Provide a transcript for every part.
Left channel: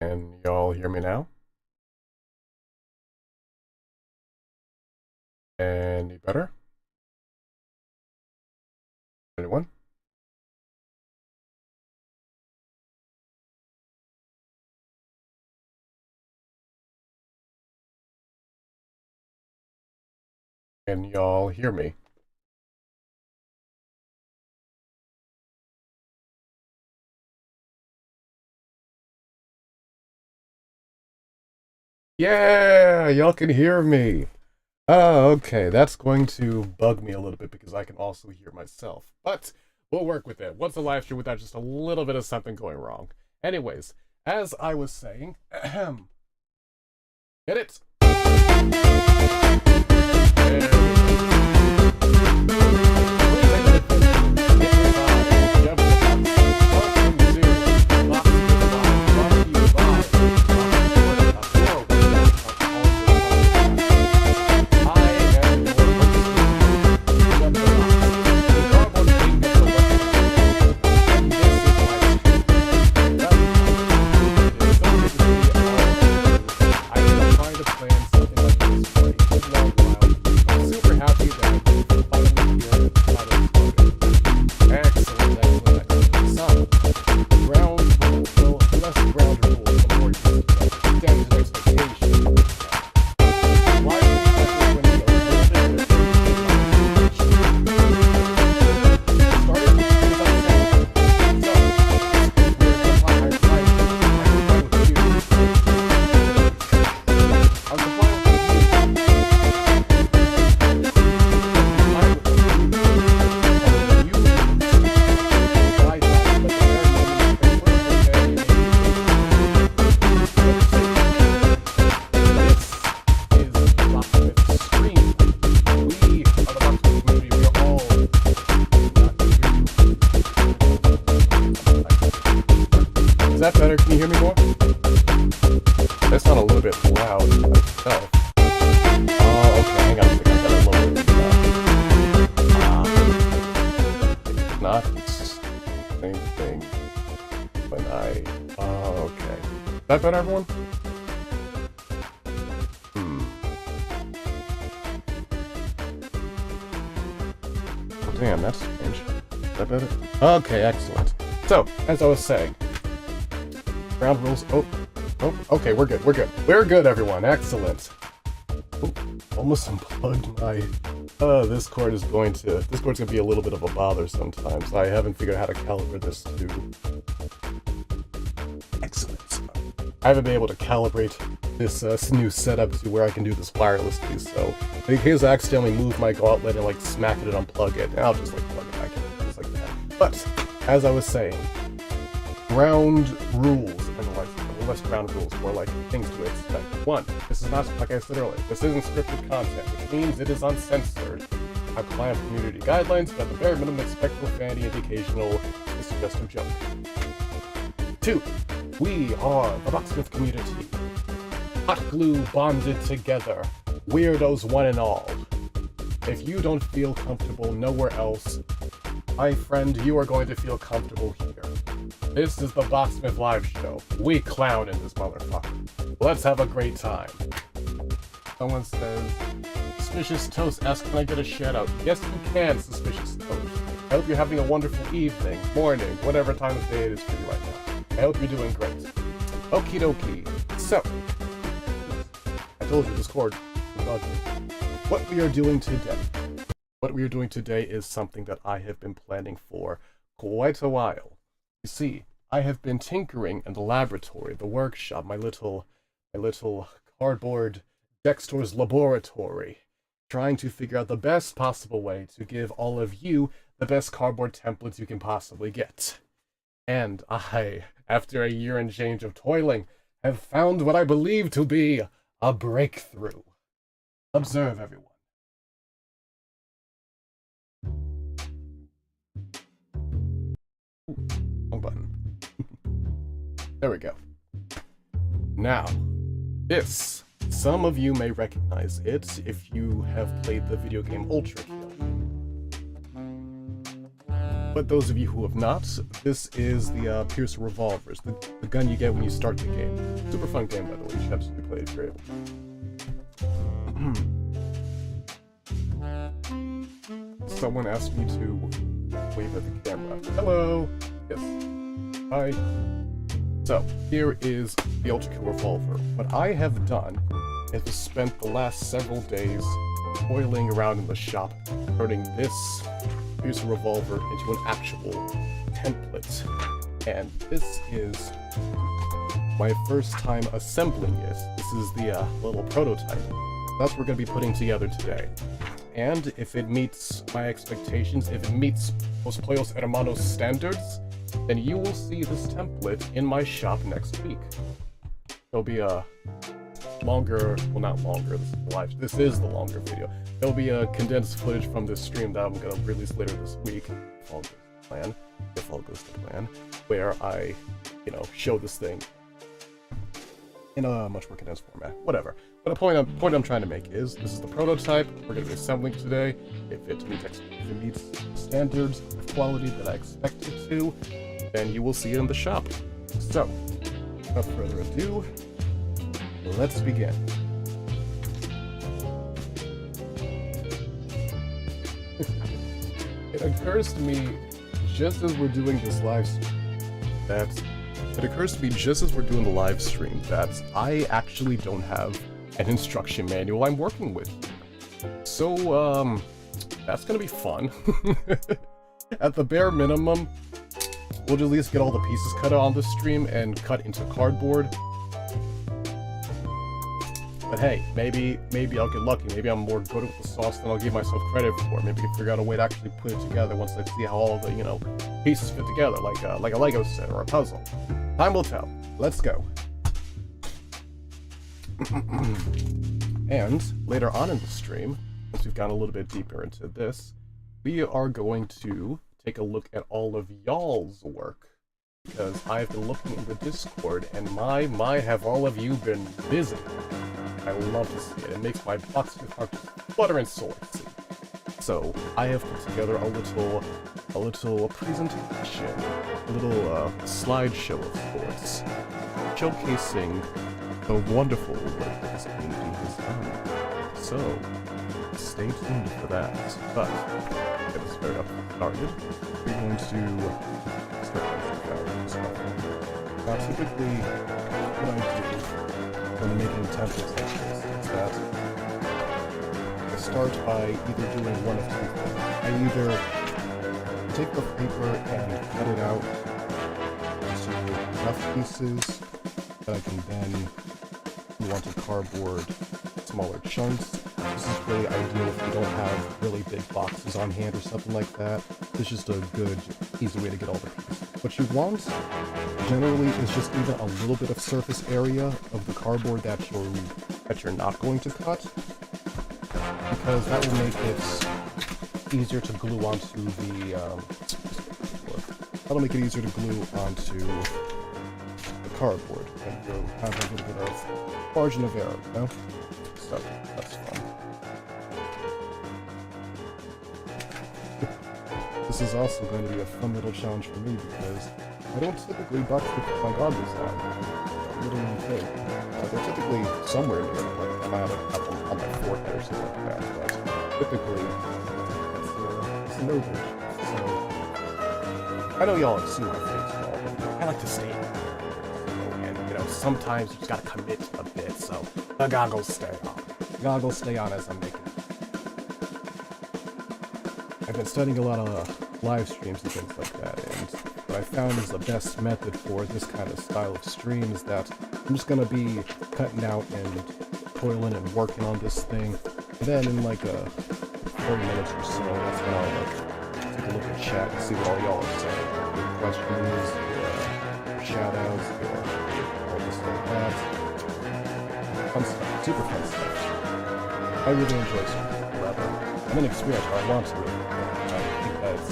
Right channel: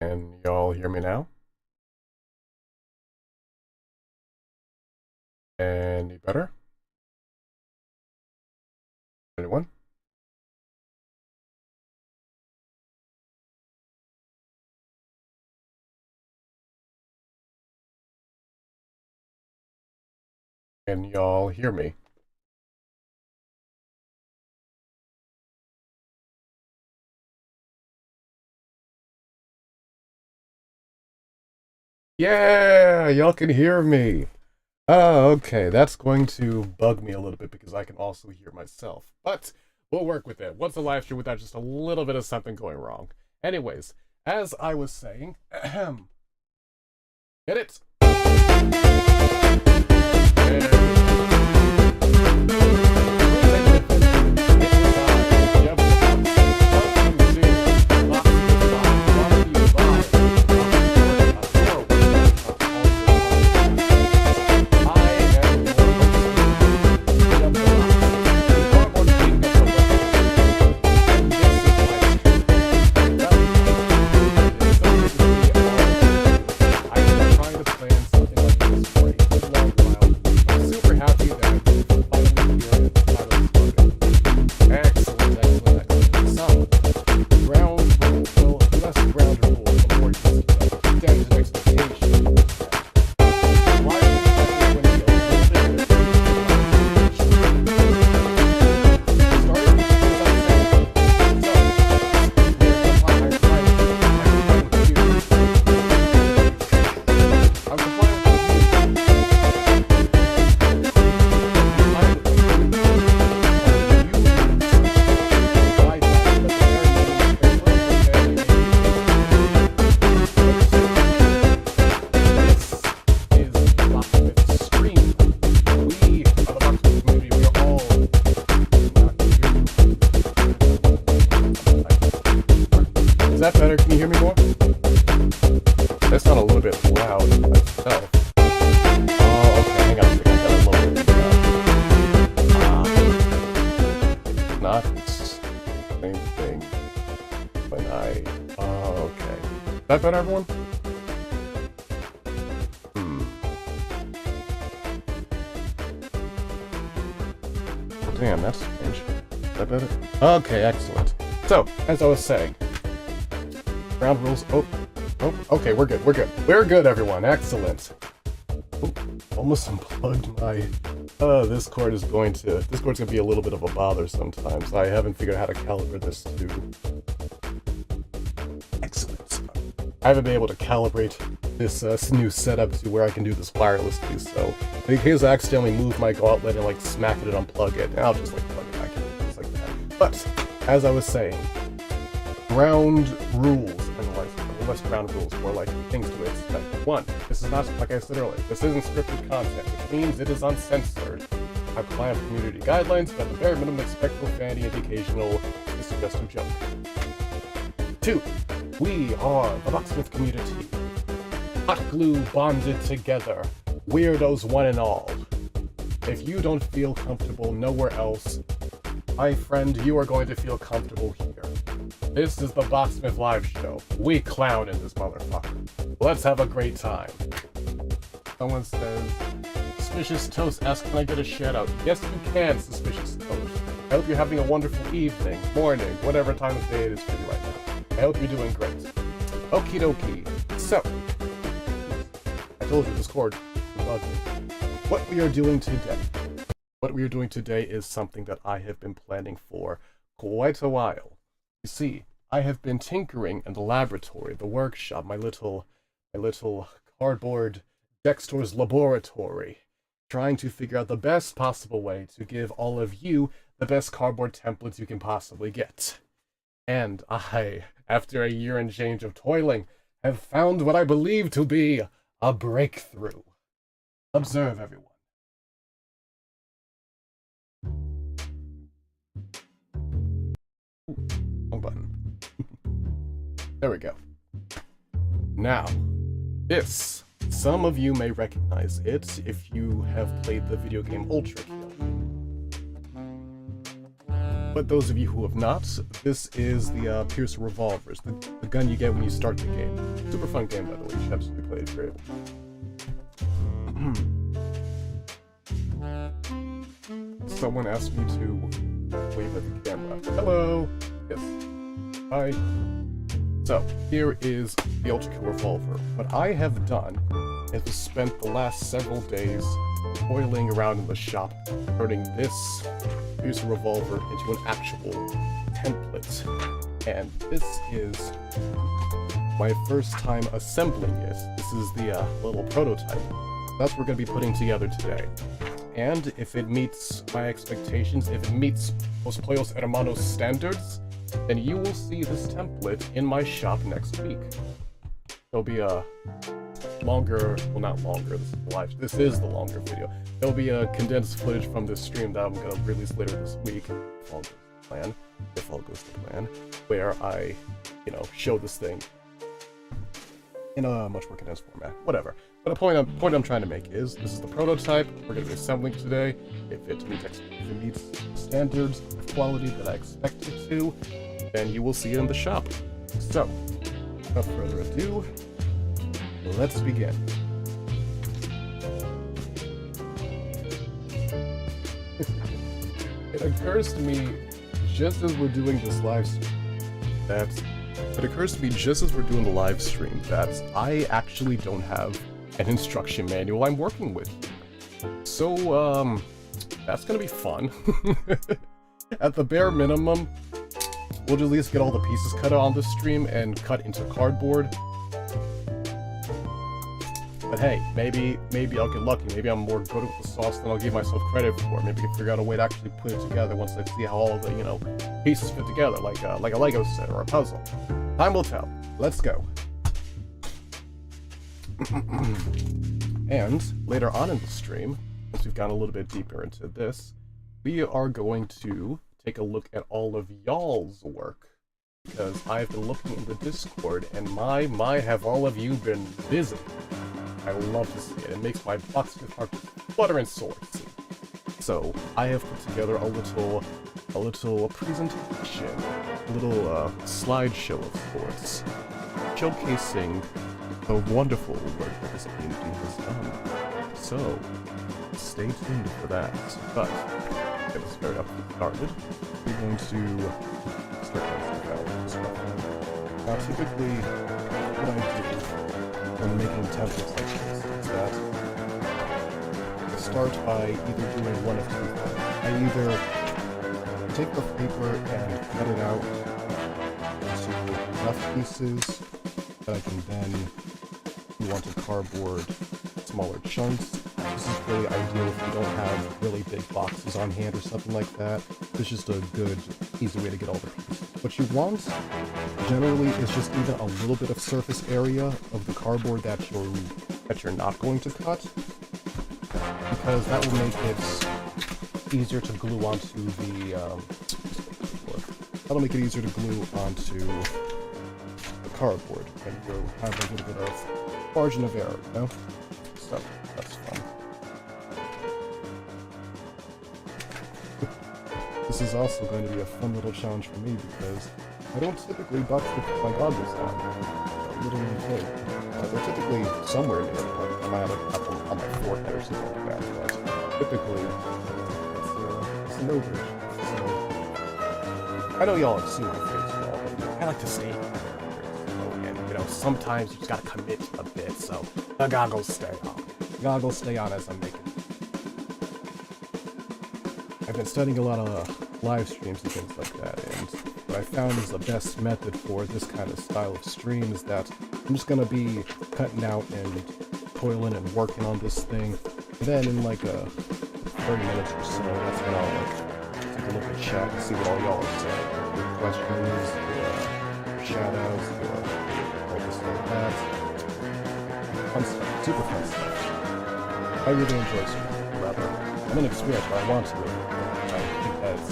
Can y'all hear me now? Any better? Anyone? Can y'all hear me? Yeah, y'all can hear me. Oh, okay. That's going to bug me a little bit because I can also hear myself. But we'll work with it. What's a live stream without just a little bit of something going wrong? Anyways, as I was saying, ahem. Get it? Is that better? Can you hear me more? That's not a little bit loud myself. Oh, okay, hang on a second. I gotta lower it. It's not the same thing when I... Oh, okay. Is that better, everyone? Oh, damn, that's strange. Is that better? Okay, excellent. So, as I was saying, ground rules. Oh, okay, we're good. We're good, everyone. Excellent. Oh, almost unplugged my. This cord's gonna be a little bit of a bother sometimes. I haven't figured out how to calibrate this to. Excellent. I haven't been able to calibrate this new setup to where I can do this wirelessly. So, in case I accidentally move my gauntlet and like smack it and unplug it, I'll just like plug it back in, things like that. But as I was saying, ground rules. Less ground rules, more like things to expect. 1. This is not, like I said earlier, this isn't scripted content, which means it is uncensored. I comply with community guidelines, but at the very minimum expect profanity and the occasional suggestive joke. 2. We are the Locksmith community. Hot glue bonded together. Weirdos one and all. If you don't feel comfortable nowhere else, my friend, you are going to feel comfortable here. This is the Locksmith Live Show. We clown in this motherfucker. Let's have a great time. Someone says, Suspicious Toast asks, can I get a shout out? Yes, you can, Suspicious Toast. I hope you're having a wonderful evening, morning, whatever time of day it is for you right now. I hope you're doing great. Okie dokie. So, I told you this cord was ugly. What we are doing today is something that I have been planning for quite a while. You see, I have been tinkering in the laboratory, the workshop, my little cardboard Dexter's laboratory, trying to figure out the best possible way to give all of you the best cardboard templates you can possibly get. And I, after a year and change of toiling, have found what I believe to be a breakthrough. Observe, everyone. Wrong button. There we go. Now, this, some of you may recognize it if you have played the video game ULTRAKILL. But those of you who have not, this is the Pierce Revolvers, the gun you get when you start the game. Super fun game, by the way. You should absolutely play it if you're able. Someone asked me to wave at the camera. Hello! Yes. Hi. So, here is the ULTRAKILL Revolver. What I have done is spent the last several days toiling around in the shop, turning this Pierce Revolver into an actual template. And this is my first time assembling it. This is the little prototype. That's what we're going to be putting together today. And if it meets my expectations, if it meets Los Playos Hermanos standards, then you will see this template in my shop next week. There'll be a longer, well not longer, this is live, this is the longer video. There'll be a condensed footage from this stream that I'm going to release later this week, if all goes to plan, where I, show this thing in a much more condensed format, whatever. But the point I'm trying to make is, this is the prototype, we're going to be assembling today. If it meets standards of quality that I expect it to, then you will see it in the shop. So, without further ado, let's begin. It occurs to me just as we're doing this live stream that I actually don't have an instruction manual I'm working with. So, that's gonna be fun. At the bare minimum, we'll at least get all the pieces cut out on the stream and cut into cardboard. But hey, maybe I'll get lucky. Maybe I'm more good with the sauce than I'll give myself credit for. Maybe I can figure out a way to actually put it together once I see how all the, pieces fit together, like a Lego set or a puzzle. Time will tell. Let's go. And later on in the stream, once we've gone a little bit deeper into this, we are going to take a look at all of y'all's work. Because I've been looking in the Discord, and my, have all of you been busy. I love to see it. It makes my box heart flutter and soar to see. So I have put together a little presentation, a little slideshow of sorts, showcasing the wonderful work that this community has done. So stay tuned for that. But to get us very up started, we're going to start with the Now typically what I do when making templates like this is that I start by either doing one of two things. I either take the paper and cut it out into rough pieces that I can then glue onto cardboard, smaller chunks. This is really ideal if you don't have really big boxes on hand or something like that. It's just a good, easy way to get all the pieces. What you want generally is just even a little bit of surface area of the cardboard that you're not going to cut, because that will make it easier to glue onto the cardboard, and you'll have a little bit of margin of error, So that's fun. This is also going to be a fun little challenge for me because I don't typically put my goggles on. Literally big. They're typically somewhere near me, like I might have a couple on my forehead or something like that, but typically it's an overage. So I know y'all have seen my face and all, but I like to stay in there. And sometimes you just gotta commit a bit, so the goggles stay on. The goggles stay on as I'm making it. I've been studying a lot of live streams and things like that, and what I found is the best method for this kind of style of stream is that I'm just gonna be cutting out and toiling and working on this thing, and then in like 30 minutes or so, that's when I'll take a look at chat and see what all y'all are saying. Your questions, your shout-outs, your all this like that. Fun stuff, super fun stuff. I really enjoy streaming, rather. I'm an experience where I want to really. I think that's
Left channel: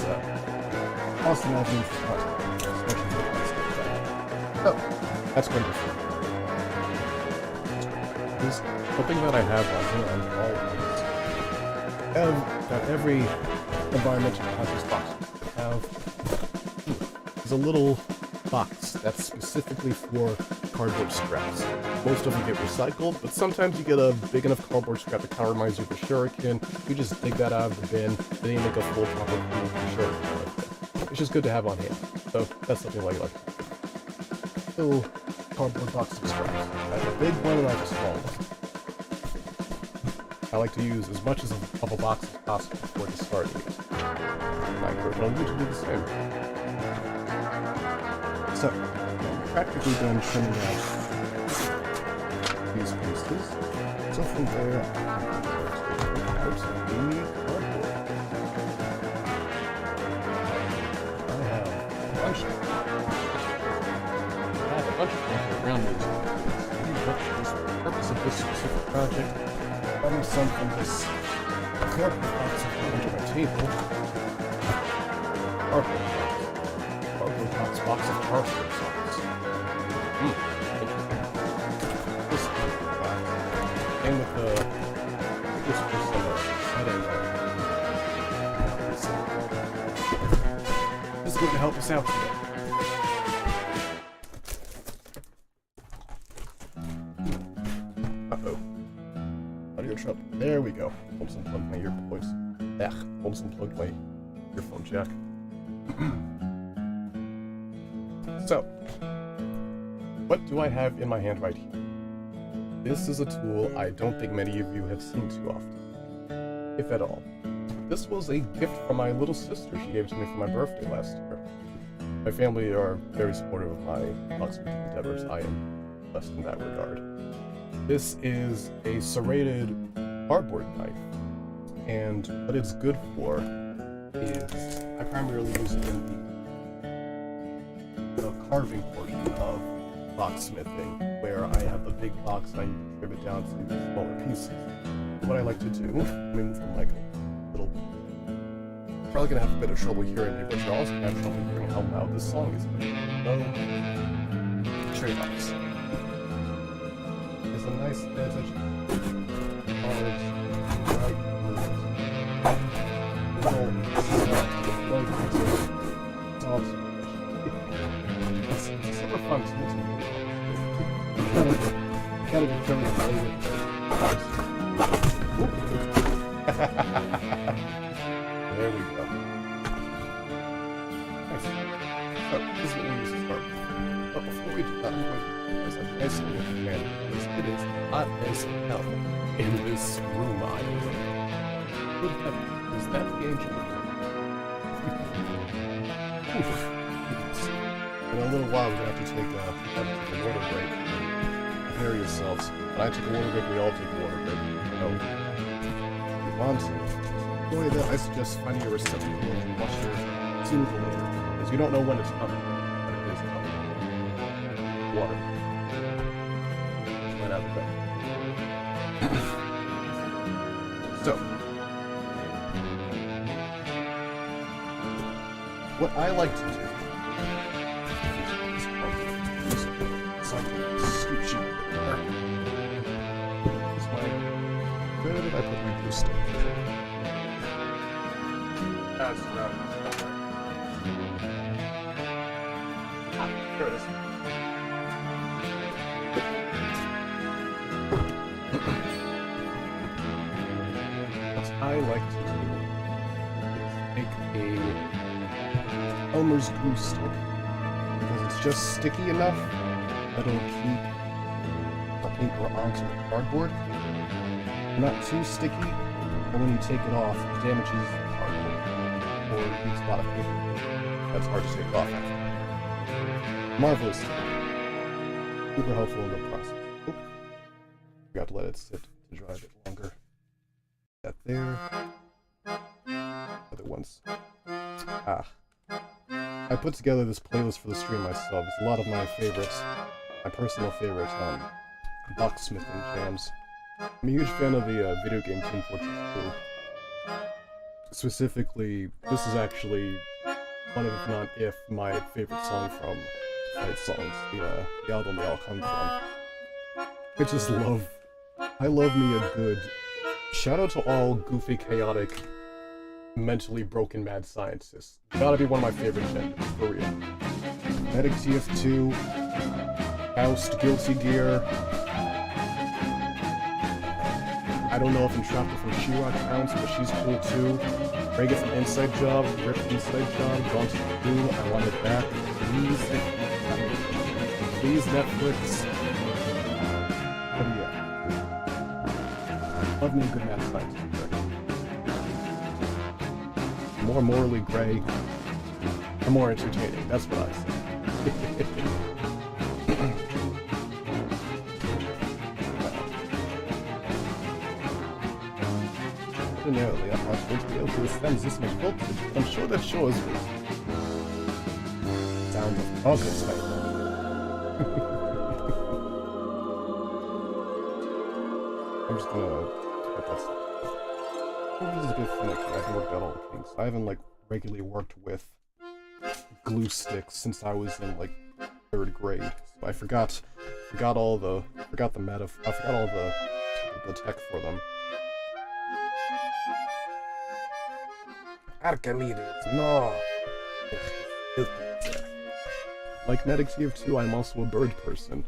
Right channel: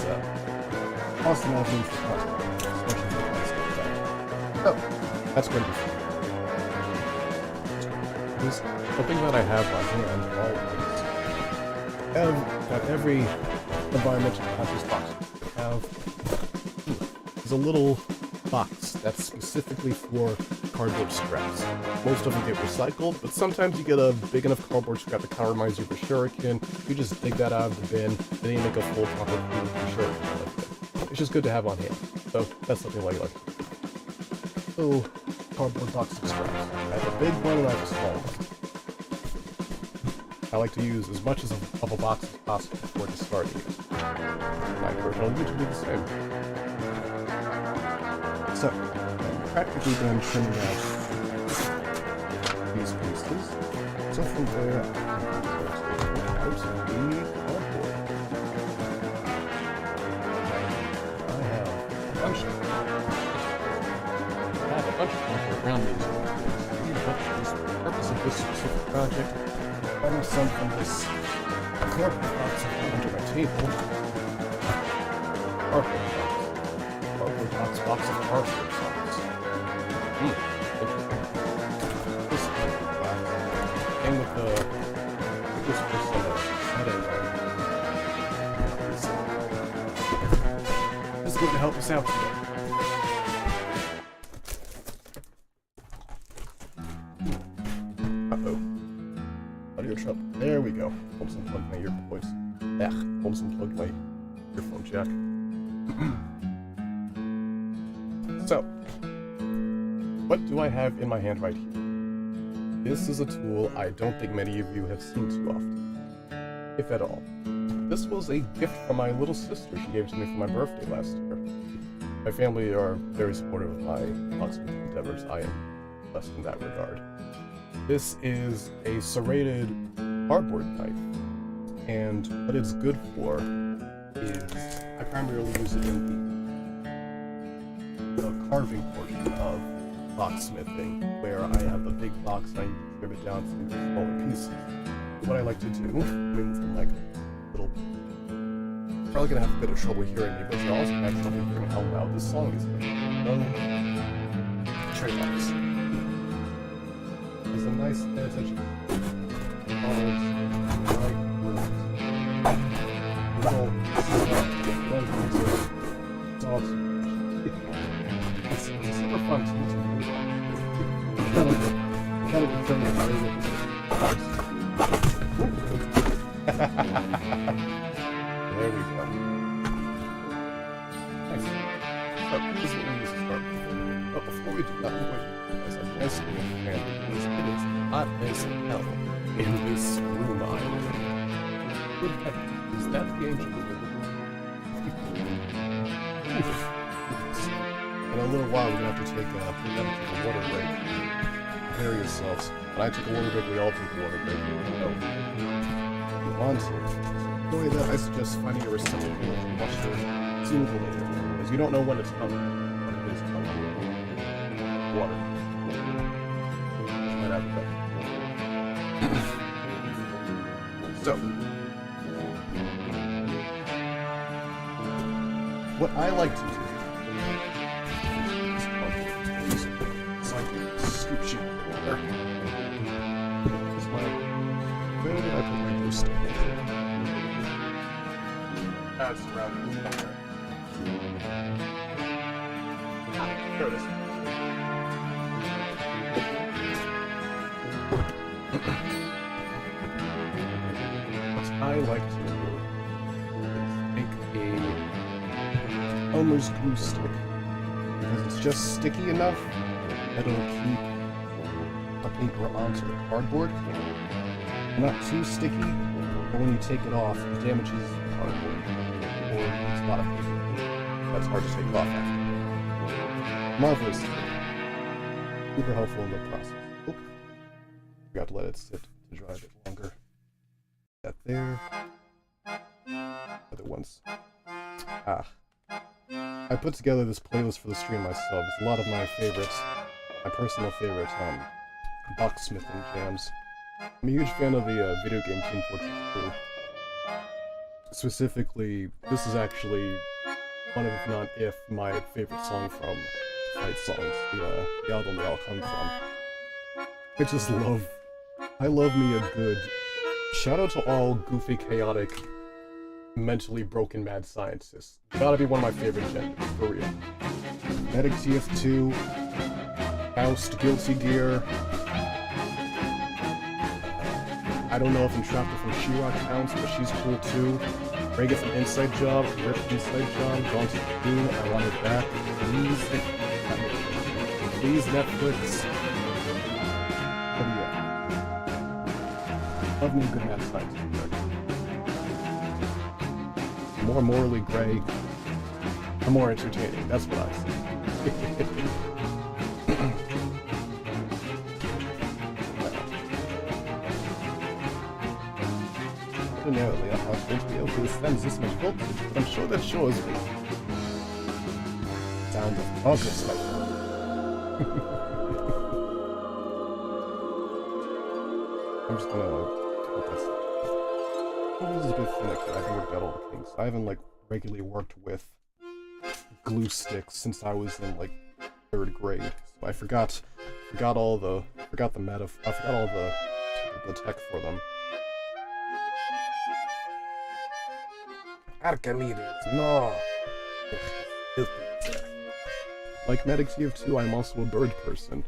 awesome avenue for content, especially for fun stuff. So, that's going to be fun. Something that I have on hand always, that every environmental conscious box have is a little box that's specifically for cardboard scraps. Most of them get recycled, but sometimes you get a big enough cardboard scrap that kind of reminds you of a shuriken. You just dig that out of the bin, then you make a full proper shuriken with it. It's just good to have on hand. So that's something like little cardboard box of scraps. I have a big one and I have a small one. I like to use as much of a box as possible before discarding it. And I encourage all of you to do the same. So, I'm practically done trimming out these pieces. So from there, I'm going to take out the cardboard. I have a bunch of cardboard around these but for the purpose of this specific project, I'm some from this cardboard box I put under my table. Cardboard box of cardboard songs. This is black. And with the this person this is going to help us out today. Uh-oh. Audio trouble. There we go. Almost unplugged my earbuds. Almost unplugged my earphone jack. So, what do I have in my hand right here? This is a tool I don't think many of you have seen too often, if at all. This was a gift from my little sister she gave to me for my birthday last year. My family are very supportive of my locksmithing endeavors. I am blessed in that regard. This is a serrated cardboard knife, and what it's good for is I primarily use it in the carving portion of locksmithing, where I have a big box and I trim it down to smaller pieces. What I like to do, let me move the mic a little. Probably gonna have a bit of trouble hearing me, but you're also gonna have trouble hearing how loud this song is. No trade-offs. It's a nice attention. Cards, right words. Little salt. It's super fun to listen to. Kind of determined to play with it. There we go. Nice. So, this is what we use to start with. But before we do that, I'm going to use a nice little command because it is hot as hell in this room I'm in. Good heavens, is that the ancient room? In a little while, we're going to have to take a water break. Prepare yourselves. When I take a water break, we all take a water break. So, if you want to enjoy that, I suggest finding a receptacle and washer sooner or later, because you don't know when it's coming, but it is coming. Water. Right out of bed. So, what I like to do so I can scooch you there. Where did I put my glue stick? It's around somewhere. Ah, there it is. What I like to do is make a Elmer's glue stick, because it's just sticky enough that it'll keep the paper onto the cardboard. Not too sticky, but when you take it off, it damages the cardboard, or leaves a lot of paper. That's hard to take off after. Marvelous. Super helpful in the process. Oh, forgot to let it sit to dry a bit longer. That there. Other ones. I put together this playlist for the stream myself. It's a lot of my favorites, my personal favorite locksmithing jams. I'm a huge fan of the video game Team Fortress 2. Specifically, this is actually one of, if not if, my favorite song from Fight Songs, the album they all come from. I love me a good... Shout out to all goofy, chaotic mentally broken mad scientists. Gotta be one of my favorite genders, for real. Medic TF2, Faust, Guilty Gear. I don't know if Entrapper from She-Ra counts, but she's cool too. Reagan from Inside Job, Rip Inside Job, Gone to the Moon, I Want It Back. Please Netflix. But yeah. Love me a good mad science. More morally gray, the more entertaining. That's what I say. Ordinarily, I'm not going to be able to withstand this much voltage, but I'm sure that shows me. Sound of progress, my friend. I'm just gonna put that stuff. This is a bit finicky. I haven't worked out all the kinks. I haven't like regularly worked with glue sticks since I was in like 3rd grade. So I forgot all the meta. I forgot all the tech for them. Archimedes, no. Like Medic TF2, I'm also a bird person.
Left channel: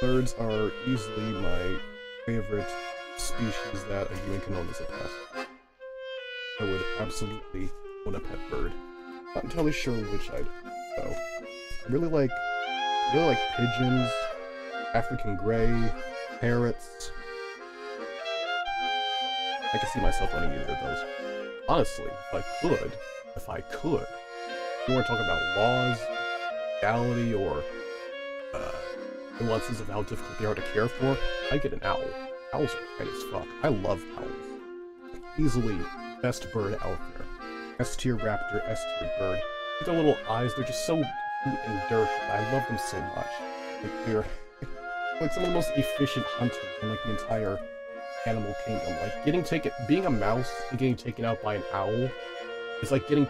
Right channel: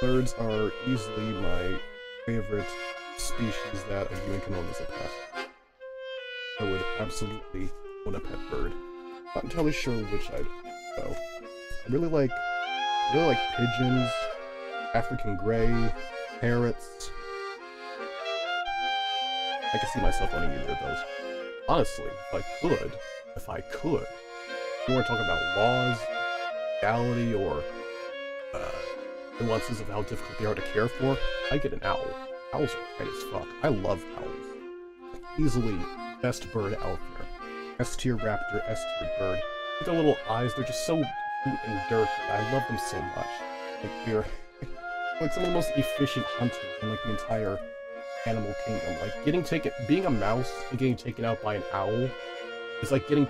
Birds are easily my favorite species that a human can own as a pet. I would absolutely own a pet bird. Not entirely sure which I'd though. I really like pigeons, African grey, parrots. I can see myself owning either of those. Honestly, if I could, you weren't talking about laws, legality, or nuances of how difficult they are to care for, I'd get an owl. Owls are great as fuck. I love owls. Easily best bird out there. S tier raptor, S tier bird. With their little eyes, they're just so cute and dirty. I love them so much. Like they're like some of the most efficient hunters in like the entire animal kingdom. Like being a mouse and getting taken out by an owl is like getting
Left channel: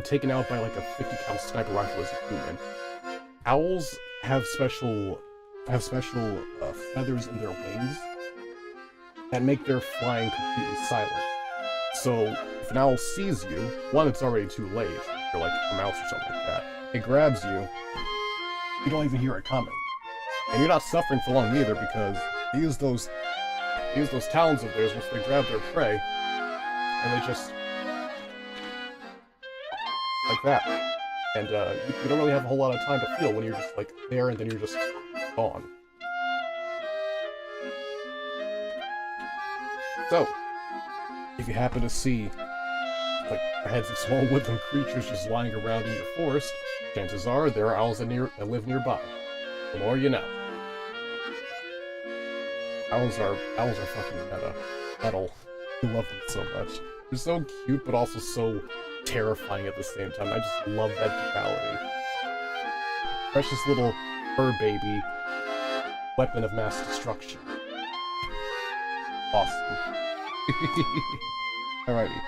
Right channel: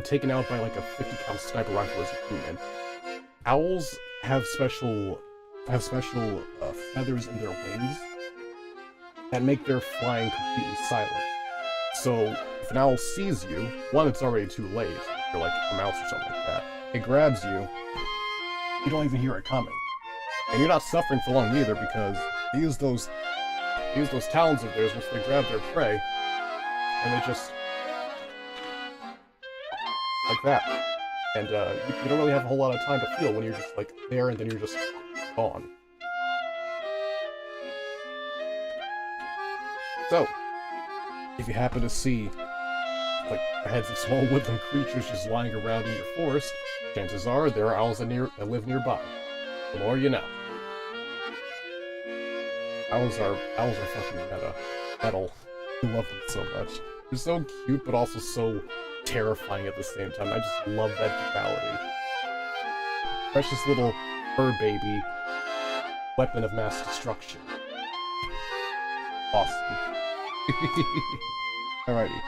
taken out by like a 50 cal sniper rifle as a human. Owls have special feathers in their wings that make their flying completely silent. So if an owl sees you, one, it's already too late. You're like a mouse or something like that. It grabs you. You don't even hear it coming, and you're not suffering for long either because they use those talons of theirs once they grab their prey, and they just like that. And you don't really have a whole lot of time to feel when you're just like there and then you're just gone. So, if you happen to see like heads of small woodland creatures just lying around in your forest, chances are there are owls that live nearby. The more you know. Owls are fucking metal. I love them so much. They're so cute, but also so terrifying at the same time. I just love that duality. Precious little fur baby, weapon of mass destruction. Awesome. Alrighty.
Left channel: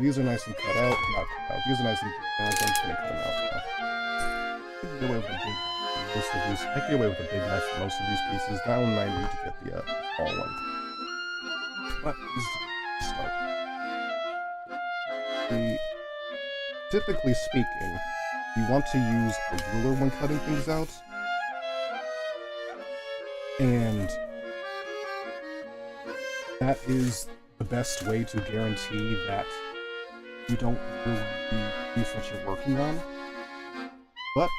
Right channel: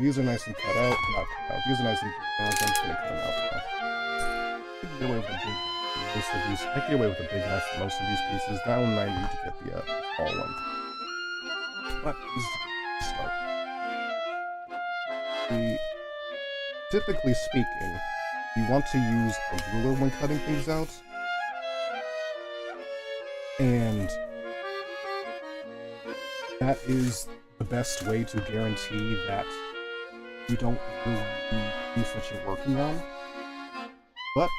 These are nice and cut out. Not cut out. These are nice and cut out. I'm just gonna cut them out now. I can get away with a big most of these. I can get away with a big knife for most of these pieces. That one I need to get the small one. But this is a start. Typically speaking, you want to use a ruler when cutting things out, and that is the best way to guarantee that you don't ruin the piece that you're working on. But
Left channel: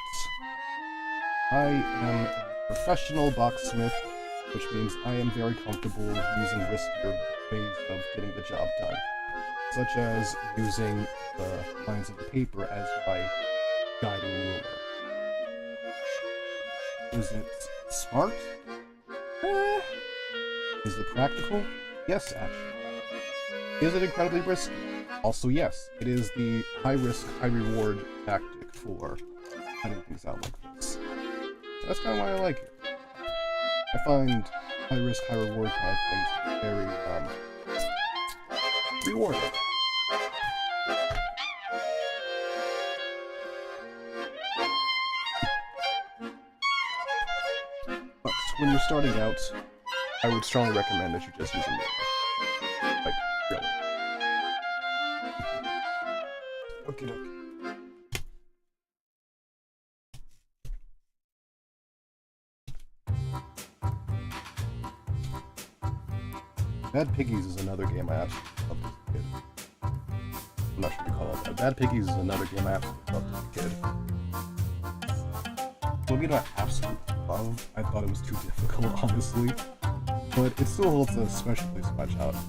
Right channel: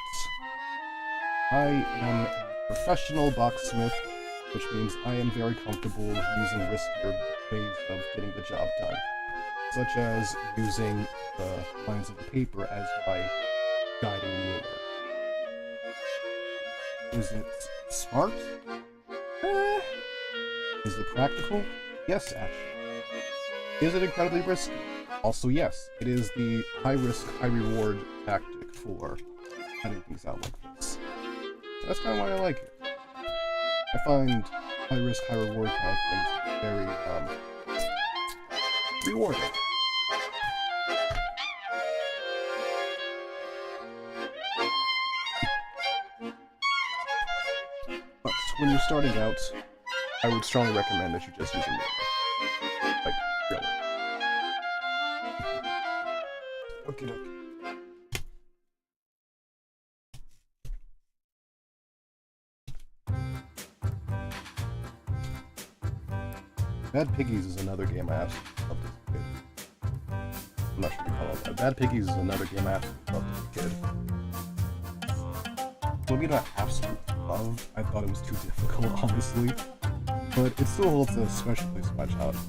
I am a professional boxsmith, which means I am very comfortable using riskier ways of getting the job done, such as using the lines of the paper as my guiding ruler. Is it smart? Is it practical? Yes, actually. Is it incredibly risky? Also, yes. It is the high-risk, high-reward tactic for cutting things out like this. So that's kind of why I like it. I find high-risk, high-reward kind of things very, rewarding. But when you're starting out, I would strongly recommend that you just use a ruler. Like, really. Hakita. Bad Piggies is another game I absolutely loved as a kid. I'm not sure what you call it that. Bad Piggies is another game I absolutely loved as a kid. Maybe not absolute love. I thought it was too difficult, honestly. But it still holds a special place in my childhood.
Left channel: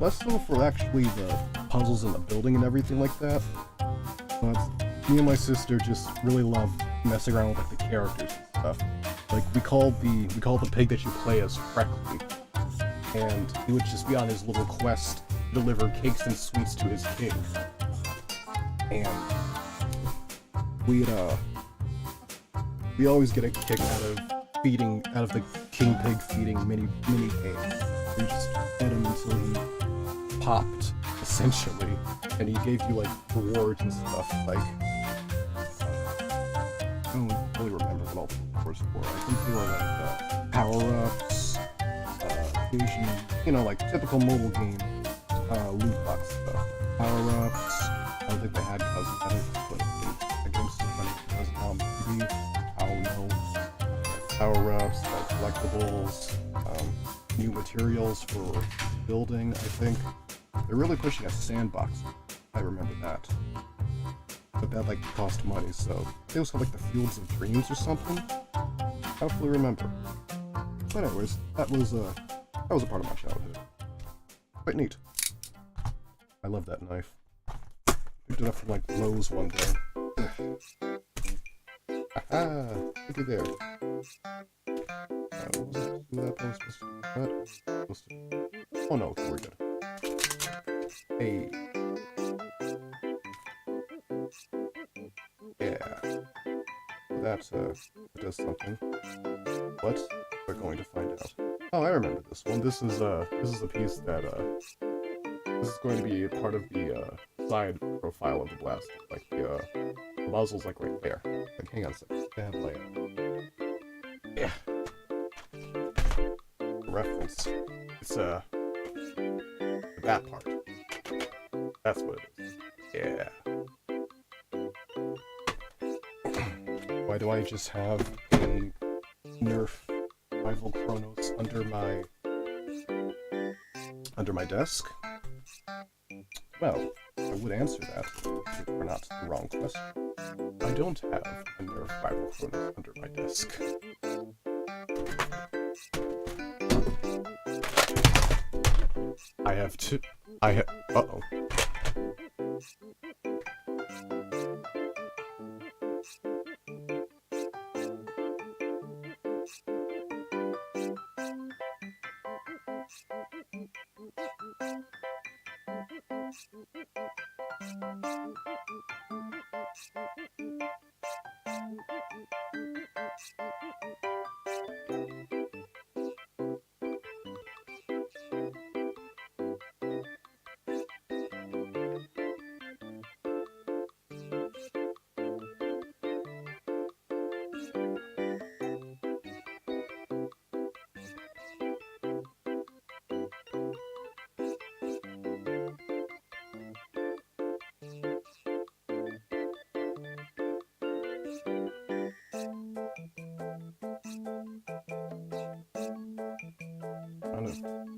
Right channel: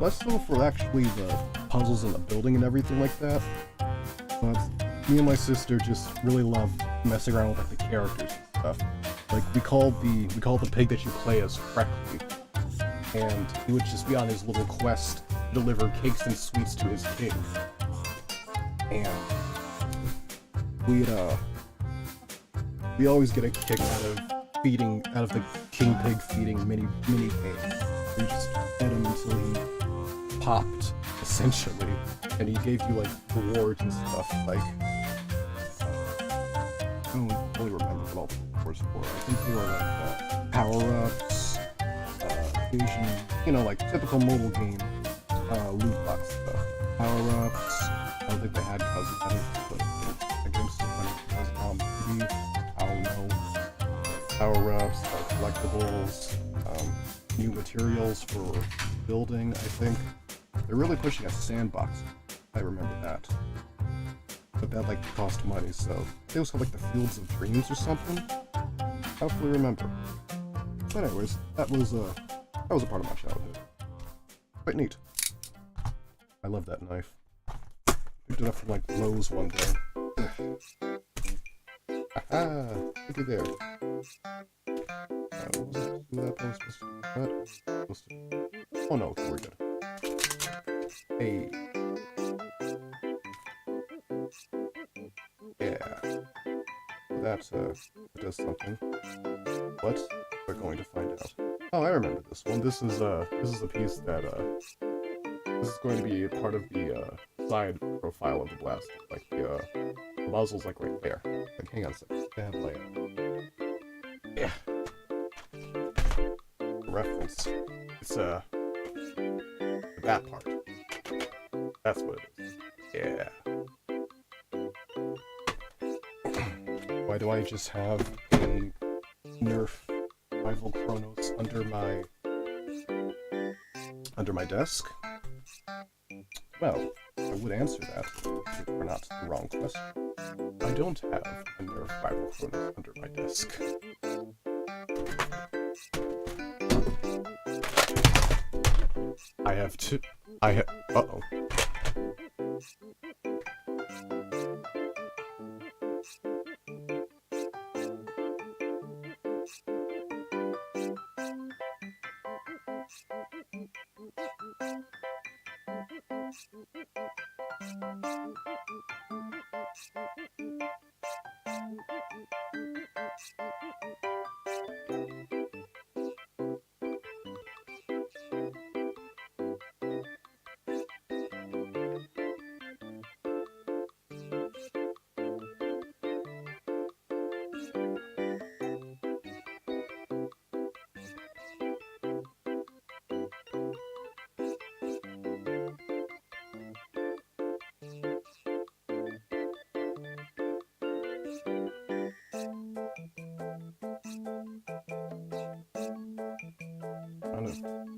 Less so for actually the puzzles and the building and everything like that. But me and my sister just really loved messing around with like the characters and stuff. Like we called the pig that you play as Freckly. And he would just be on his little quest to deliver cakes and sweets to his king. And we always get a kick out of the king pig feeding mini games. We just fed him until he popped, essentially, and he gave you like rewards and stuff. Like I don't really remember what all the rewards were. I think they were like power-ups. Asian, you know, like typical mobile game loot box stuff. Power-ups. I don't think they had cousins. I don't but the game's still running because maybe I don't know. Power-ups, collectibles, new materials for building. I think they're really pushing a sandbox. I remember that, but that like cost money. So it was called like the Fields of Dreams or something. I don't fully remember. But anyways, that was a part of my childhood. Quite neat. I love that knife. Picked it up from like Lowe's one day. Aha! Look at there. Oh no, we're good. Hey. Yeah. That does something. What? We're going to find out. Oh, I remember this one. This is the piece that this is going to be a part of the side profile of the blaster. Like the muzzle's like right there. Like, hang on a second. I have my yeah. Reference. It's that part. That's what it is. Yeah. Why do I just have a Nerf Rival Chronos under my desk? Well, I would answer that if it were not the wrong question. I don't have a Nerf Rival Chronos under my desk. I have two. Uh-oh.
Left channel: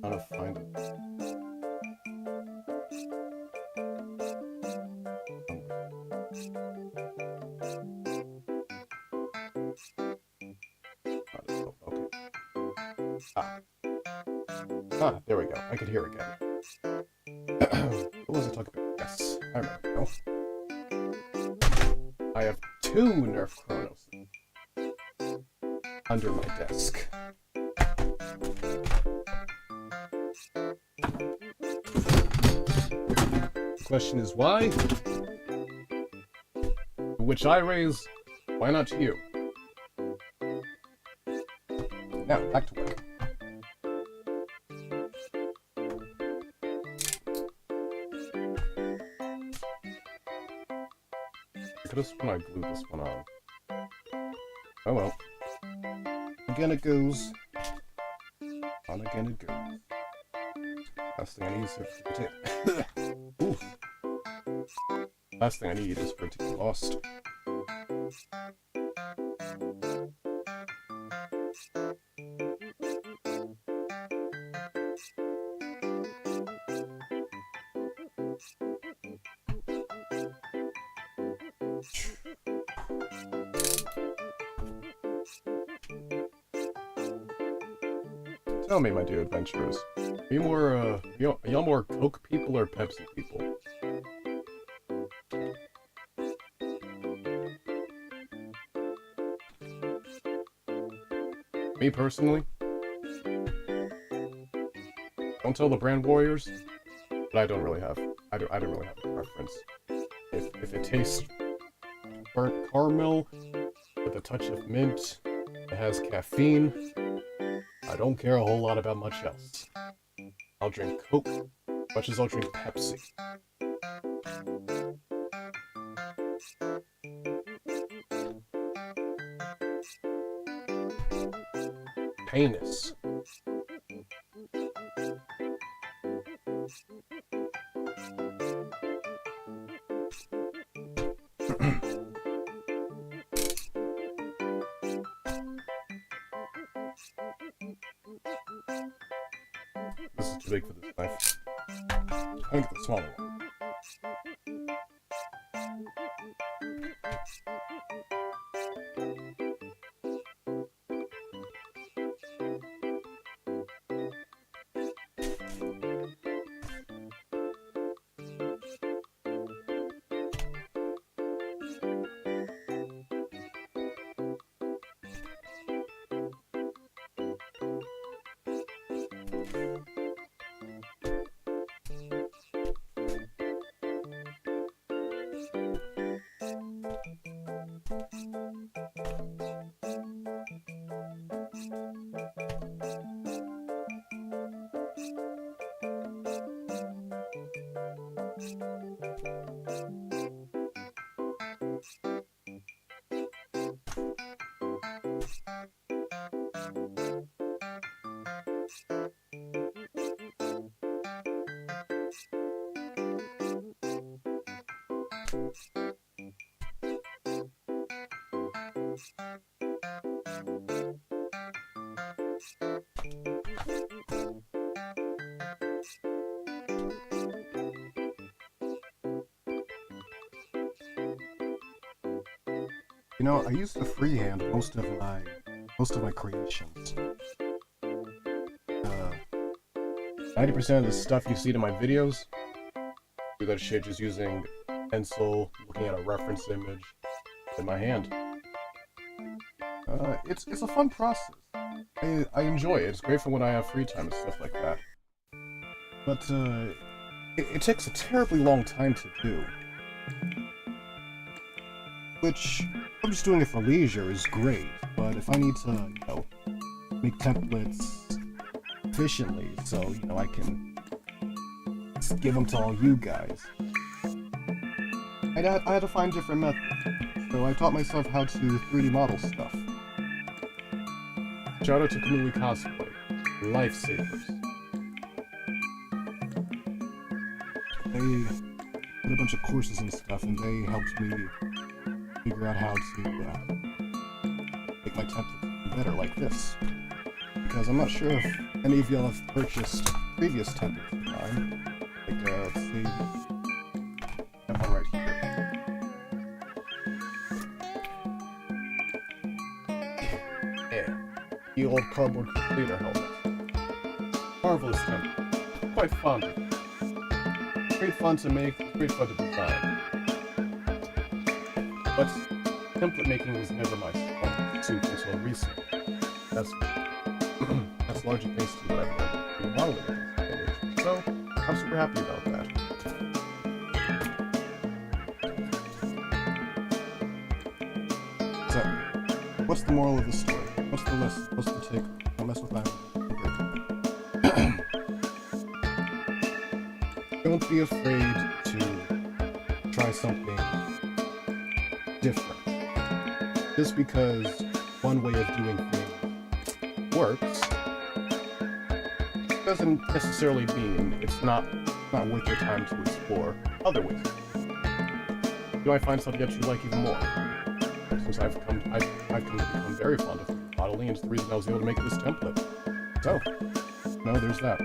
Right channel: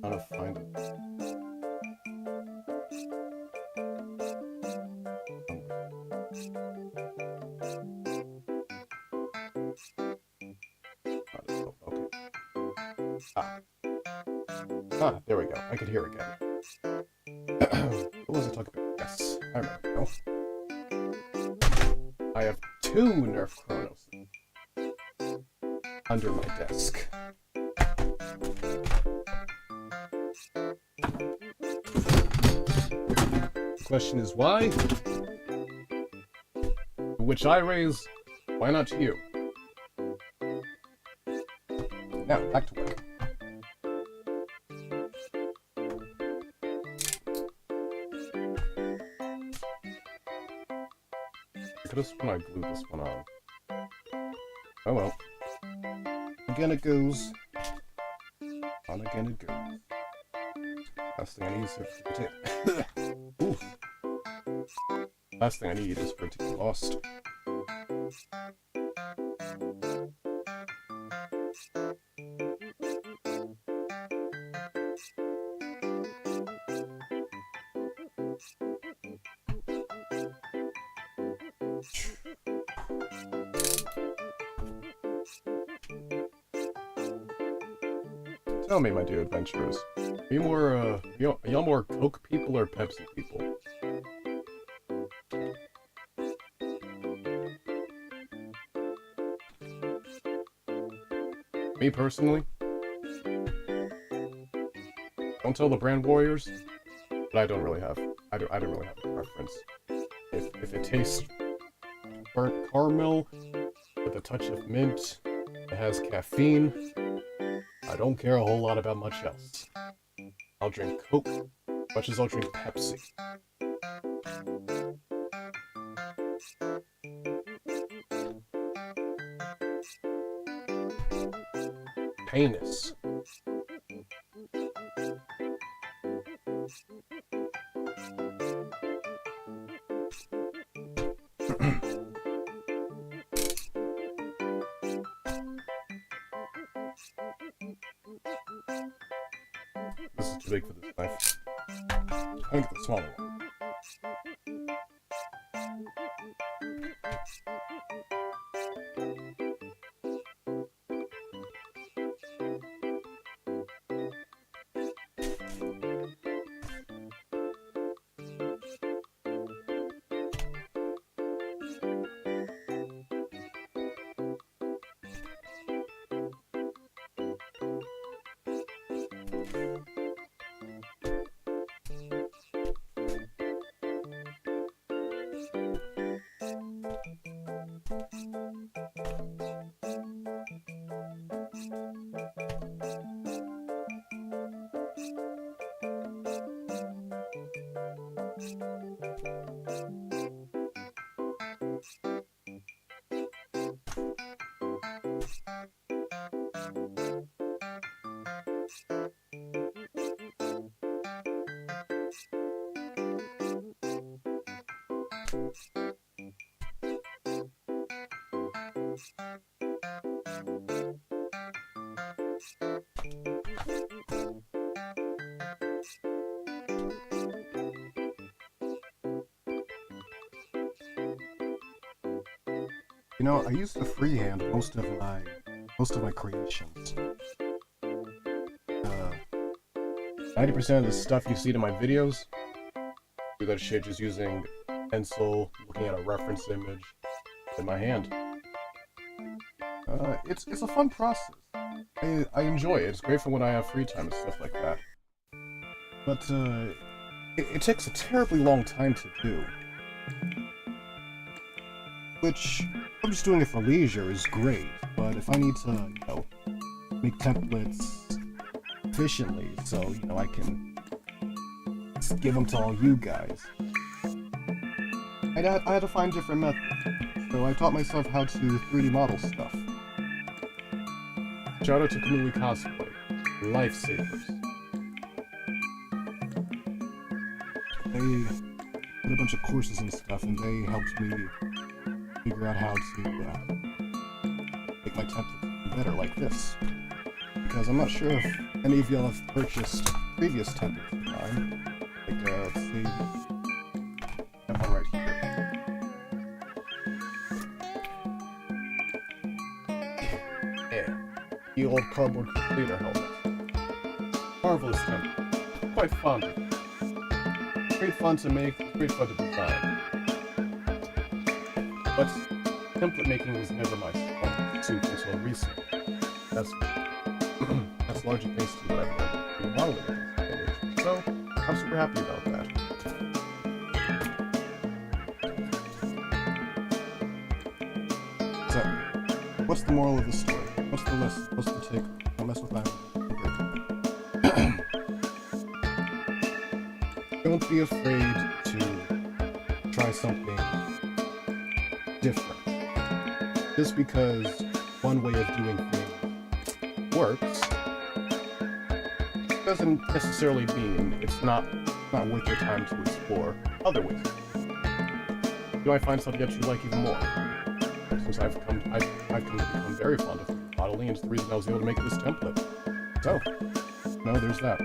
Trying to find it. Okay. There we go. I could hear again. What was I talking about? Yes, I remember now. I have two Nerf Chronos under my desk. The question is why? Which I raise, why not you? Now, back to work. I could have sworn I glued this one on. Oh well. Again it goes. On again it goes. Last thing I need is to tape. Oof. Last thing I need is for it to get lost. Tell me, my dear adventurers, are you more, y'all more Coke people or Pepsi people? Me personally, don't tell the brand warriors, but I don't really have, I don't really have a preference. If it tastes burnt caramel with a touch of mint, it has caffeine, I don't care a whole lot about much else. I'll drink Coke as much as I'll drink Pepsi. Penis. This is too big for this knife. I think the smaller one. You know, I use the freehand most of my creations. 90% of the stuff you see in my videos, do that shit just using pencil, looking at a reference image in my hand. It's a fun process. I enjoy it. It's great for when I have free time and stuff like that. But it takes a terribly long time to do. Which, I'm just doing it for leisure is great, but if I need to, you know, make templates efficiently so, you know, I can just give them to all you guys, I had to find different methods. So I taught myself how to 3D model stuff. Shout out to Kamui Cosplay. Lifesavers. They did a bunch of courses and stuff, and they helped me figure out how to make my templates better like this. Because I'm not sure if any of y'all have purchased previous templates of mine. Like, let's see. I have one right here. Yeah. The old cardboard completer helmet. Marvelous template. Quite fond of it. Great fun to make, great fun to design. But template making was never my strong suit until recently. That's largely thanks to what I've learned in modeling. So I'm super happy about that. So, what's the moral of the story? What's the lesson? What's the take? Don't mess with that. Don't be afraid to try something different. Just because one way of doing things works doesn't necessarily mean it's not worth your time to explore other ways. do I find something that you like even more? Since I've come to become very fond of modeling, and it's the reason I was able to make this template. So, no, there's that.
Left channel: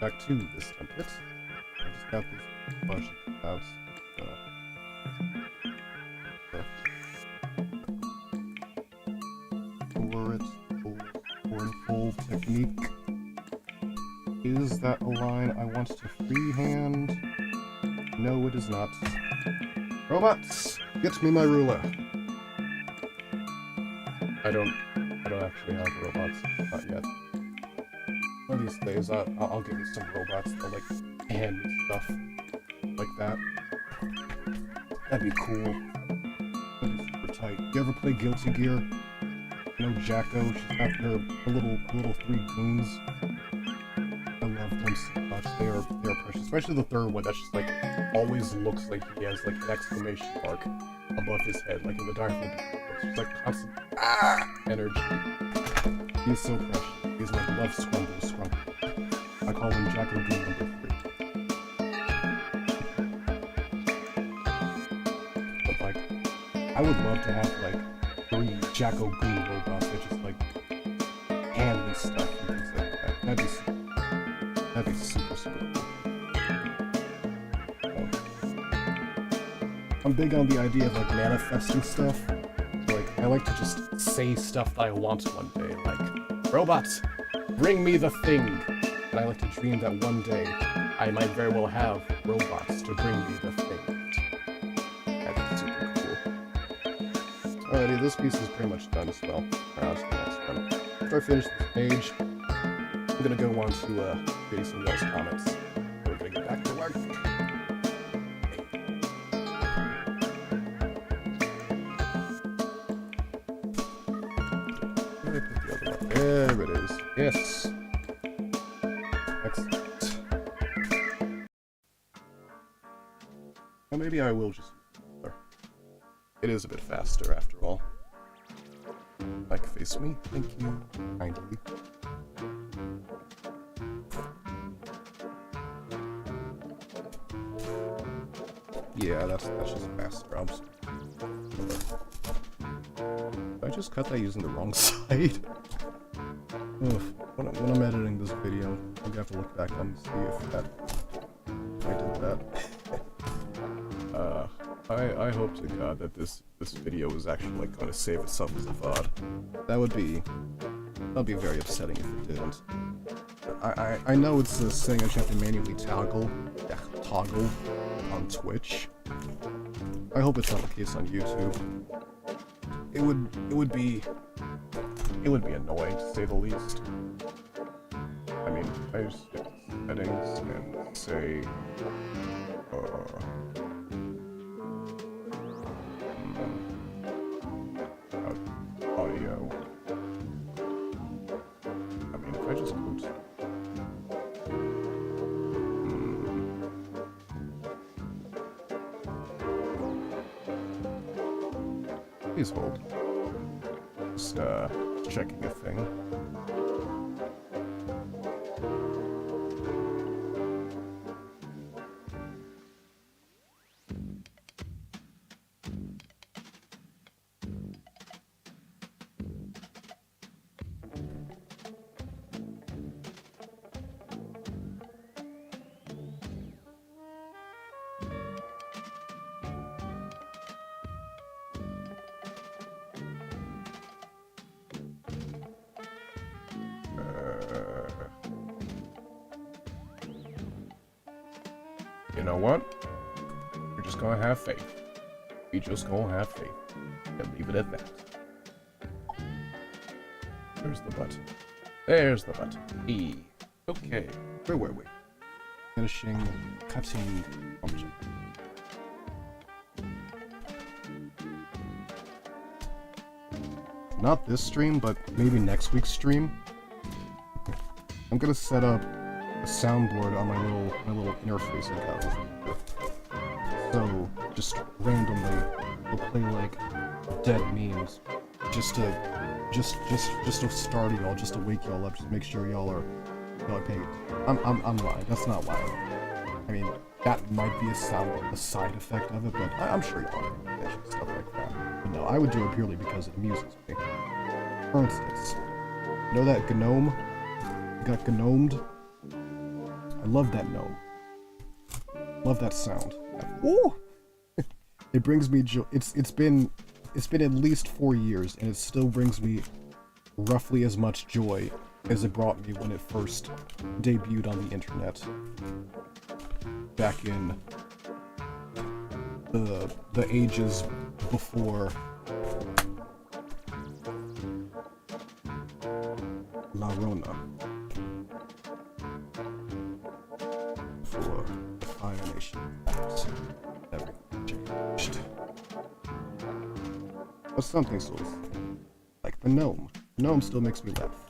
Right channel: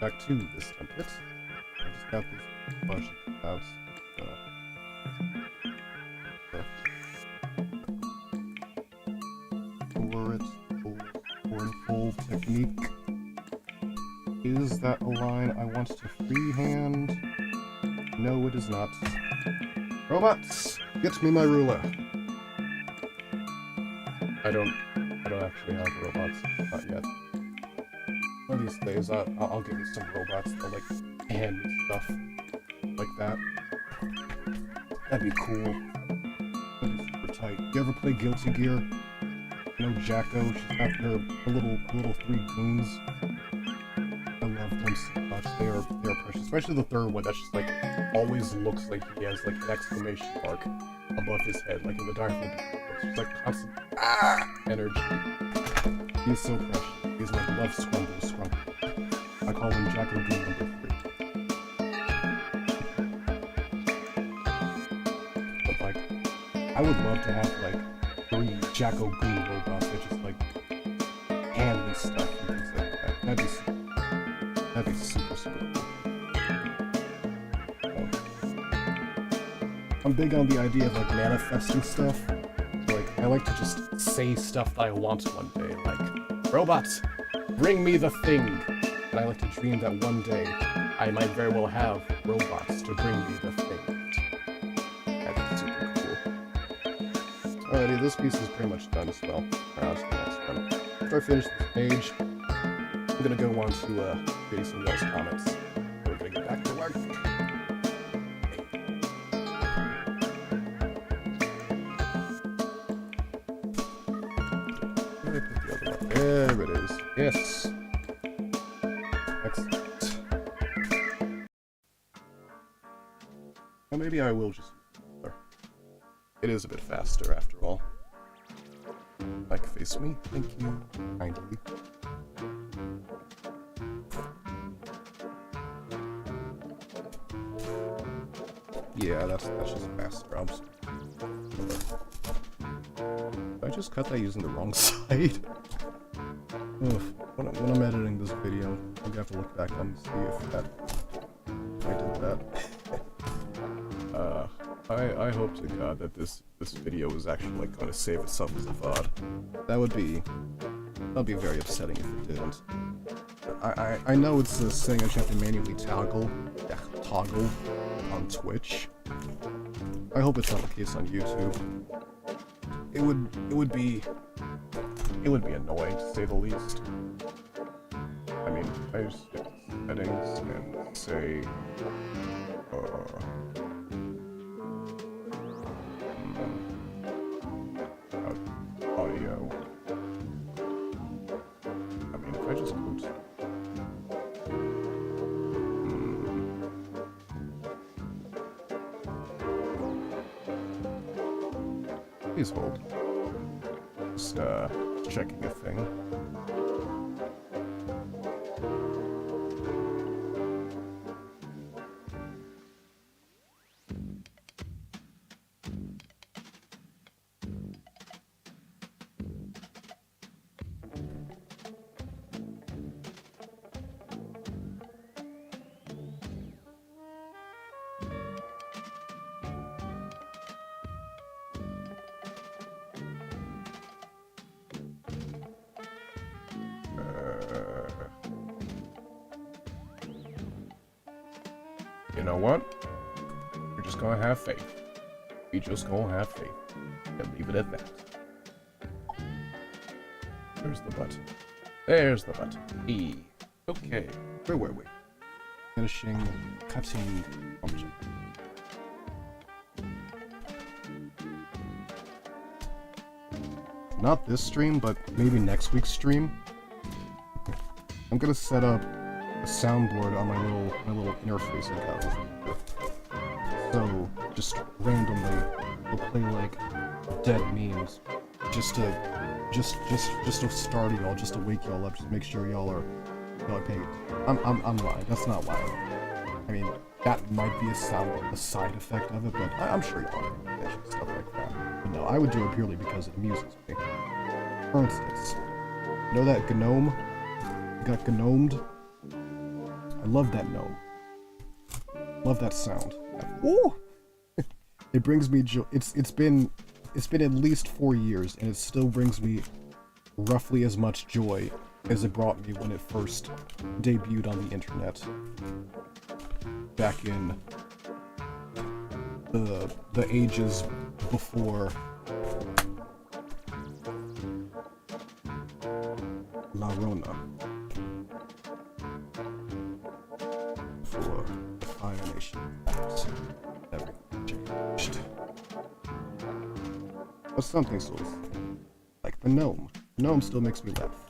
Back to this template. I just got this bunch about fold technique. Is that a line I want to freehand? No, it is not. Robots, get me my ruler. I don't actually have robots, not yet. One of these days, I'll get you some robots that like hand me stuff like that. That'd be cool. That'd be super tight. You ever play Guilty Gear? You know Jacko? She's got her little three goons. I love them so much. They are precious. Especially the third one. That's just like always looks like he has like an exclamation mark above his head, like in the Dark Knight. It's just like constant energy. He's so precious. He's like love Scrumble. I call him Jacko Goon number 3. But like, I would love to have like 3 Jacko Goon robots that just like hand me stuff and things like that. That'd be super cool. I'm big on the idea of like manifesting stuff. So, like, I like to just say stuff that I want one day, like, robots, bring me the thing. And I like to dream that one day I might very well have robots to bring me the thing. That'd be super cool. Alrighty, this piece is pretty much done as well. Now to the next one. After I finish this page, I'm gonna go on to reading some of y'all's comments. So we're gonna get back to work. There it is. Yes. Excellent. Well, maybe I will just... It is a bit faster, after all. Like, face me. Thank you. Kindly. Yeah, that's just faster. Did I just cut that using the wrong side? Oof. When I'm editing this video, I'm gonna have to look back and see if I did that. I hope to God that this video is actually like going to save itself as a VOD. That'd be very upsetting if it didn't. I know it's a thing that you have to manually toggle on Twitch. I hope it's not the case on YouTube. It would be annoying to say the least. I mean, I just hit settings and say audio. I mean, if I just go to please hold. Just checking a thing. You know what? We're just gonna have faith. We just gonna have faith. And leave it at that. There's the button. There's the button. E. Okay. Where were we? Finishing cutting function. Not this stream, but maybe next week's stream. I'm gonna set up a soundboard on my little interface I got with. So just randomly we'll play like dead memes just to start y'all, just to wake y'all up, just make sure y'all are feel like, hey, I'm lying. That's not why. I mean, that might be a side effect of it, but I'm sure you want to mention stuff like that. But no, I would do it purely because it amuses me. For instance, you know that gnome? Got gnomed? I love that gnome. Love that sound. Woo! It brings me joy. It's been at least 4 years, and it still brings me roughly as much joy as it brought me when it first debuted on the internet. Back in the ages before La Rona. Before the Fire Nation Acts. Everything changed. But something so like the gnome. The gnome still makes me laugh.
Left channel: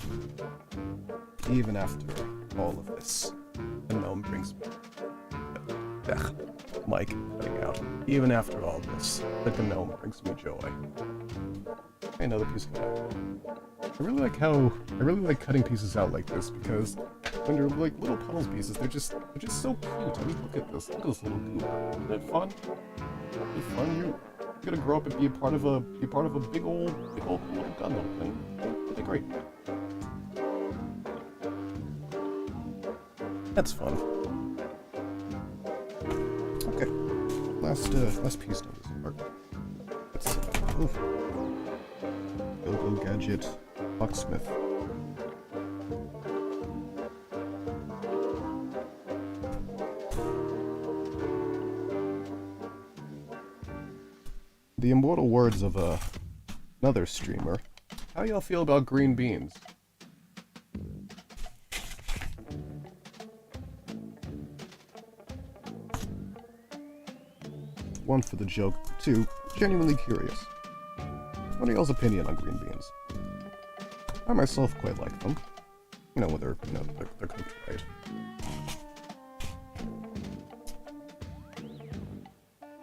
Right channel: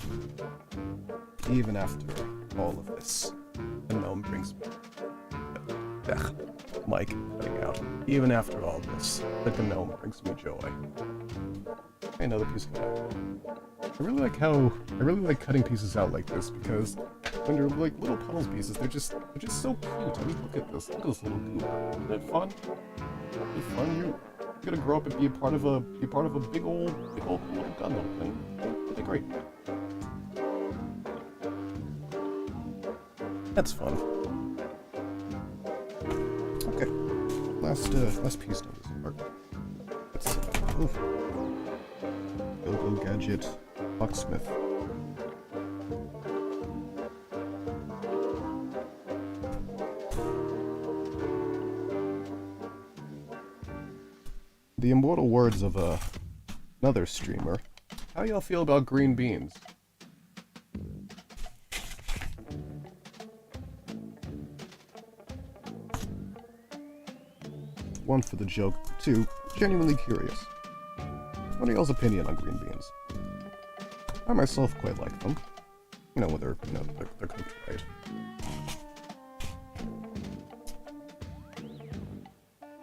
Even after all of this, the gnome brings me. Mike cutting out. Even after all this, the gnome brings me joy. Another piece of that. I really like cutting pieces out like this because when they're like little puzzle pieces, they're just so cute. I mean, look at this little goober. Isn't it fun? Isn't it fun? You're gonna grow up and be a part of a big old little gun little thing. It'll be great. That's fun. Okay, last piece of this part. Let's Go Gadget Locksmith. The immortal words of another streamer. How y'all feel about green beans? One for the joke, two, genuinely curious. What are y'all's opinion on green beans? I myself quite like them. You know, when they're cooked right.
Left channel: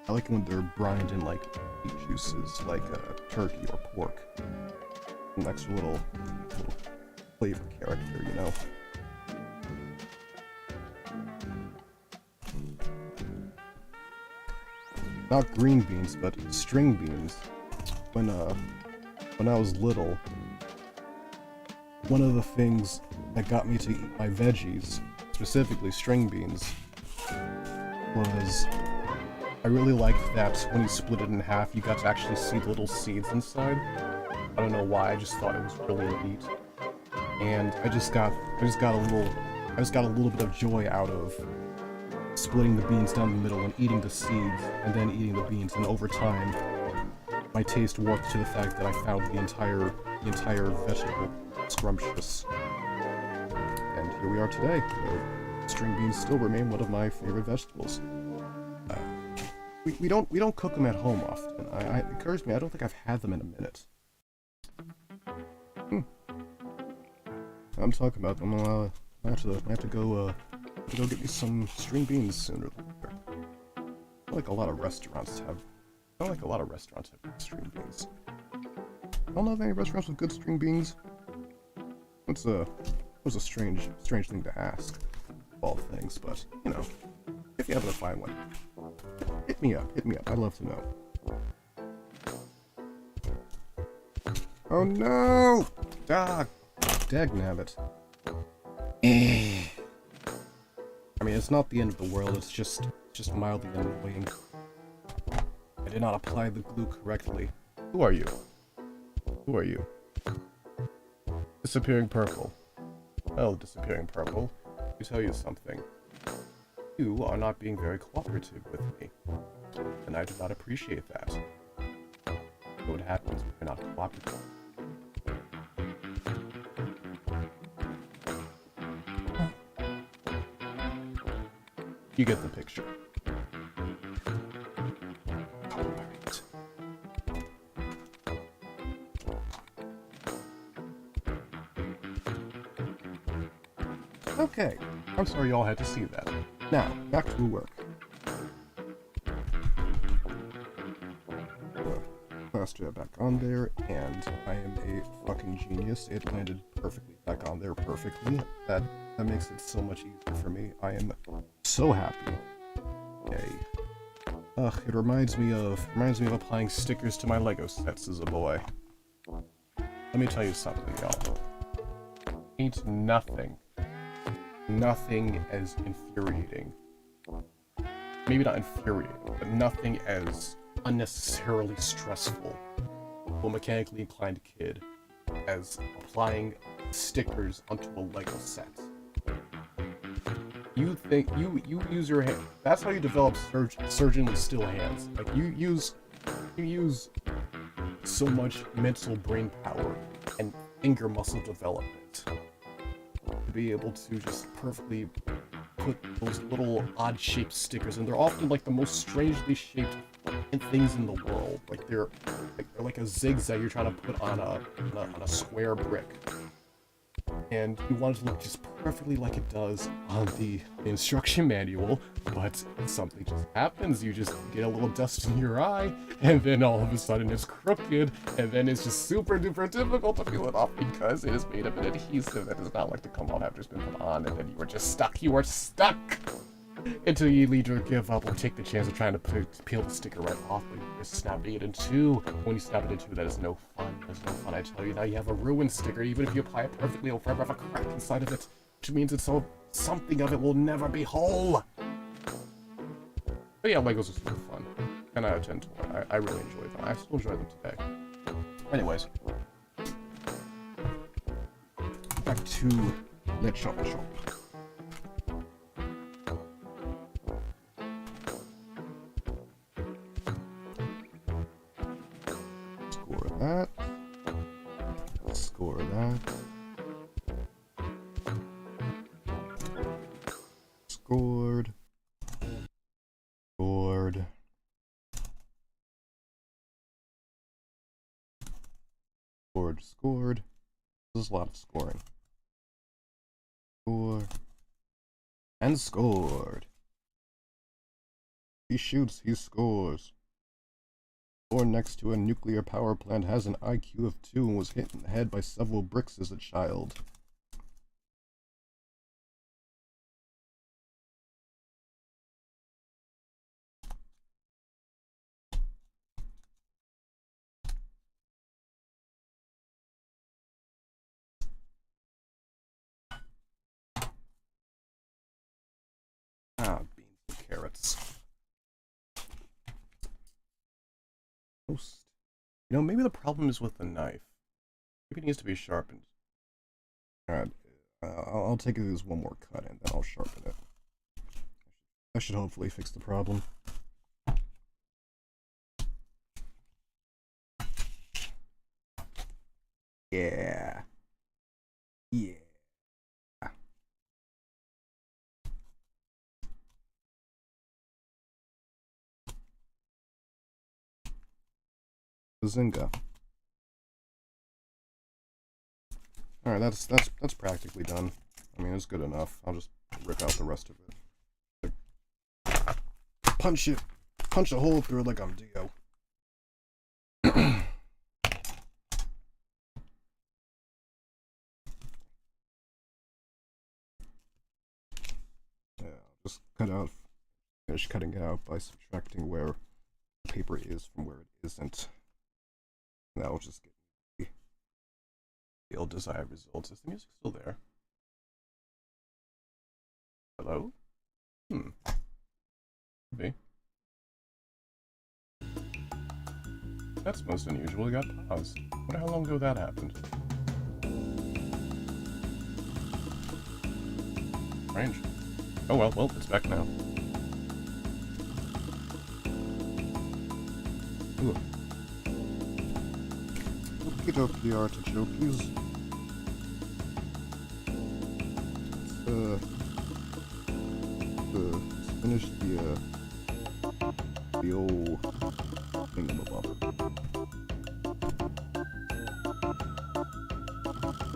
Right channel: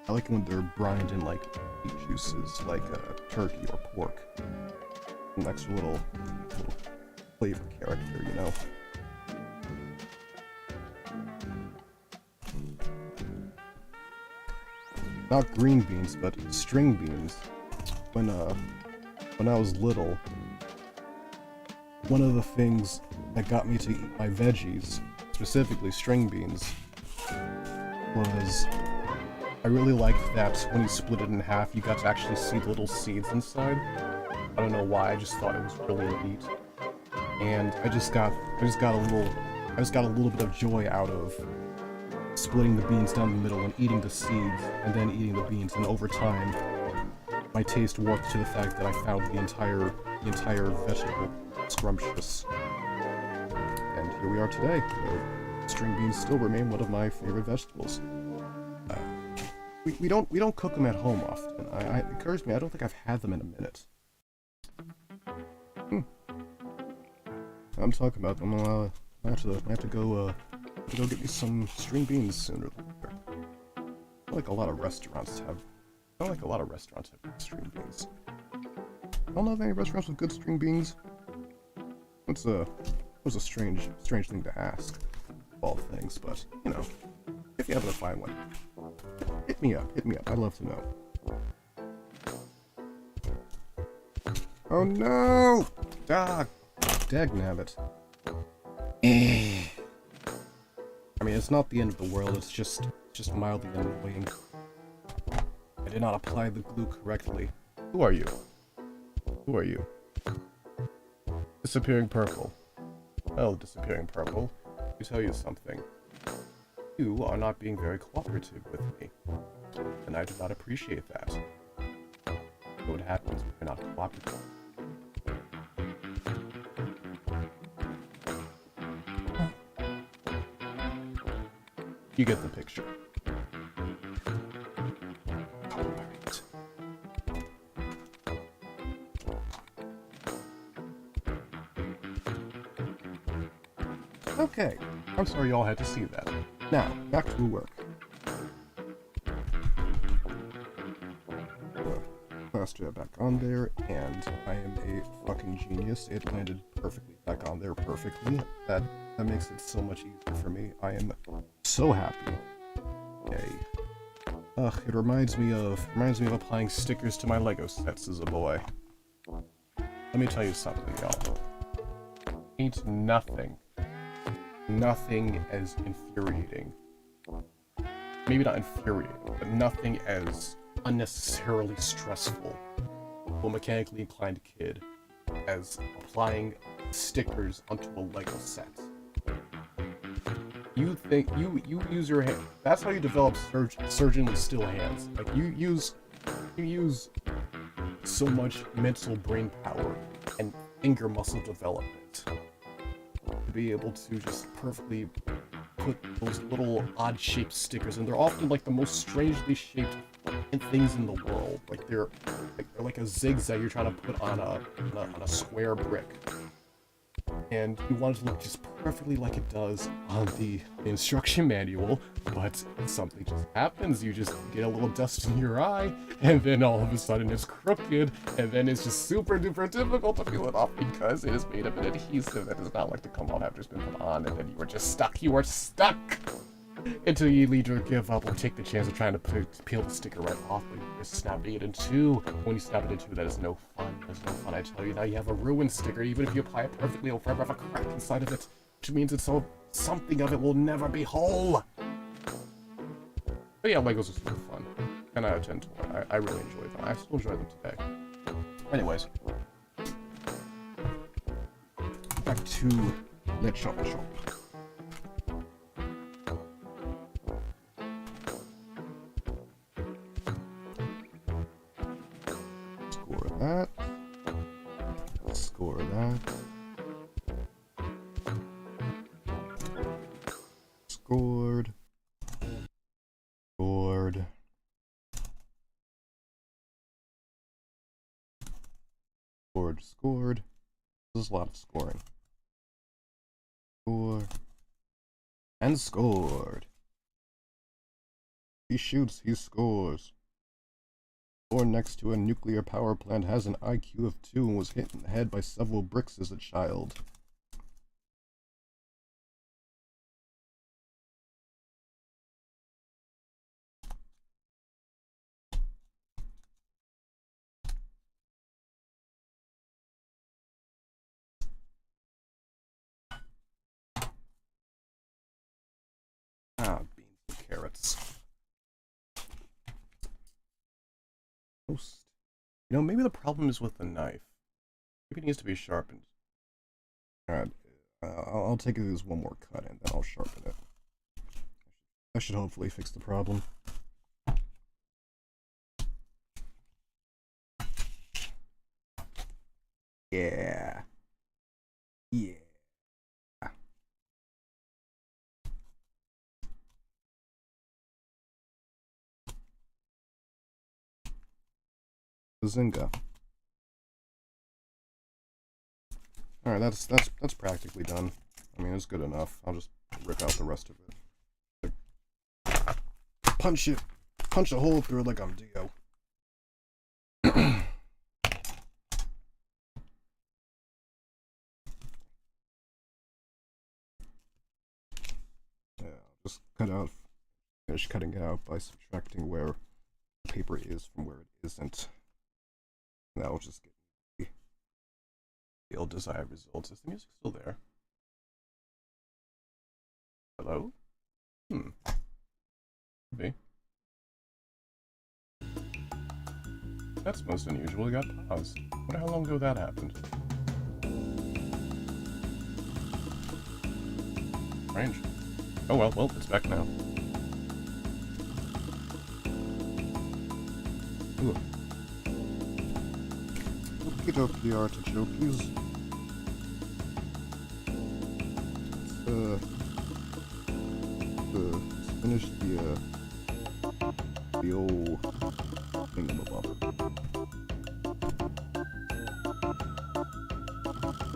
I like when they're brined in like meat juices, like turkey or pork. An extra little flavor character, you know. Not green beans, but string beans. When I was little, one of the things that got me to eat my veggies, specifically string beans, was I really liked that when you split it in half, you got to actually see the little seeds inside. I don't know why, I just thought it was really neat. And I just got a little bit of joy out of splitting the beans down the middle and eating the seeds, and then eating the beans, and over time, my taste warped to the fact that I found the entire vegetable scrumptious. And here we are today. String beans still remain one of my favorite vegetables. We don't cook them at home often. It occurs to me, I don't think I've had them in a minute. I'm talking about them. I have to go get me some string beans sooner than later. I feel like a lot of restaurants have string beans. I don't know of any restaurants with good string beans. What's a strange thing to ask, of all things, but you know, if you happen to find one, hit me up. I'd love to know. Oh no! Dagnabbit. I mean, it's not the end of the world, it's just mildly annoying. I did not apply the glue correctly. Who are you? Disappearing Purple. Well, Disappearing Purple, let me tell you something. You are not being very cooperative with me, and I do not appreciate that. What happens when you're not cooperative? You get the picture. Alright. Okay, I'm sorry y'all had to see that. Now, back to work. Last jet back on there, and I am a fucking genius. It landed perfectly back on there perfectly. That That makes it so much easier for me. I am so happy. Yay. Ugh, it reminds me of applying stickers to my Lego sets as a boy. Let me tell you something, y'all. Ain't nothing as infuriating. Maybe not infuriating, but nothing as unnecessarily stressful to a mechanically inclined kid as applying stickers onto a Lego set. You think you use your hand. That's how you develop surgeonly still hands. Like you use so much mental brain power and finger muscle development to be able to just perfectly put those little odd shaped stickers, and they're often like the most strangely shaped things in the world. Like they're like a zigzag you're trying to put on a square brick. And you want it to look just perfectly like it does on the instruction manual, but something just happens. You just get a little dust in your eye, and then all of a sudden it's crooked, and then it's just super duper difficult to peel it off because it is made of an adhesive that does not like to come off after it's been put on, and then you are just stuck. You are stuck! Until you either give up or take the chance of trying to peel the sticker right off, but you're snapping it in two. When you snap it in two, that is no fun. That's no fun, I tell you. Now you have a ruined sticker. Even if you apply it perfectly, it'll forever have a crack inside of it, which means it's so something of it will never be whole. But yeah, Legos are super fun. 10 out of 10 toy. I really enjoy them. I still enjoy them today. Anyways. Back to Let's Shop. That. Score that. Scored. Scored. Scored. This is a lot of scoring. Score. And scored. He shoots, he scores. Born next to a nuclear power plant, has an IQ of 2 and was hit in the head by several bricks as a child. Ah, beans and carrots. You know, maybe the problem is with the knife. Maybe it needs to be sharpened. Alright, I'll take it as one more cut and then I'll sharpen it. That should hopefully fix the problem. Yeah. Yeah. Bazinga. Alright, that's practically done. I mean, it's good enough. I'll just rip out the rest of it. Punch a hole through it like I'm Dio. Yeah, I'll just finish cutting it out by subtracting where the paper is from where it isn't. That will just get the ill desired results. Is the music still there? Hello? Maybe. That's most unusual. It got paused. I wonder how long ago that happened. Strange. Oh well, it's back now. Ooh. Get up the artichokes. Let's finish the old thingamabobber.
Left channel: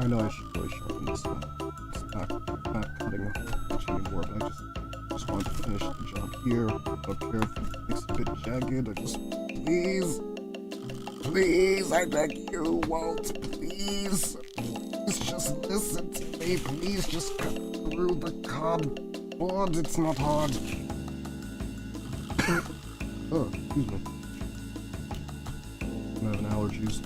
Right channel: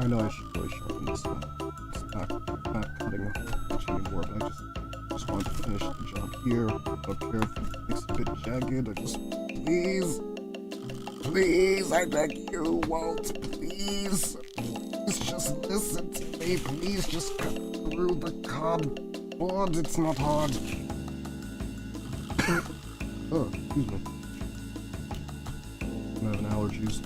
I know I should really sharpen this one. It's not cutting much anymore, but I just want to finish the job here. I don't care if it makes it a bit jagged. I just please, I beg you, Walt, please just listen to me, please just cut through the cardboard. It's not hard. Oh, excuse me. I'm having allergies.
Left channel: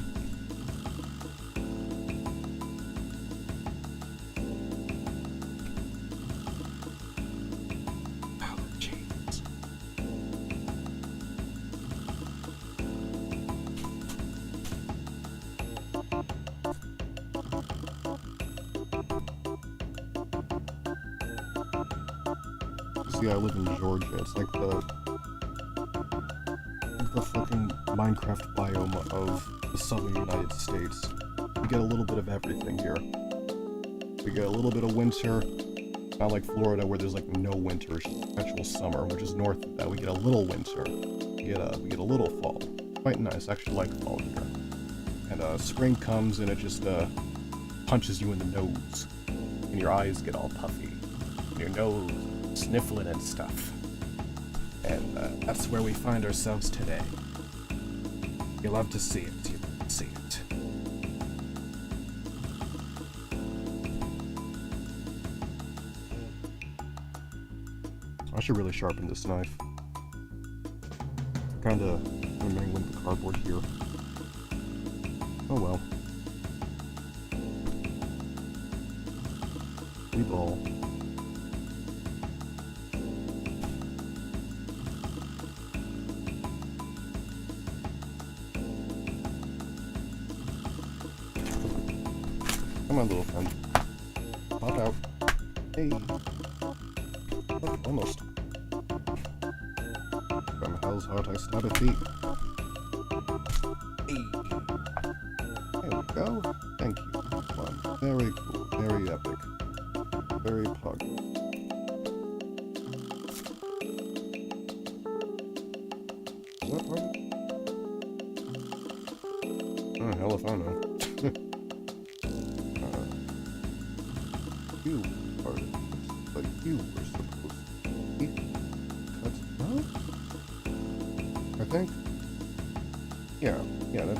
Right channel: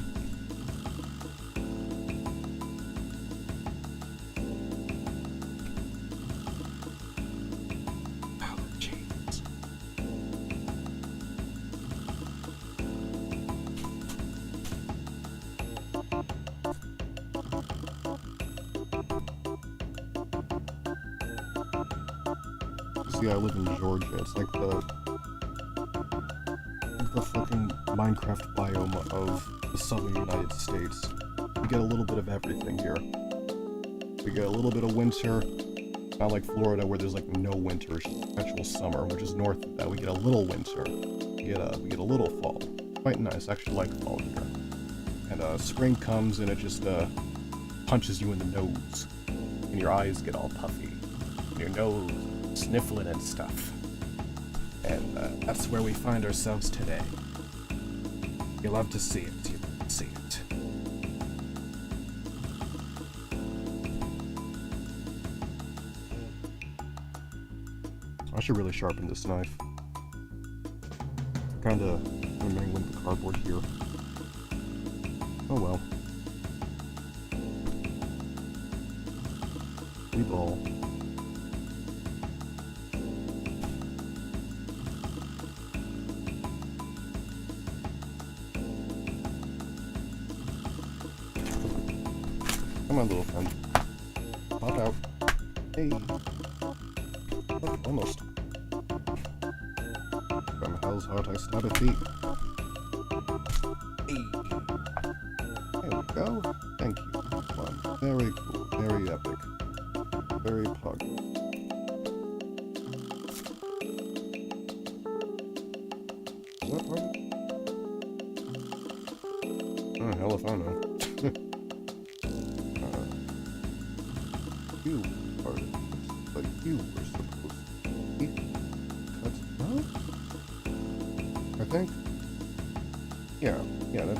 See, I live in Georgia. It's like the fucking Minecraft biome of the southern United States. We get a little bit of everything here. We get a little bit of winter, not like Florida where there's like no winter, it's just perpetual summer, which is north of that. We get a little winter. We get a little fall. Quite nice. I actually like fall here. And spring comes and it just punches you in the nose, and your eyes get all puffy, and your nose sniffling and stuff. And that's where we find ourselves today. You love to see it. You love to see it. I should really sharpen this knife. Kinda mangling the cardboard here. Oh well. We ball. Come on, little friend. Pop out. Hey. Oh, almost. From hell's heart I stab a feet. Hey. There we go. Thank you. Fun. Very cool. Very epic. Very pug. Is that part of it? Oh, hell if I know. You are like you were supposed to be cut out? I think? Yeah, that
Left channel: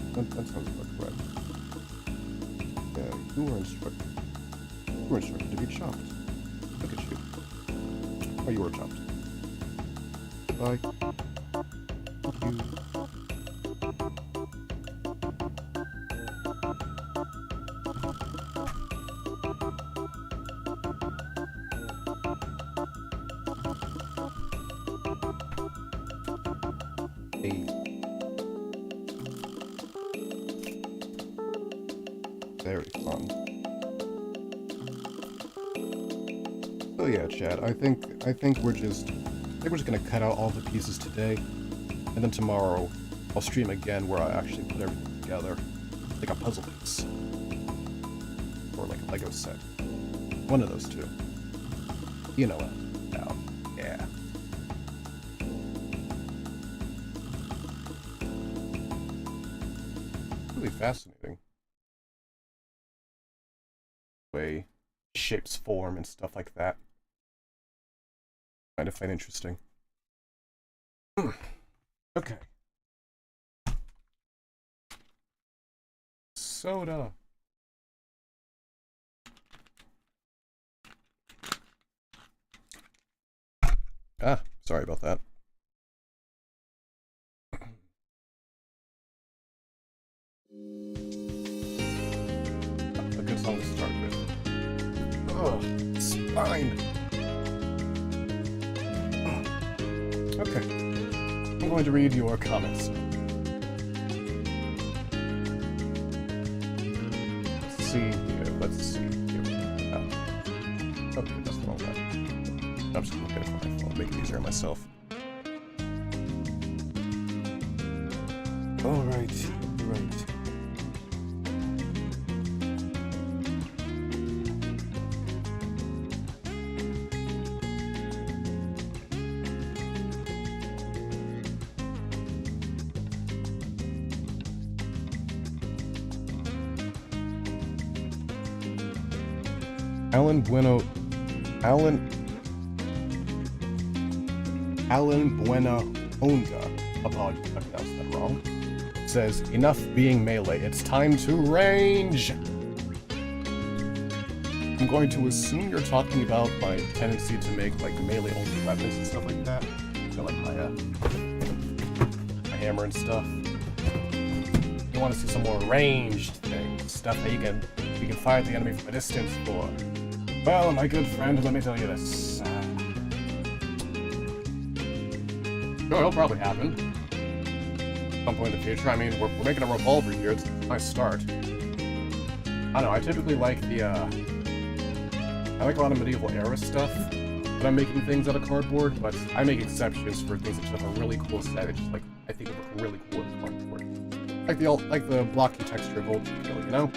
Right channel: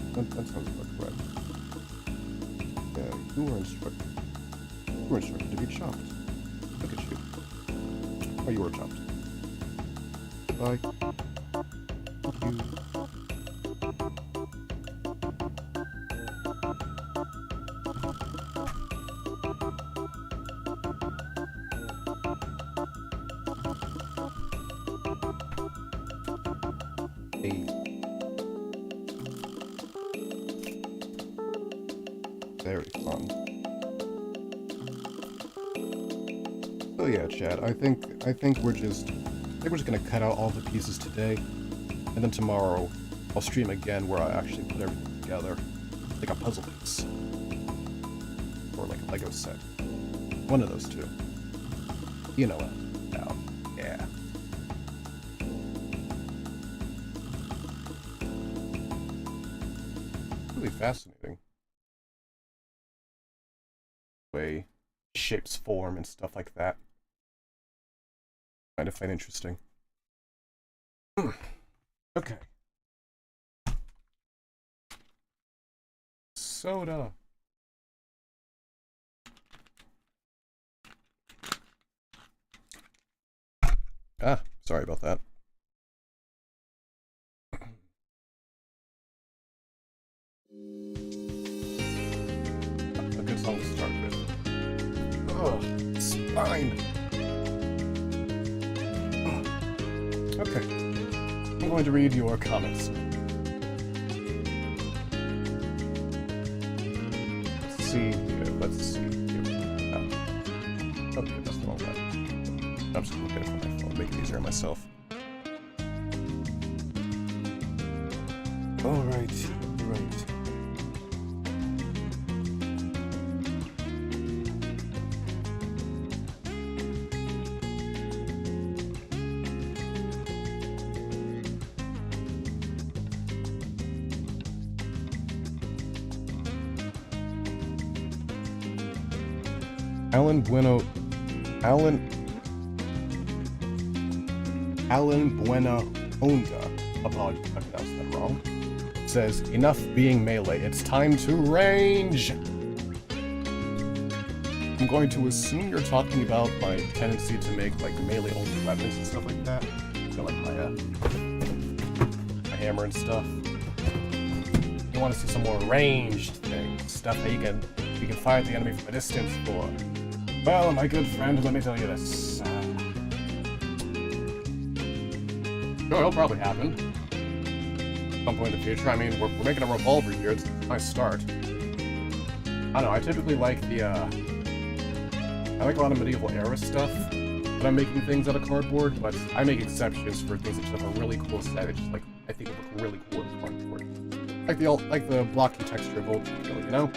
sounds about correct. Yeah, you were instructed to be chopped. Look at you. Oh, you were chopped. Goodbye. Thank you. Very fun. So yeah, chat. I think we're just gonna cut out all the pieces today, and then tomorrow I'll stream again where I actually put everything together, like a puzzle piece, or like a Lego set. One of those two. You know what? Now, yeah. Really fascinating. Way shapes form and stuff like that. Kind of find interesting. Okay. Soda. Ah, sorry about that. A good song to start with. Oh, spine. Okay. I'm going to read your comments. Let's see here. Let's see here. Oh. Okay, that's the wrong one. I'm just going to look at it from my phone, make it easier on myself. Alright, right. Alan Buena Onda, apologies if I pronounced that wrong, says, enough being melee, it's time to range! I'm going to assume you're talking about my tendency to make like melee-only weapons and stuff like that. So like my hammer and stuff. You want to see some more ranged things, stuff that you can fire at the enemy from a distance for. Well, my good friend, let me tell you this. Sure, it'll probably happen. At some point in the future. I mean, we're making a revolver here. It's a nice start. I don't know, I typically like the, I like a lot of medieval era stuff when I'm making things out of cardboard, but I make exceptions for things that just have a really cool set. It's just like, I think it looks really cool as cardboard. Like the blocky texture of ULTRAKILL, you know?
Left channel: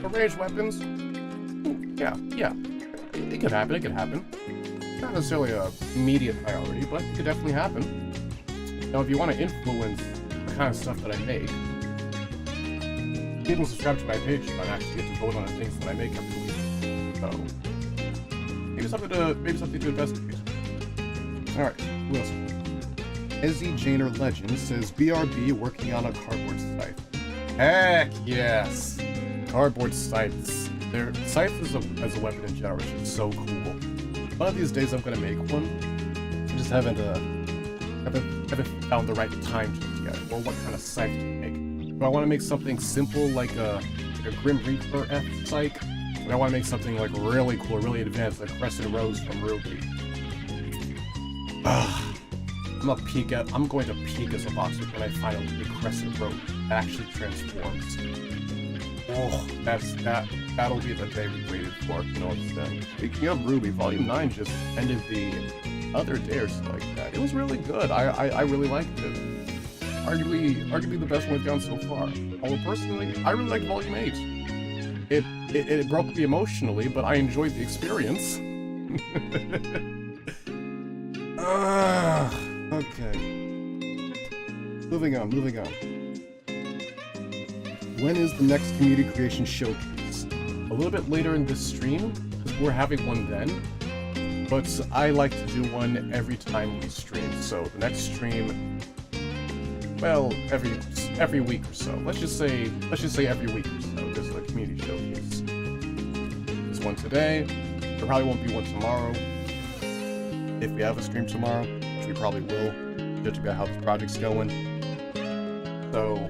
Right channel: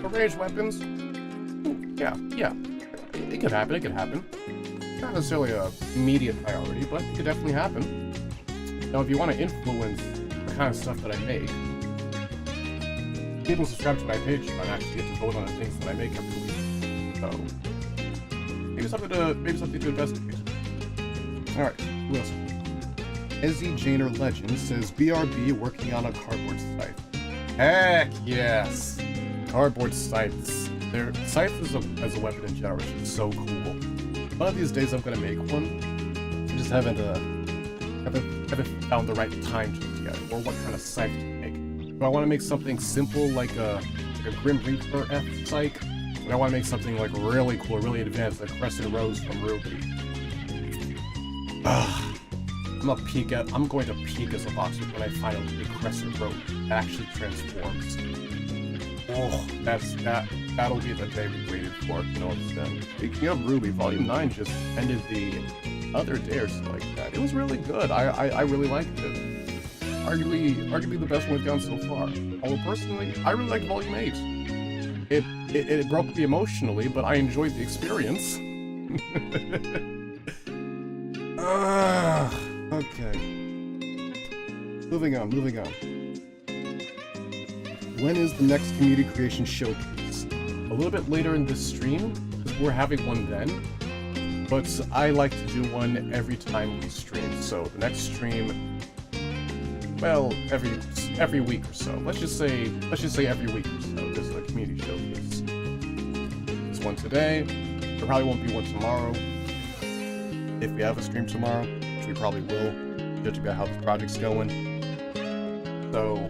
For ranged weapons, yeah. It could happen. Not necessarily a immediate priority, but it could definitely happen. Now, if you want to influence the kind of stuff that I make, people subscribe to my page and actually get to vote on the things that I make every week. So, maybe something to investigate. Alright, who else? Ezzy Janer Legend says, BRB working on a cardboard scythe. Heck yes! Cardboard scythes. Scythe as a weapon in general is just so cool. One of these days I'm gonna make one. I just haven't found the right time to yet, or what kind of scythe to make. Do I want to make something simple like a Grim Reaper F Psych? Or do I want to make something like really cool, really advanced, like Crescent Rose from Ruby? I'm going to peak as a boxer when I finally make Crescent Rose that actually transforms. Oh, that'll be the day we waited for, you know what I'm saying? Speaking of Ruby, Volume 9 just ended the other day or something like that. It was really good. I really liked it. Arguably the best one we've done so far. Although personally, I really liked Volume 8. It broke me emotionally, but I enjoyed the experience. Okay. Moving on. When is the next community creation showcase? A little bit later in this stream, because we're having one then. But I like to do one every time we stream. So the next stream, well, every week or so. Let's just say every week or so. There's a community showcase. There's one today. There probably won't be one tomorrow. If we have a stream tomorrow, which we probably will, judging by how the project's going. So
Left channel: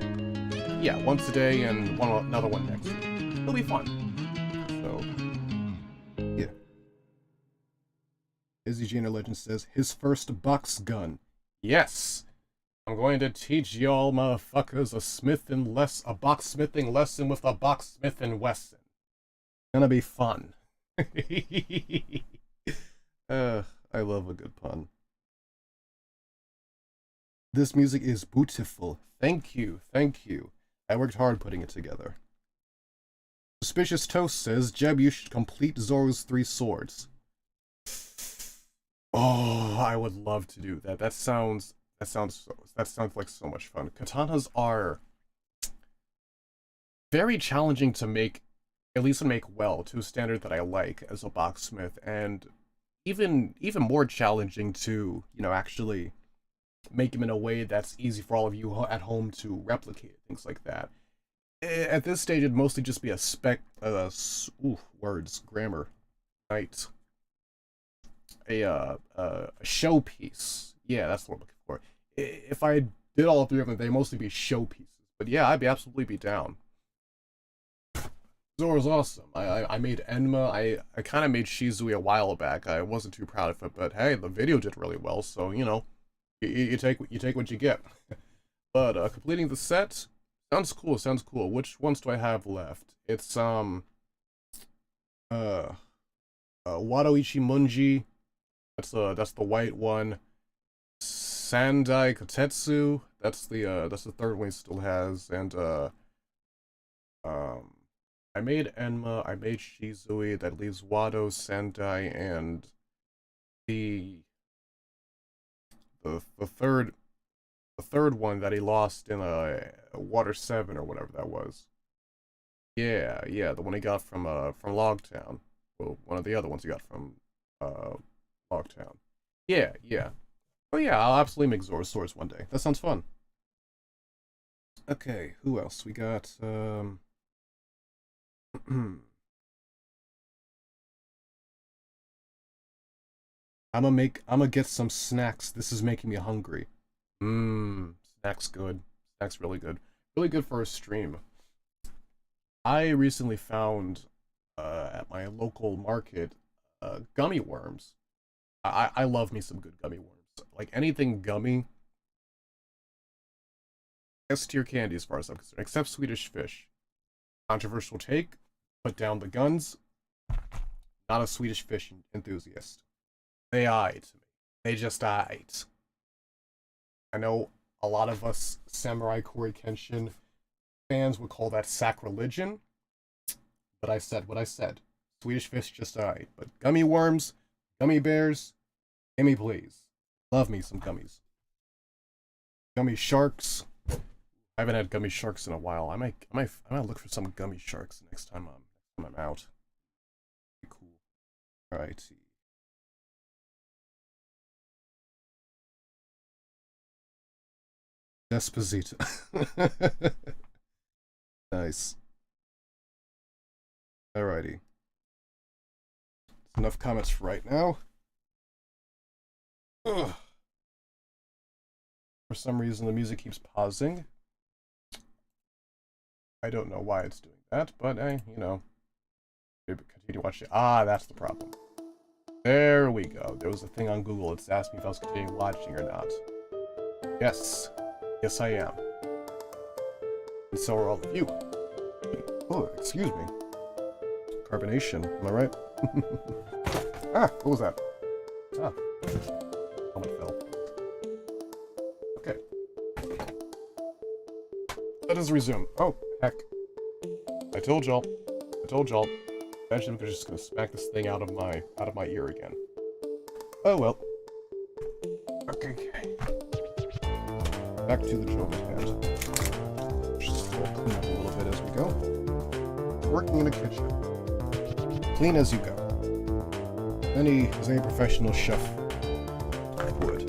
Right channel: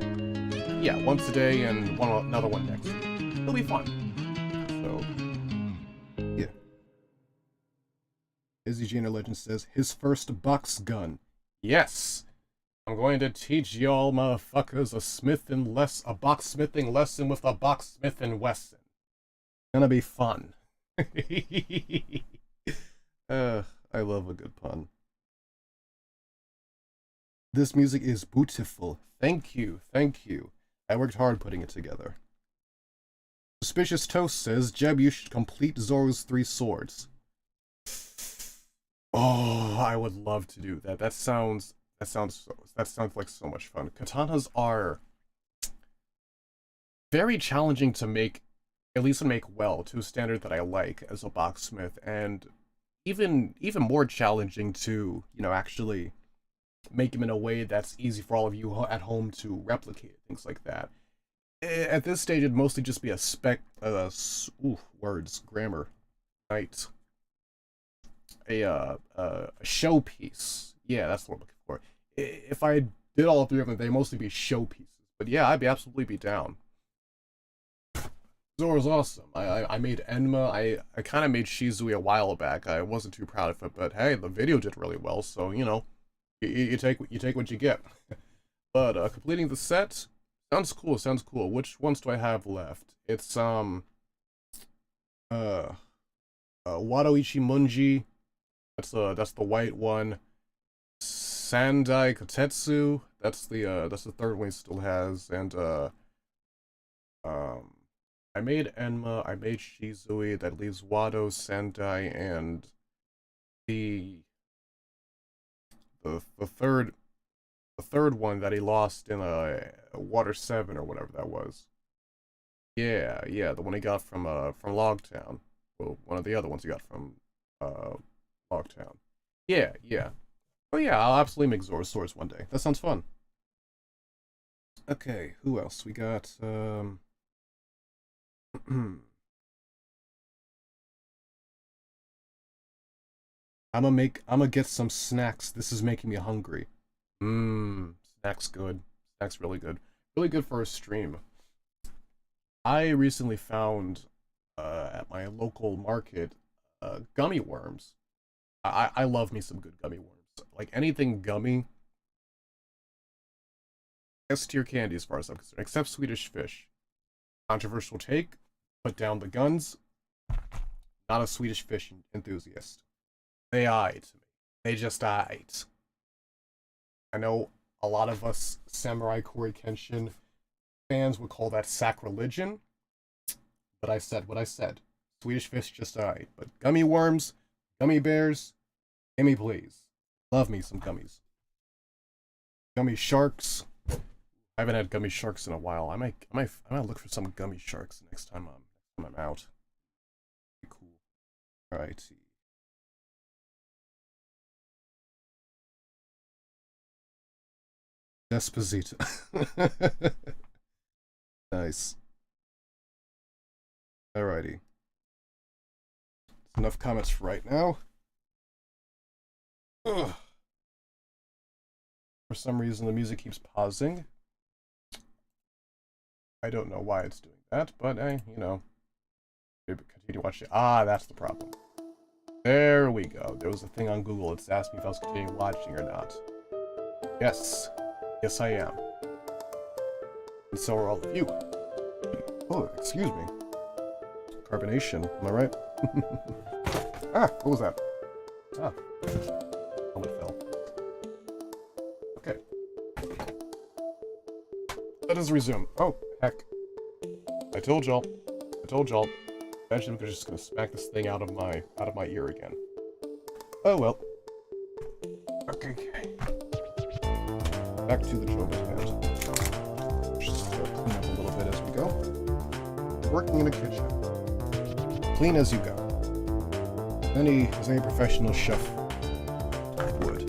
yeah, one today and another one next week. It'll be fun. So yeah. Izzy Janer Legend says his first box gun. Yes. I'm going to teach y'all motherfuckers a boxsmithing lesson with a box Smith & Wesson. Gonna be fun. I love a good pun. This music is beautiful. Thank you. I worked hard putting it together. Suspicious Toast says, Jeb, you should complete Zoro's 3 swords. Oh, I would love to do that. That sounds like so much fun. Katanas are very challenging to make, at least to make well, to a standard that I like as a boxsmith, and even more challenging to, you know, actually make them in a way that's easy for all of you at home to replicate, things like that. At this stage, it'd mostly just be a grammar night. A showpiece. Yeah, that's what I'm looking for. If I did all 3 of them, they'd mostly be showpieces. But yeah, I'd absolutely be down. Zora's awesome. I made Enma. I kind of made Shizui a while back. I wasn't too proud of it, but hey, the video did really well, so, you know, you take what you get. But completing the set sounds cool. Which ones do I have left? It's Wado Ichimonji. That's the white one. Sandai Kotetsu. That's the third one he still has. And I made Enma. I made Shizui. That leaves Wado, Sandai, and the third one that he lost in Water 7 or whatever that was. Yeah, the one he got from Logtown. Well, one of the other ones he got from Logtown. Yeah. Oh yeah, I'll absolutely make Zora's swords one day. That sounds fun. Okay, who else? We got I'ma get some snacks. This is making me hungry. Snacks good. Snacks really good. Really good for a stream. I recently found at my local market gummy worms. I love me some good gummy worms. Like anything gummy. S tier candy as far as I'm concerned, except Swedish Fish. Controversial take. Put down the guns. Not a Swedish Fish enthusiast. They eyed me. They just eyed. I know a lot of us Samurai Kori Kenshin fans would call that sacrilegion, but I said what I said. Swedish Fish just eyed. But gummy worms, gummy bears, give me please. Love me some gummies. Gummy sharks. I haven't had gummy sharks in a while. I might look for some gummy sharks next time I'm out. Cool. Alright. Desposito. Nice. Alrighty. That's enough comments for right now. Ugh. For some reason the music keeps pausing. I don't know why it's doing that, but you know. Maybe continue watching. Ah, that's the problem. There we go. There was a thing on Google that's asked me if I was continuing watching or not. Yes. Yes, I am. And so are all of you. Oh, excuse me. Carbonation, am I right? Ah, what was that? Ah. Helmet fell. Okay. Let us resume. Oh, heck. I told y'all. Eventually we're just gonna smack this thing out of my ear again. Oh well. Okay. Back to the job at hand. Just clean up a little bit as we go. Working in a kitchen. Clean as you go. As any professional chef would.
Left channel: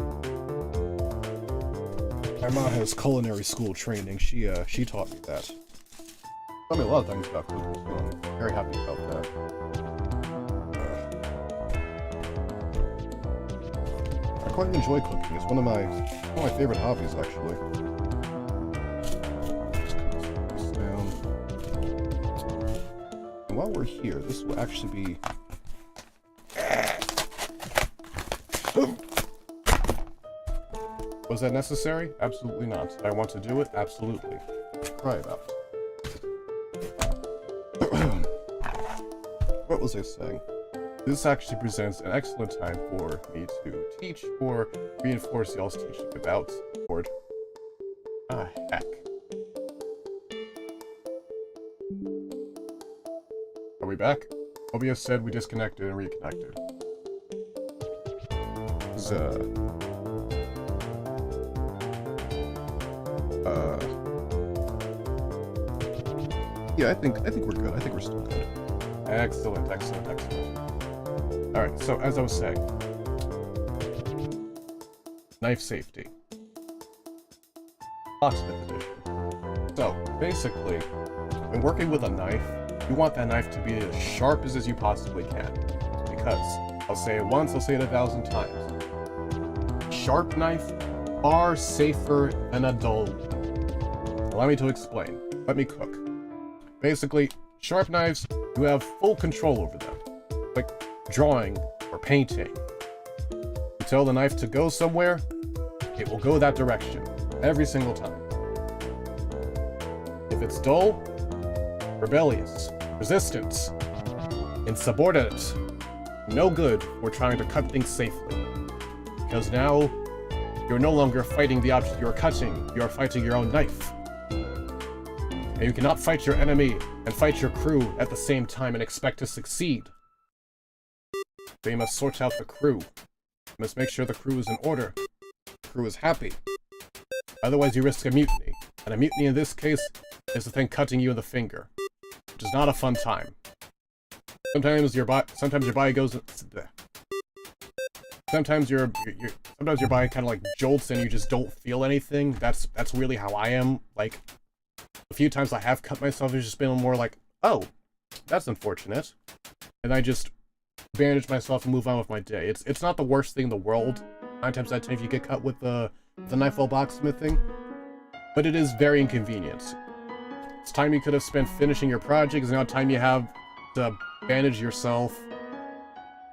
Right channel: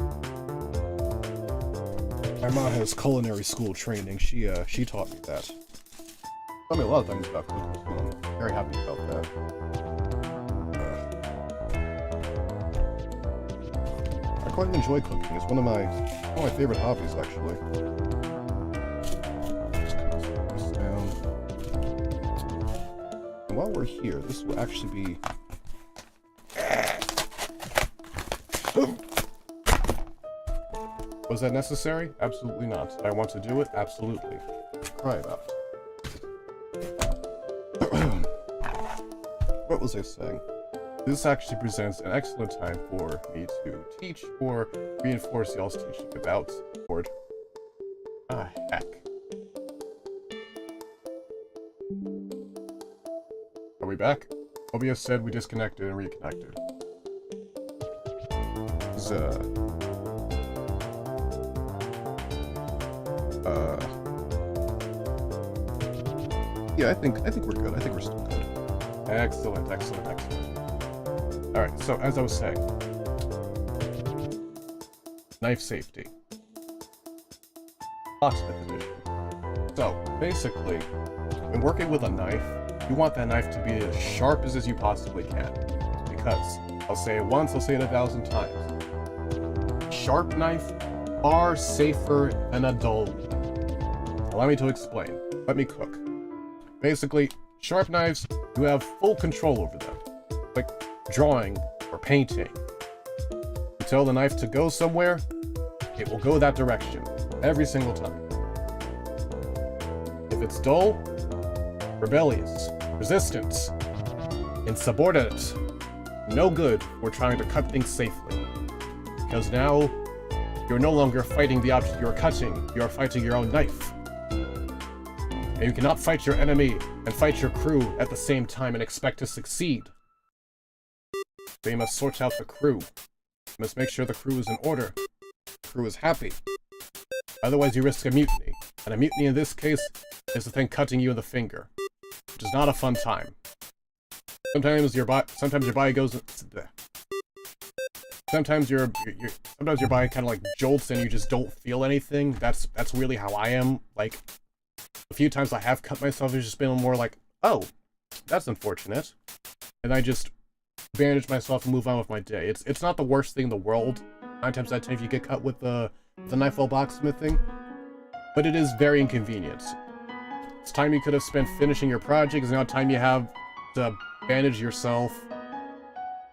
My mom has culinary school training. She taught me that. Taught me a lot of things about cooking, so I'm very happy about that. I quite enjoy cooking. It's one of my favorite hobbies, actually. Just put this down. And while we're here, this will actually be. Was that necessary? Absolutely not. Did I want to do it? Absolutely. Cry about it. What was I saying? This actually presents an excellent time for me to teach or reinforce y'all's teaching about board. Ah, heck. Are we back? OBS said we disconnected and reconnected. Yeah, I think we're good. I think we're still good. Excellent. Alright, so as I was saying, knife safety. Locksmith edition. So, basically, when working with a knife, you want that knife to be as sharp as you possibly can. Because, I'll say it once, I'll say it 1,000 times. Sharp knife, far safer than a dull one. Allow me to explain. Let me cook. Basically, sharp knives, you have full control over them. Like drawing or painting. You tell the knife to go somewhere, it will go that direction. Every single time. If it's dull, rebellious, resistant, insubordinate, no good for trying to cut things safely. Because now, you're no longer fighting the object you're cutting, you're fighting your own knife. And you cannot fight your enemy and fight your crew at the same time and expect to succeed. So you must sort out the crew. You must make sure the crew is in order. The crew is happy. Otherwise you risk a mutiny. And a mutiny in this case is the thing cutting you in the finger. Which is not a fun time. Sometimes your body goes... Sometimes your body kind of like jolts and you just don't feel anything. That's really how I am. Like, a few times I have cut myself, it's just been more like, oh, that's unfortunate. And I just bandage myself and move on with my day. It's not the worst thing in the world. 9 times out of 10 if you get cut with the knife while blacksmithing, but it is very inconvenient. It's time you could have spent finishing your project, is now time you have to bandage yourself,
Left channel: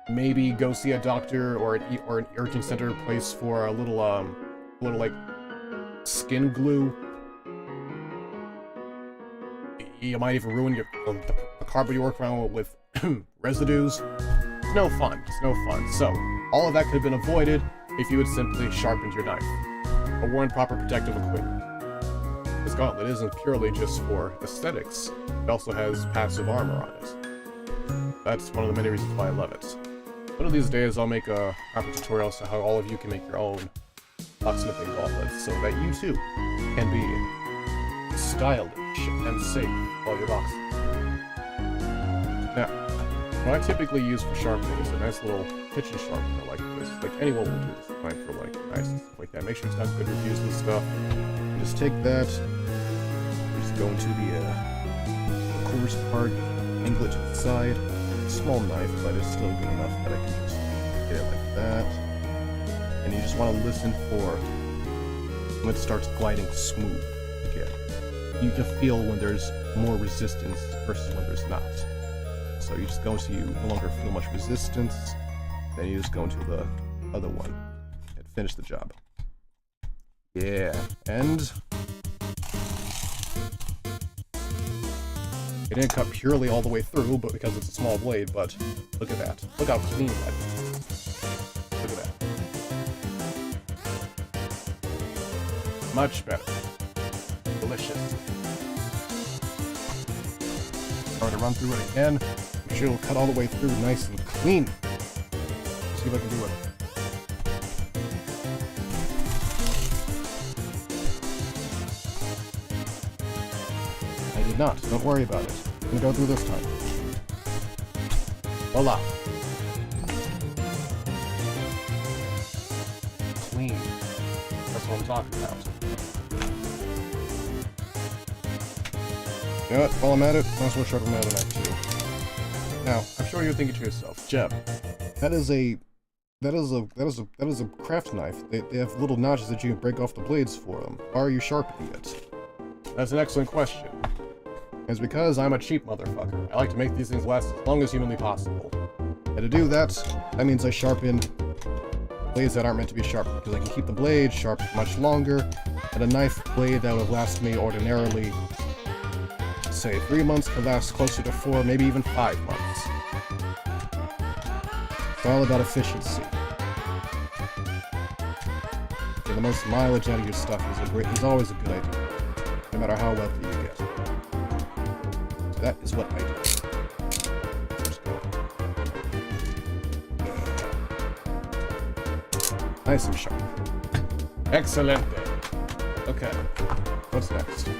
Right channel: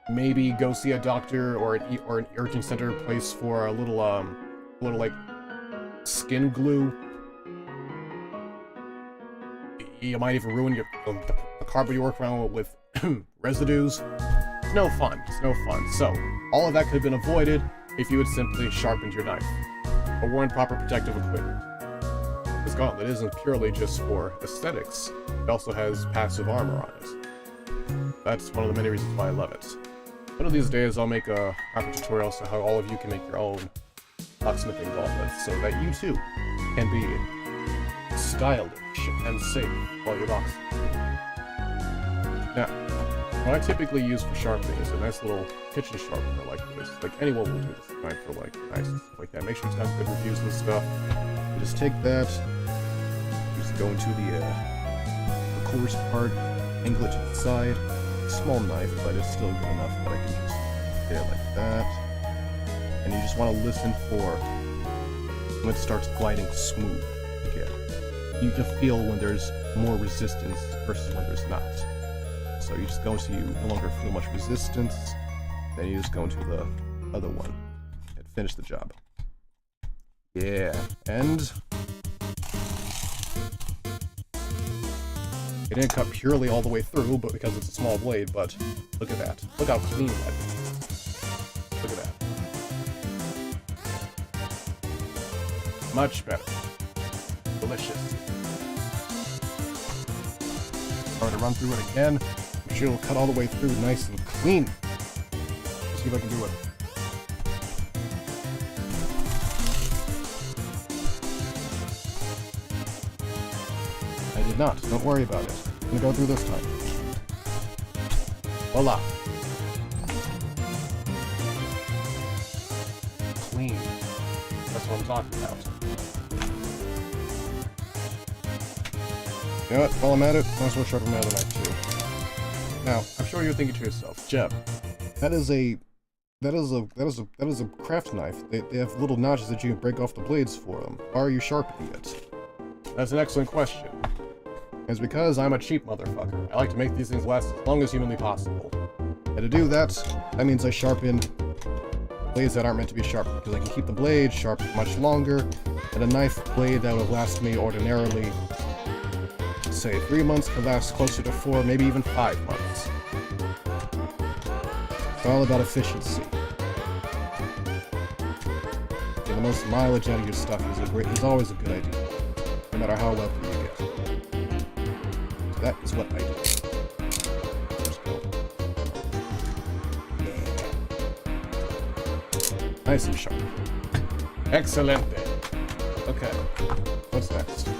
maybe go see a doctor or an urgent center place for a little like skin glue. You might even ruin the cardboard you work around with residues. It's no fun. It's no fun. So all of that could have been avoided if you had simply sharpened your knife or worn proper protective equipment. This gauntlet isn't purely just for aesthetics. It also has passive armor on it. That's one of the many reasons why I love it. One of these days I'll make a proper tutorial so how all of you can make your own blacksmithing gauntlets so that you too can be stylish and safe while you're blacksmithing. Now, what I typically use for sharpening is a nice little kitchen sharpener like this. Like anyone will do this fine for like knives and stuff like that. Make sure it's got good reviews and stuff. You just take that, you just go into the coarse part, angle it to the side. Small knife, but it's still good enough that I can just get it like that. And you just want to listen for when it starts gliding smooth again. You can feel when there's more resistance versus when there's not. So you just go into, you no longer feel much resistance, then you just go into the other one and finish the job. Yeah, and it didn't cut purely all the way through, but because it's a small blade, but look at that. Look how clean that is. Look at that. Much better. Delicious. Try to run through it again. I'm sure it'll cut all the way through nice and clean. Let's see if I can do it. I did not. Don't worry about it. I'm gonna go through this time. Voila. Clean. That's what I'm talking about. You know what? While I'm at it, might as well sharpen my other knife too. Now, I'm sure you're thinking to yourself, Jeb, that is a craft knife. They have little notches that you can break off the blades for them. Why are you sharpening it? That's an excellent question. It's because I'm a cheap motherfucker. I like to make these things last as long as humanly possible. And to do that, that means I sharpen blades that aren't meant to be sharpened, because I can keep the blade sharp much longer, and a knife blade that would last me ordinarily, say 3 months, could last closer to 4, maybe even 5 months. It's all about efficiency. Getting the most mileage out of your stuff is always a good idea, no matter how wealthy you get. So that is what I do. Just go. Nice and sharp. Excelente. Okay, what's next?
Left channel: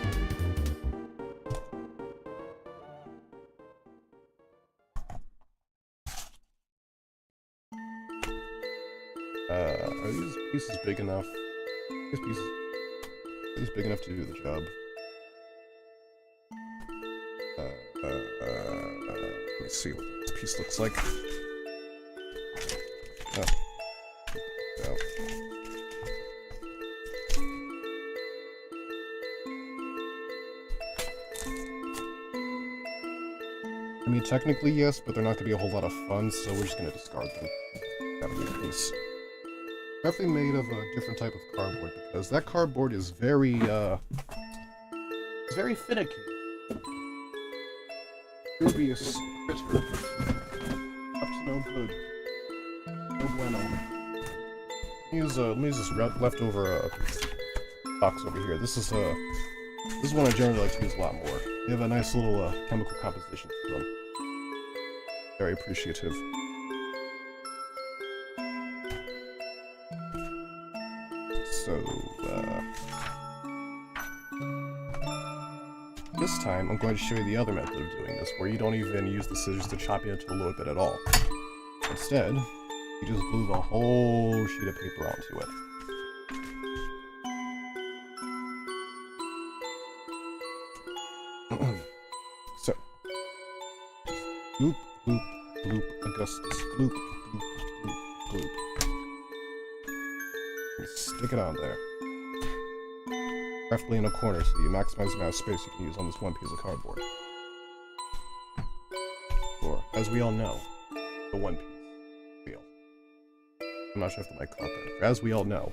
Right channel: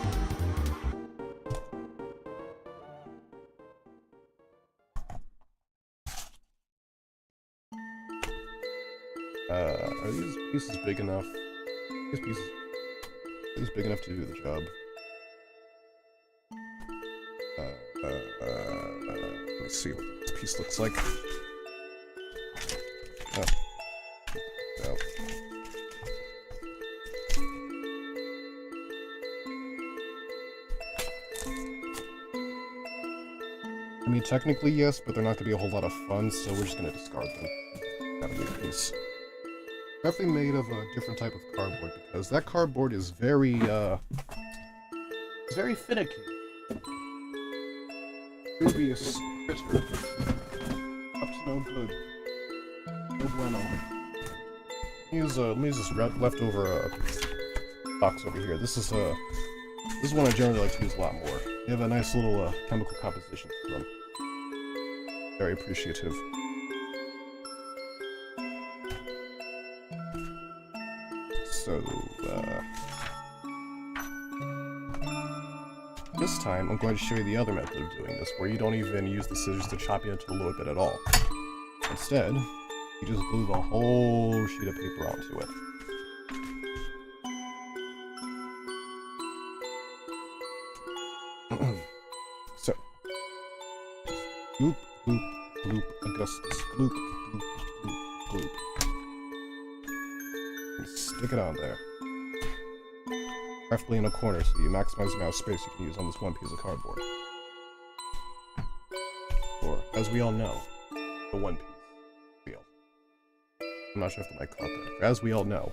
Are these pieces big enough? Are these big enough to do the job? Let me see what this piece looks like. Oh. No. I mean, technically yes, but they're not going to be a whole lot of fun, so we're just going to discard them. Have a good piece. Definitely made of a different type of cardboard, because that cardboard is very, it's very finicky. Previous critter. Up to no good. No bueno. Let me use this leftover box over here. This is one I generally like to use a lot more. They have a nice little chemical composition to them. Very appreciative. So, this time I'm going to show you the other method of doing this, where you don't even use the scissors to chop into a little bit at all. Instead, you just glue the whole sheet of paper onto it. So, scoop, scoop, Gloop, Augustus. Gloop, gloop, gloop, gloop. Stick it on there. Preferably in a corner so you maximize the amount of space you can use on this one piece of cardboard. Or, as we all know, the One Piece real. I'm not sure if the mic caught that. As we all know,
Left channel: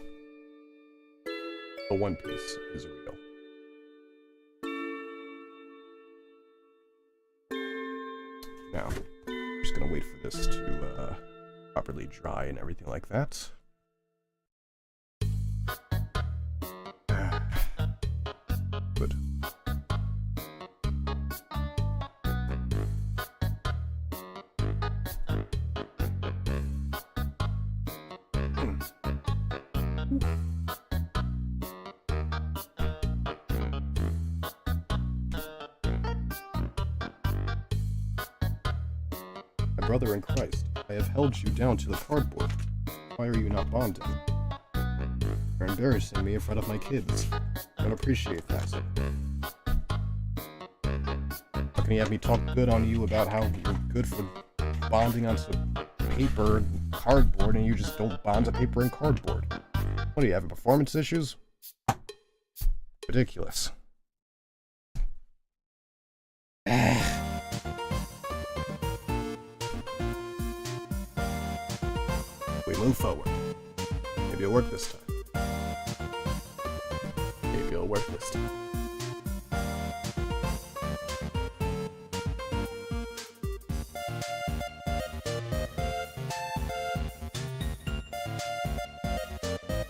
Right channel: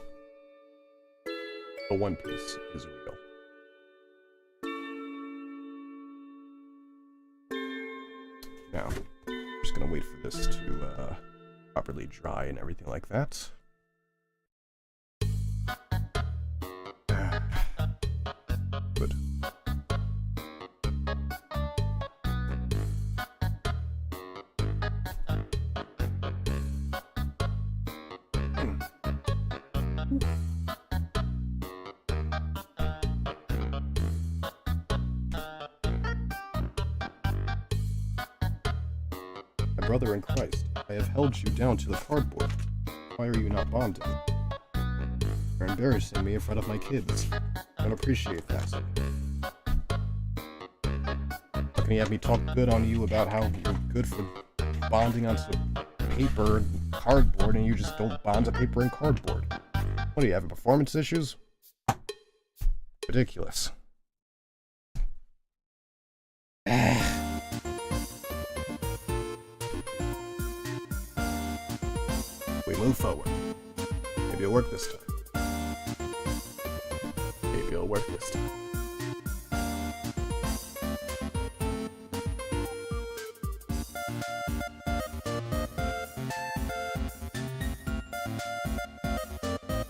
the One Piece is real. Now, I'm just gonna wait for this to properly dry and everything like that. Good. My brother in Christ, I have held you down to the cardboard. Why are you not bonding? You're embarrassing me in front of my kids. I don't appreciate that. How can you have me talk good on you about how you're good for bonding onto paper and cardboard and you just don't bond to paper and cardboard? What do you have, performance issues? Ridiculous. We move forward. Maybe it'll work this time. Maybe it'll work this time.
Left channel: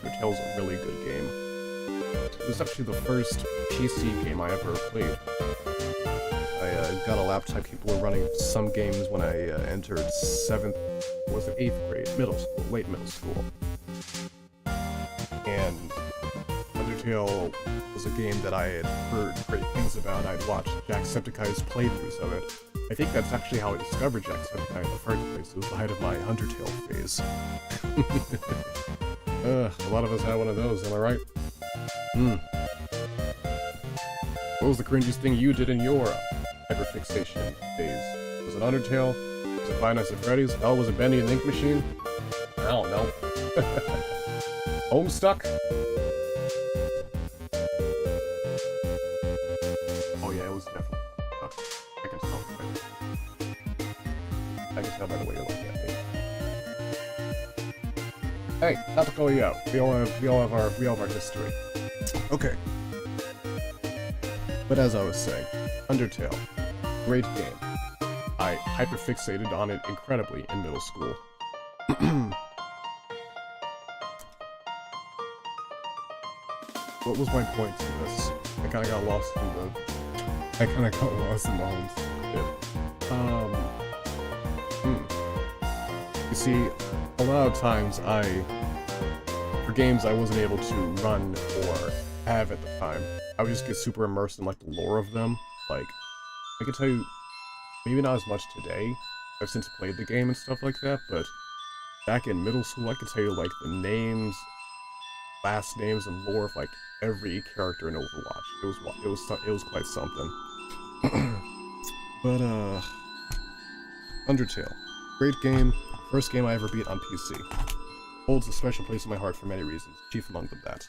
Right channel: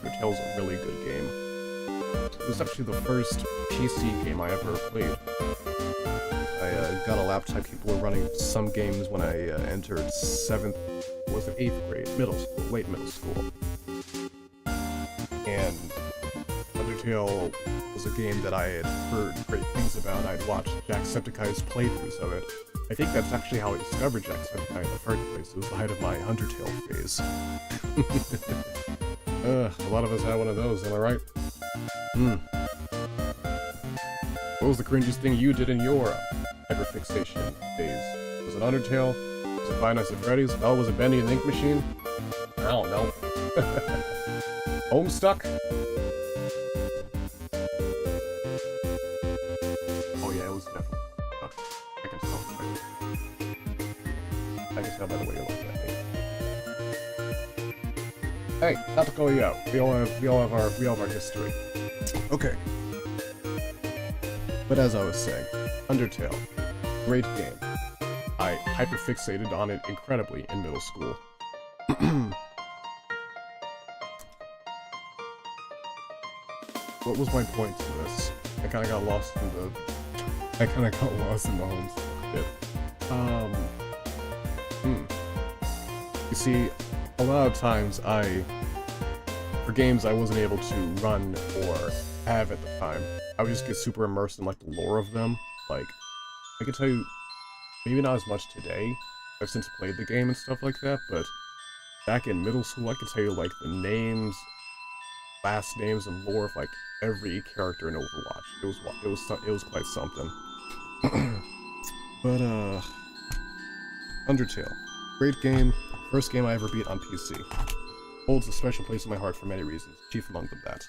Undertale's a really good game. It was actually the first PC game I ever played. I got a laptop. People were running some games when I entered 7th, was it 8th grade, late middle school. And Undertale was a game that I had heard great things about. I'd watched Jacksepticeye's playthroughs of it. I think that's actually how I discovered Jacksepticeye in the first place. It was the height of my Undertale phase. A lot of us had one of those, am I right? What was the cringiest thing you did in your hyperfixation phase? Was it Undertale? Was it Five Nights at Freddy's? Oh, was it Bendy and the Ink Machine? I don't know. Homestuck? Oh yeah, it was definitely Homestuck. I can tell. I can tell by the way you're looking at me. Hey, not to call you out. We all have our history. Okay. But as I was saying, Undertale, great game. I hyperfixated on it incredibly in middle school. What was my point to this? I kind of got lost in the home bit. You see, a lot of times for games I wasn't able to run or have at the time, I would just get super immersed in like the lore of them. Like, I could tell you, maybe not as much today. I've since played the game and stuff like that, but back in middle school, I could tell you like the names, last names, and lore of like every character in Overwatch. It was quite something. But Undertale, great game. First game I ever beat on PC. Holds a special place in my heart for many reasons. Chief among them that.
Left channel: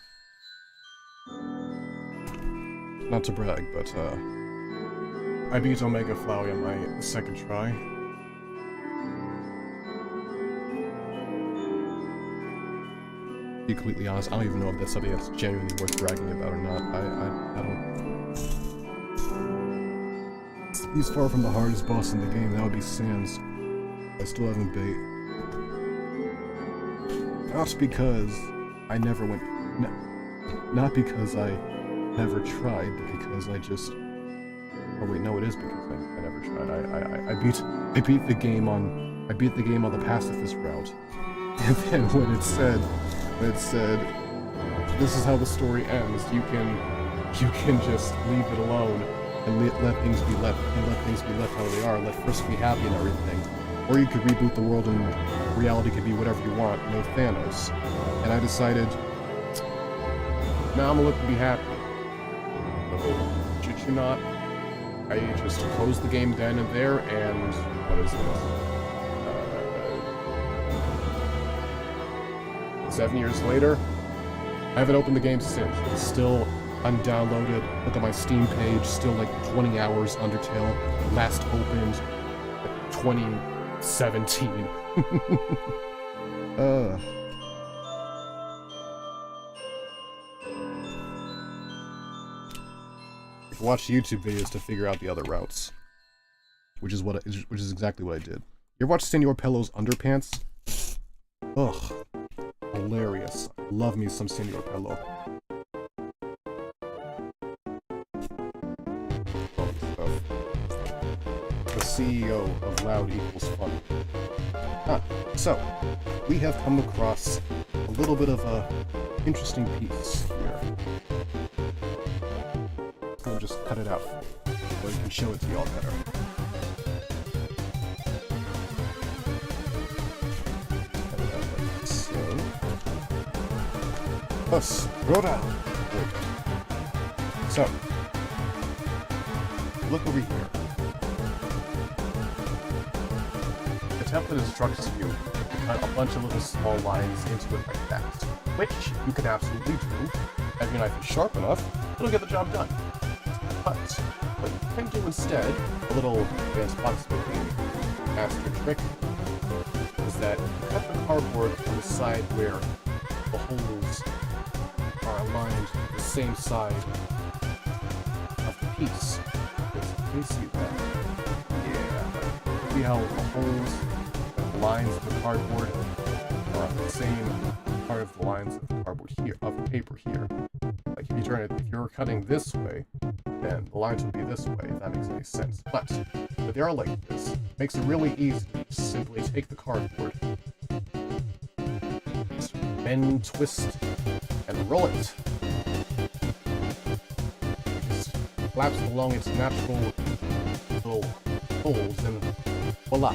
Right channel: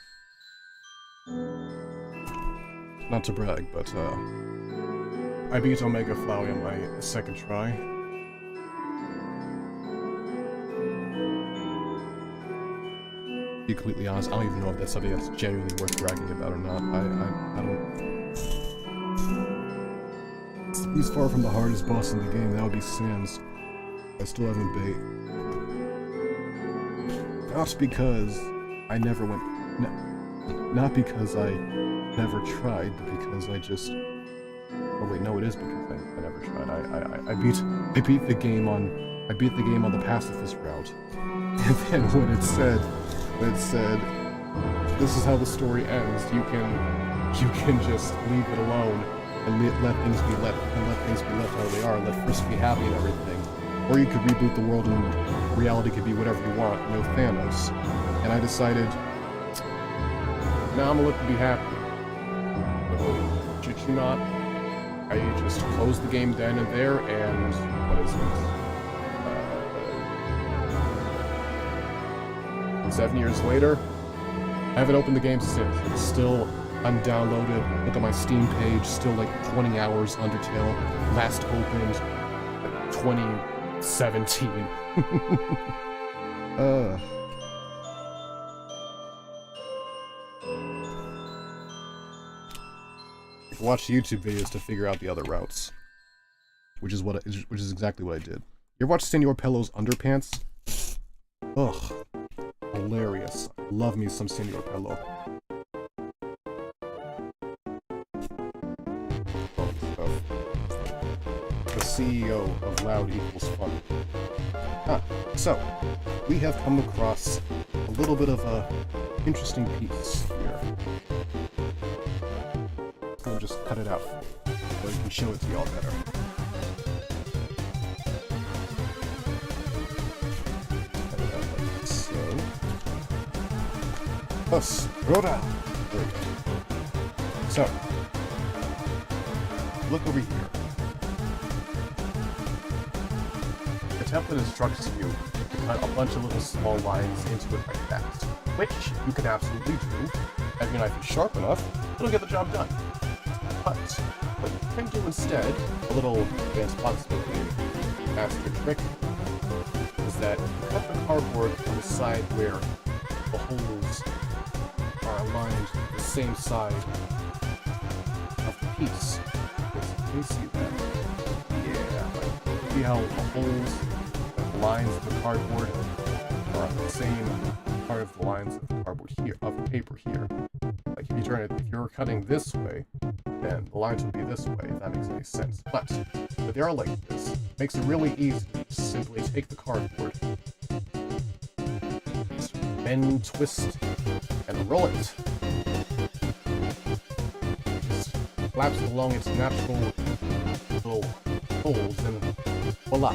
Not to brag, but I beat Omega Flowey on my second try. To be completely honest, I don't even know if that's something that's genuinely worth bragging about or not. I don't... He's far from the hardest boss in the game. That would be Sans. I still haven't beat. Not because I never went... Not because I never tried, but because I just... Oh wait, no, it is because I never tried. I beat the game on the pacifist route. And then when it said, this is how the story ends. You can just leave it alone and let things be left how they are. Let Frisk be happy and everything. Or you could reboot the world and reality could be whatever you want. No Thanos. And I decided, now I'm gonna let them be happy. So, should you not? I just closed the game then and there, and what is this? 7 years later, I haven't opened the game since. It's still undownloaded. Look at my Steam page, still like 20 hours Undertale. Last opened like 2017. Watch YouTube videos to figure out the other routes, which is exactly what I did. You ever watch Senor Pello's Underpants? Ugh, hilarious. Love me some Senor Pello. The CEO of Loud Equals Fun. So we have come across a little bit of a interesting piece here. I'll just cut it out so I can show it to y'all better. Cut it out like so. Thus, roll down. There we go. So, look over here. The template instructs you to cut a bunch of little small lines into it like that, which you can absolutely do. If your knife is sharp enough, it'll get the job done. But what you can do instead, a little advanced boxmaking master trick, is that you cut the cardboard on the side where the holes are aligned to the same side of the piece. Can you see that? Yeah. See how the holes and the lines of the cardboard are on the same part of the lines of the cardboard here, of the paper here. Like if you turn it, if you're cutting this way, then the lines would be this way, if that makes any sense. But if they are like this, it makes it really easy to simply take the cardboard, bend, twist, and roll it. It just flaps along its natural little folds, and voila.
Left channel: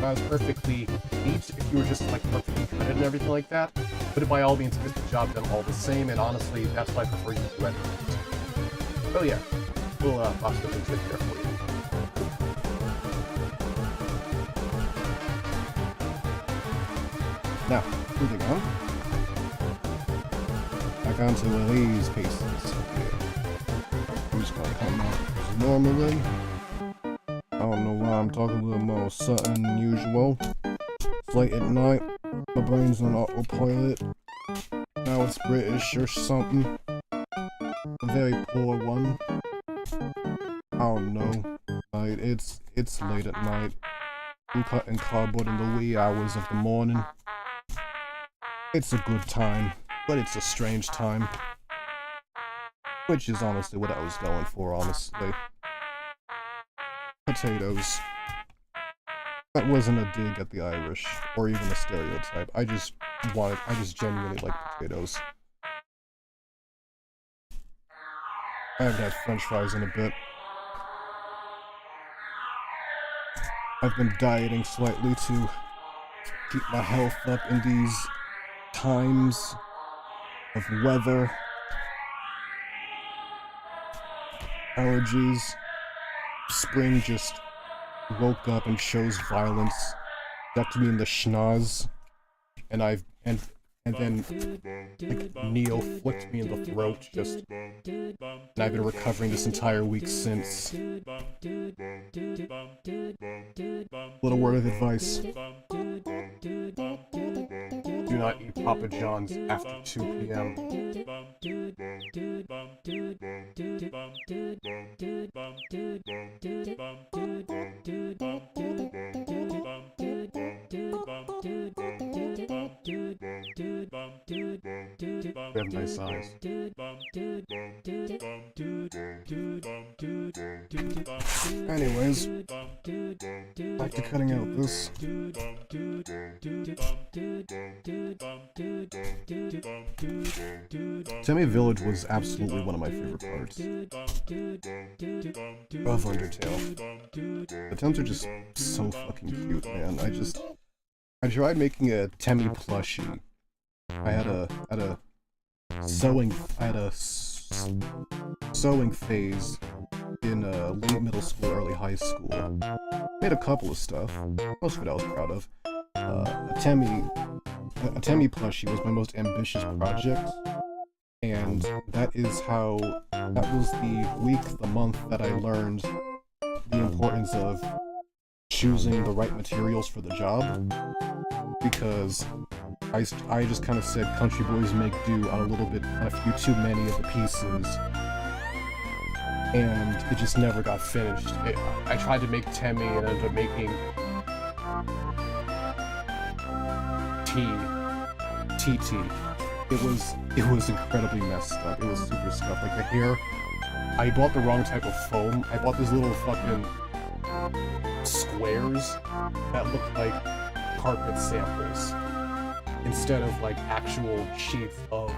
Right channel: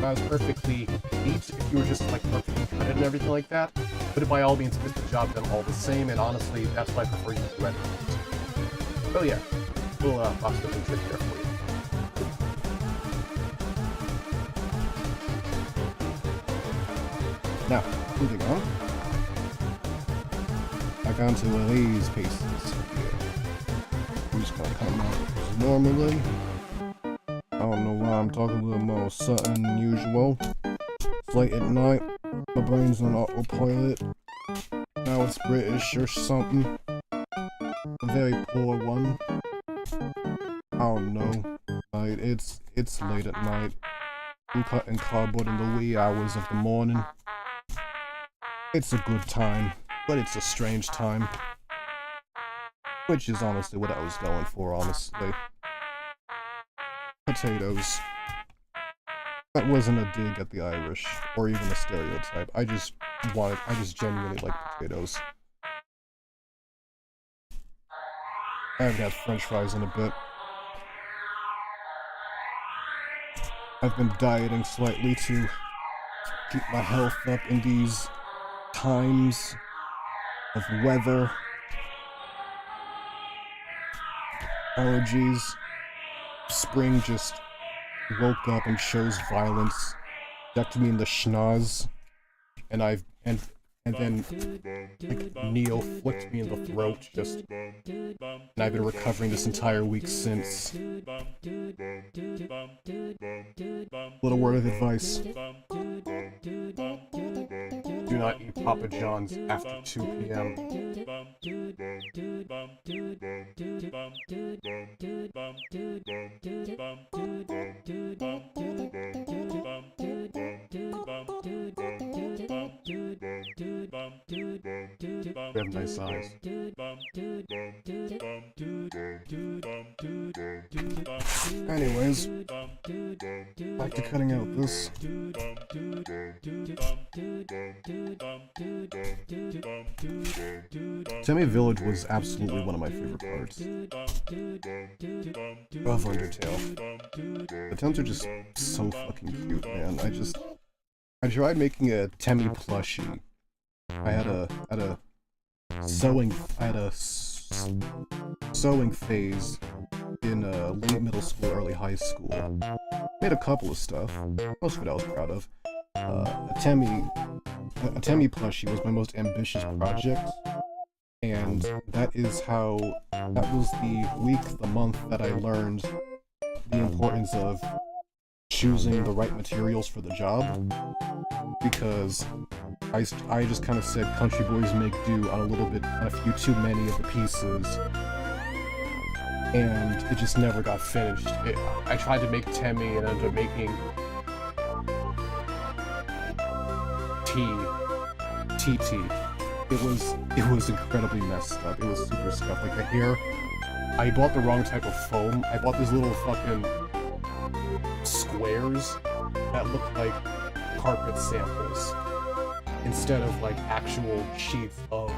That was perfectly neat if you were just like perfectly cut it and everything like that. But by all means, get the job done all the same, and honestly, that's why I prefer you to edit it. Oh yeah, little box clipping trick there for you. Now, moving on. Back onto these pieces. Yeah. I'm just gonna come out normally. I don't know why I'm talking a little more sudden than usual. It's late at night. My brain's on autopilot. Now it's British or something. A very poor one. I don't know. Like, it's late at night. I'm cutting cardboard in the wee hours of the morning. It's a good time, but it's a strange time. Which is honestly what I was going for, honestly. Potatoes. That wasn't a dig at the Irish, or even a stereotype. I just genuinely like potatoes. I haven't had french fries in a bit. I've been dieting slightly to keep my health up in these times of weather, allergies. Spring just woke up and shows violence, ducked me in the schnoz, and then like Neo flicked me in the throat, and I've been recovering this entire week since. Little word of advice: do not eat Papa John's after 2 p.m. We have nice eyes. Anyways, back to cutting out this. Temmie Village was absolutely one of my favorite parts of Undertale. The Temms are just so fucking cute, man. I tried making a Temmie plushie. I had a sewing phase in late middle school, early high school. Made a couple of stuff. Most of it I was proud of. A Temmie A Temmie plushie was my most ambitious project, and that was the week, the month that I learned the importance of choosing the right materials for the job, because I just kind of said country boys make do on a few too many of the pieces, and it just never got finished. I tried to make Temmie and ended up making TT. It was incredibly messed up. It was super scuffed. Like the hair, I bought the wrong type of foam. I bought these little fucking squares that looked like carpet samples instead of like actual sheets of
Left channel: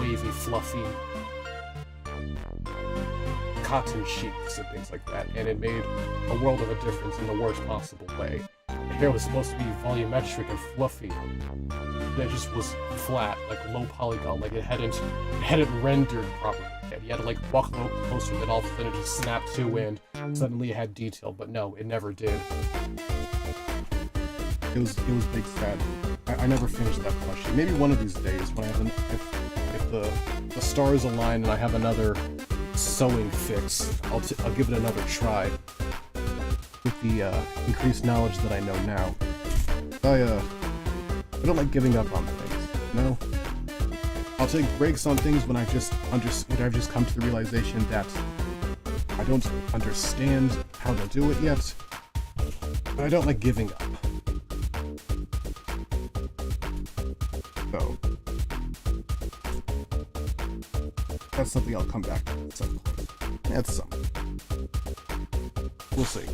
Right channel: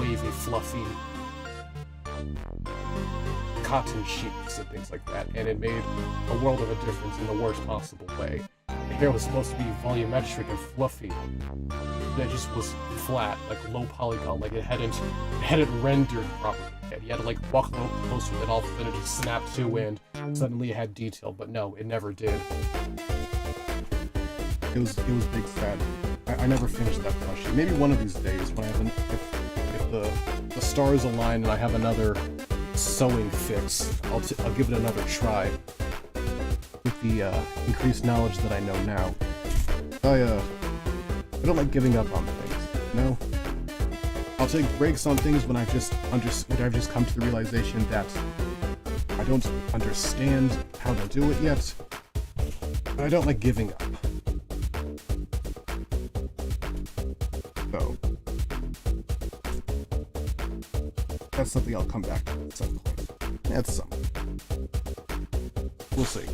wavy, fluffy cotton sheets and things like that, and it made a world of a difference in the worst possible way. The hair was supposed to be volumetric and fluffy, but it just was flat, like low polygon, like it hadn't rendered properly. And you had to like walk a little closer, then all of a sudden it just snapped to, and suddenly it had detail. But no, it never did. It was big sad. I never finished that plushie. Maybe one of these days, when I have if the stars align and I have another sewing fix, I'll give it another try with the increased knowledge that I know now. I don't like giving up on things, you know? I'll take breaks on things when I've just come to the realization that I don't understand how to do it yet, but I don't like giving up. So that's something I'll come back to at some point. That's something. We'll see.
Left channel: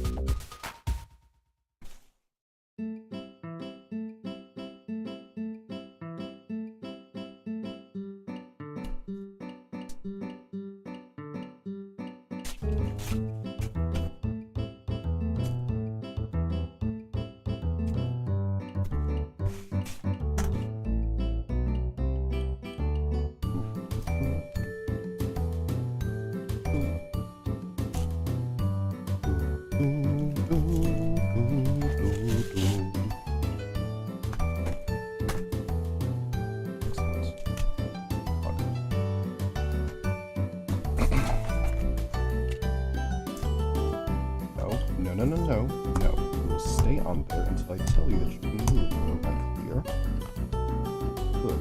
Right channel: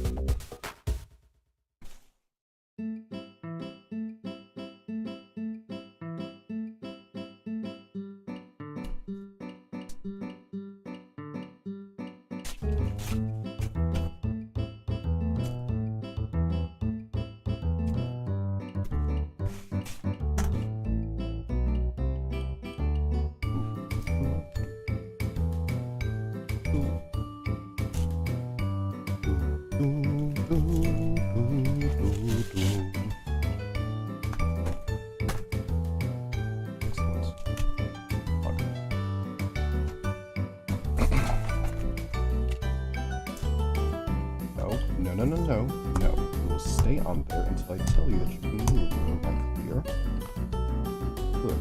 No. You will stay on there until I tell you that you can move. Am I clear? Good.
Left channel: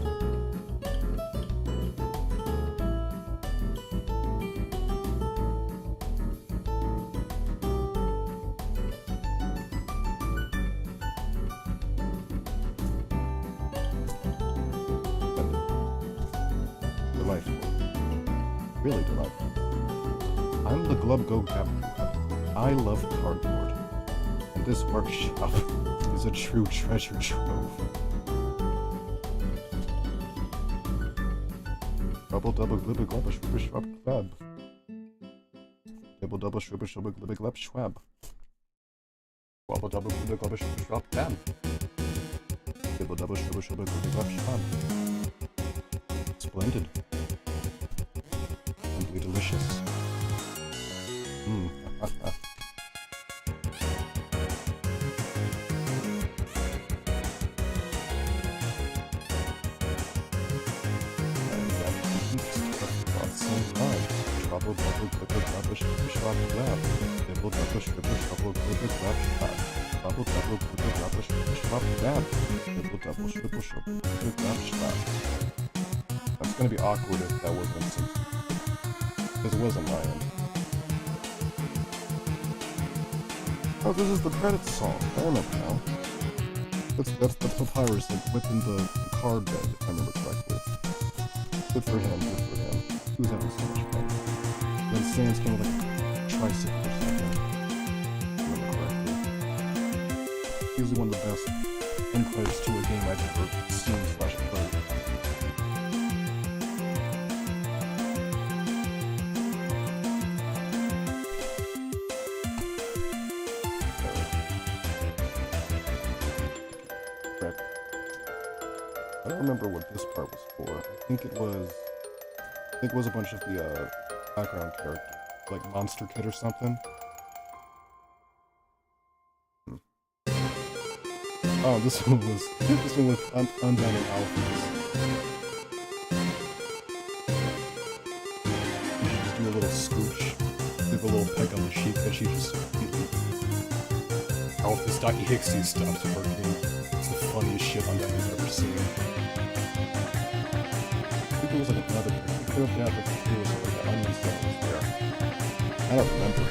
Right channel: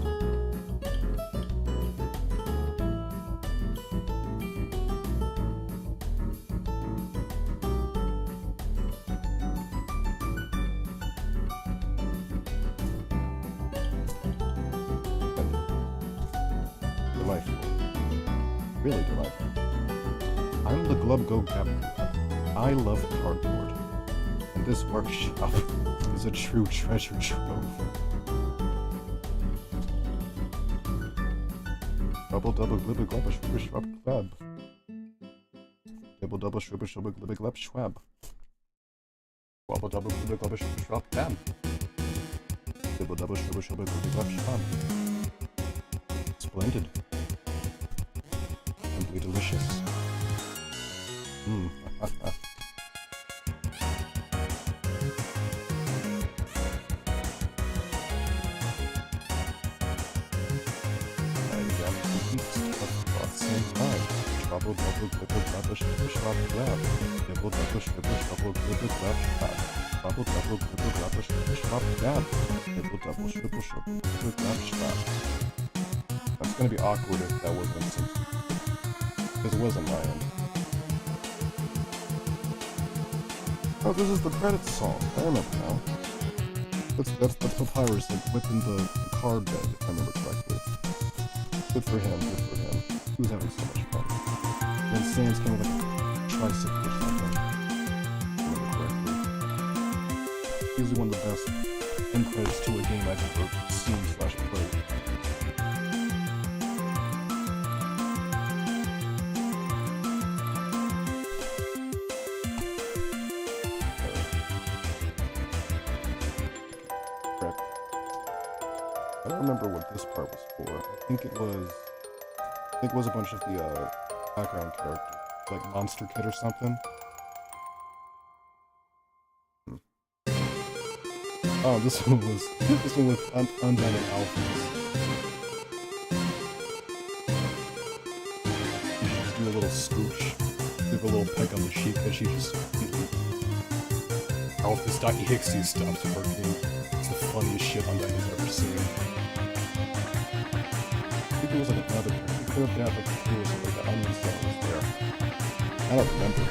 Delightful. Really delightful. I'm the Glub Go Gab. I love cardboard, and this workshop is a true treasure trove. Double glibba glubba shrubba shrub club. Double shrubba shrubba glibba glub schwab. Double glibba glubba shrubba shrub dab. Double shrubba shrubba glibba glub schwab. Splendid. Simply delicious. Double glibba glubba shrubba shrub lab. Double shrubba shrubba glibba glub schwab. Double glibba glubba shrubba shrub dab. Double shrubba shrubba glibba glub schwab. That's gonna be awkward if that wasn't, because it wasn't my end. Oh, this is the credits song. I remember now. That's Papyrus whipping the car bed, if I remember correctly. Good for him. He was having so much fun. Then Sans came with like a tricycle or something, if I remember correctly. Easily one of the best end credits to a game I've ever seen/played. I don't remember what this part was for. I think it was a bunch of the background characters, like Monster Kid or something. Oh, this one was undone in alphas. You should just do a little scooch, give her a little peck on the cheek, and she just alphas.exe stops working. It's the funniest shit Undyne I've ever seen. I think there was like another picture. You could have had like there was like the onion song was there. I don't remember.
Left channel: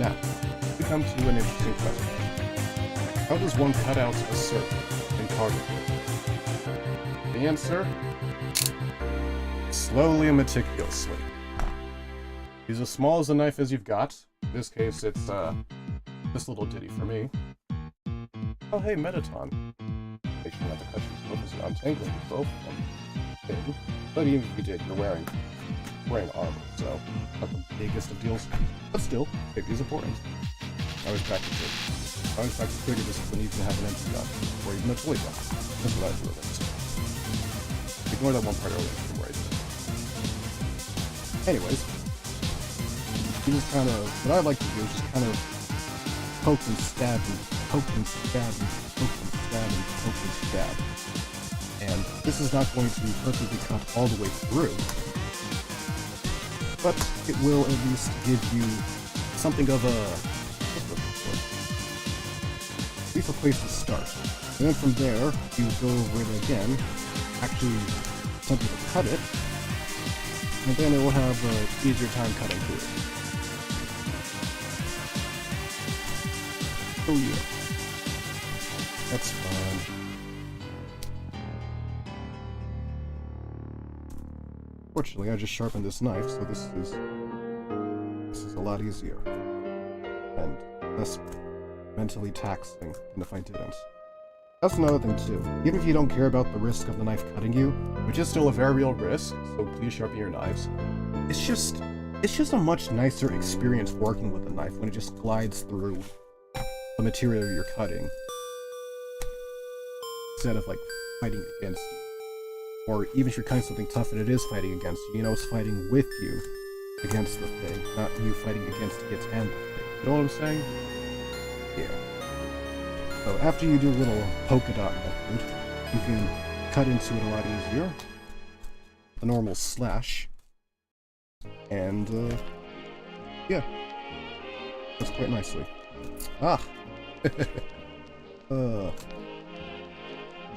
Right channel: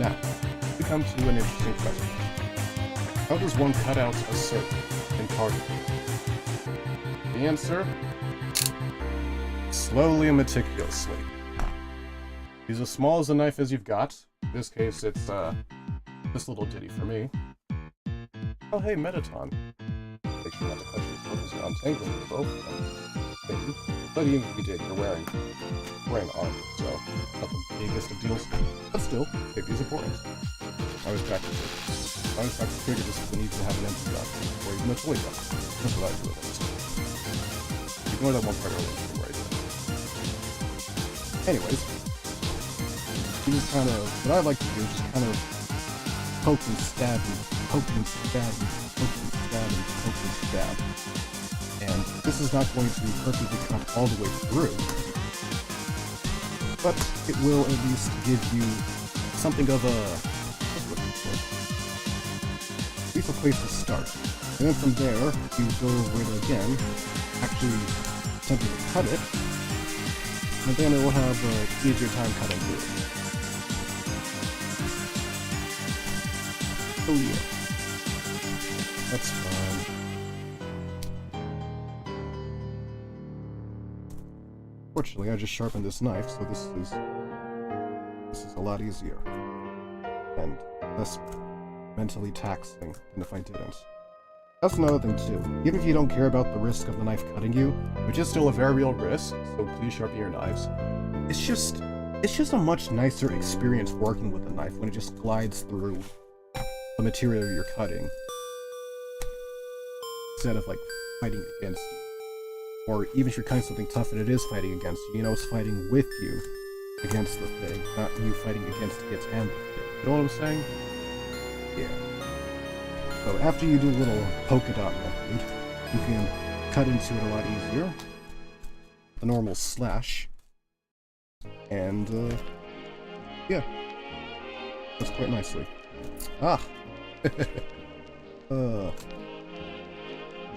Now, we come to an interesting question. How does one cut out a circle in cardio? The answer? Slowly and meticulously. Use as small as a knife as you've got. In this case, it's this little ditty for me. Oh hey, Metaton. Make sure not to cut yourself as you're untangling both of them. Okay. But even if you did, you're wearing armor, so not the biggest of deals. But still, safety is important. I always practice it. I always practice trigger just because I need to have an empty gun, or even a toy gun. That's what I do at least. Ignore that one part earlier from where I did it. Anyways, you just kind of, what I like to do is just kind of poke and stab and poke and stab and poke and stab and poke and stab. And this is not going to be perfectly cut all the way through, but it will at least give you something of a, at least a place to start. And then from there, you go over it again, actually attempting to cut it, and then it will have an easier time cutting through it. Oh yeah. That's fun. Fortunately, I just sharpened this knife, so this is a lot easier. And less mentally taxing than if I didn't. That's another thing too. Even if you don't care about the risk of the knife cutting you, which is still a very real risk, so please sharpen your knives. It's just a much nicer experience working with a knife when it just glides through the material you're cutting, instead of like fighting against you. Or even if you're cutting something tough and it is fighting against you, you know it's fighting with you against the thing, not you fighting against it and the thing. You know what I'm saying? Yeah. So after you do a little polka dot method, you can cut into it a lot easier. The normal slash. And, yeah. That's quite nicely. Ah!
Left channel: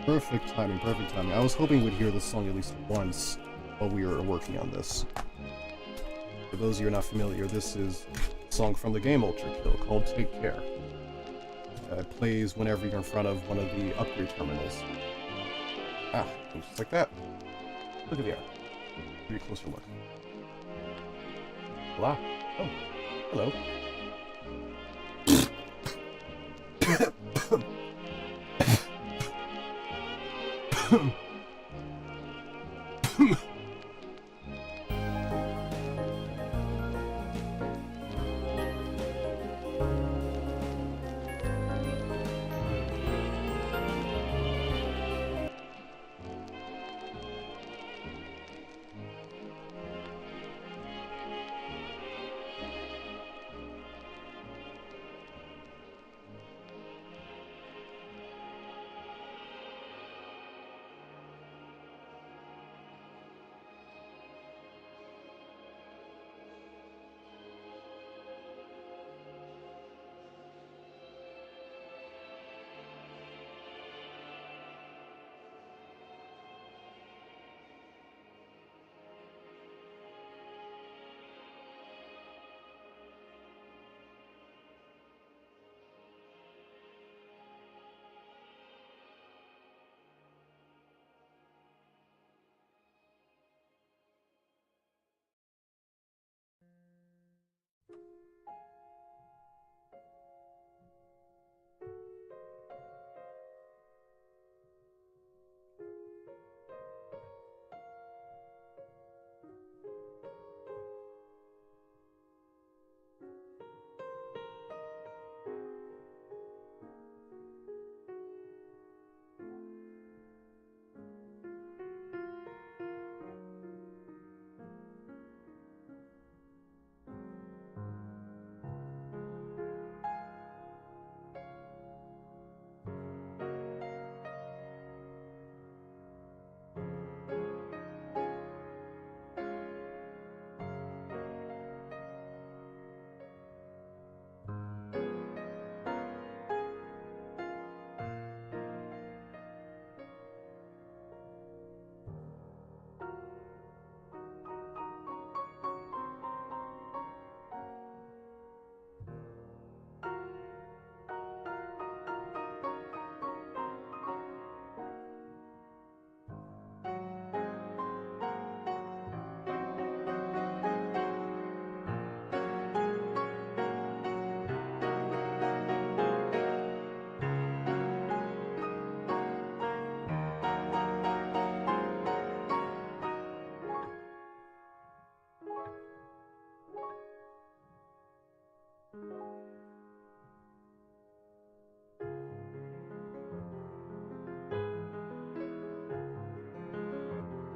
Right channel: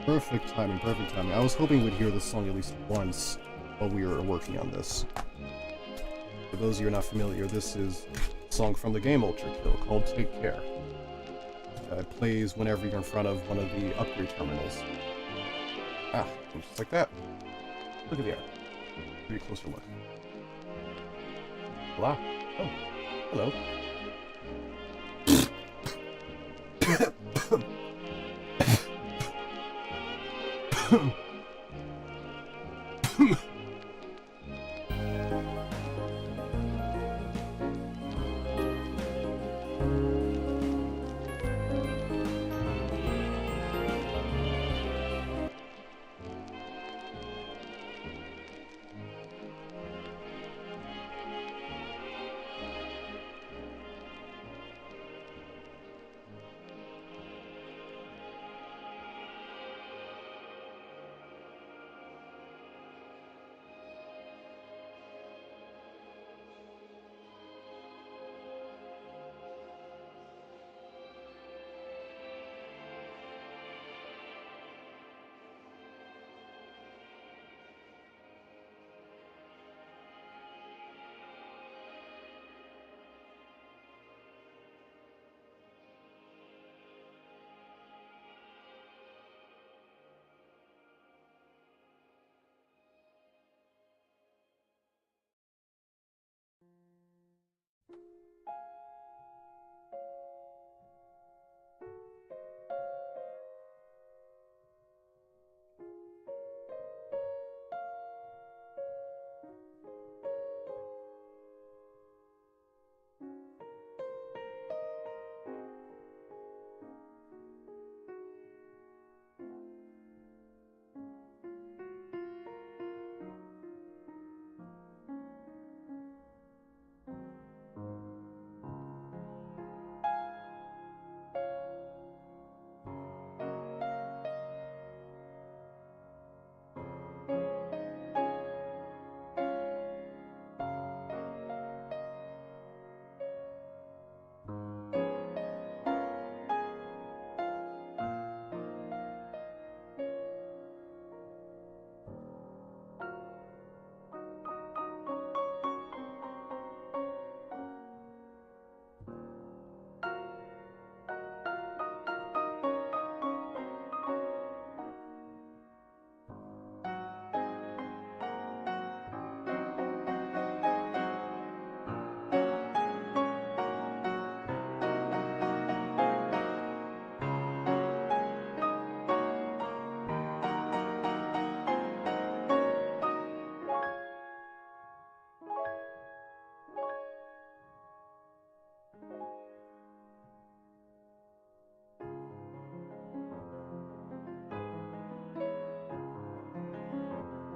Perfect timing, perfect timing. I was hoping we'd hear this song at least once while we were working on this. For those of you who are not familiar, this is a song from the game ULTRAKILL called Take Care. It plays whenever you're in front of one of the upgrade terminals. Ah, just like that. Look at the air. Give you a closer look. Voila. Oh, hello.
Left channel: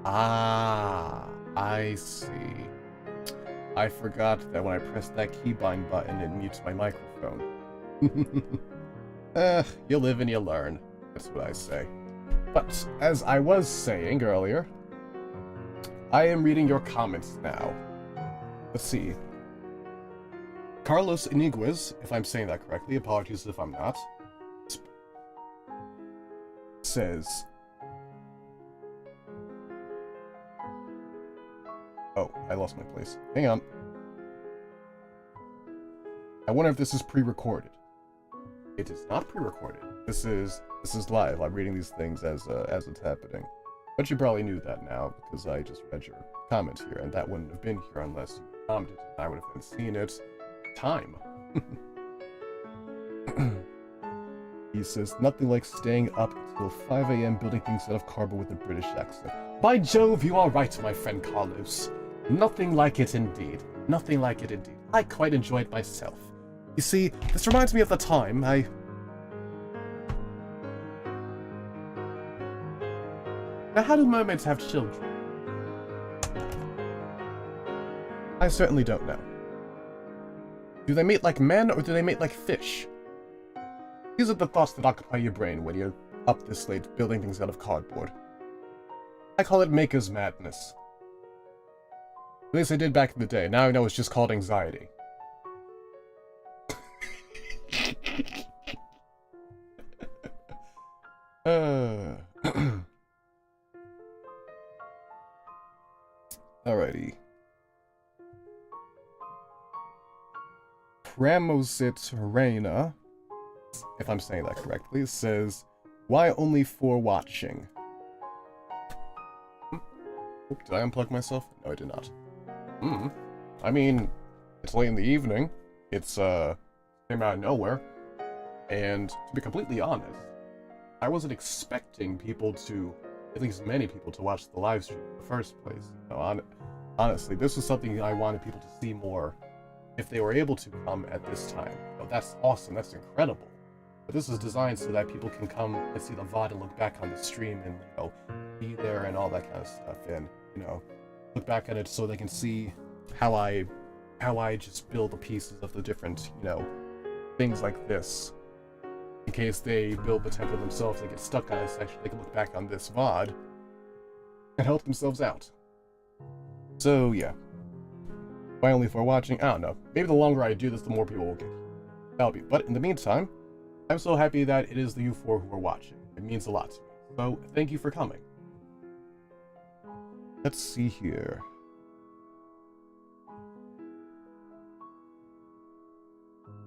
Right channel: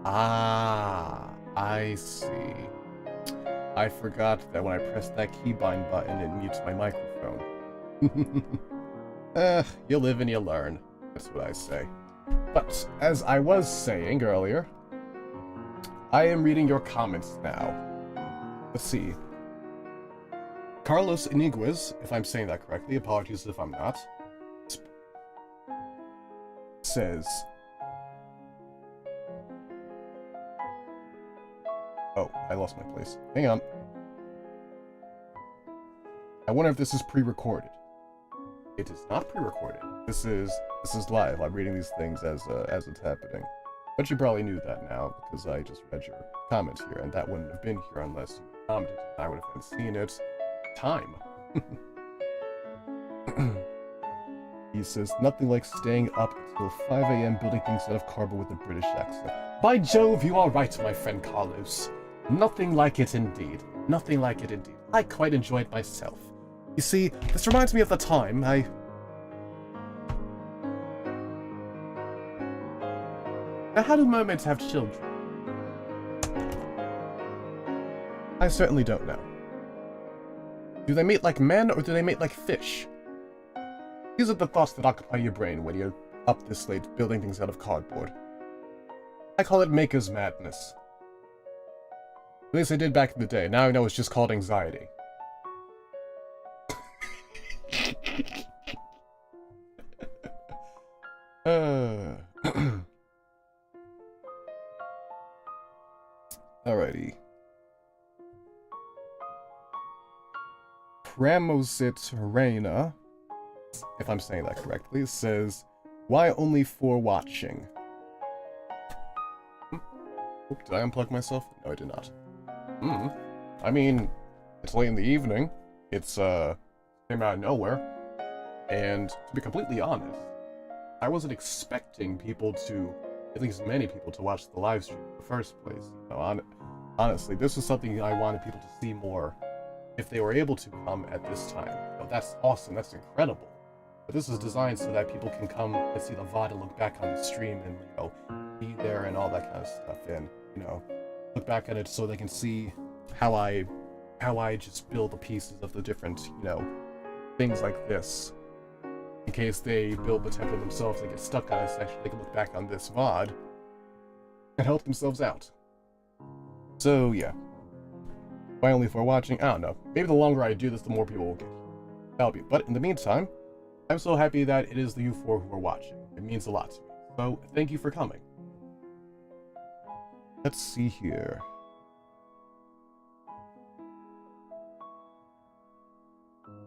Ah, I see. I forgot that when I press that keybind button, it mutes my microphone. You live and you learn. That's what I say. But, as I was saying earlier, I am reading your comments now. Let's see. Carlos Iniguez, if I'm saying that correctly, apologies if I'm not, says... Oh, I lost my place. Hang on. I wonder if this is pre-recorded. It is not pre-recorded. This is live. I'm reading these things as it's happening. But you probably knew that now, because I just read your comment here, and that wouldn't have been here unless you commented, and I would have been seeing it. Time. He says, nothing like staying up until 5 a.m. building things out of cardboard with a British accent. By Jove, you are right, my friend Carlos. Nothing like it indeed. Nothing like it indeed. I quite enjoyed myself. You see, this reminds me of the time Now, how do mermaids have children? I certainly don't know. Do they mate like men, or do they mate like fish? These are the thoughts that occupy your brain when you're up this late building things out of cardboard. I call it maker's madness. At least I did back in the day. Now I know it's just called anxiety. Alrighty. Pramosit Reina, if I'm saying that correctly, says, why only for watching? Oh, did I unplug myself? No, I did not. I mean, it's late in the evening. It's, came out of nowhere. And to be completely honest, I wasn't expecting people to, at least many people, to watch the live stream in the first place. You know, honestly, this was something I wanted people to see more if they were able to come at this time. You know, that's awesome, that's incredible. But this is designed so that people can come and see the VOD and look back on the stream and, you know, be there and all that kind of stuff. And, you know, look back at it so they can see how I just build the pieces of the different, you know, things like this. In case they build the template themselves, they get stuck on a section, they can look back on this VOD and help themselves out. So, yeah. Why only for watching? I don't know. Maybe the longer I do this, the more people will get here. That'll be. But in the meantime, I'm so happy that it is the U4 who are watching. It means a lot to me. So, thank you for coming. Let's see here.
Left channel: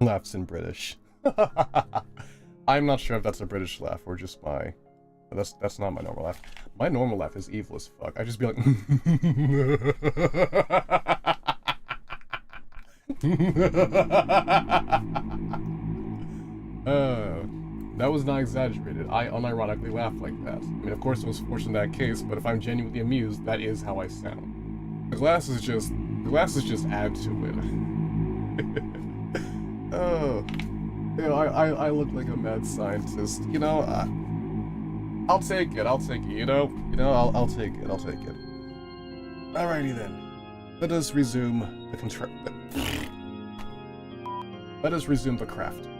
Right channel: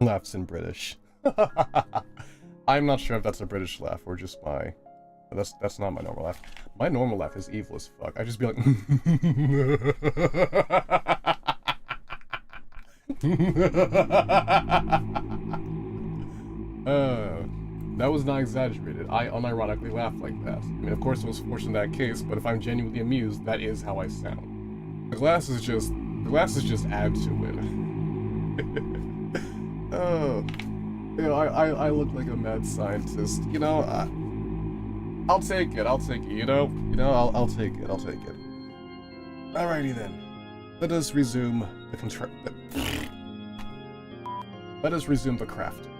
Laughs in British. I'm not sure if that's a British laugh or just my... That's not my normal laugh. My normal laugh is evil as fuck. I just be like... That was not exaggerated. I unironically laugh like that. I mean, of course it was fortunate in that case, but if I'm genuinely amused, that is how I sound. The glasses just add to it. Oh, you know, I look like a mad scientist. You know, I'll take it. I'll take it. You know, I'll take it. I'll take it. Alrighty then. Let us resume the Let us resume the crafting.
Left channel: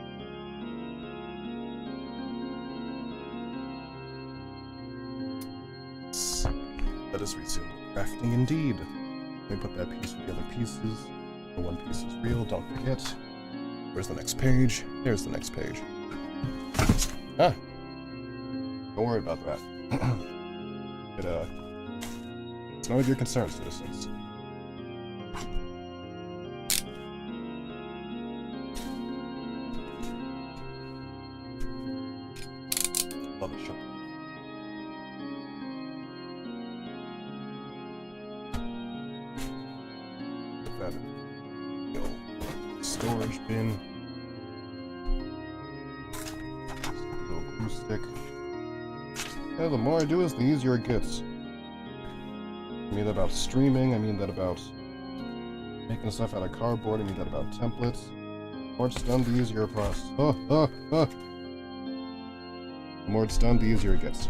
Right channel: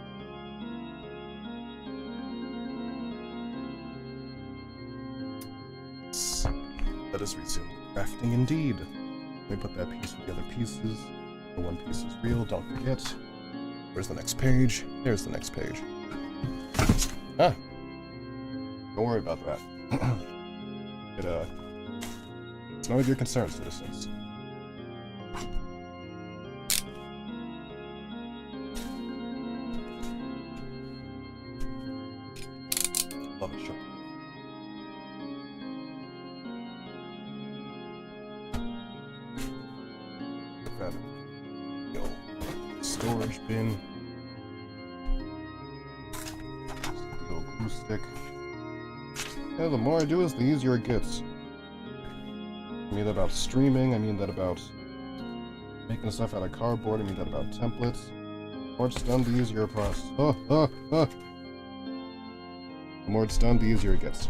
Let us resume crafting indeed. Let me put that piece with the other pieces. The one piece is real, don't forget. Where's the next page? There's the next page. Ah! Don't worry about that. It's none of your concern, citizens. Love it, sure. Put that in the old storage bin. The old glue stick. Yeah, the more I do this, the easier it gets. I mean that about streaming, I mean that about making stuff out of cardboard, I mean that about templates. The more it's done, the easier it process. The more it's done, the easier it gets.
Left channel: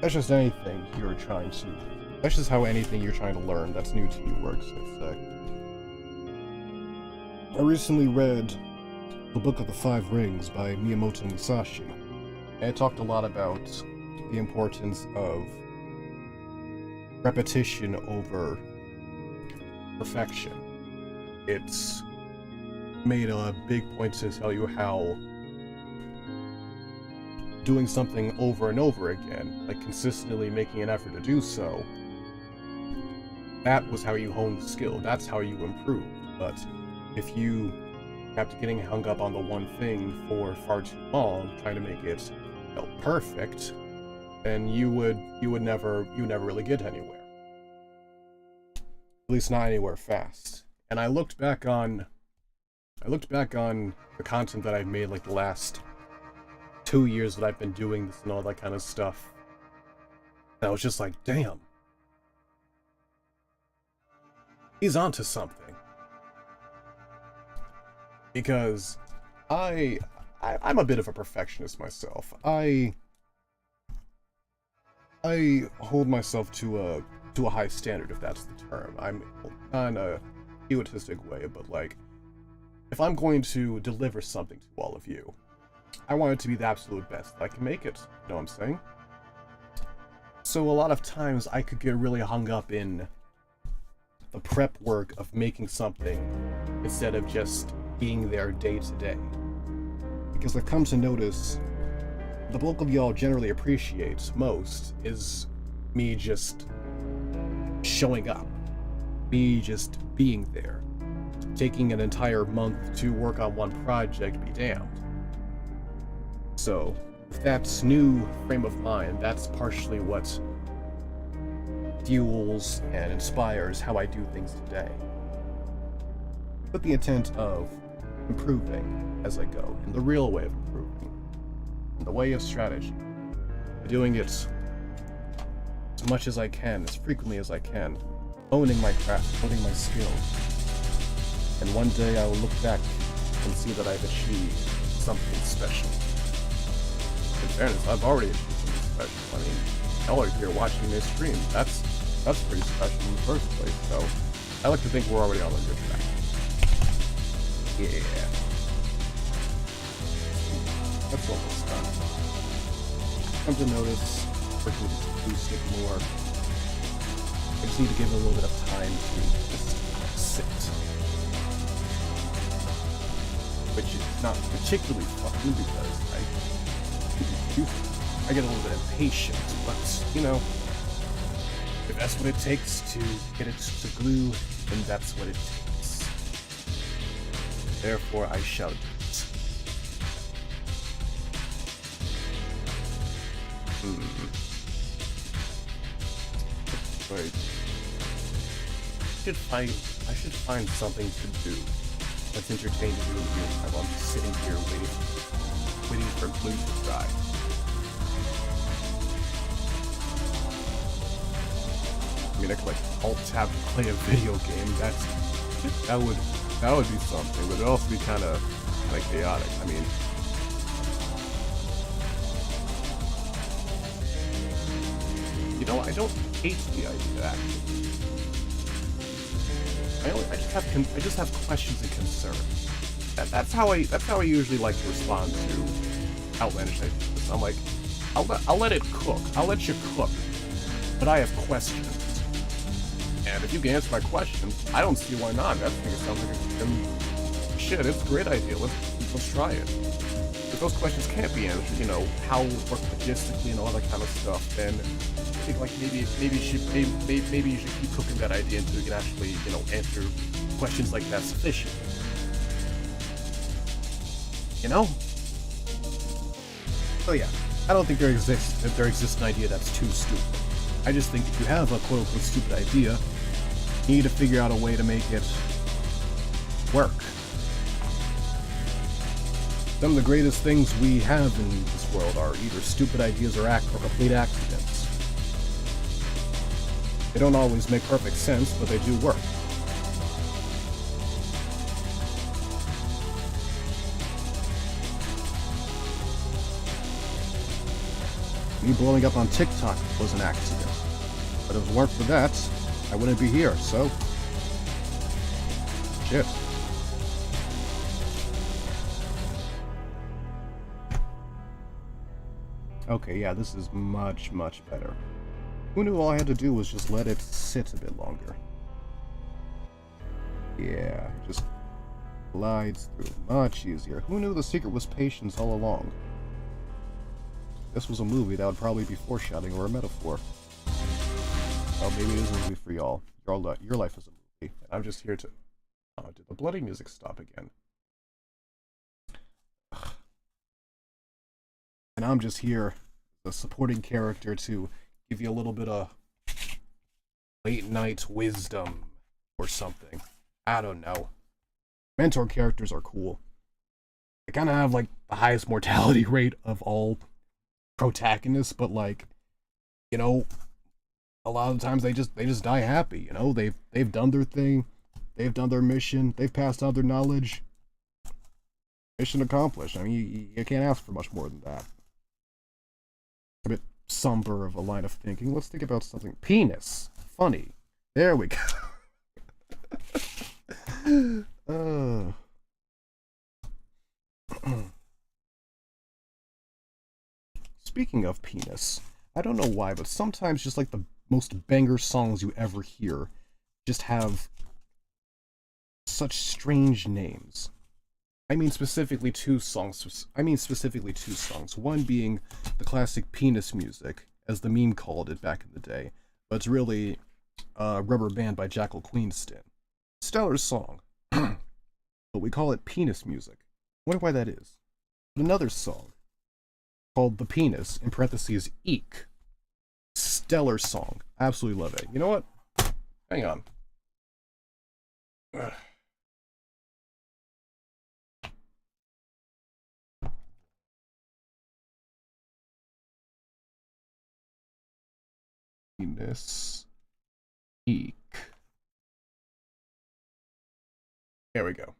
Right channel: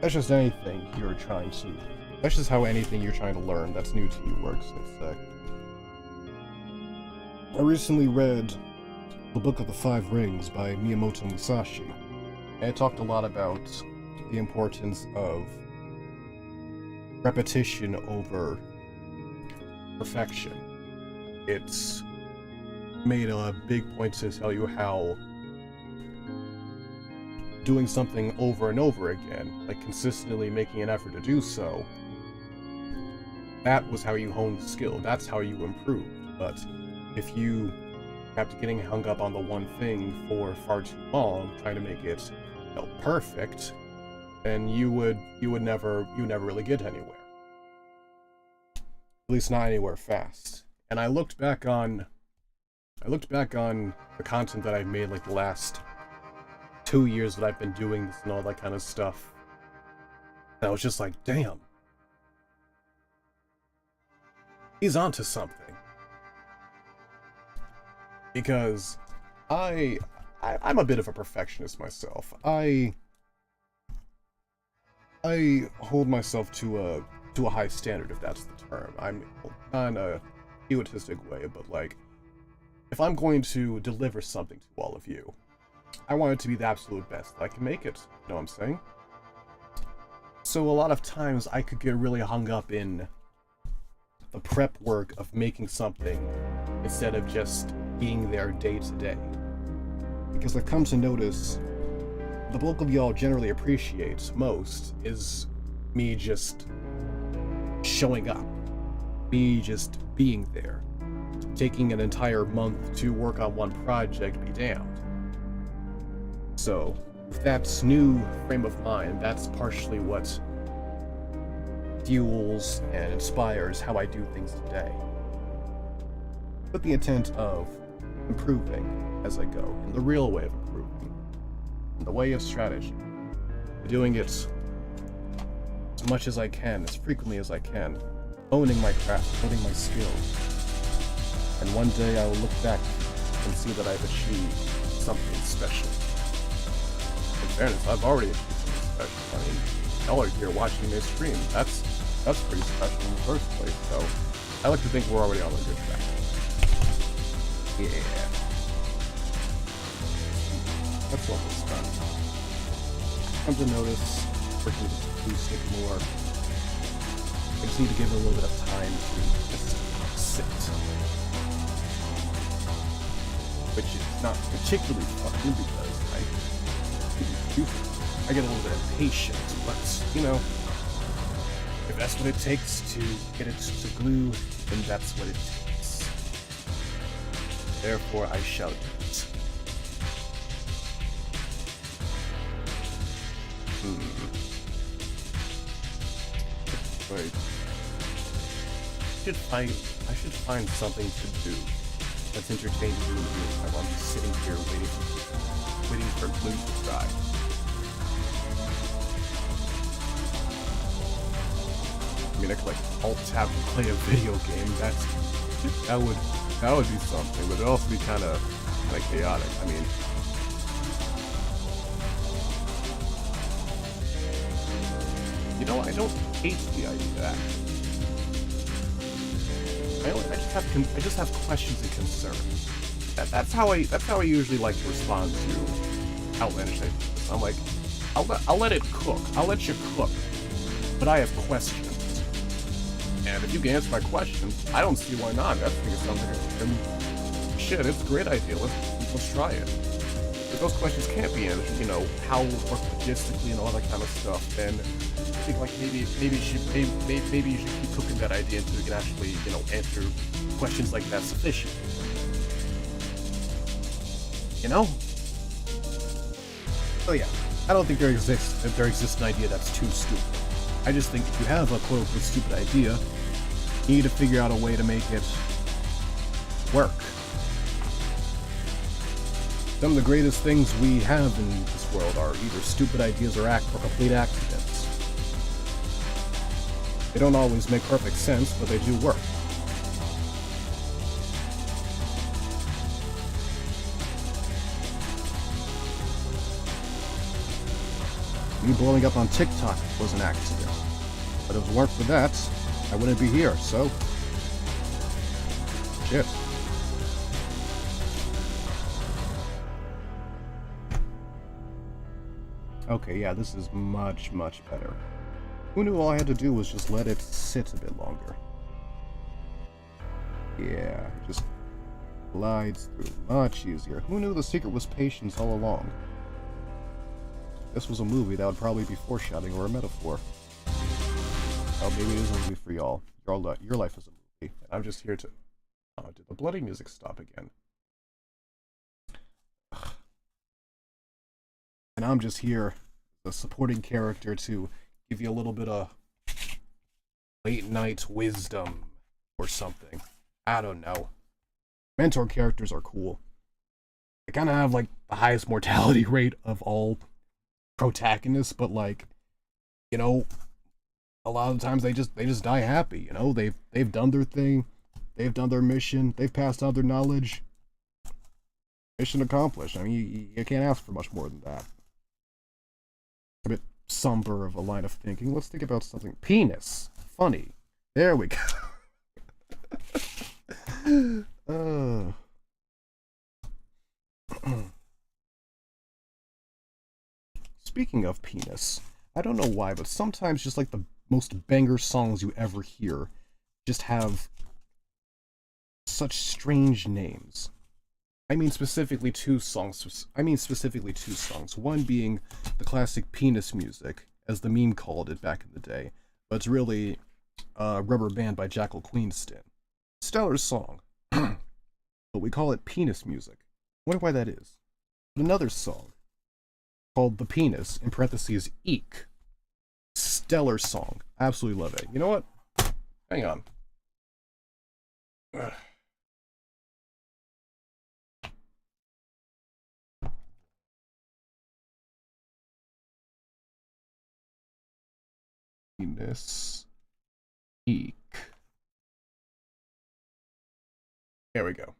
that's just anything you're trying to. That's just how anything you're trying to learn that's new to you works, let's say. I recently read The Book of the Five Rings by Miyamoto Musashi, and it talked a lot about the importance of repetition over perfection. It's made a big point to tell you how doing something over and over again, like consistently making an effort to do so, that was how you honed the skill, that's how you improved. But if you kept getting hung up on the one thing for far too long, trying to make it, perfect, then you would never really get anywhere. At least not anywhere fast. And I looked back on the content that I've made like the last 2 years that I've been doing this and all that kind of stuff. And I was just like, damn. He's onto something. Because I'm a bit of a perfectionist myself. I hold myself to a high standard, if that's the term. I'm not in a egotistic way, but like, if I'm going to deliver something to all of you, I want it to be the absolute best that I can make it. You know what I'm saying? So a lot of times I could get really hung up in the prep work of making something instead of just being there day to day. Because I've come to notice the bulk of y'all generally appreciate most is me just showing up. Me just being there. Taking an entire month to work on one project, be damned. So, with that new frame of mind, that's partially what fuels and inspires how I do things today. With the intent of improving as I go, in the real way of improving, in the way of strategy, doing it as much as I can, as frequently as I can, owning my craft, owning my skills, and one day I will look back and see that I've achieved something special. In fairness, I've already achieved something special. I mean, y'all are here watching me stream. That's pretty special in the first place, so I like to think we're already on a good track. Yeah. That's almost done. Come to notice, working with the stick more. I just need to give it a little bit of time to just sit. Which is not particularly fun because I get a little bit impatient, but you know, if that's what it takes to get it to glue, then that's what it takes. Therefore, I shall do it. Wait. I should find something to do that's entertaining to do in the meantime while I'm just sitting here waiting for glue to dry. I mean, I could like alt-tab to play a video game. That would be something, but it'd also be kind of chaotic. I mean, you know, I don't hate the idea actually. I just have questions and concerns. That's how I usually like to respond to outlandish ideas. I'm like, I'll let it cook. I'll let you cook, but I have questions. And if you can answer my questions, I don't see why not. I think it sounds like shit. It's a great idea. Let's try it. If those questions can't be answered, you know, how it work logistically and all that kind of stuff, then I think like maybe you should keep cooking that idea until you can actually, you know, answer questions like that sufficiently. You know? So yeah, I don't think there exists an idea that's too stupid. I just think if you have a quote-unquote stupid idea, you need to figure out a way to make it work. Some of the greatest things we have in this world are either stupid ideas or complete accidents. They don't always make perfect sense, but they do work. Me blowing up on TikTok was an accident. But if it weren't for that, I wouldn't be here, so... Shit. Okay, yeah, this is much, much better. Who knew all I had to do was just let it sit a bit longer? Yeah, it just glides through much easier. Who knew the secret was patience all along? This was a movie that would probably be foreshadowing or a metaphor. Well, maybe it is a movie for y'all. Your life is a movie. And I'm just here to... Oh, did the bloody music stop again? Ugh. And I'm just here, the supporting character, to give you a little bit of late night wisdom or something. I don't know. Mentor characters are cool. They kind of have like the highest mortality rate of all protagonists, but like, you know, a lot of the times they just die happy. You know, they've done their thing, they've done their mission, they've passed on their knowledge. Mission accomplished. I mean, you can't ask for much more than that. A bit somber of a line of thinking. Let's think about something. Penis. Funny. There we go. Speaking of penis, I don't know why, but sometimes just like the most banger songs you ever hear just have such strange names. I mean specifically two songs. One being the classic penis music, as the meme called it back in the day, but it's really Rubber Band by Jackal Queenston. Stellar song, but we call it penis music. Wonder why that is. But another song called The Penis, in parentheses, Eek. Stellar song. Absolutely love it. You know what? Hang on. Ugh. Penis. Eek. There we go.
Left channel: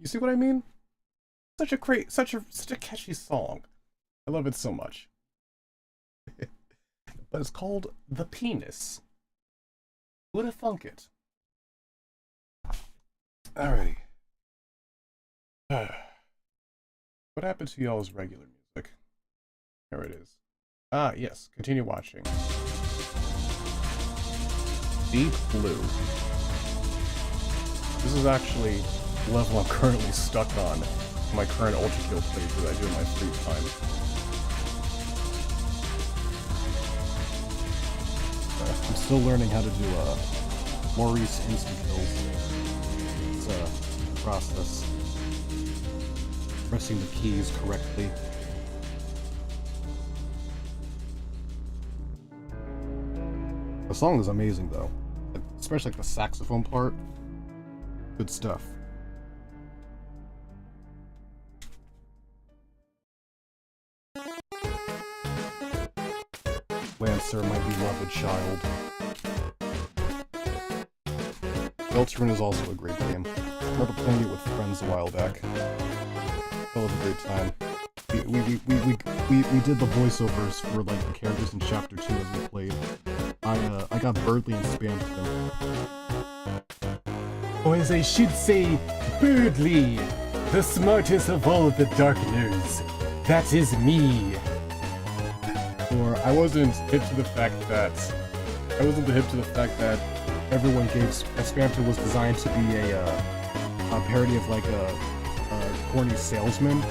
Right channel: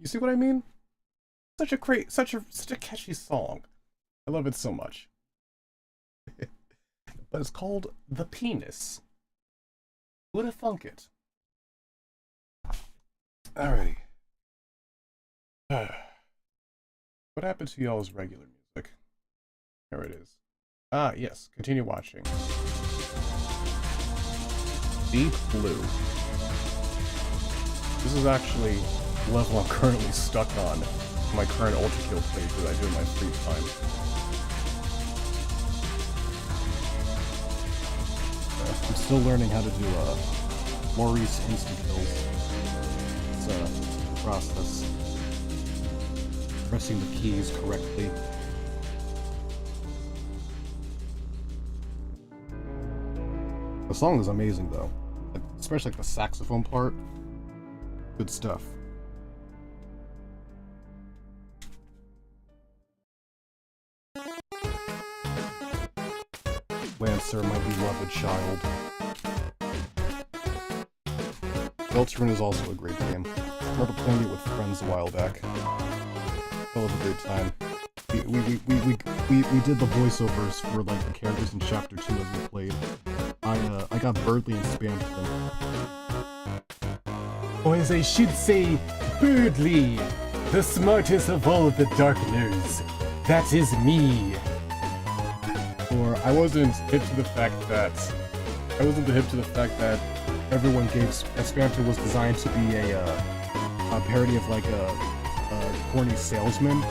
You see what I mean? Such a catchy song. I love it so much. But it's called The Penis. Who'da thunk it? Alrighty. What happened to y'all's regular music? Here it is. Ah, yes. Continue watching. Deep Blue. This is actually the level I'm currently stuck on in my current ULTRAKILL playthrough I do in my free time. I'm still learning how to do Maurice insta-kills. It's a process. Pressing the keys correctly. The song is amazing though, especially like the saxophone part. Good stuff. Lancer, my beloved child. Deltarune is also a great game. I remember playing it with friends a while back. That was a great time. We did the voiceovers for like the characters in Chapter 2 as we played. I got Birdly and spammed them. Or as I should say, Birdly, the smartest of all the dark nerds. That is me. Or I wasn't hip to the fact that everyone gave Spamton was designed to be a parody of like a corny salesman.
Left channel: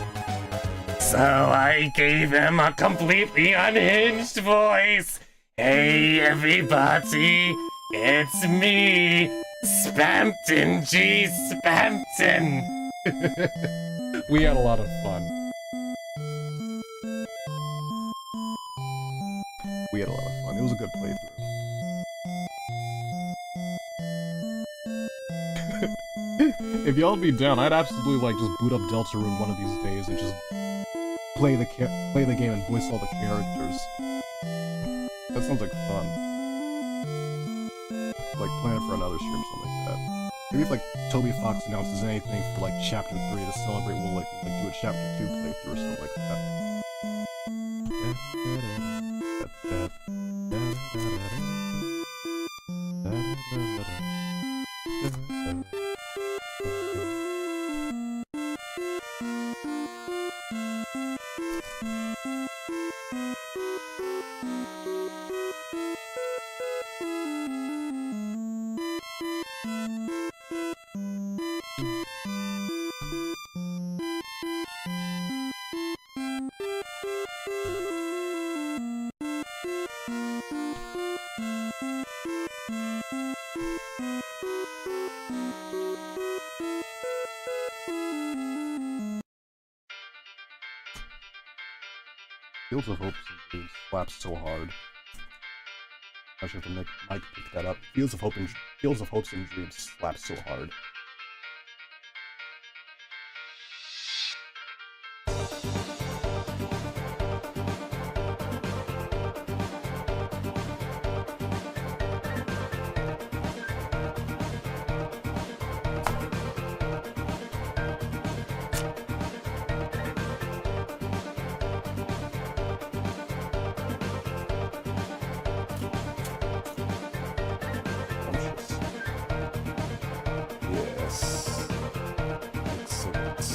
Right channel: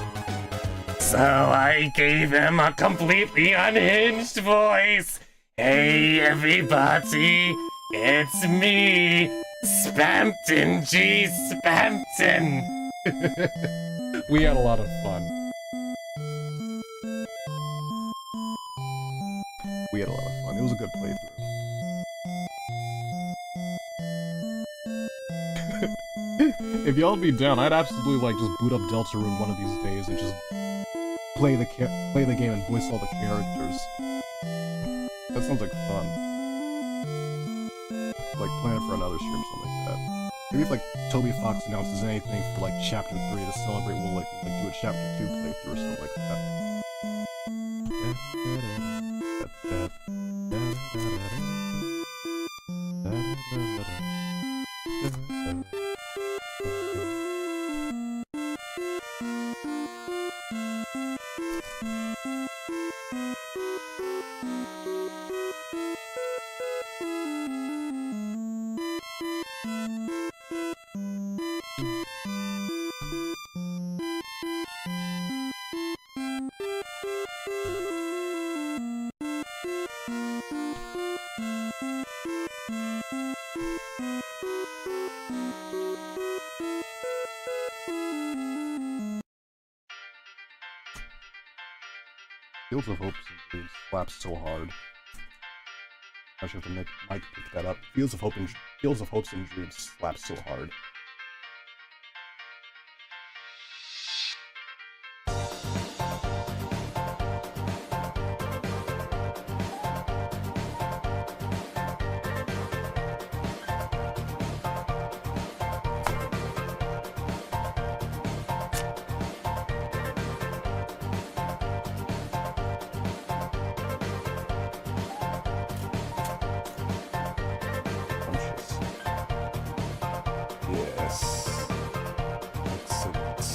So I gave him a completely unhinged voice. Hey everybody, it's me, Spampton G. Spampton. We had a lot of fun. We had a lot of fun. It was a good playthrough. If y'all be down, I'd absolutely like just boot up Deltarune one of these days and just play the game and voice all the characters. That sounds like fun. Like plan it for another stream or something like that. Maybe if like Toby Fox announces anything for like Chapter 3 to celebrate, we'll like do a Chapter 2 playthrough or something like that. Fields of Hope slaps so hard. I should have to Mike pick that up. Fields of Hopes and Dreams slaps so hard. Yes. Excellent.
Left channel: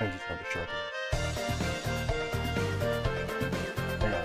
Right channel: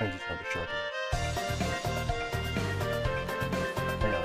I just have to sharpen it. Hang on.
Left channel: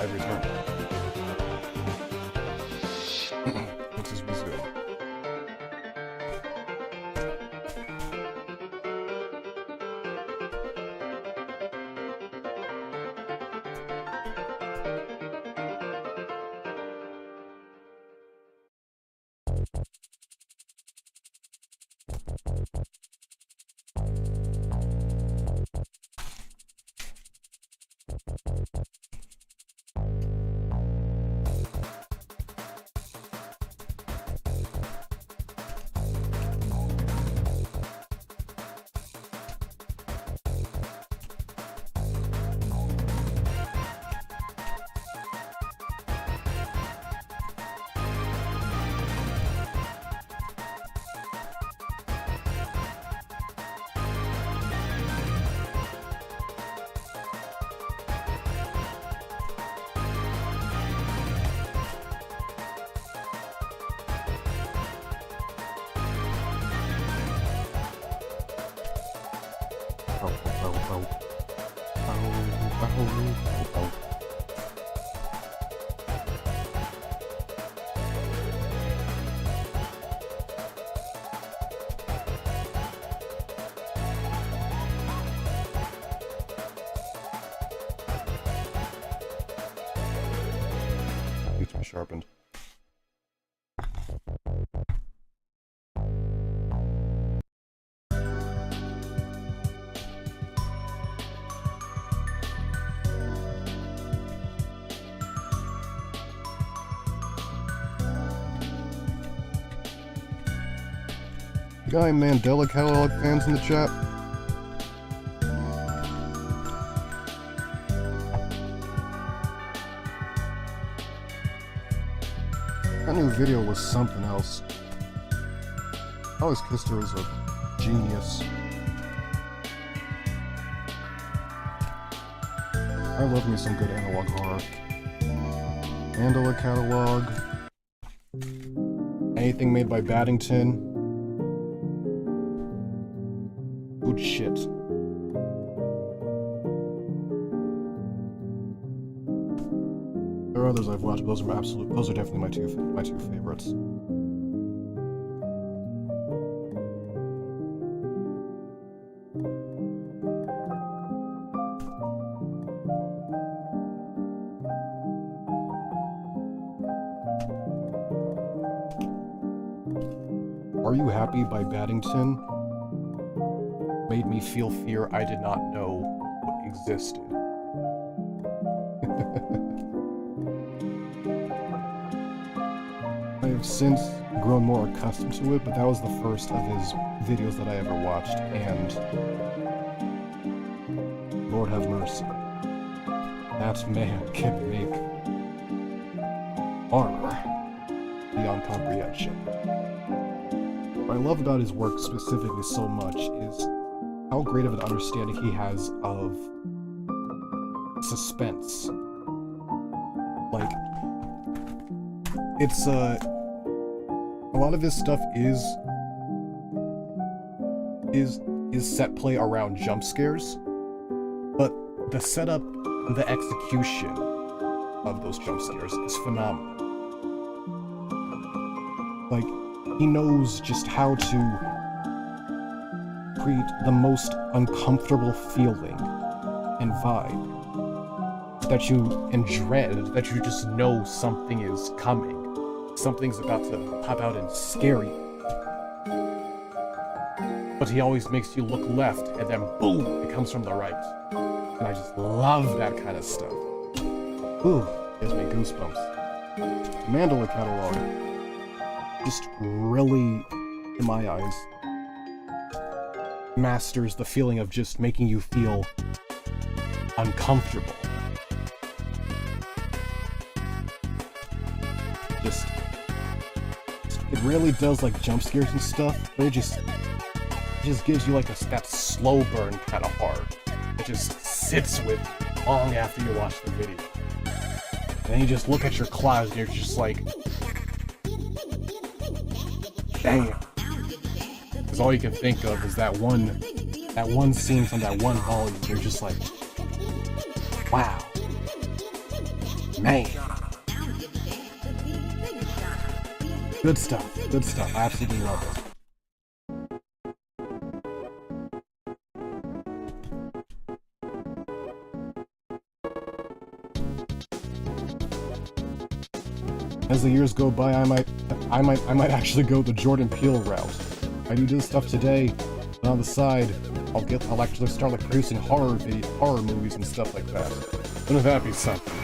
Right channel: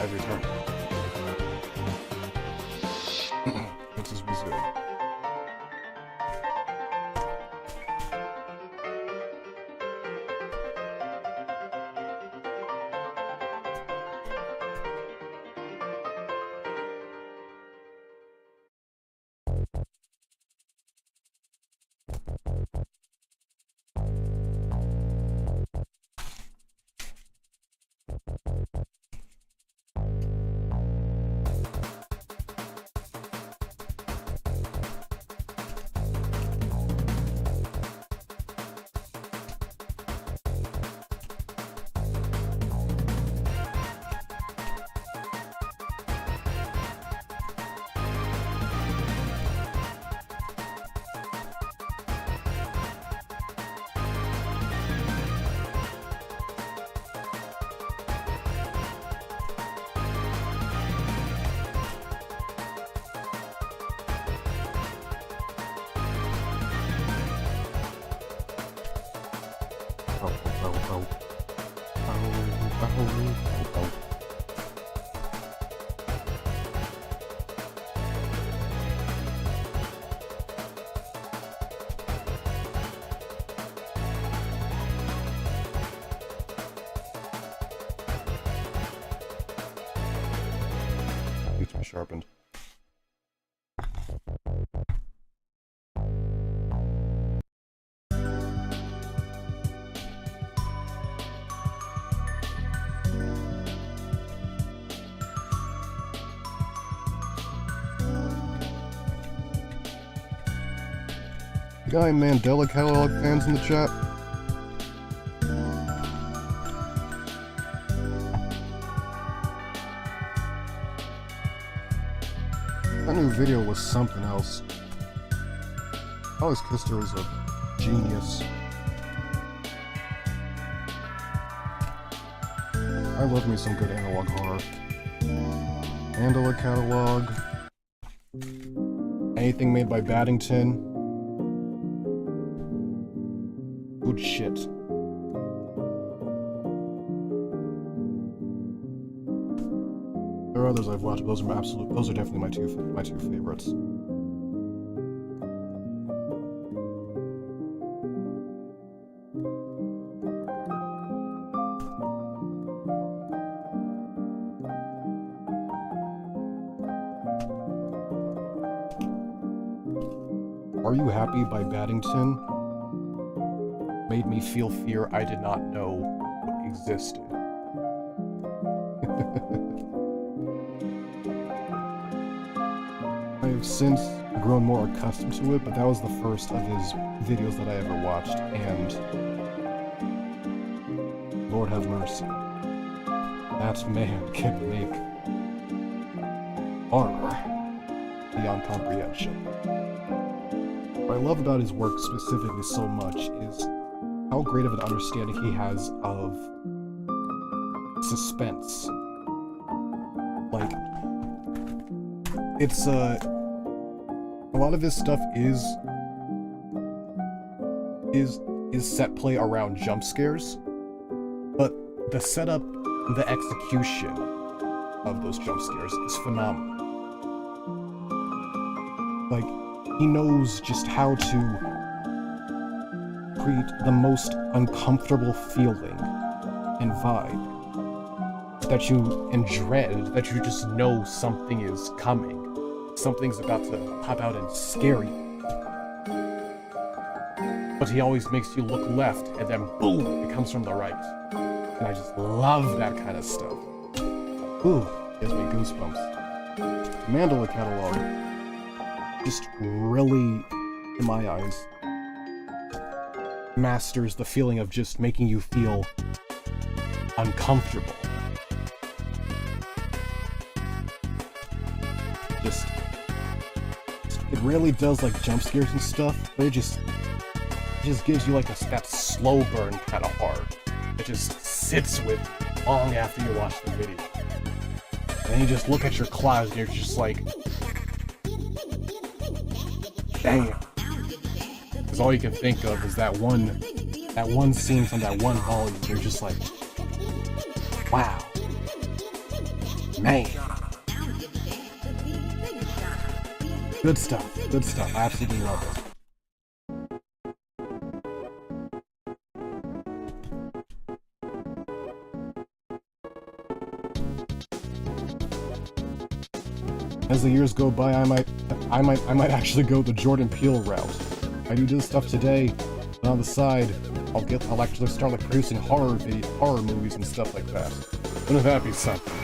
I've returned. Let's just resume. Needs to be sharpened. Guy Mandela catalog fans in the chat? That new video was something else. I always kissed her as a genius. I love me some good analog horror. Mandela catalog. Anything made by Baddington. Good shit. There are others I've watched, but those are definitely my two favorites. Are You Happy by Baddington made me feel fear I did not know existed. I have since grown more accustomed to it, but that was the first of his videos that I ever watched, and Lord have mercy. That man can make horror beyond comprehension. What I love about his work specifically so much is how great of an understanding he has of suspense. Like, it's a lot of his stuff is set play around jump scares, but the setup, the execution of those jump scares is phenomenal. Like, he knows just how to create the most uncomfortable feeling and vibe that you, and dread, that you just know something is coming. Something's about to pop out and scare you. But he always makes you look left, and then boom, it comes from the right. And I just love that kind of stuff. Ooh, gives me goosebumps. Mandela catalog just really, in my eyes, masters the feeling of just making you feel uncomfortable. It really does like jump scares and stuff, but it just gives you like that slow burn kind of horror. It just sits with you long after you watch the video. And then you just look at your clouds and you're just like, damn. Because all you can think of is that one scene from that one volume. You're just like, wow. Man. Good stuff. Good stuff. I absolutely love it. As the years go by, I might actually go the Jordan Peele route. I do this stuff today, but on the side, I'll actually start like producing horror movies and stuff like that. Wouldn't that be something?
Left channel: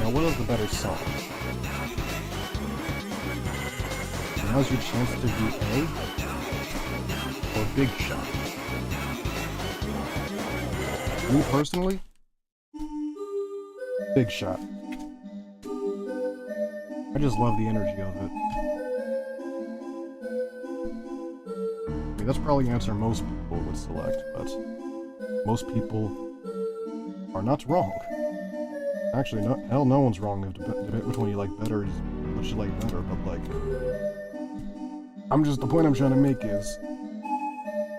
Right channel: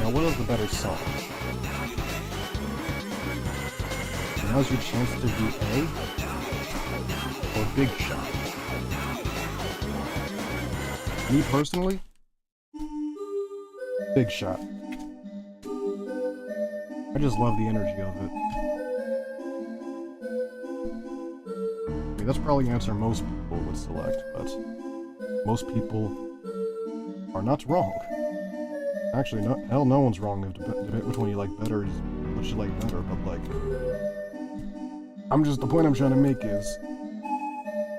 Now, what is the better song? Now's your chance to be A or Big Shot. Me personally, Big Shot. I just love the energy of it. I mean, that's probably the answer most people would select, but most people are not wrong. Actually, no one's wrong in debate which one you like better is what you like better, but like, the point I'm trying to make is,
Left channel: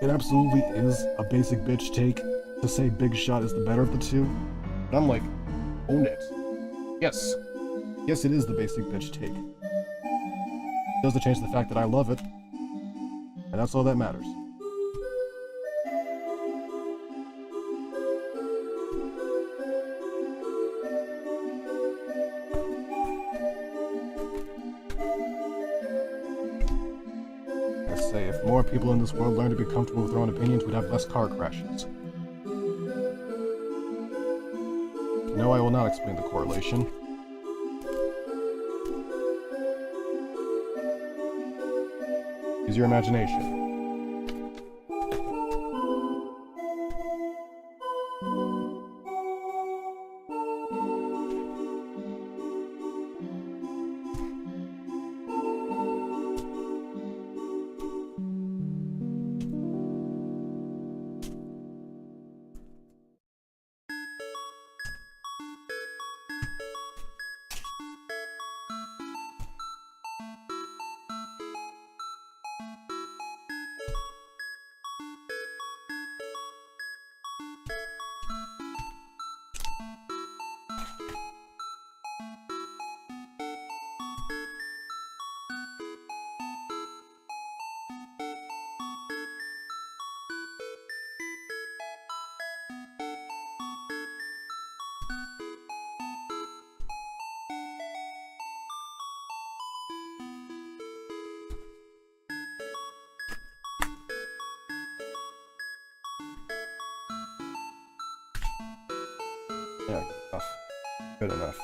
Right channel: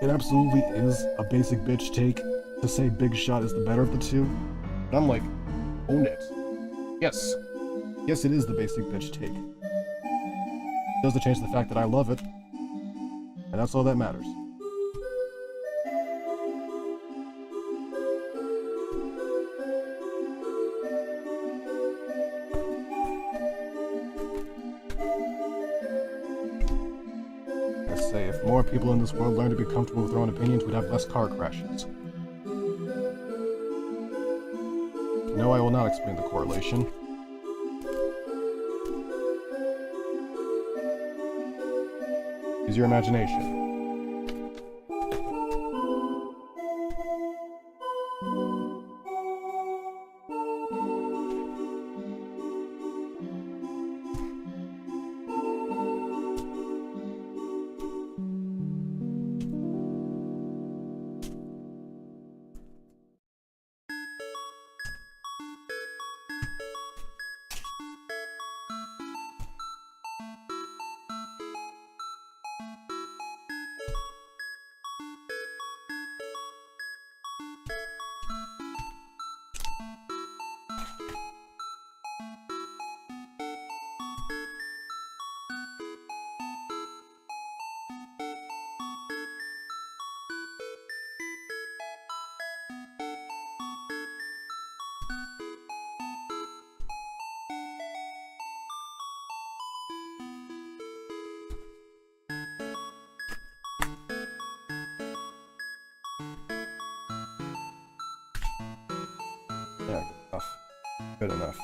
it absolutely is a basic bitch take to say Big Shot is the better of the two, but I'm like, own it. Yes. Yes, it is the basic bitch take. It doesn't change the fact that I love it, and that's all that matters. If more people in this world learn to be comfortable with their own opinions, we'd have less car crashes. No, I will not explain the correlation. Use your imagination. Yeah, enough. Good enough.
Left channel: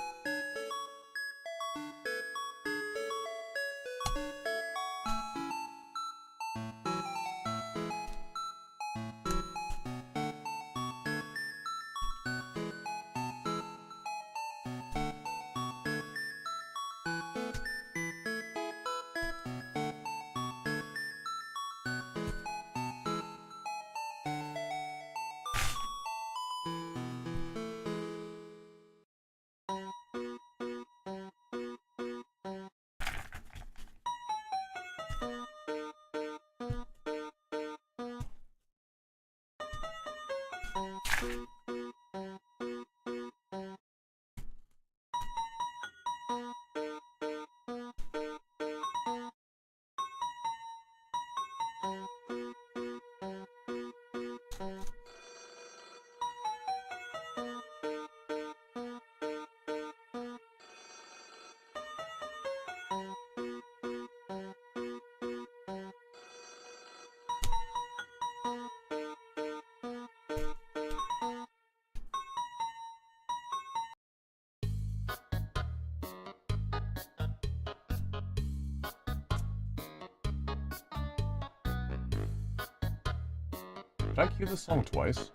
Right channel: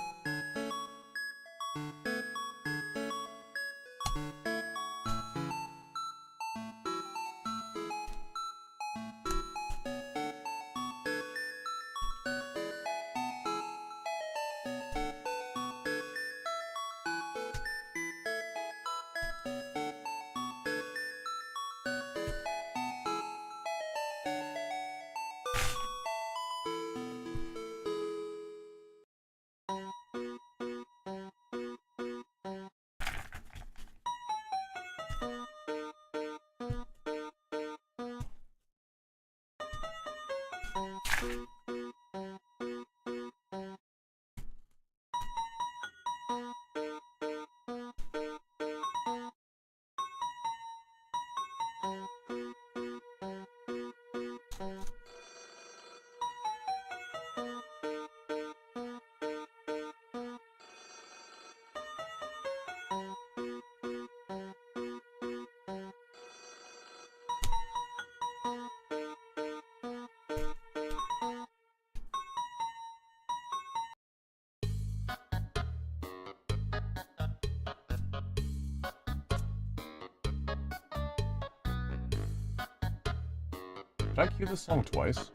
Did I cue this song twice?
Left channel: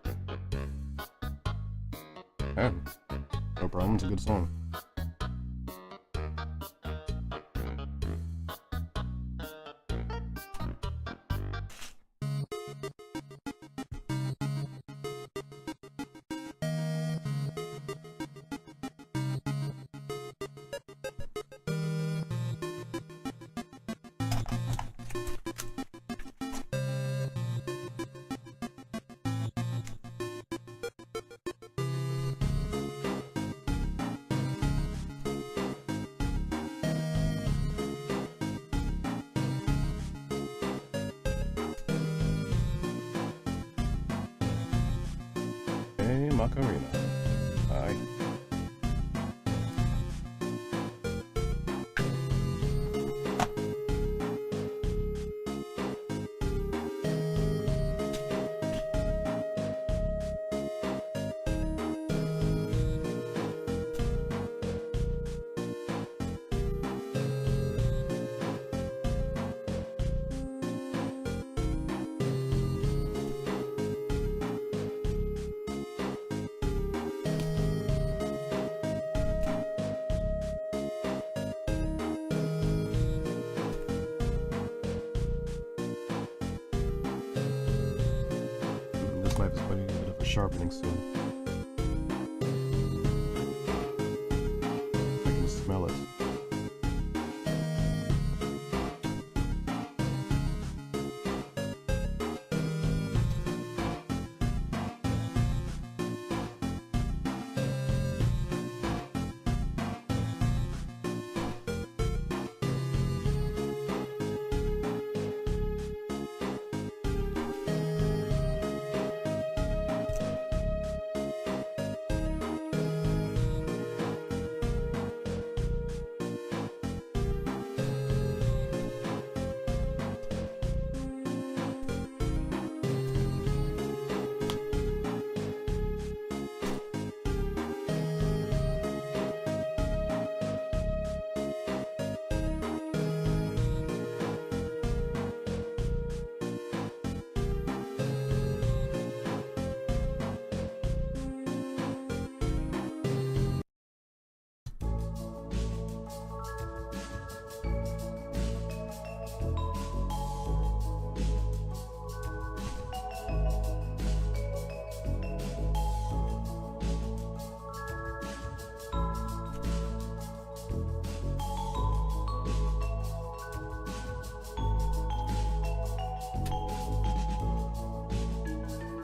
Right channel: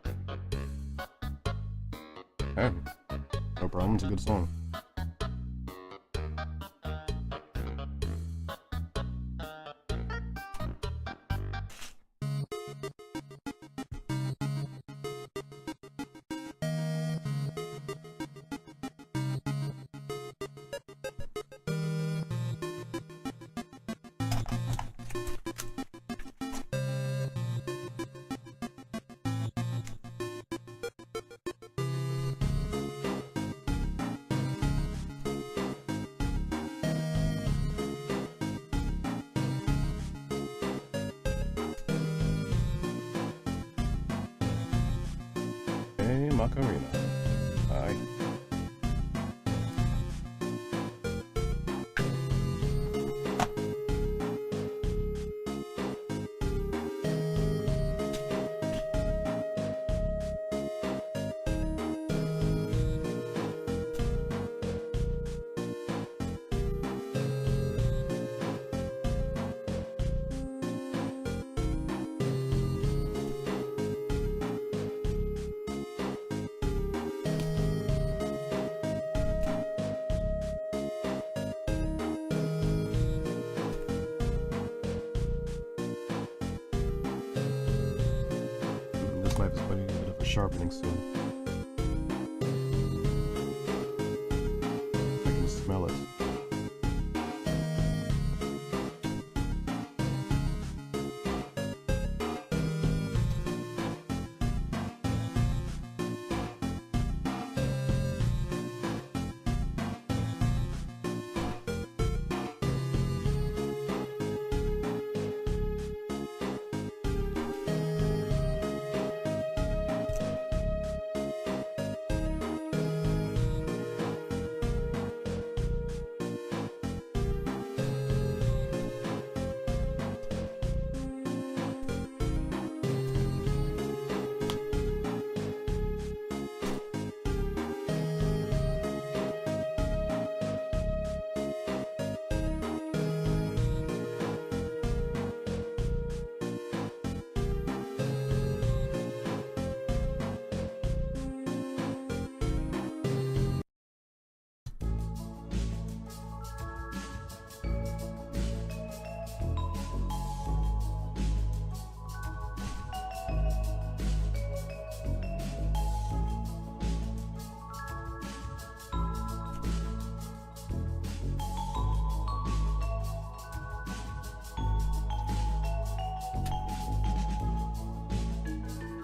Okay. No problem, it's a good song. Macarena. Bye. This knife is going to need a bit of a sharpening soon. I can smell it.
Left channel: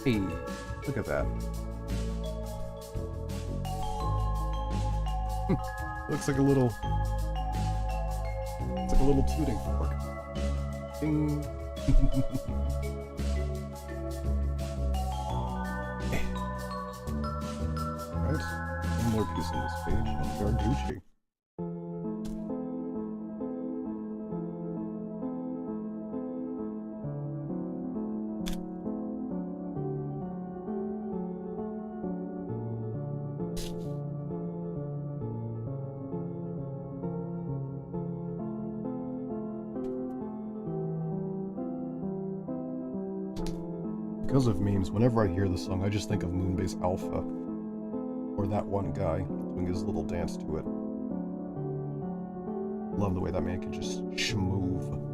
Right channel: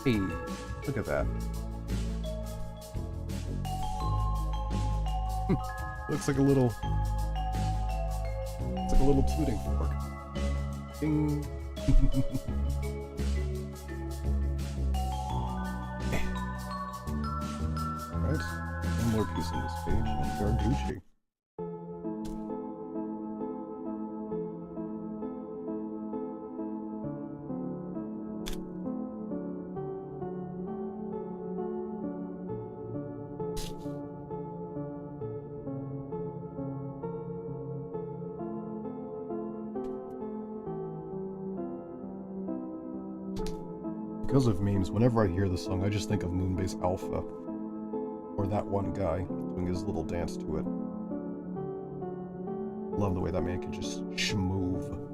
Hey, look at that. Looks like a little... It's like a little tooting fork. Ding. Alright, one more piece on this page, and we are Gucci. Because of memes, whenever I hear the song, I just think of Moonbase Alpha. Or that one guy doing his little dance to it. Love the way that man can just shmove.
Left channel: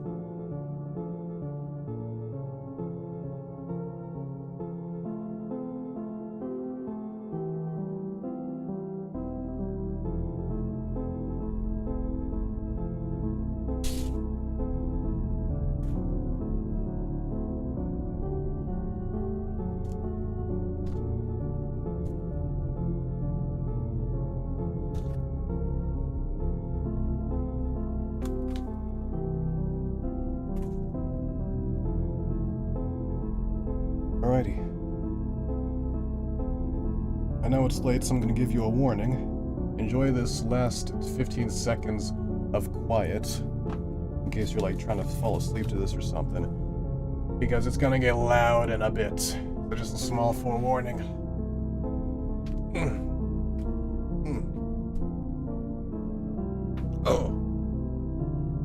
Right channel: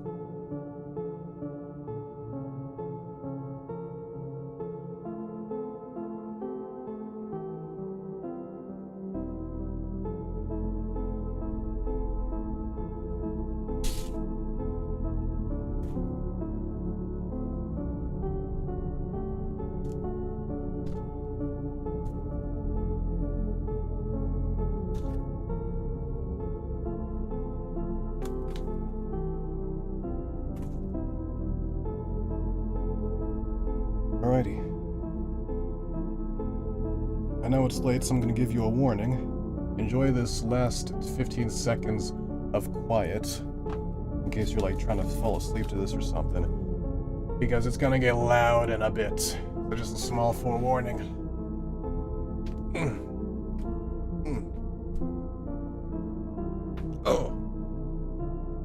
Alrighty. I know it's late, so I'm gonna give you a warning. Enjoy this last 15 seconds of quiet, in case you're like trying to fall asleep to this or something. Because it's gonna get loud in a bit. So just a small forewarning.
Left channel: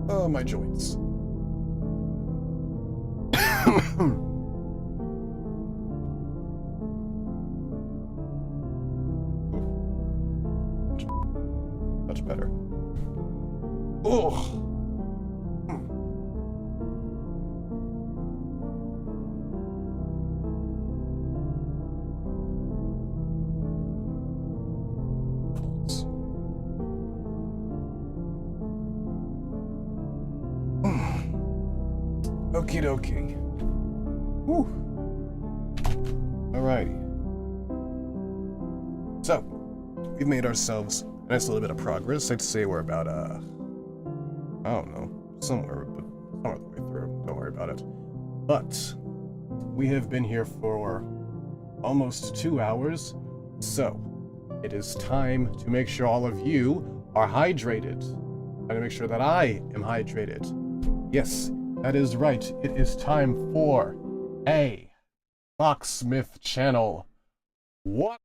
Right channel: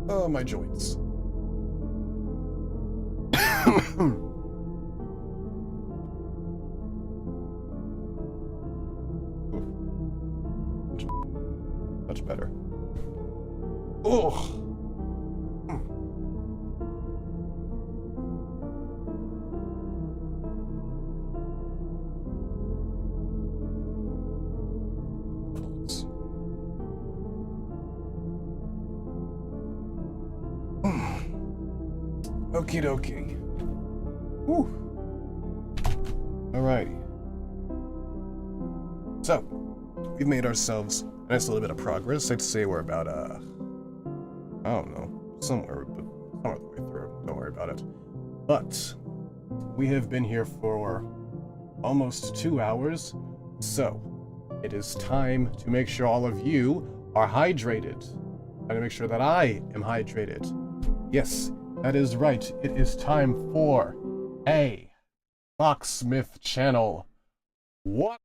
Oh, my joints. Much better. Ugh. Okie dokie. Whew. Alrighty. So, we've made ourselves a nice little bit of progress. I'd say we're about, I don't know, somewhere the way through. Don't worry about it. But, we have been here for almost 2 hours. So, it is time to make sure all of you are hydrated. And to make sure that I am hydrated. Yes, that is right. It is time for a Locksmith channel. What?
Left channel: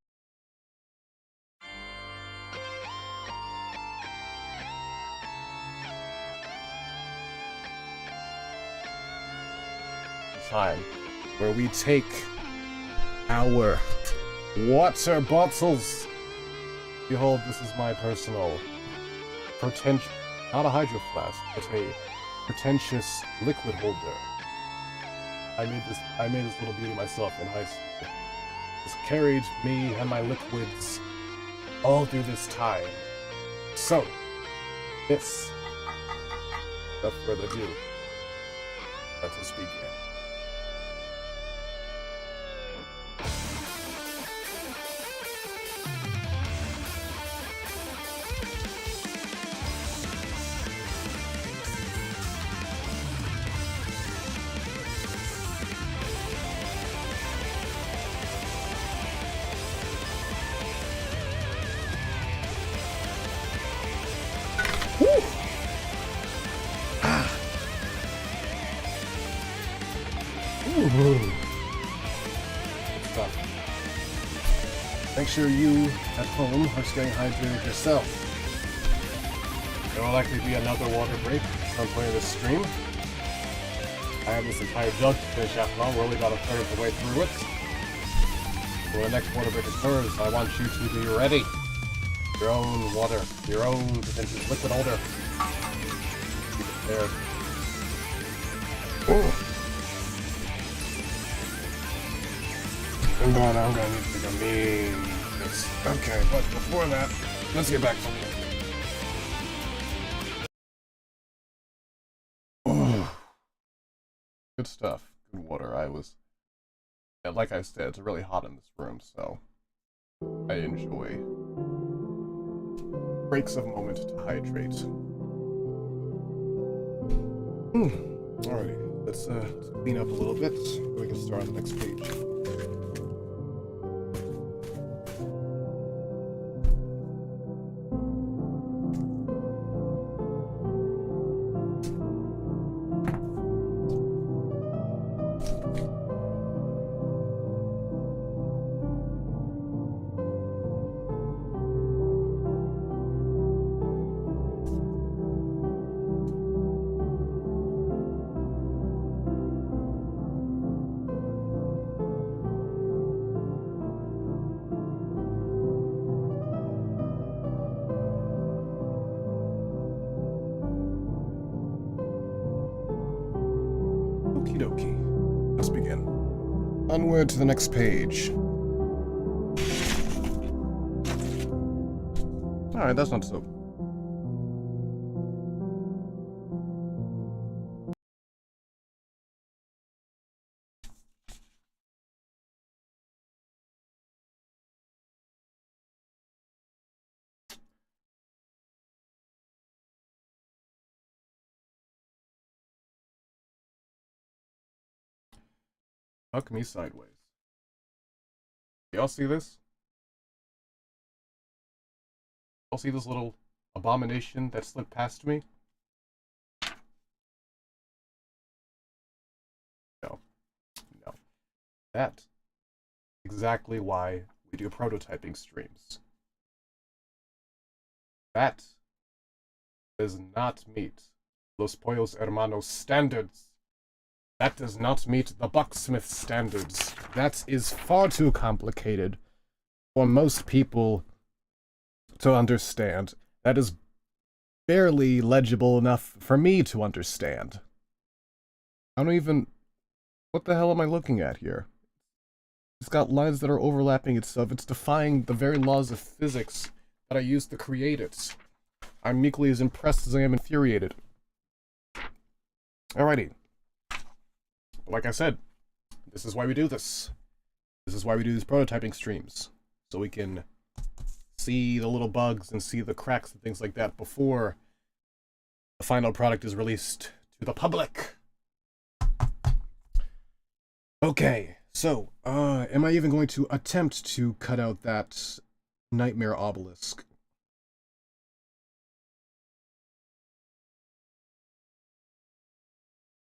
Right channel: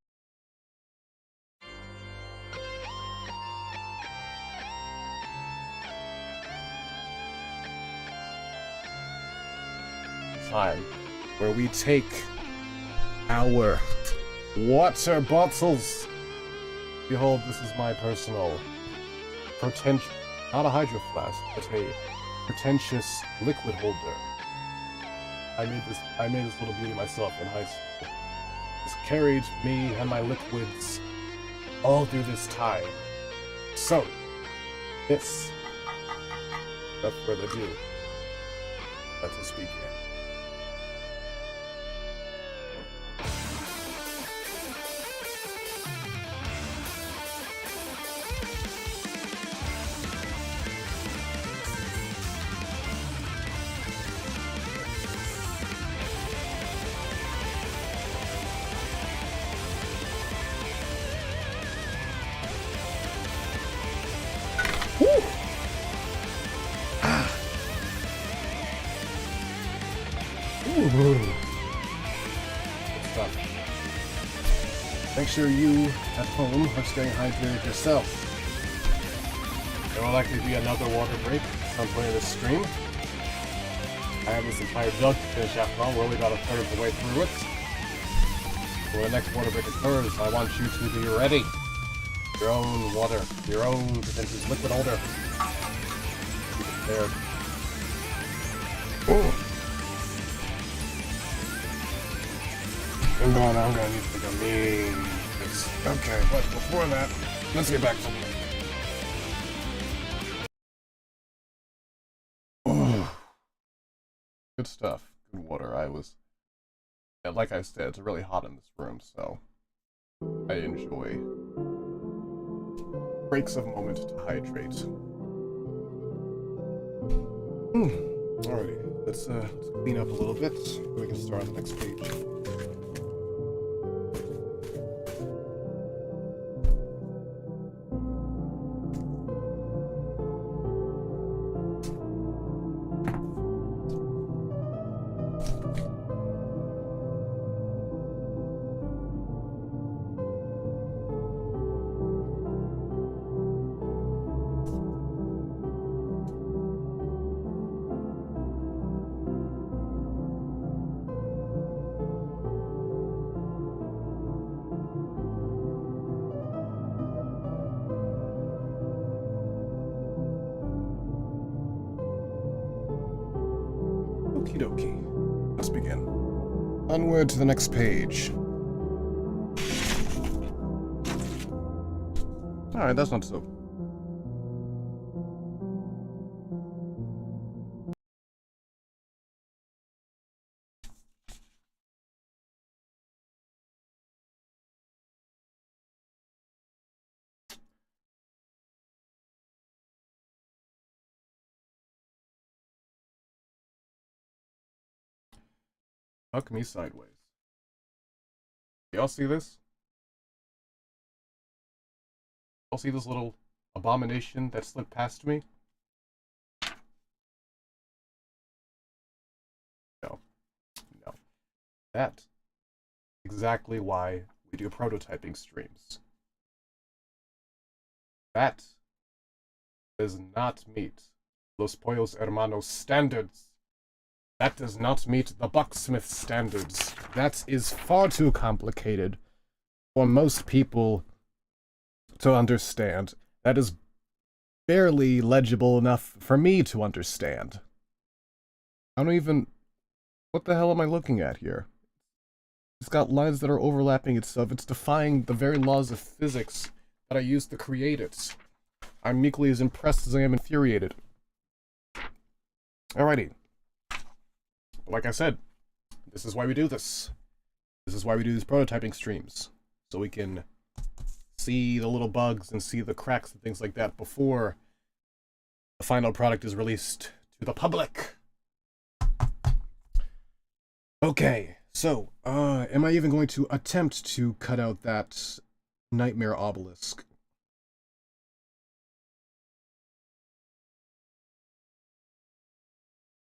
Time where we take our water bottles. Behold, this is my personal not a hydro flask, but a pretentious liquid holder. I made this little beauty myself in high school. It's carried me and my liquids all through this time. So, this, without further ado, let us begin. Good stuff. Make sure you at home are staying hydrated yourself. There will likely be another water break at some point in this stream. I have this entire jug to finish after all. We're only about a third of the way through it. When the next water break occurs, I want you to be ready. Your own water, your own pretentious liquid holder. Be prepared. Ooh. And then I'm gonna need to take a mean piss. Okay, but before that, let's get back to it. Good stuff. Good water. Yeah, like I said, it's really hot in this room, so I enjoy breaks of moment to hydrate. Alrighty, let's clean up a little bit. We can start on the next page. Okie dokie. Let's begin. Onward to the next page. Alright, that's not so. Huck me sideways. Y'all see this? Y'all see this little abomination that slipped past me? No. No. That's exactly why we do prototyping streams. That does not meet Los Pollos Hermanos standards. That does not meet the Bucksmith standards. That is far too complicated for most people to understand. That is barely legible enough for me to understand. I don't even... What the hell am I looking at here? It's got lines that are overlapping itself. It's defying the very laws of physics that I used to create it. I'm equally as impressed as I am infuriated. Alrighty. Like I said, this is why we do this. This is why we do these prototyping streams. So we can see the little bugs and see the cracks and things like that before the final product is released to the public. Okay, So, am I even going to attempt to cut out that nightmare obelisk?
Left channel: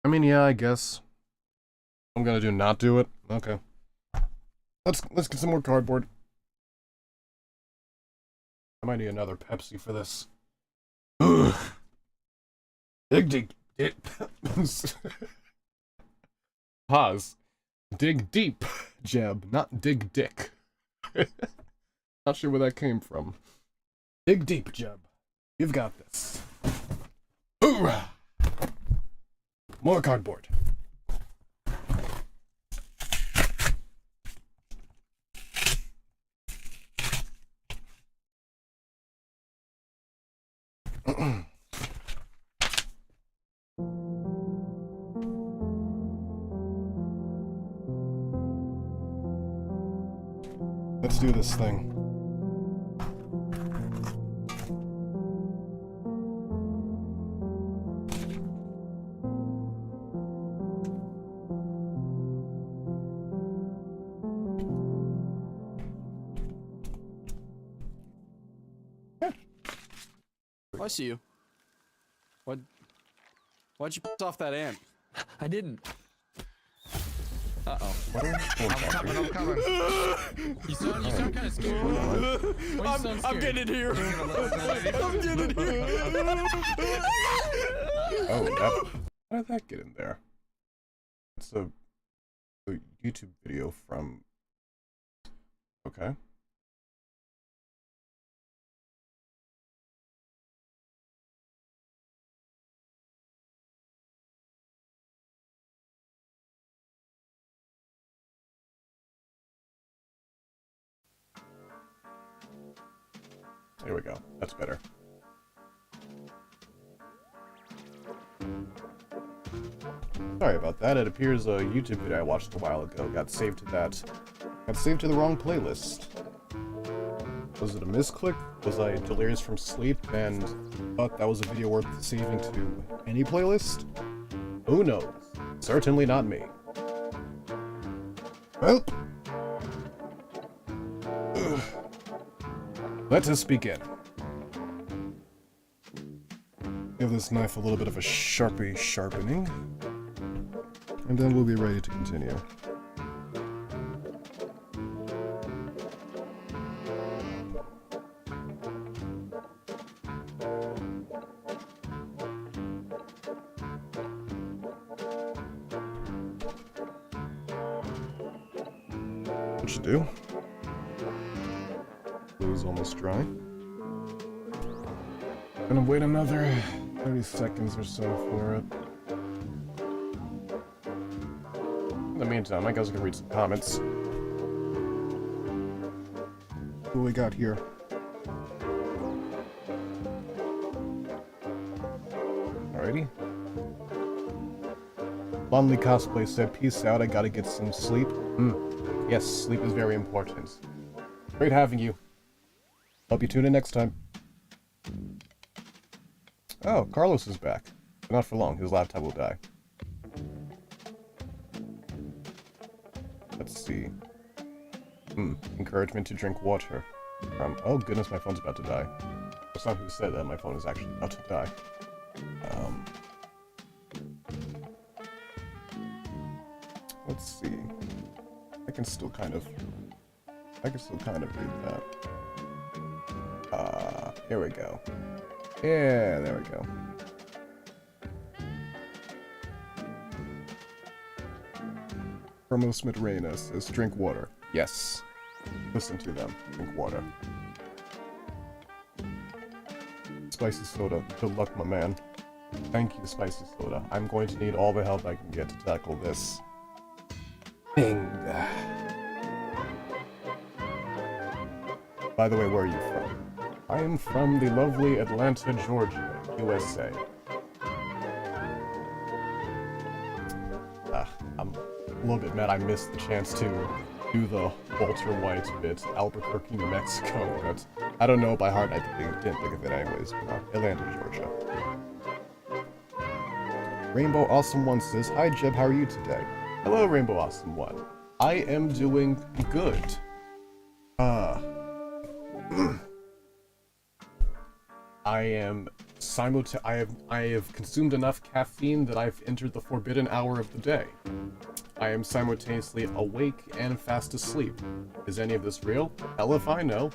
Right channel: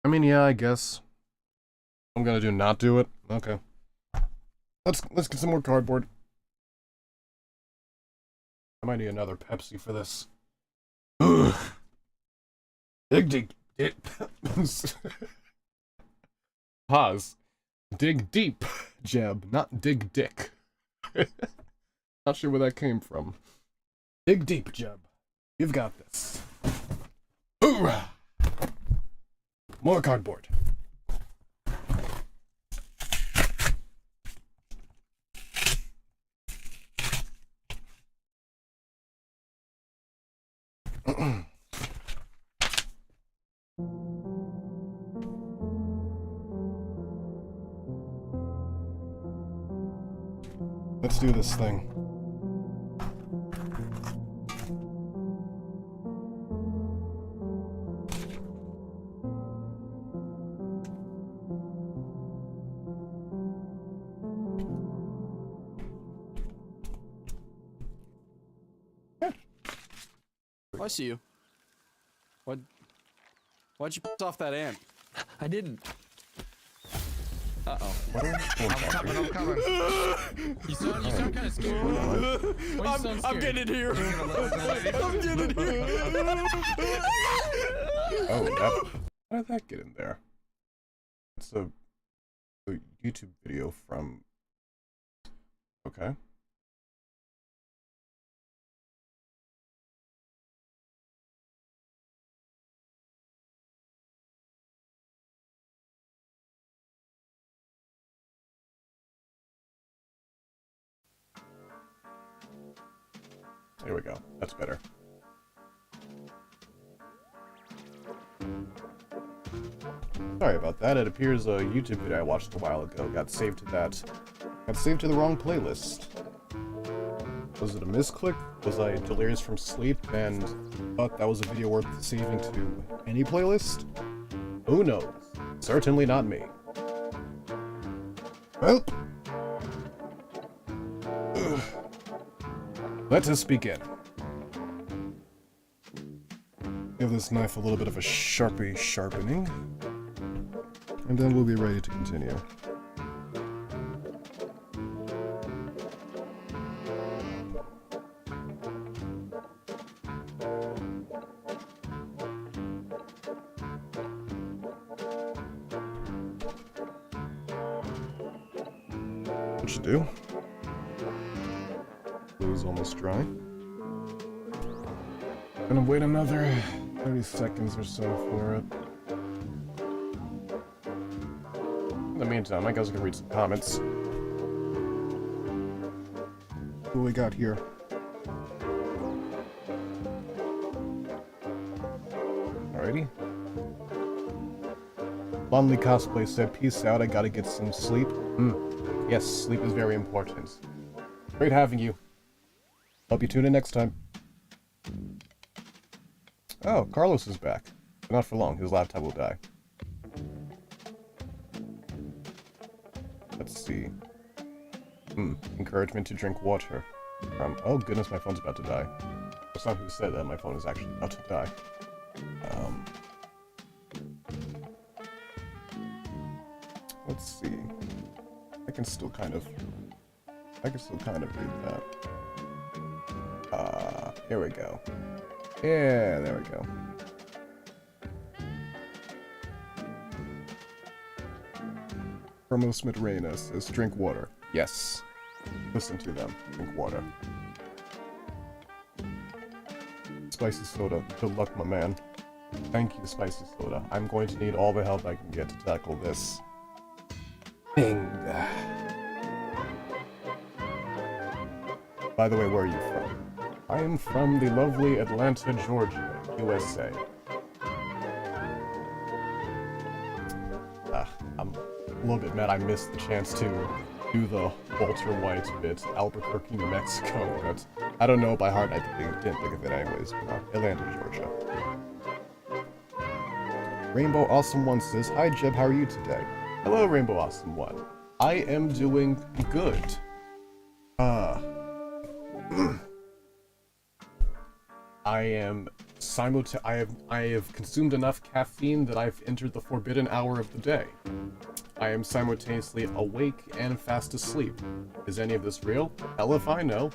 I mean, yeah, I guess. I'm gonna not do it. Okay. Let's get some more cardboard. I might need another Pepsi for this. Ugh. Dig. Pause. Dig deep, Jeb, not dig dick. Not sure where that came from. Dig deep, Jeb. You've got this. Hoorah! More cardboard. Let's do this thing. I see you. Why'd you piss off that ant? I didn't. Uh-oh. I'm coming. You sound kind of scared. Why you sound scared? I'm getting here. I'm getting here. Oh, how did that get in there? It's a YouTube video from... Okay. There we go. That's better. Sorry about that. It appears a YouTube video I watched a while ago got saved to the wrong playlist. Was it a misclick? Was I delirious from sleep and thought that was a video worth saving to any playlist? Who knows? Certainly not me. Well, let us begin. Give this knife a little bit of a sharpening, and then we'll be ready to continue. What you do? Glue's almost dry. Gonna wait another 30 seconds or so for it. In the meantime, I guess I can read some comments. What do we got here? Alrighty. Lonely Cosplay said, peace out, I gotta get some sleep. Yes, sleep is very important. Great having you. Hope you tune in next time. Oh, Carlos is back. But not for long, his laptop will die. Let's see. Encouragement to drink water. Oh goodness, my phone's about to die. That's not who said that, my phone is actually about to die. Let's see. I can still kind of read that. Here we go. Yeah, there we go. Promos Midreina says, drink water. Yes. Listen to them. Drink water. Spicy soda. Good luck, my man. Thank you, Spicy soda. I'm going to need all the help I can get to tackle this. Bing. By the way, where are you from? I am from the lovely Atlanta, Georgia, USA. I'm a little bit mad I missed the chance to do the Walter White bit, Albuquerque, New Mexico, but I don't know by heart, I didn't think of it anyways. Atlanta, Georgia. Rainbow Awesome One says, hi Jeb, how are you today? Hello, Rainbow Awesome One. I am doing good. I have consumed enough caffeine that I've entered the forbidden hour of the day. I am simultaneously awake and fast asleep. Is any of this real? Hell if I know.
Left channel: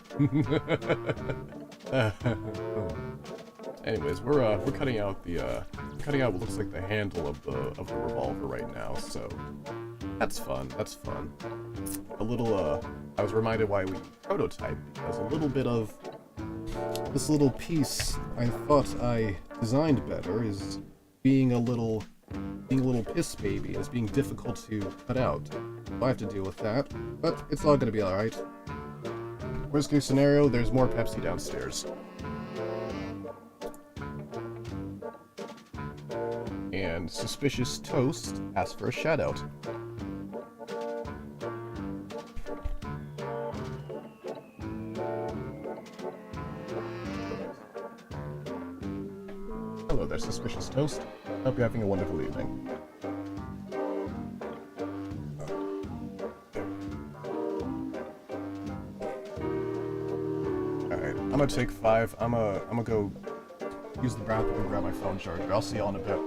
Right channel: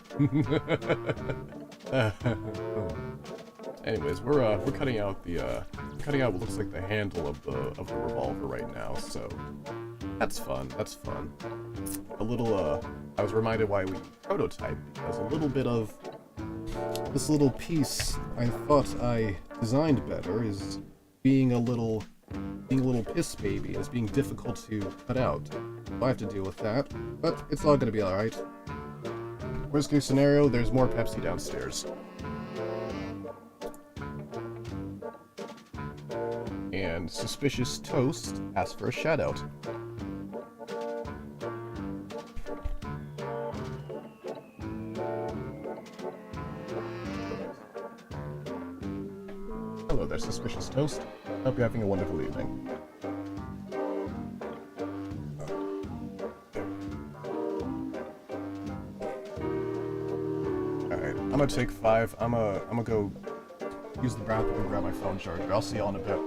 Anyways, we're cutting out what looks like the handle of the revolver right now, so that's fun. That's fun. A little I was reminded why we prototyped, because a little bit of this little piece I thought I designed better is being a little piss baby, as being difficult to cut out. So I have to deal with that, but it's all gonna be alright. Worst case scenario, there's more Pepsi downstairs. And Suspicious Toast asks for a shout-out. Hello there, Suspicious Toast. Hope you're having a wonderful evening. Alright, I'm gonna take 5. I'm gonna go use the bathroom and grab my phone charger. I'll see y'all in a bit.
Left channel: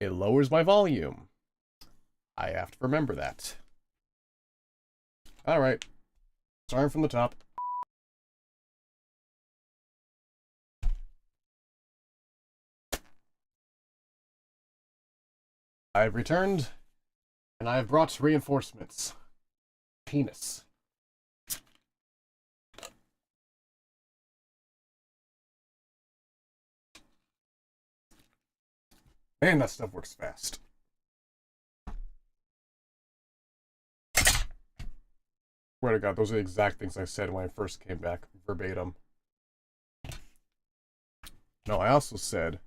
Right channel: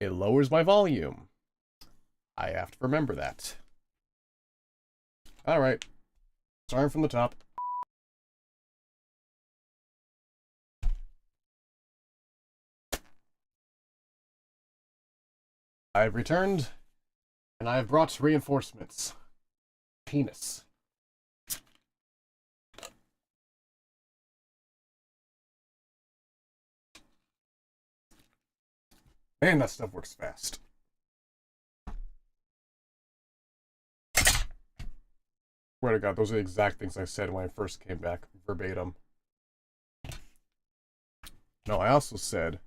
it lowers my volume. I have to remember that. Alright. Starting from the top. I've returned, and I've brought reinforcements. Penis. Man, that stuff works fast. Swear to God, those are the exact things I said when I first came back, verbatim. No, I also said,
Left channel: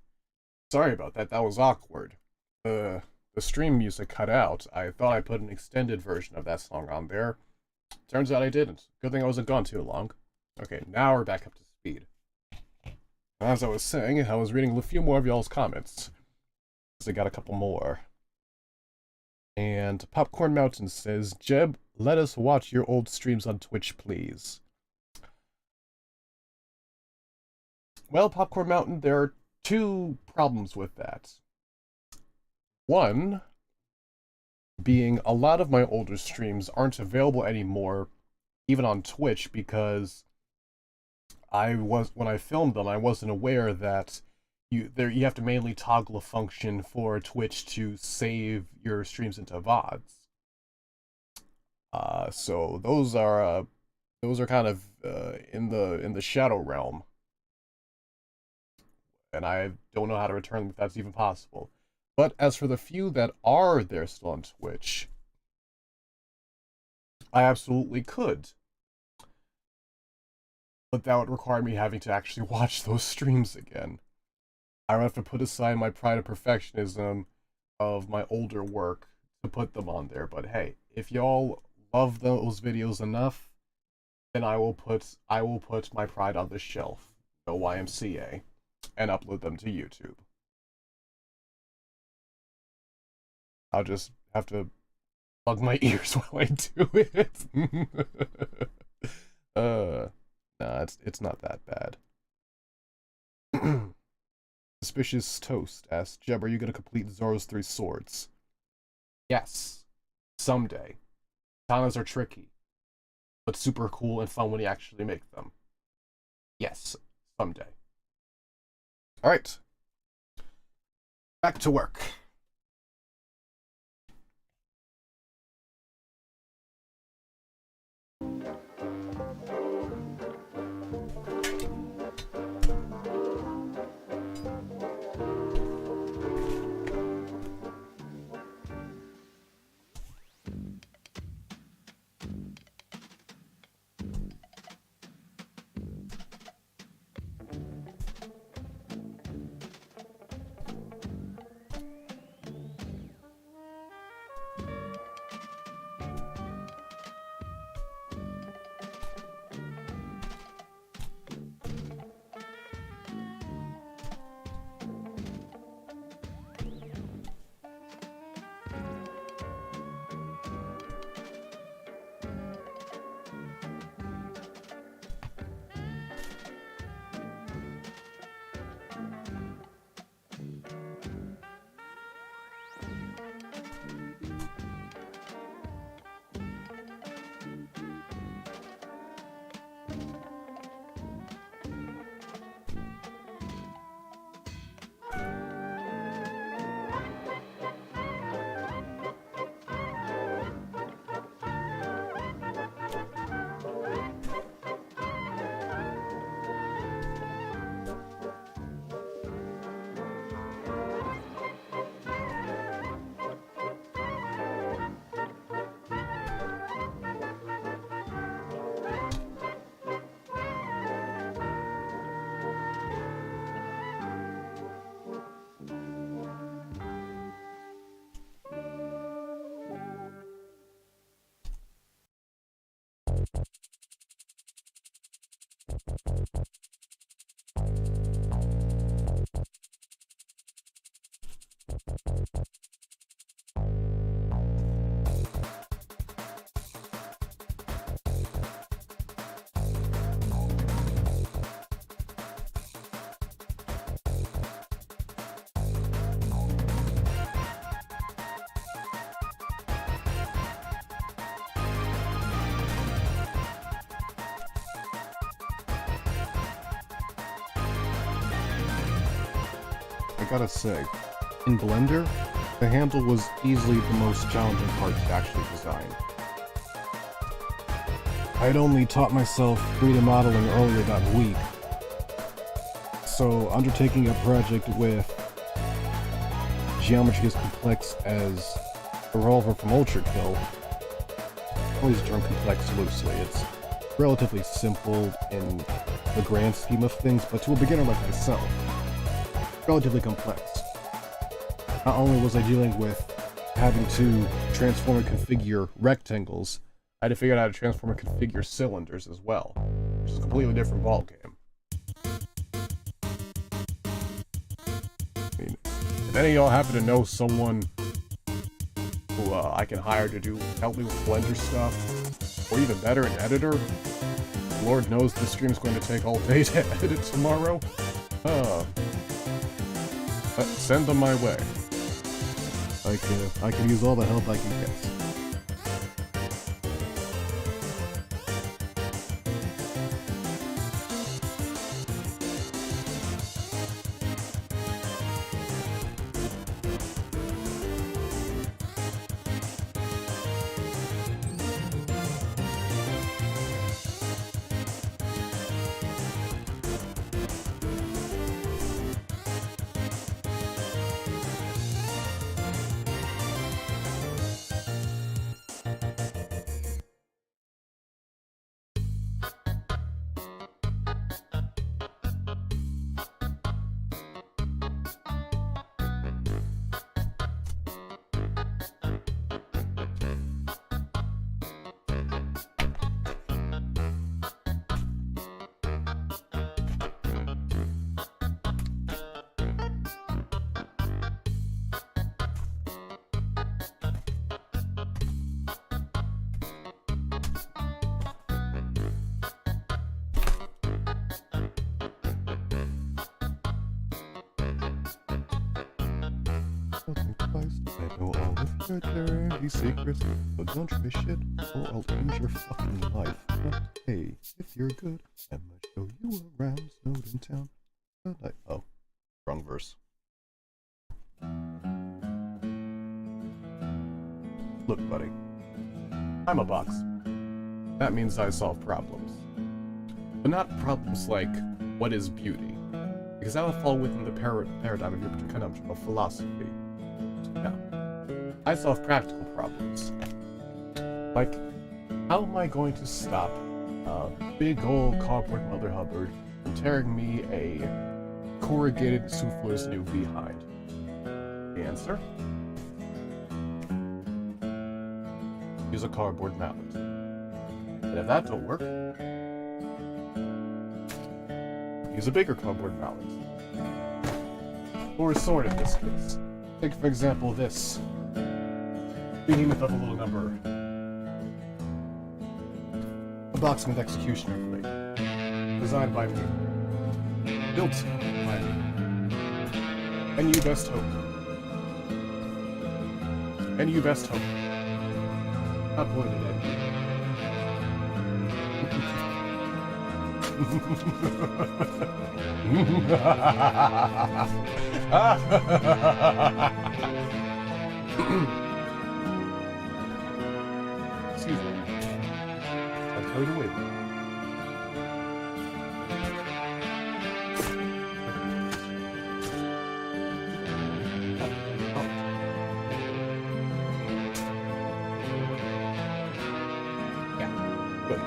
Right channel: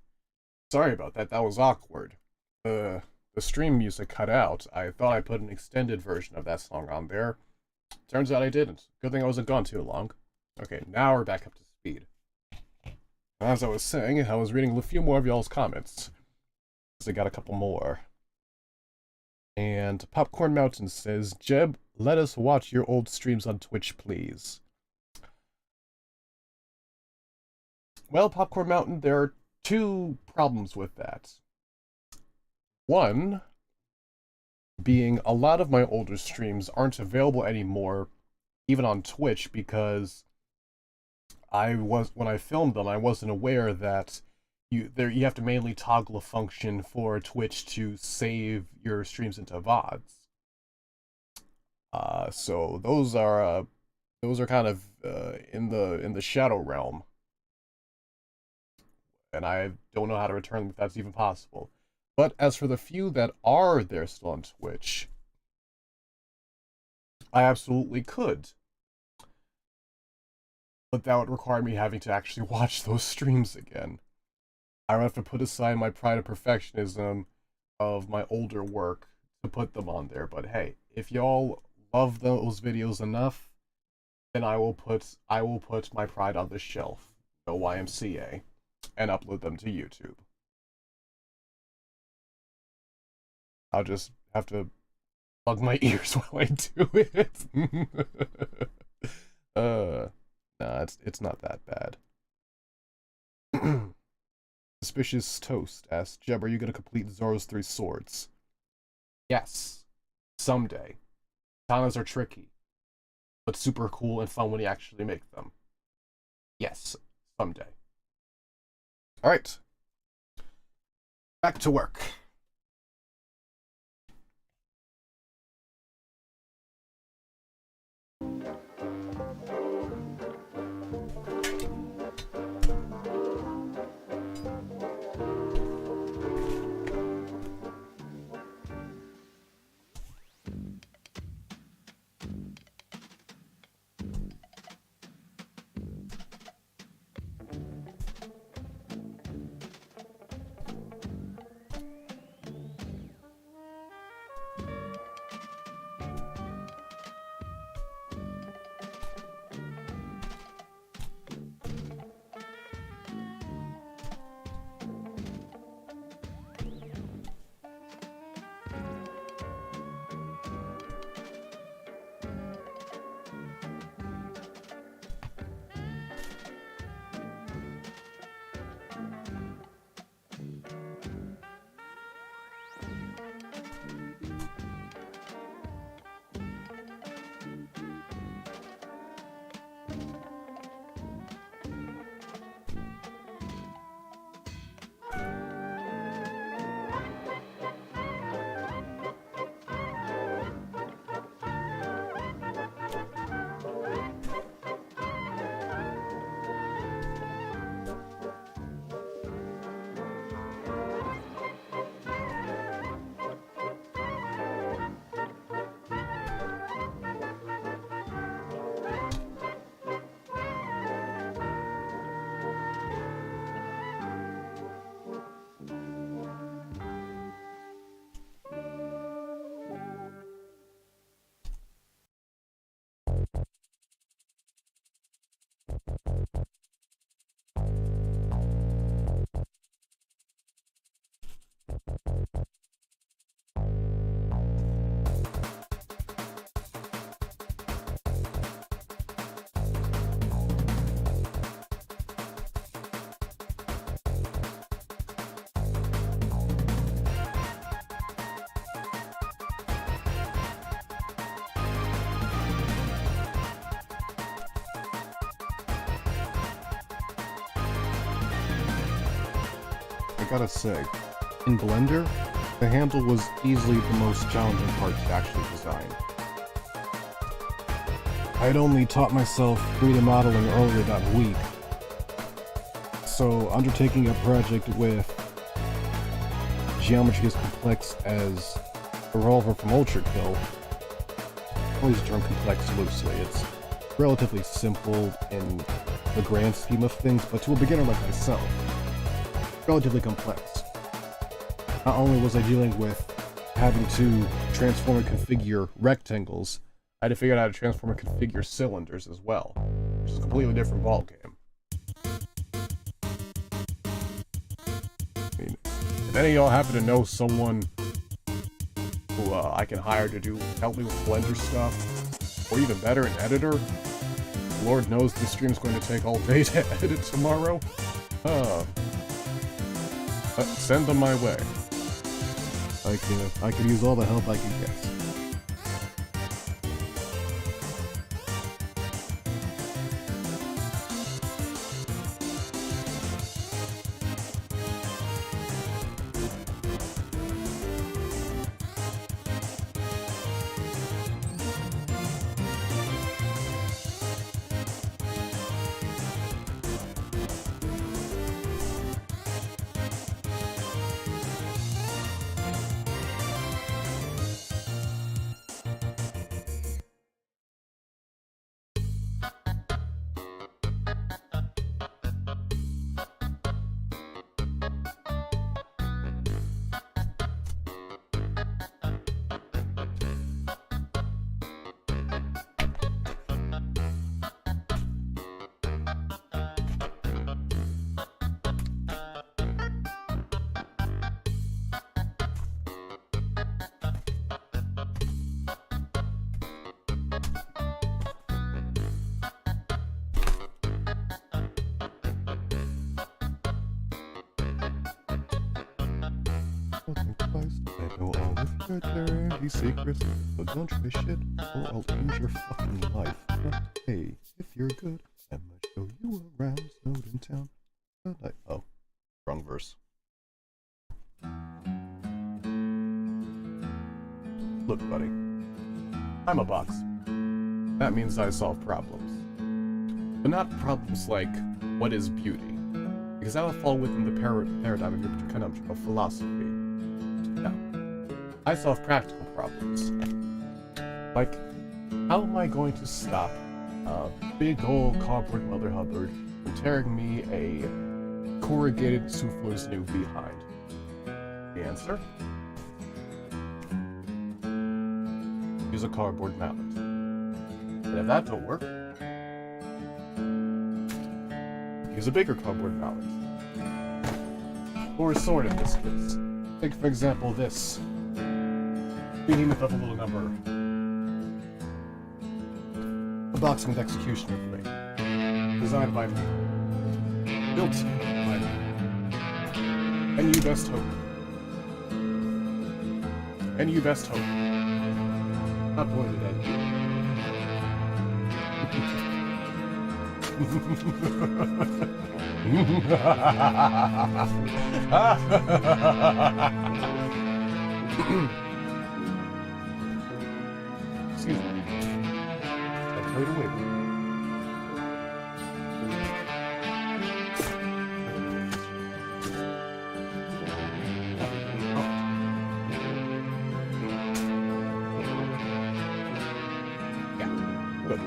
sorry about that, that was awkward. The stream music cut out. I thought I put an extended version of that song on there. Turns out I didn't. Good thing I wasn't gone too long. Okay, now we're back up to speed. As I was saying, I was reading a few more of y'all's comments. I got a couple more. And Popcorn Mountain says, Jeb, let us watch your old streams on Twitch, please. Well, Popcorn Mountain, there are two problems with that. One being a lot of my older streams aren't available anymore, even on Twitch, because when I filmed them, I wasn't aware that you have to manually toggle a function for Twitch to save your streams into VODs. So those are kind of in the shadow realm, and I don't know how to return them if that's even possible. But as for the few that are there still on Twitch, I absolutely could. But that would require me having to actually watch those streams again. I would have to put aside my pride and perfectionism of my older work to put them on there. But hey, if y'all love those videos enough, then I will put my pride on the shelf, no YMCA, and upload them to YouTube. I'll just have to plug my ears while I do it. Nah, it's not that bad. Suspicious Toast asks, Jeb, are you gonna complete Zoro's 3 swords? Yes. Someday. Katanas are tricky, but super cool and fun when you actually make them. Yes. Someday. Alright. Back to work. I gotta say, in Blender, the handle was easily the most challenging part to actually design. I'd only taught myself 3D modeling earlier that week, so undertaking a project with geometry as complex as Revolver from ULTRAKILL, I always term complex loosely. It's relatively simple in the grand scheme of things, but to a beginner like myself, relatively complex. Not only was I dealing with having to transform and configure rectangles, I had to figure out how to transform and configure cylinders as well, which is a completely different ballgame. I mean, if any of y'all happen to know someone who I can hire to help me with Blender stuff, or even better, an editor, Lord knows this stream's going to take all day to edit tomorrow, send them my way. I can use all the help I can get. Think twice, I know all of your dirty secrets, but don't try shit, or I'll end your fucking life. But hey, if you're good, I might show you around Snowden Town. Oh, wrong verse. Look, buddy, I'm a box. That means I solve problems. But not problems like, what is beauty? Because that would fall within the paradigm of your conundrum of philosophy. No. I solve practical problems. Like, how am I going to stop a big old cardboard Mother Hubbard from tearing me a corrugated souffleur's new behind? The answer? Use a cardboard mallet. And if that don't work, use a bigger cardboard mallet. Or a sword in this case. Take for example this. Behemoth of a little number. A boxing executioner blade. Designed by me. Built by me. And you best hope. And you best hope. Not pointed at you. Excuse me. I'm carried away. Yeah, good.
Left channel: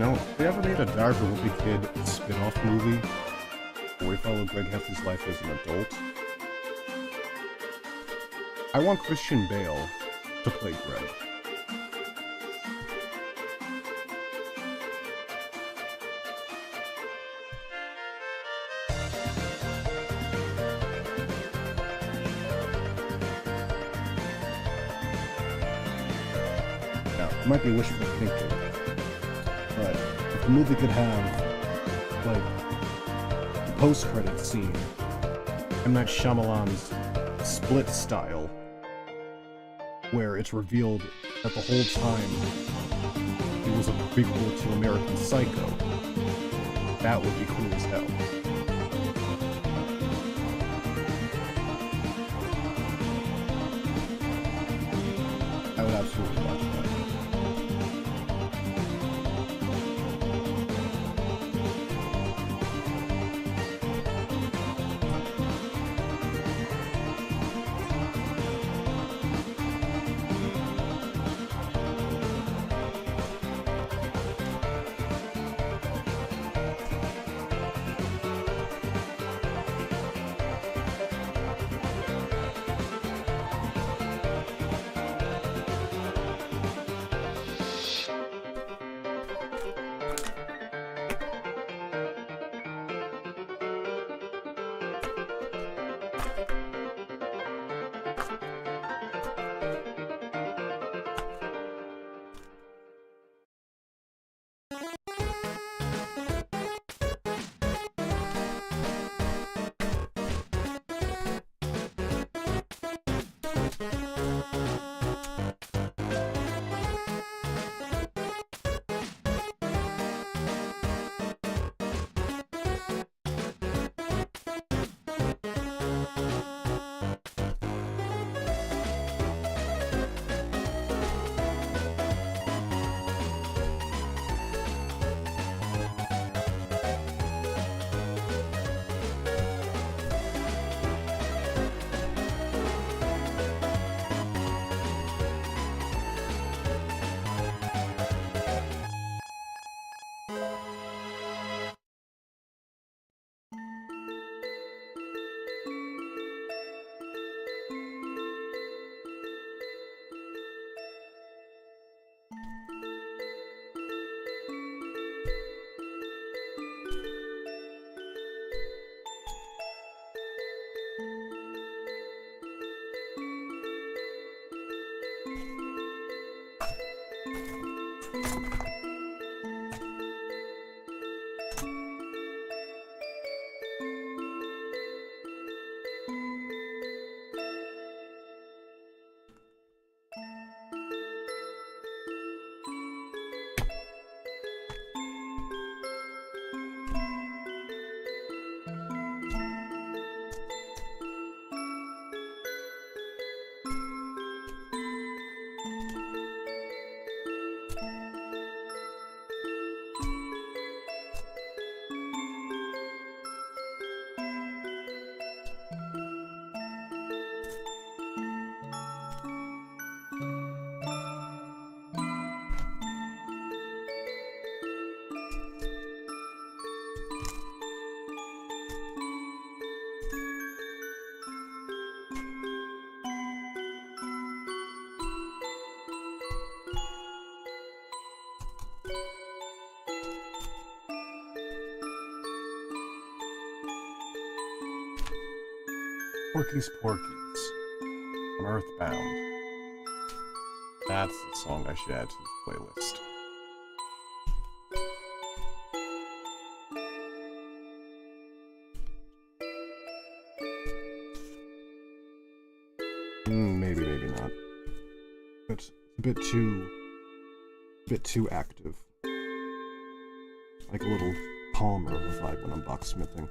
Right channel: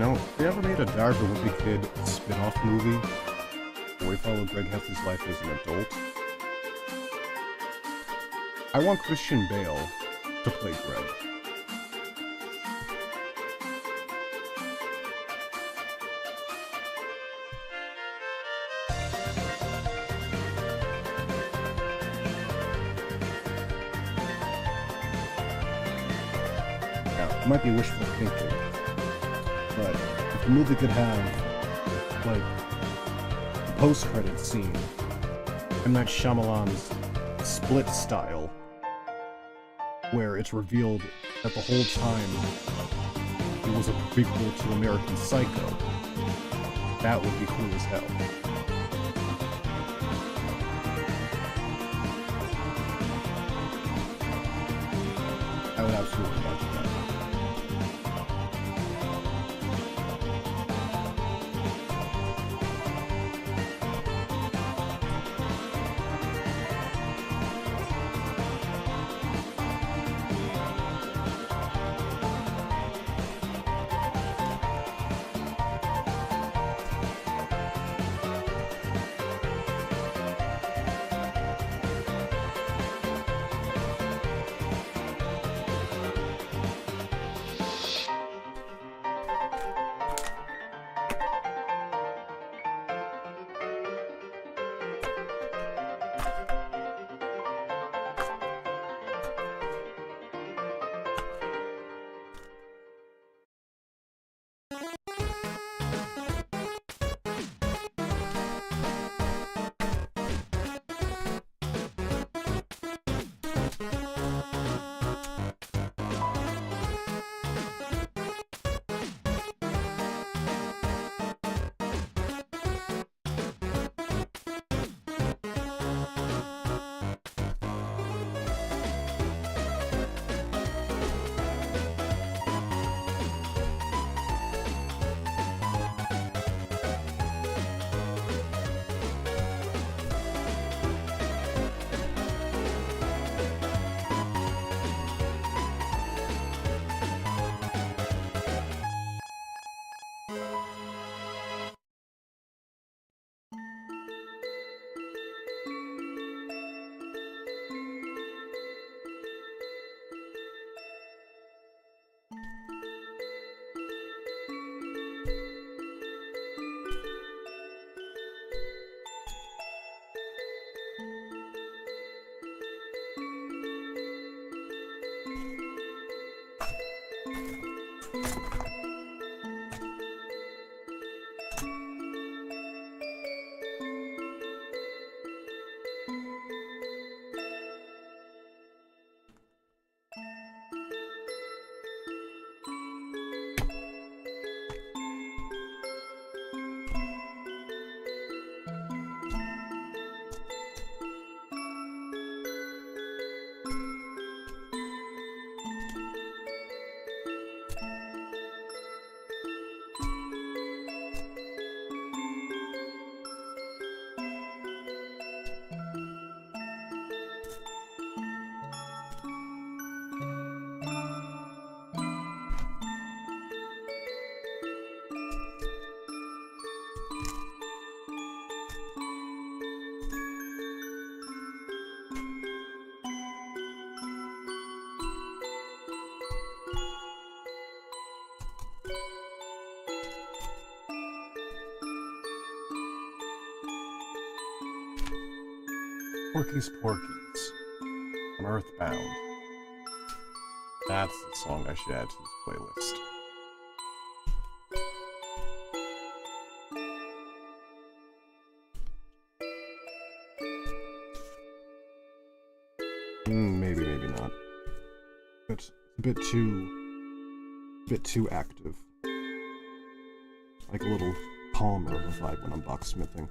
know, they ever made a Dire for Wimpy Kid spin-off movie where we follow Greg Heffley's life as an adult? I want Christian Bale to play Greg. Now, it might be wishful thinking, but if the movie could have, like, the post-credits scene, M. Night Shyamalan's Split style, where it's revealed that the whole time it was a prequel to American Psycho, that would be cool as hell. I would absolutely watch that. Porky's Porky's on Earthbound. That's the song I should add to this playlist. Maybe, maybe not. It's a bit too active. Like a little calmer of a vibe when I'm boxsmithing.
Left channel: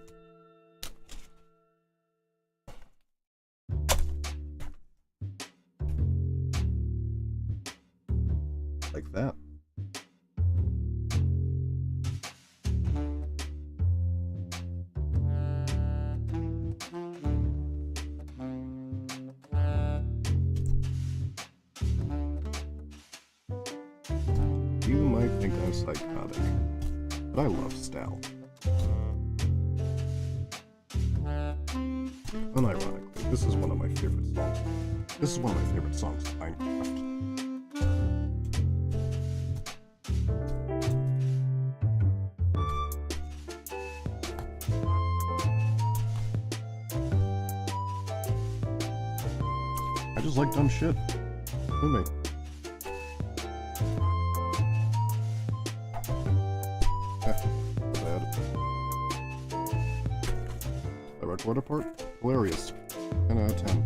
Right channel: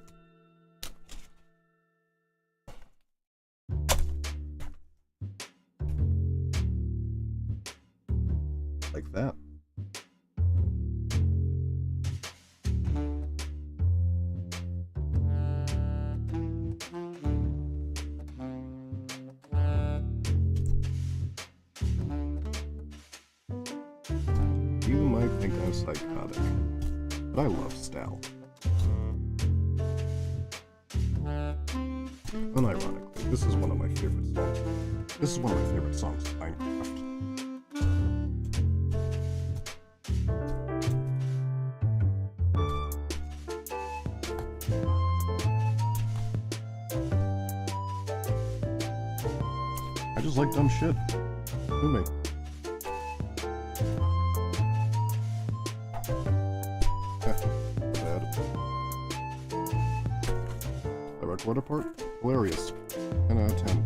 Like that. you might think I'm psychotic, but I love style. Unironically, this is one of my favorite songs. This is one of my favorite songs in Minecraft. I just like dumb shit. Who me? Bad. The recorder part? Hilarious. 10 out of 10.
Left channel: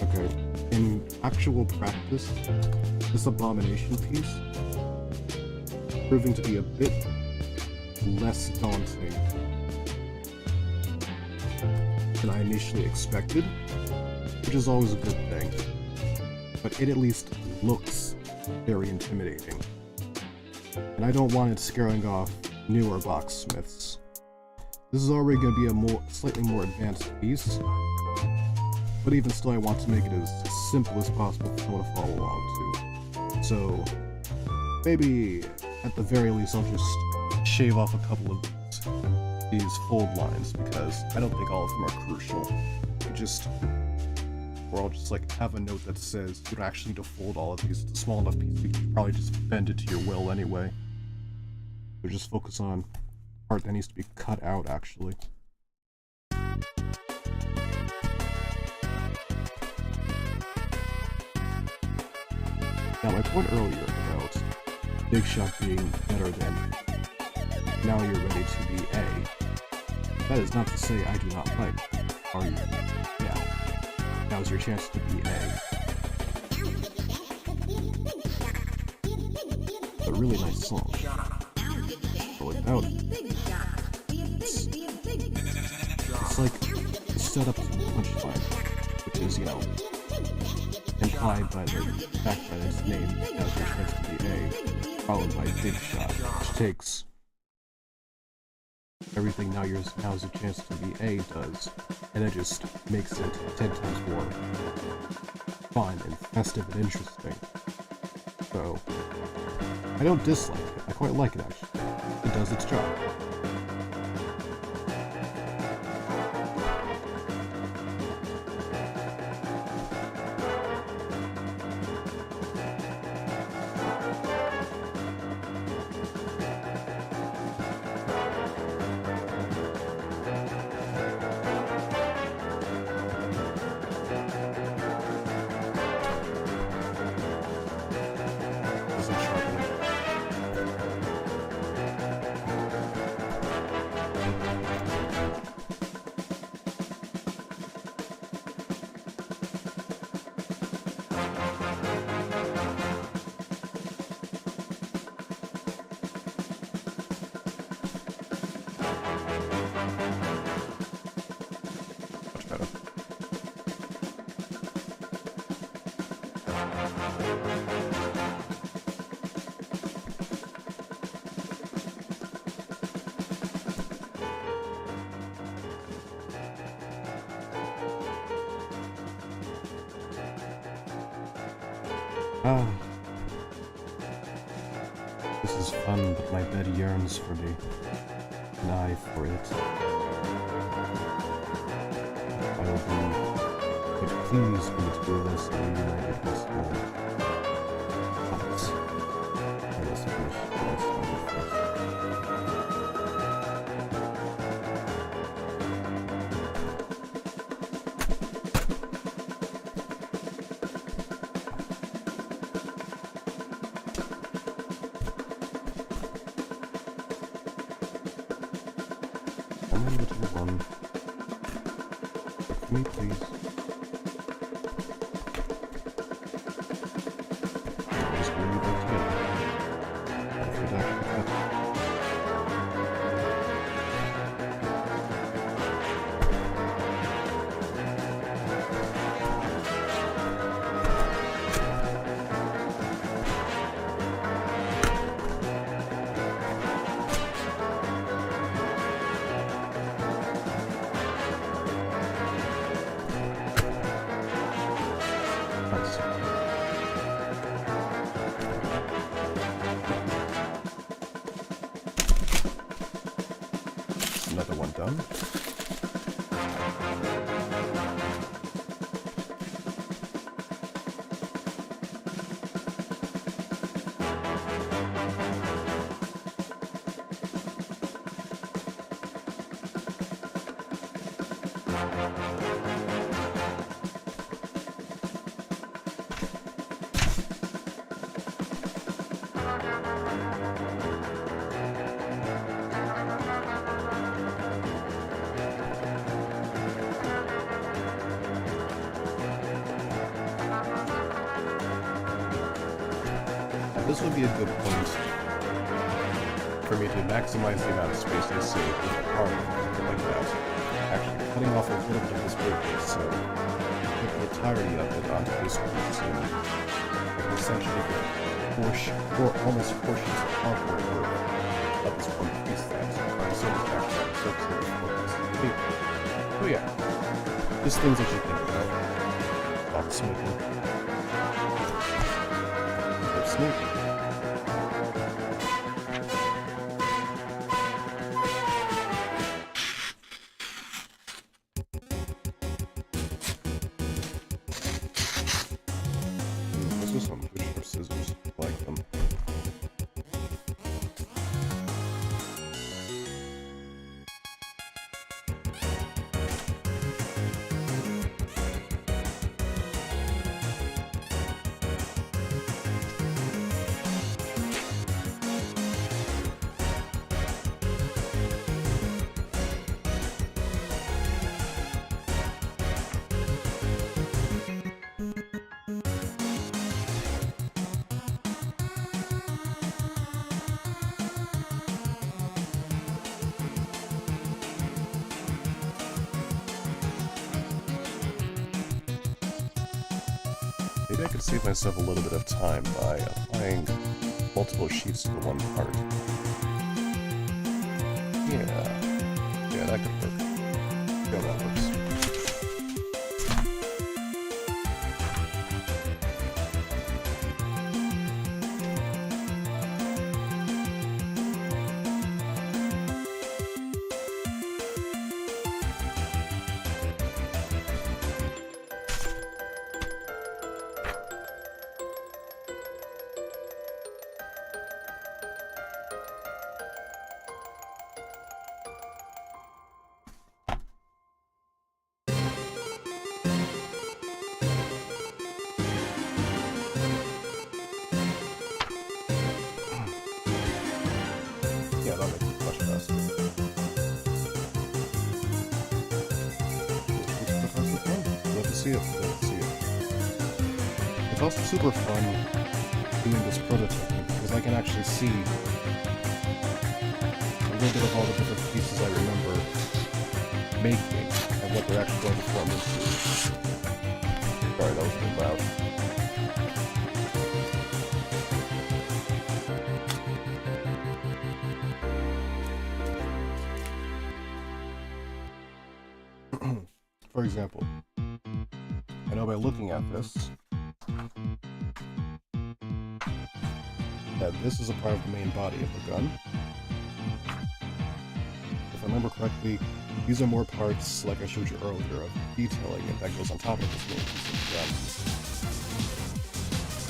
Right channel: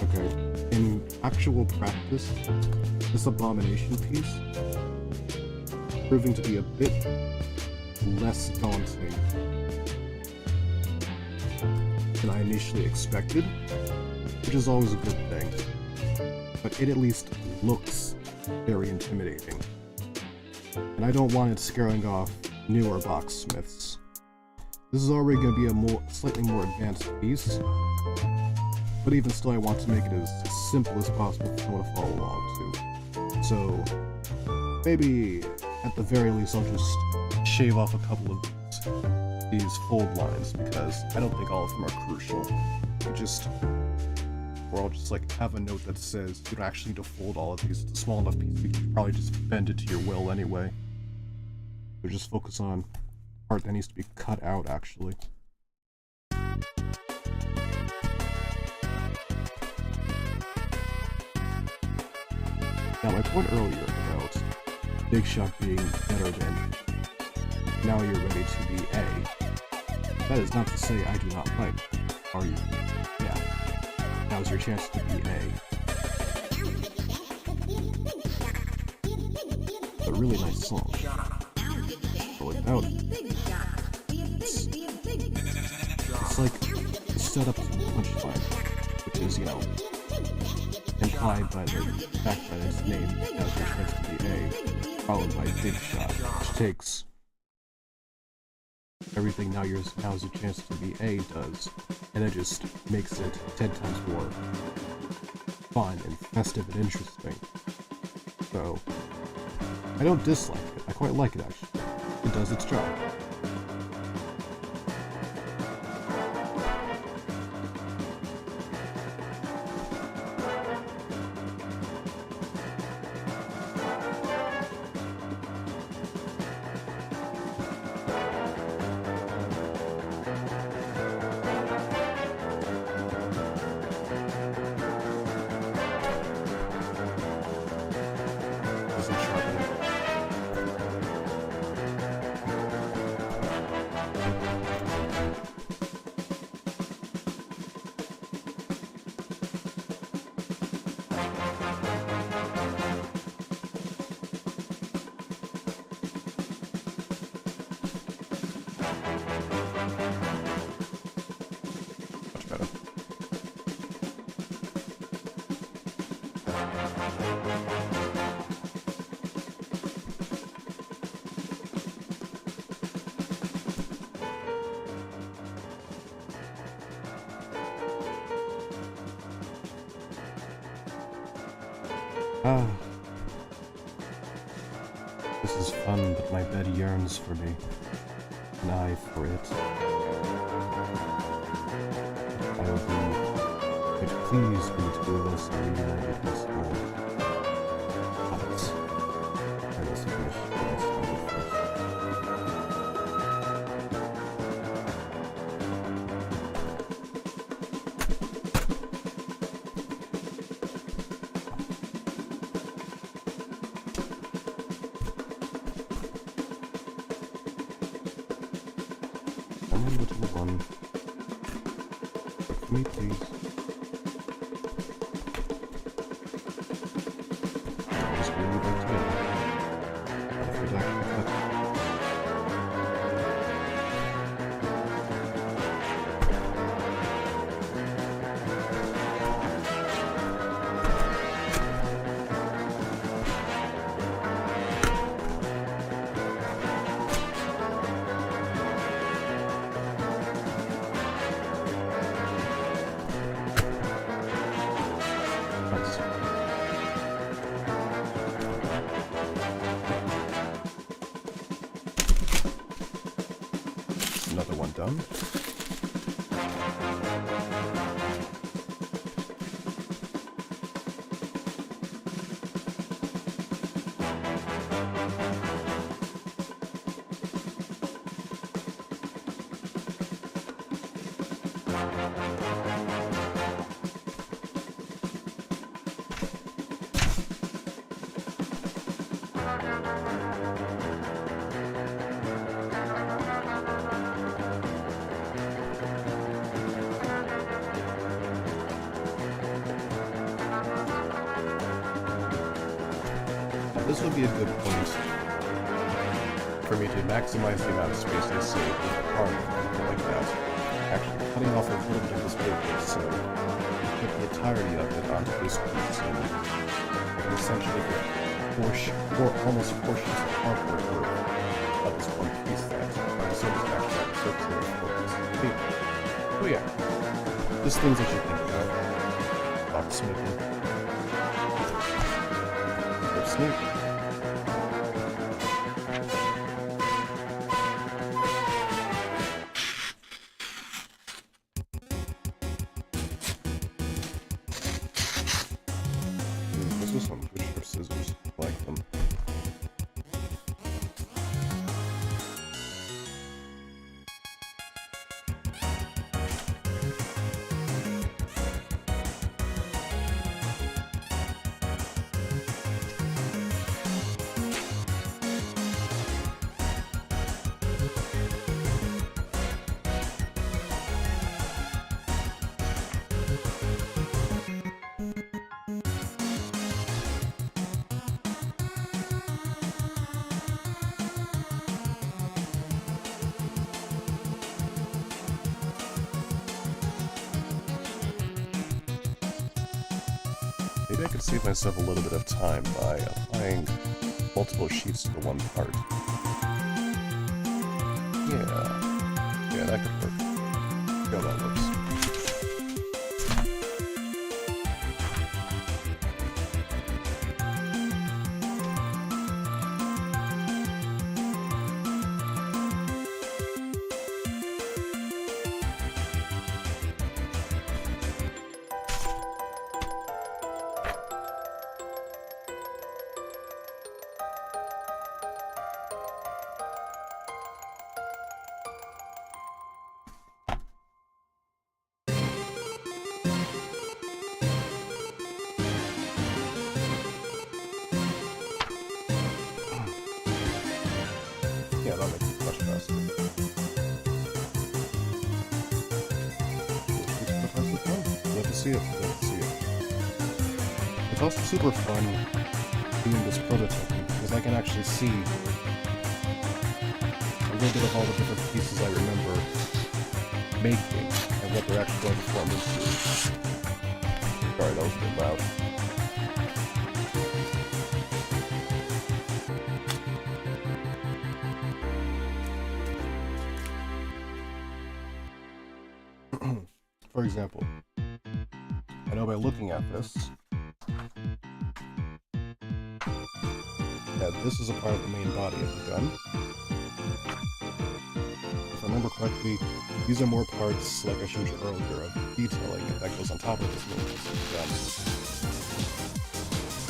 Okay, in actual practice, this abomination piece proving to be a bit less daunting than I initially expected, which is always a good thing, but it at least looks very intimidating, and I don't want it scaring off newer boxsmiths. This is already going to be a slightly more advanced piece, but even still, I want to make it as simple as possible for someone to follow along to. So, maybe, at the very least, I'll just shave off a couple of these fold lines, because I don't think all of them are crucial. Or I'll just, like, have a note that says, you don't actually need to fold all of these. It's a small enough piece, you can probably just bend it to your will anyway. So just focus on the part that needs to be cut out, actually. Now, my point earlier about Big Shot being better than Now You're Ready to Be A, that is not to say I do not like, are you? Yeah, now's your chance to be A. A really nice song. But without it, it's like the setup to the punchline, which is, you know, implied by the fact that its name Now's Your Chance to Be A, followed by Big Shot, which takes everything Now's Your Chance to Be A does, and it just makes it 10 times more fun and festive and interesting. So, I don't dislike it, I quite like it actually. It does its job. This is fun, but my bed yearns for me, and I for it. I will be but pleased when the two of us are reunited once more. But I must finish what I started first. Little one. For me, please. another one done. This would be a good point for me to maximize the amount of space I save with the arm like that. Actually cutting off a little bit of this paper, so put the entirety of it onto this piece, and I can essentially get almost portions of hardware worth of this one piece that I'm so actually circular focus paper. Oh yeah, just things that you think about while smoking. Or sneaking. This is some good sharp scissors. I like them. Maybe I could save myself a little bit of time by applying multiple sheets to the one part. Yeah, that could work. Yeah, that works. Yeah, that makes it much faster. Love to see it. Love to see it. It's also super fun doing this prototyping because I can actually see a little bit of all the different pieces I remember making and what they're actually going to form into. Sorry, that was a bit loud. For example, I know by looking at this that this is a part of the main body of the gun. If I remember correctly, these are more parts, like I showed you earlier, of detailing it that goes on top of this main piece of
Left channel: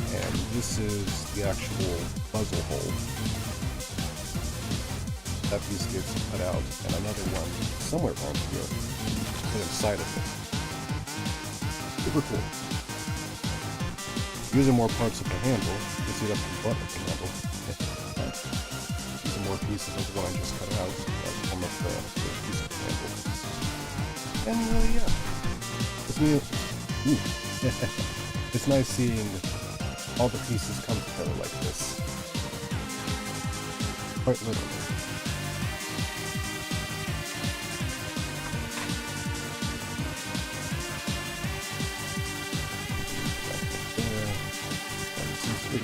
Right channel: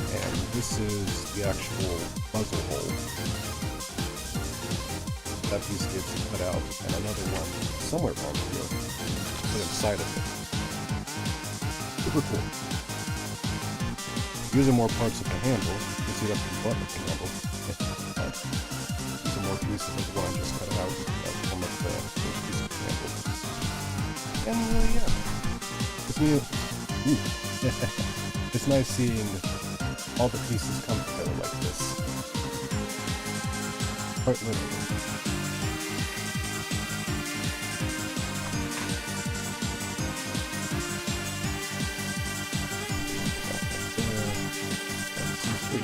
the gun. And this is the actual muzzle hole. That piece gets cut out, and another one somewhere around here put inside of it. Super cool. Using more parts of the handle, you can see that's the butt of the handle. But using more pieces of the one I just cut out, that's almost the piece of the handle. And yeah, it's new. It's nice seeing all the pieces come together like this. Quite literally.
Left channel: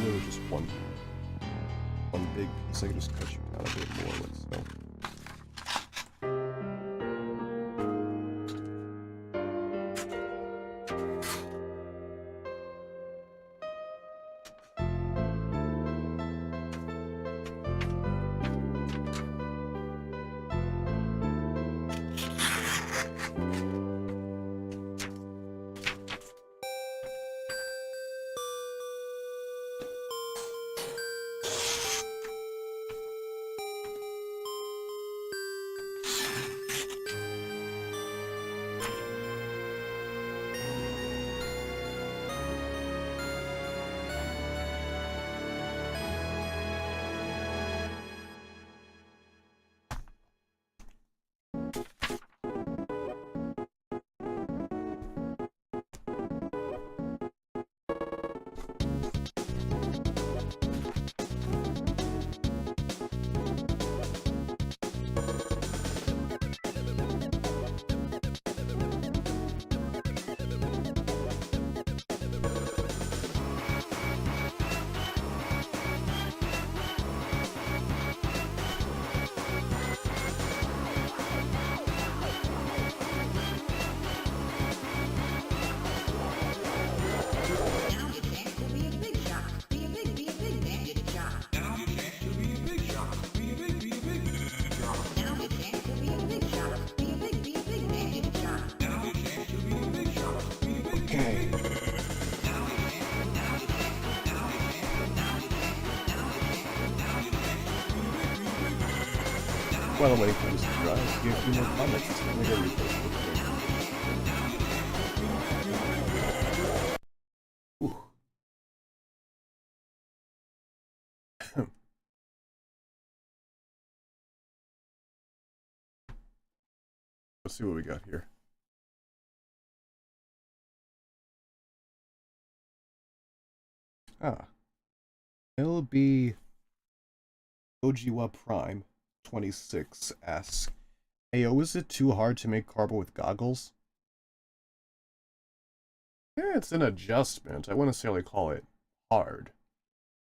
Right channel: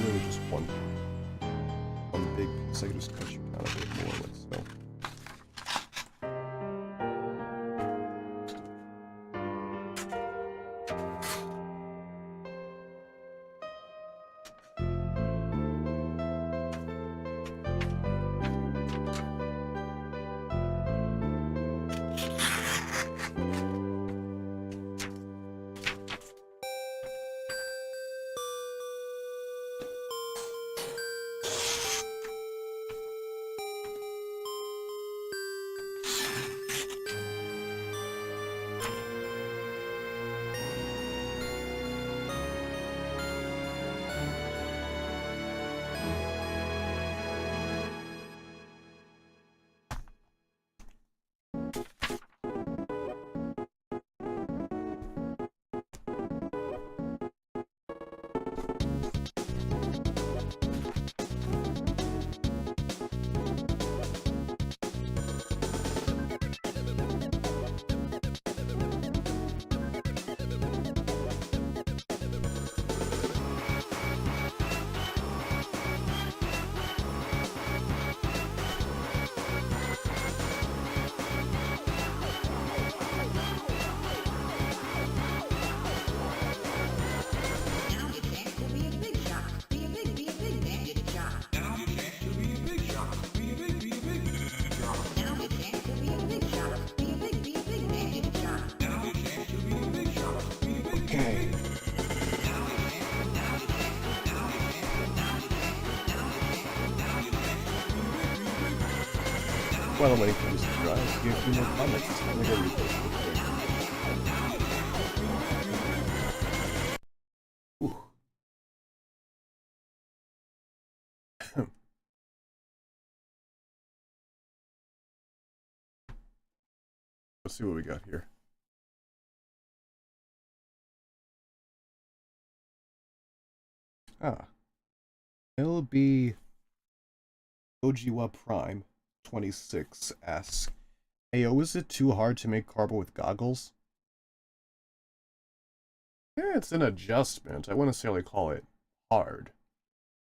Really just one big piece. I can just cut you down a bit more with, so. while I'm waiting for this to dry, let's see a few more comments. Let me go read this real quick. Ooh. Let's see what we got here. LB Ojiwa Prime 26 asks, Ayo, is it too hard to make Carbo with goggles? Yeah, it's an adjustment. I wouldn't necessarily call it hard.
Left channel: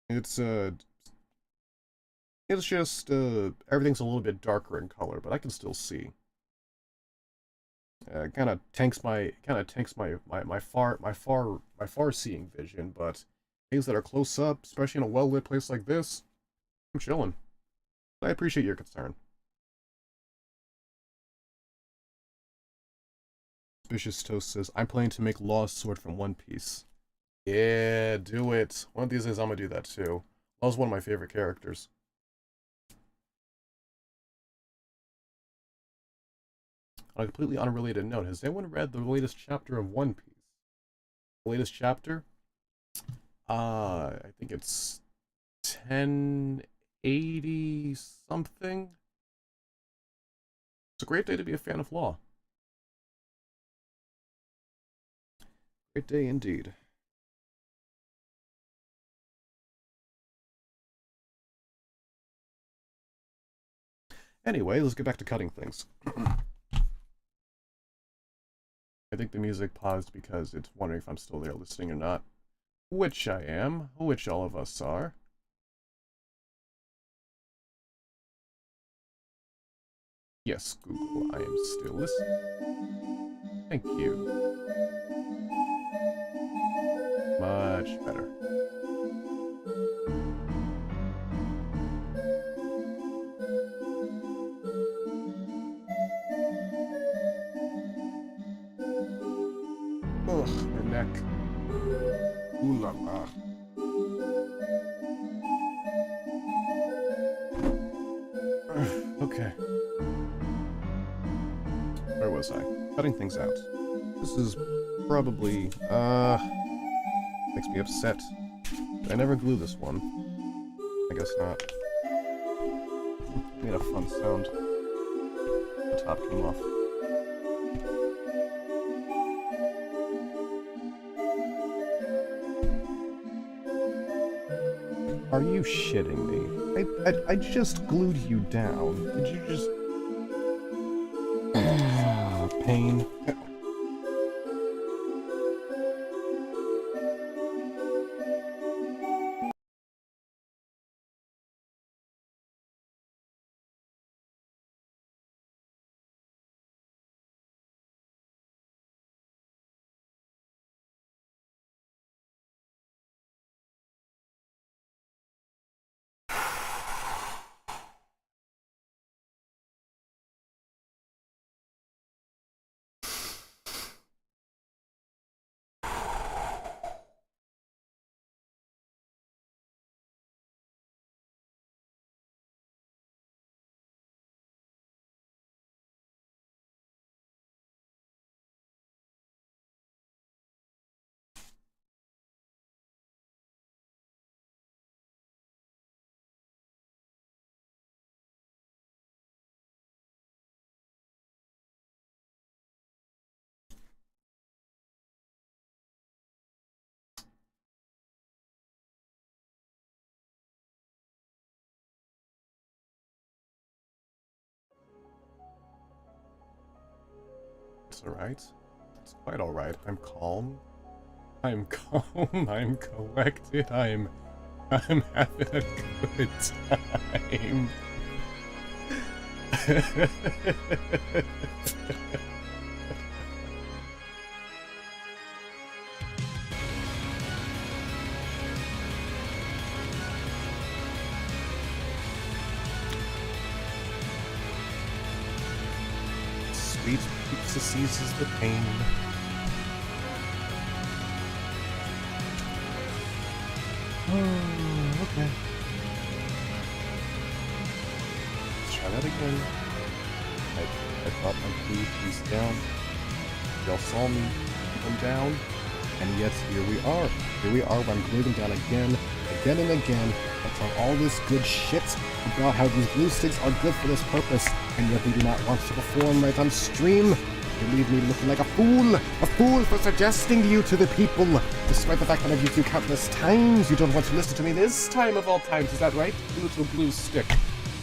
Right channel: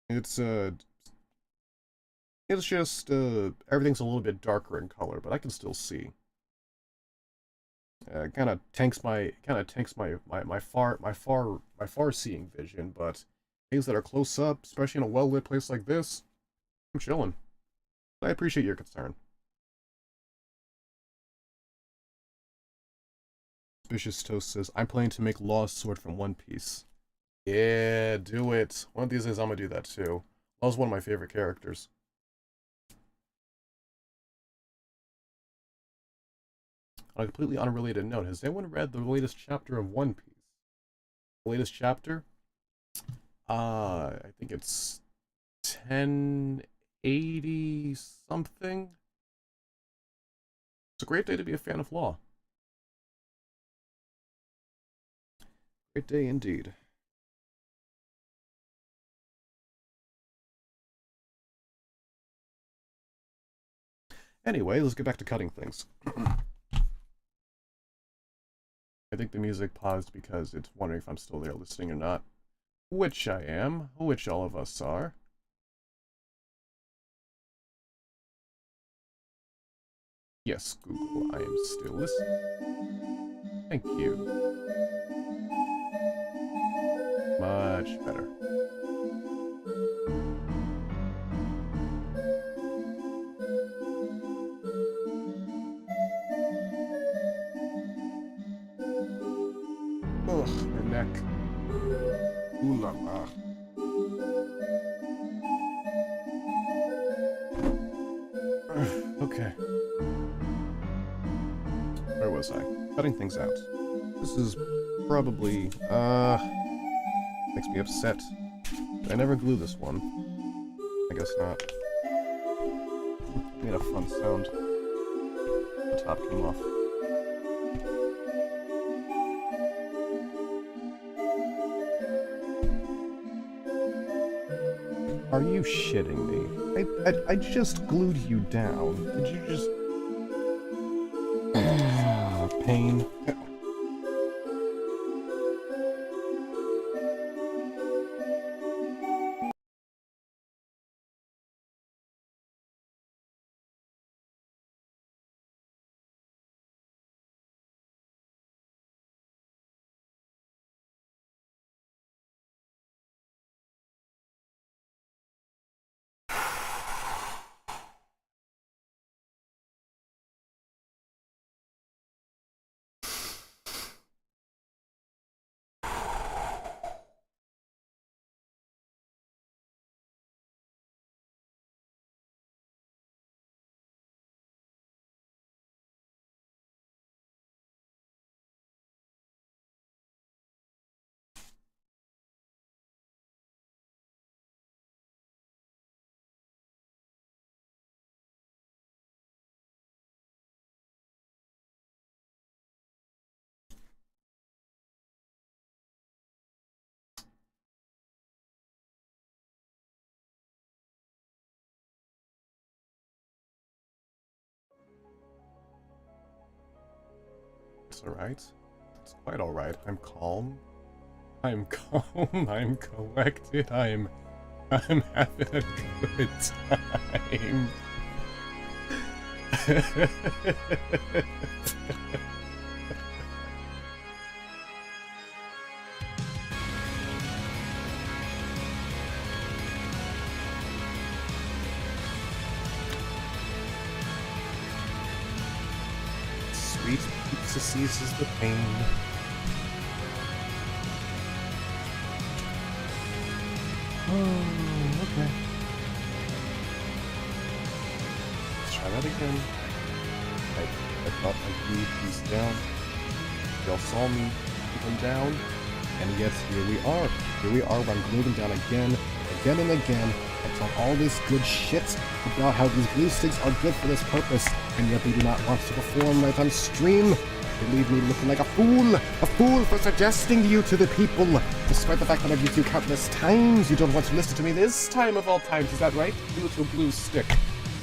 It's just everything's a little bit darker in color, but I can still see. Kind of tanks my far seeing vision, but things that are close up, especially in a well lit place like this, I'm chilling. I appreciate your concern. Suspicious Toast says, I'm planning to make Law's sword from One Piece. Yeah, do it. One of these days I'm gonna do that too. Law's one of my favorite characters. On a completely unrelated note, has anyone read the latest chapter of One Piece? The latest chapter? I think it's 1080 something. It's a great day to be a fan of Law. Great day indeed. Anyway, let's get back to cutting things. I think the music paused because it's wondering if I'm still there listening or not. Which I am, which all of us are. Yes, Google, I am still listening. Thank you. Much better. Ugh, my neck. Ooh la la. Okay. Where was I? Cutting things out. This is probably, makes me upset. Did I never glue this one? I guess not. Made a fun sound. The top came off. Are you shitting me? I just glued you down. Did you just... pain. It's alright. It's quite alright. I'm calm. I'm calm. I'm collected. I'm having a good time. Sweet pizza seizes the pain. Oh, okay. Let's try that again. I thought I'd glue these down. Y'all saw me put them down, and yet here we are. Here we are, where I'm gluing them down again and again. I talk all this good shit about how these glue sticks are good for this purpose, and yet they do not want to perform right on stream. They leave me looking like a fool for suggesting you to the people, despite the fact that I've used you countless times. You don't want to listen to me this time of all times, is that right, you little glue stick?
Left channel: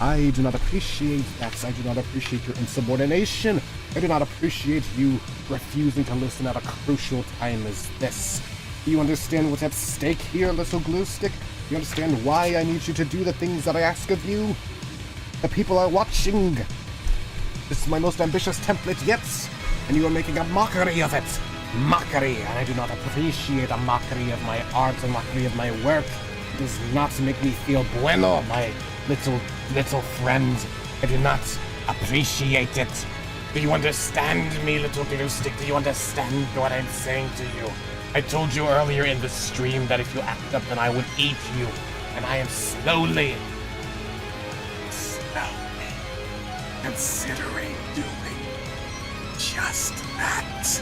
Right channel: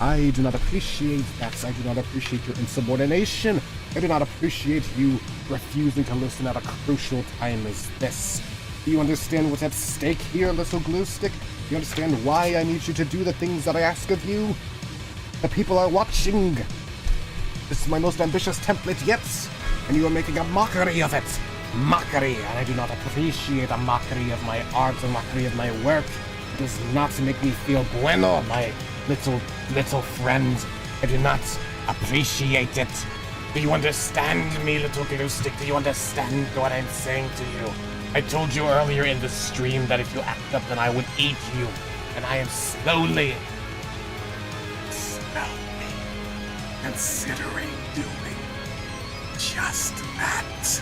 I do not appreciate that. I do not appreciate your insubordination. I do not appreciate you refusing to listen at a crucial time as this. Do you understand what's at stake here, little glue stick? Do you understand why I need you to do the things that I ask of you? The people are watching. This is my most ambitious template yet, and you are making a mockery of it. Mockery, and I do not appreciate a mockery of my art, a mockery of my work. It does not make me feel bueno, my little friend. I do not appreciate it. Do you understand me, little glue stick? Do you understand what I'm saying to you? I told you earlier in the stream that if you act up, then I would eat you. And I am slowly considering doing just that.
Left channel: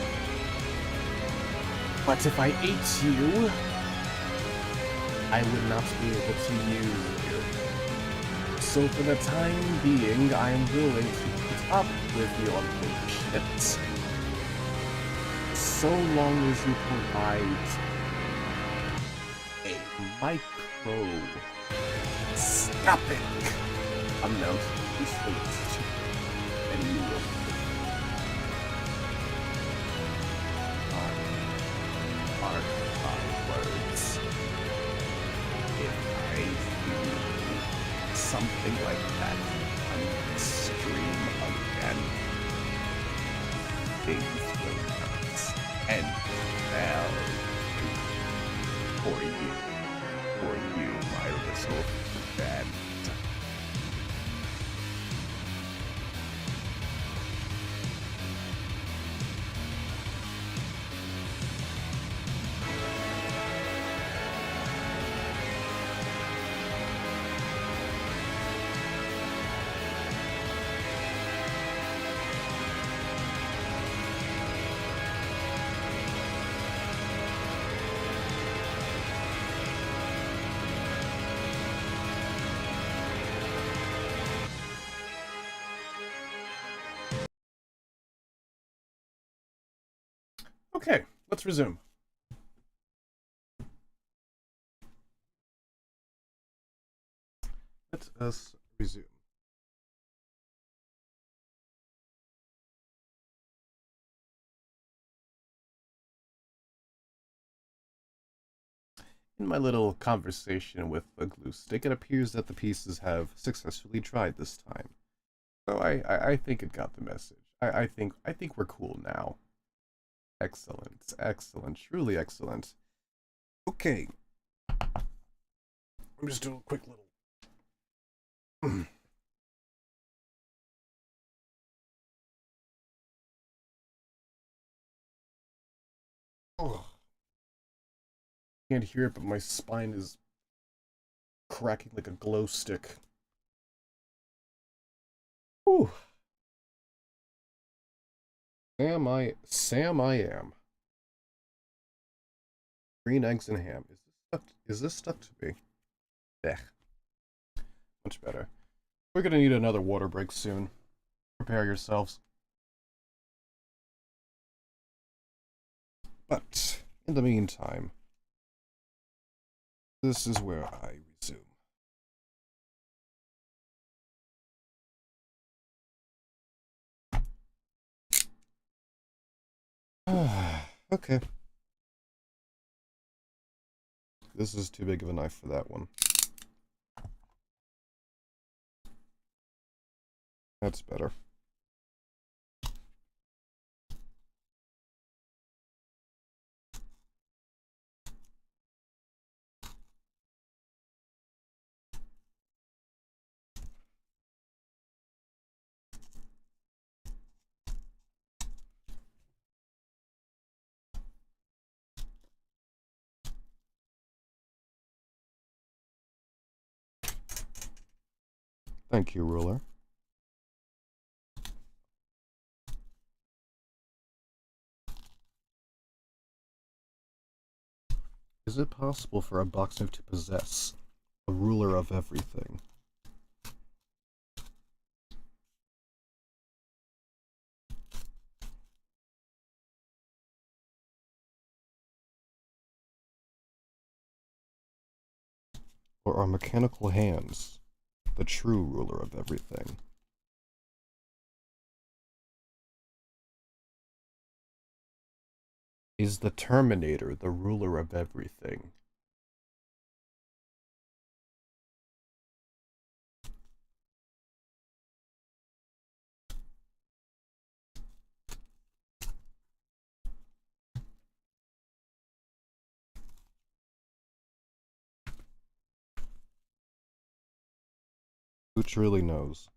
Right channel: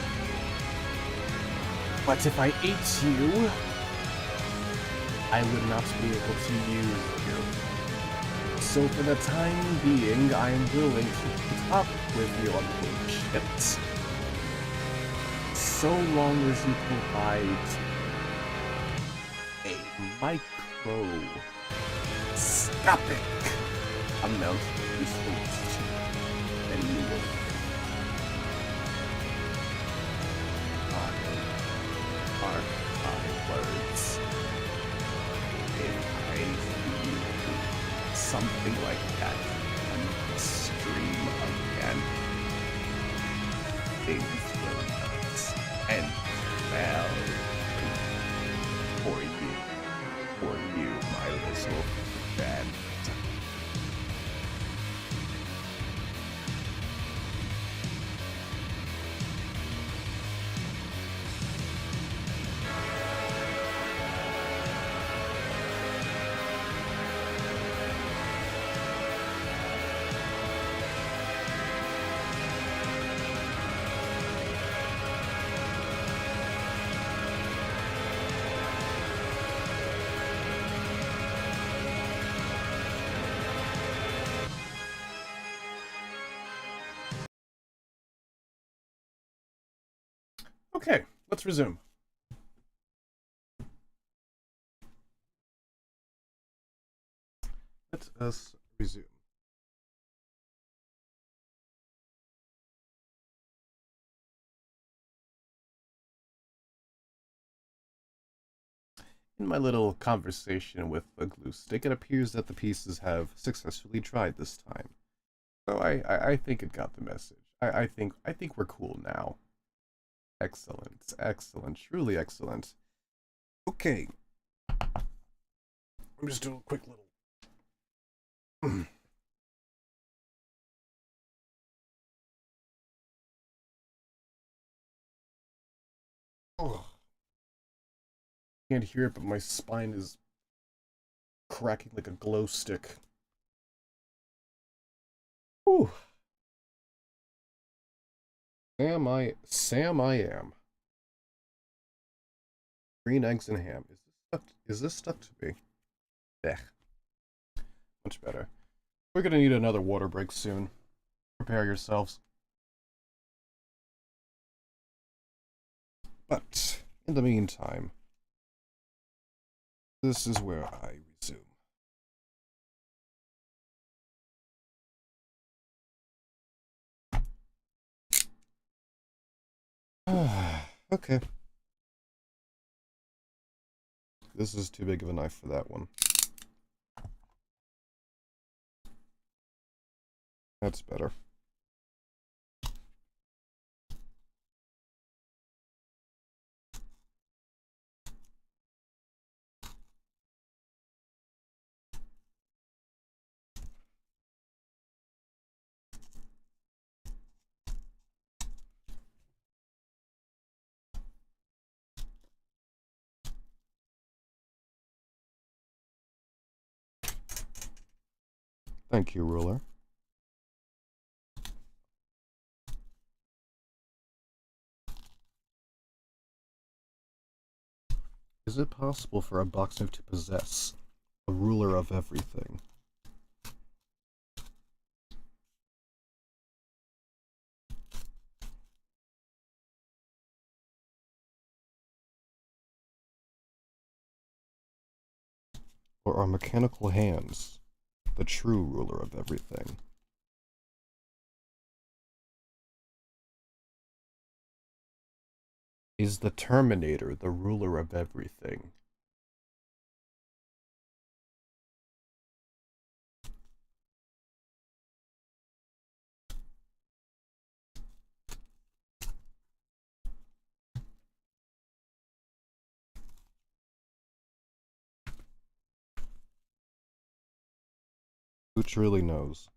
But if I ate you, I would not be able to use you. So for the time being, I am willing to put up with your bullshit. So long as you provide a microscopic amount of usefulness to you, then you will mark my words. If I feel something like that on the stream again, things will not end well for you, my little friend. Okay, let's resume. Let us resume. In my little conversation with a glue stick, it appears that the pieces have successfully dried this time. So I think it got the message. I think we're cool now. Excellent, excellent, truly excellent. Okay. I'm just doing a quick little... Oh. Can't hear it, but my spine is cracking like a glow stick. Whew. Sam I am. Green eggs and ham. Is this stuff to be? Ugh. Much better. We're gonna need another water break soon. Prepare yourselves. But in the meantime, this is where I resume. Okay. This is too big of a knife for that one. That's better. Thank you, ruler. Is it possible for a boxer to possess a ruler of everything? Or are mechanical hands the true ruler of everything? Is the Terminator the ruler of everything? Who truly knows?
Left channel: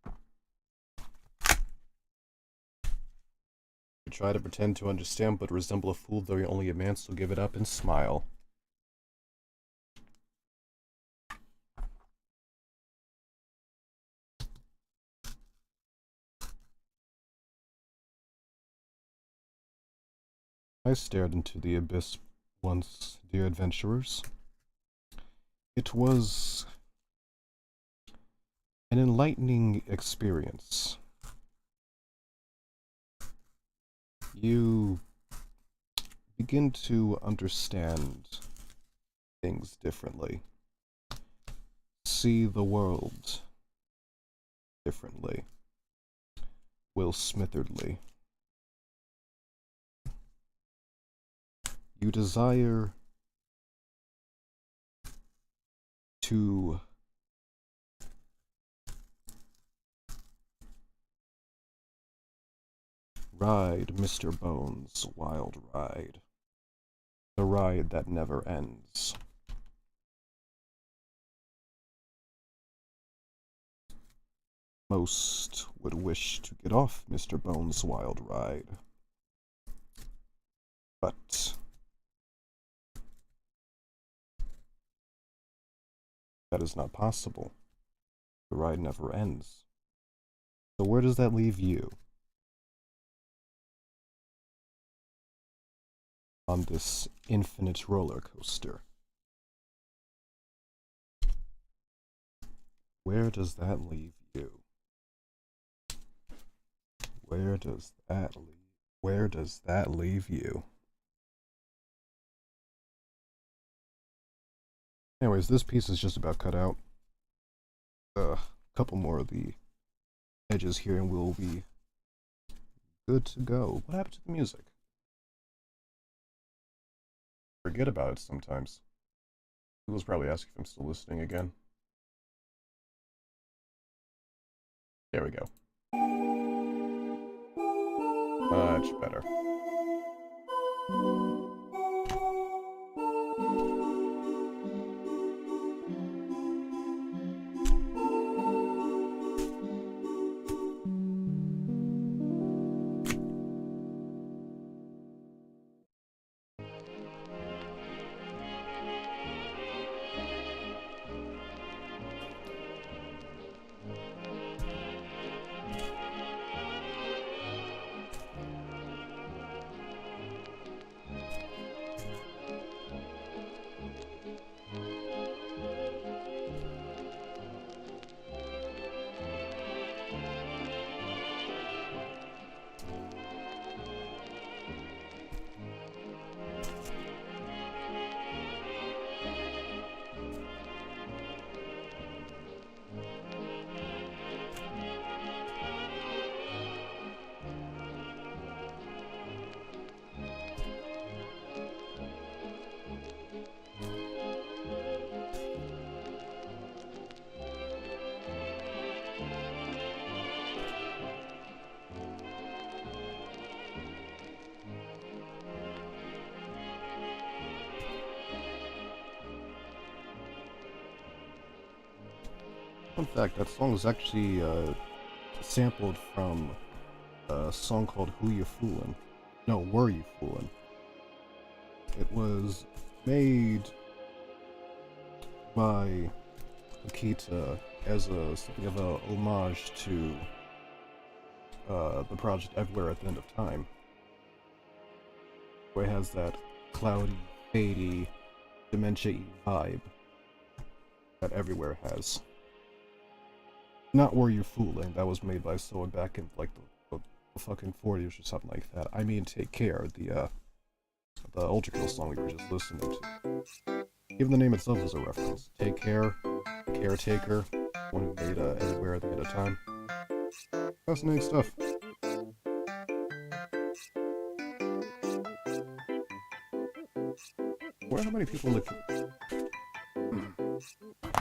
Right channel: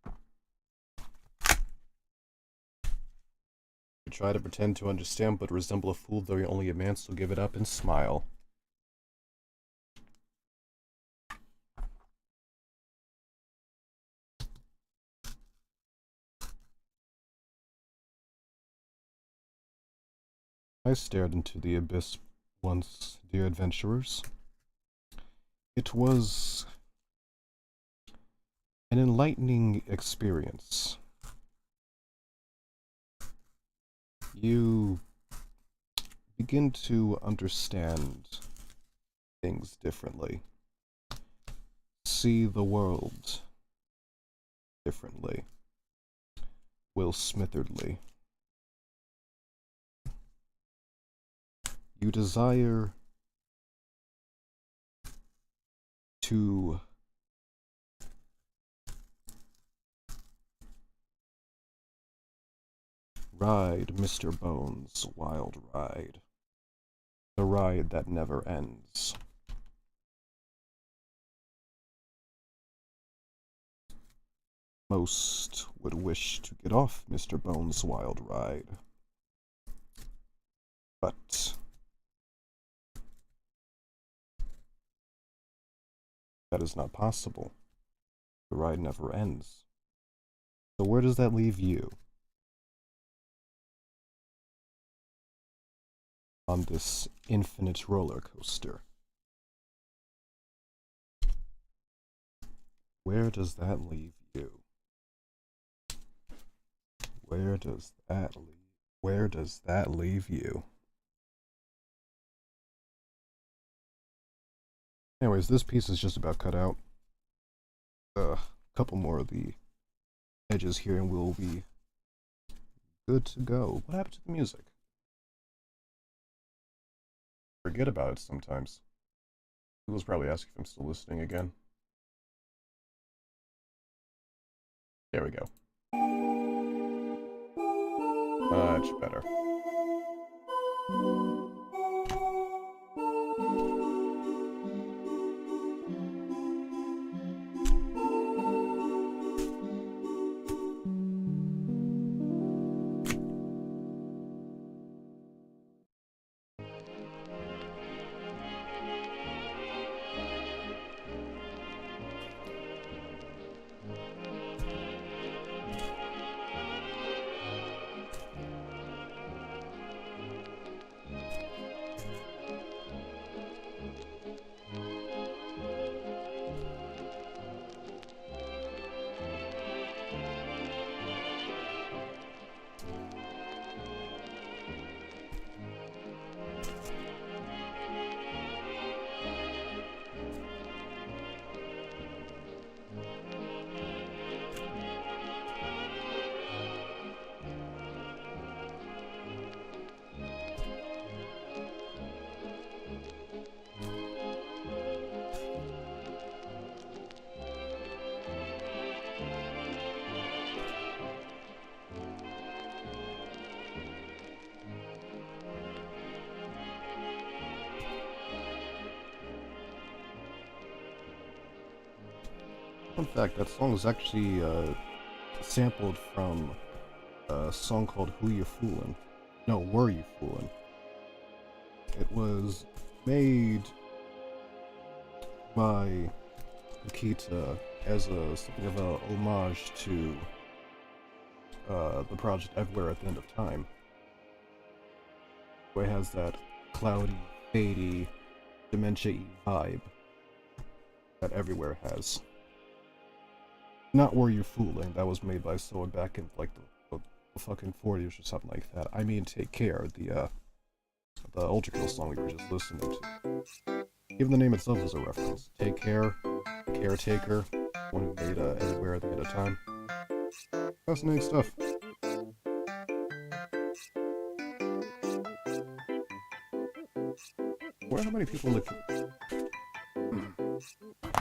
You try to pretend to understand, but resemble a fool, though you're only a man, so give it up and smile. I stared into the abyss once, dear adventurers. It was an enlightening experience. You begin to understand things differently. See the world differently. Will Smitheredly. You desire to ride Mr. Bones' wild ride. The ride that never ends. Most would wish to get off Mr. Bones' wild ride. But that is not possible. The ride never ends. So where does that leave you? On this infinite roller coaster. Where does that leave you? Where does that leave you? Anyways, this piece is just about cut out. A couple more of the edges here and we'll be good to go. What happened to the music? Forget about it sometimes. Google's probably asking if I'm still listening again. There we go. Much better. Fun fact, that song was actually sampled from a song called Who You Foolin'? No, Were You Foolin'? It was made by Hakita as something of a homage to the project Everywhere at the End of Time, where it has that cloudy, fadey, dementia-y vibe that everywhere has. Not Where You're Fooling, that was made by someone back in like the fucking 40s or something like that. I mean Take Care, the ULTRAKILL song we were just listening to. Even the name itself is a reference. Take Care, Caretaker, one who made Everywhere at a Time. Fascinating stuff. I wonder how many people in the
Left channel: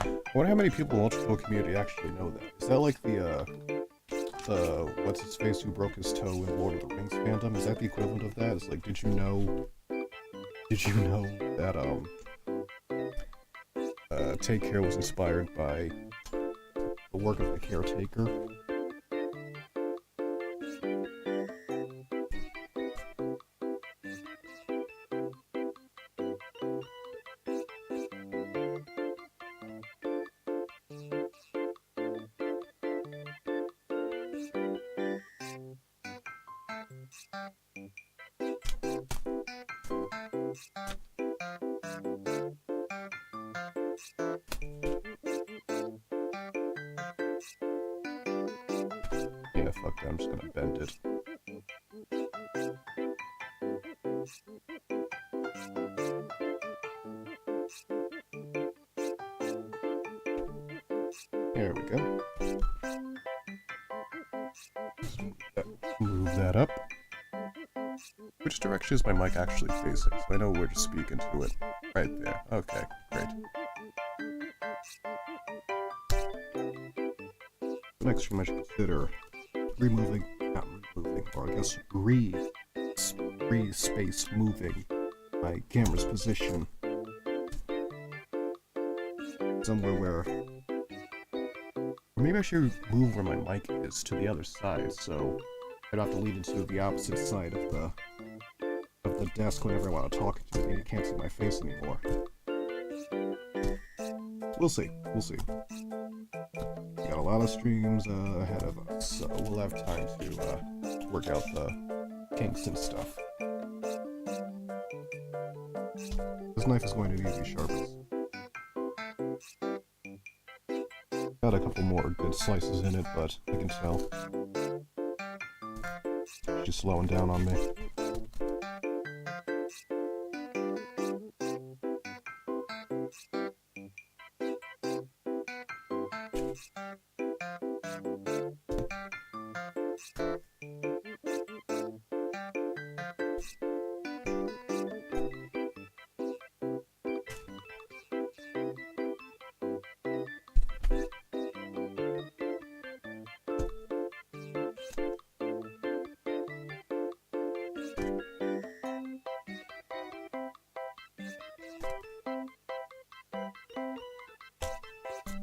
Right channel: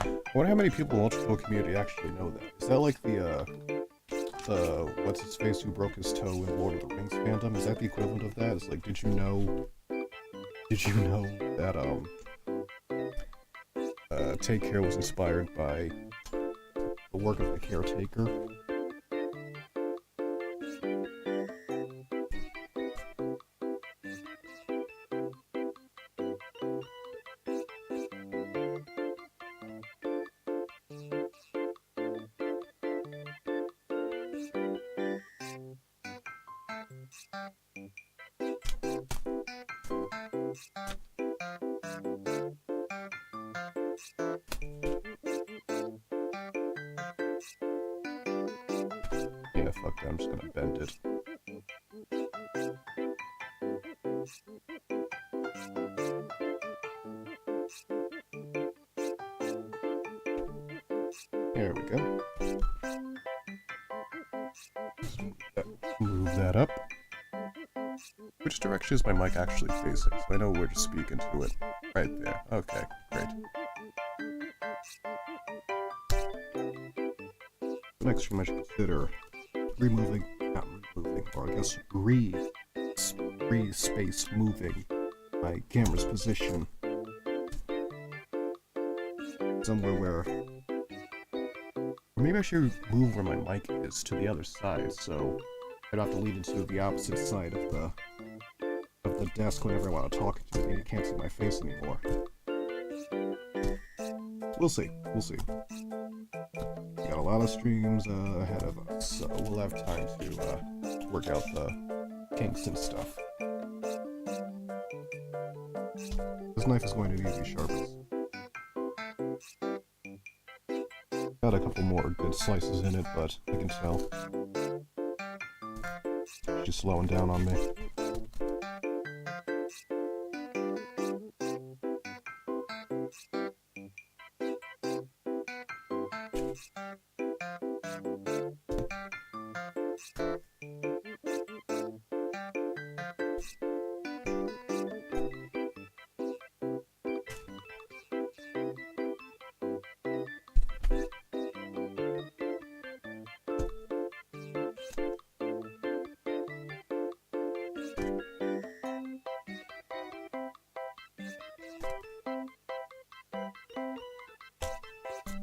I wonder how many people in the ULTRAKILL community actually know that. Is that like the what's his face who broke his toe in Lord of the Rings fandom? Is that the equivalent of that? It's like, did you know that Take Care was inspired by the work of the Caretaker? Yeah, fuck that, I'm just gonna bend it. There we go. Move that up. Which direction is my mic actually facing, so I know where to speak into it. Right there. Okay, great. Next, we might consider not removing, or I guess space moving my camera's position somewhere where, or maybe I should move where my mic is to the other side, so I don't have to lean into the opposite side of the desk whenever I want to talk to you. You can't see my face anymore. We'll see. We'll see. We got a lot of streams ahead of us, so we'll have time to work out the kinks and stuff. This knife is going to need to be sharpened. Got a couple more good slices in it, but I can tell she's slowing down on me.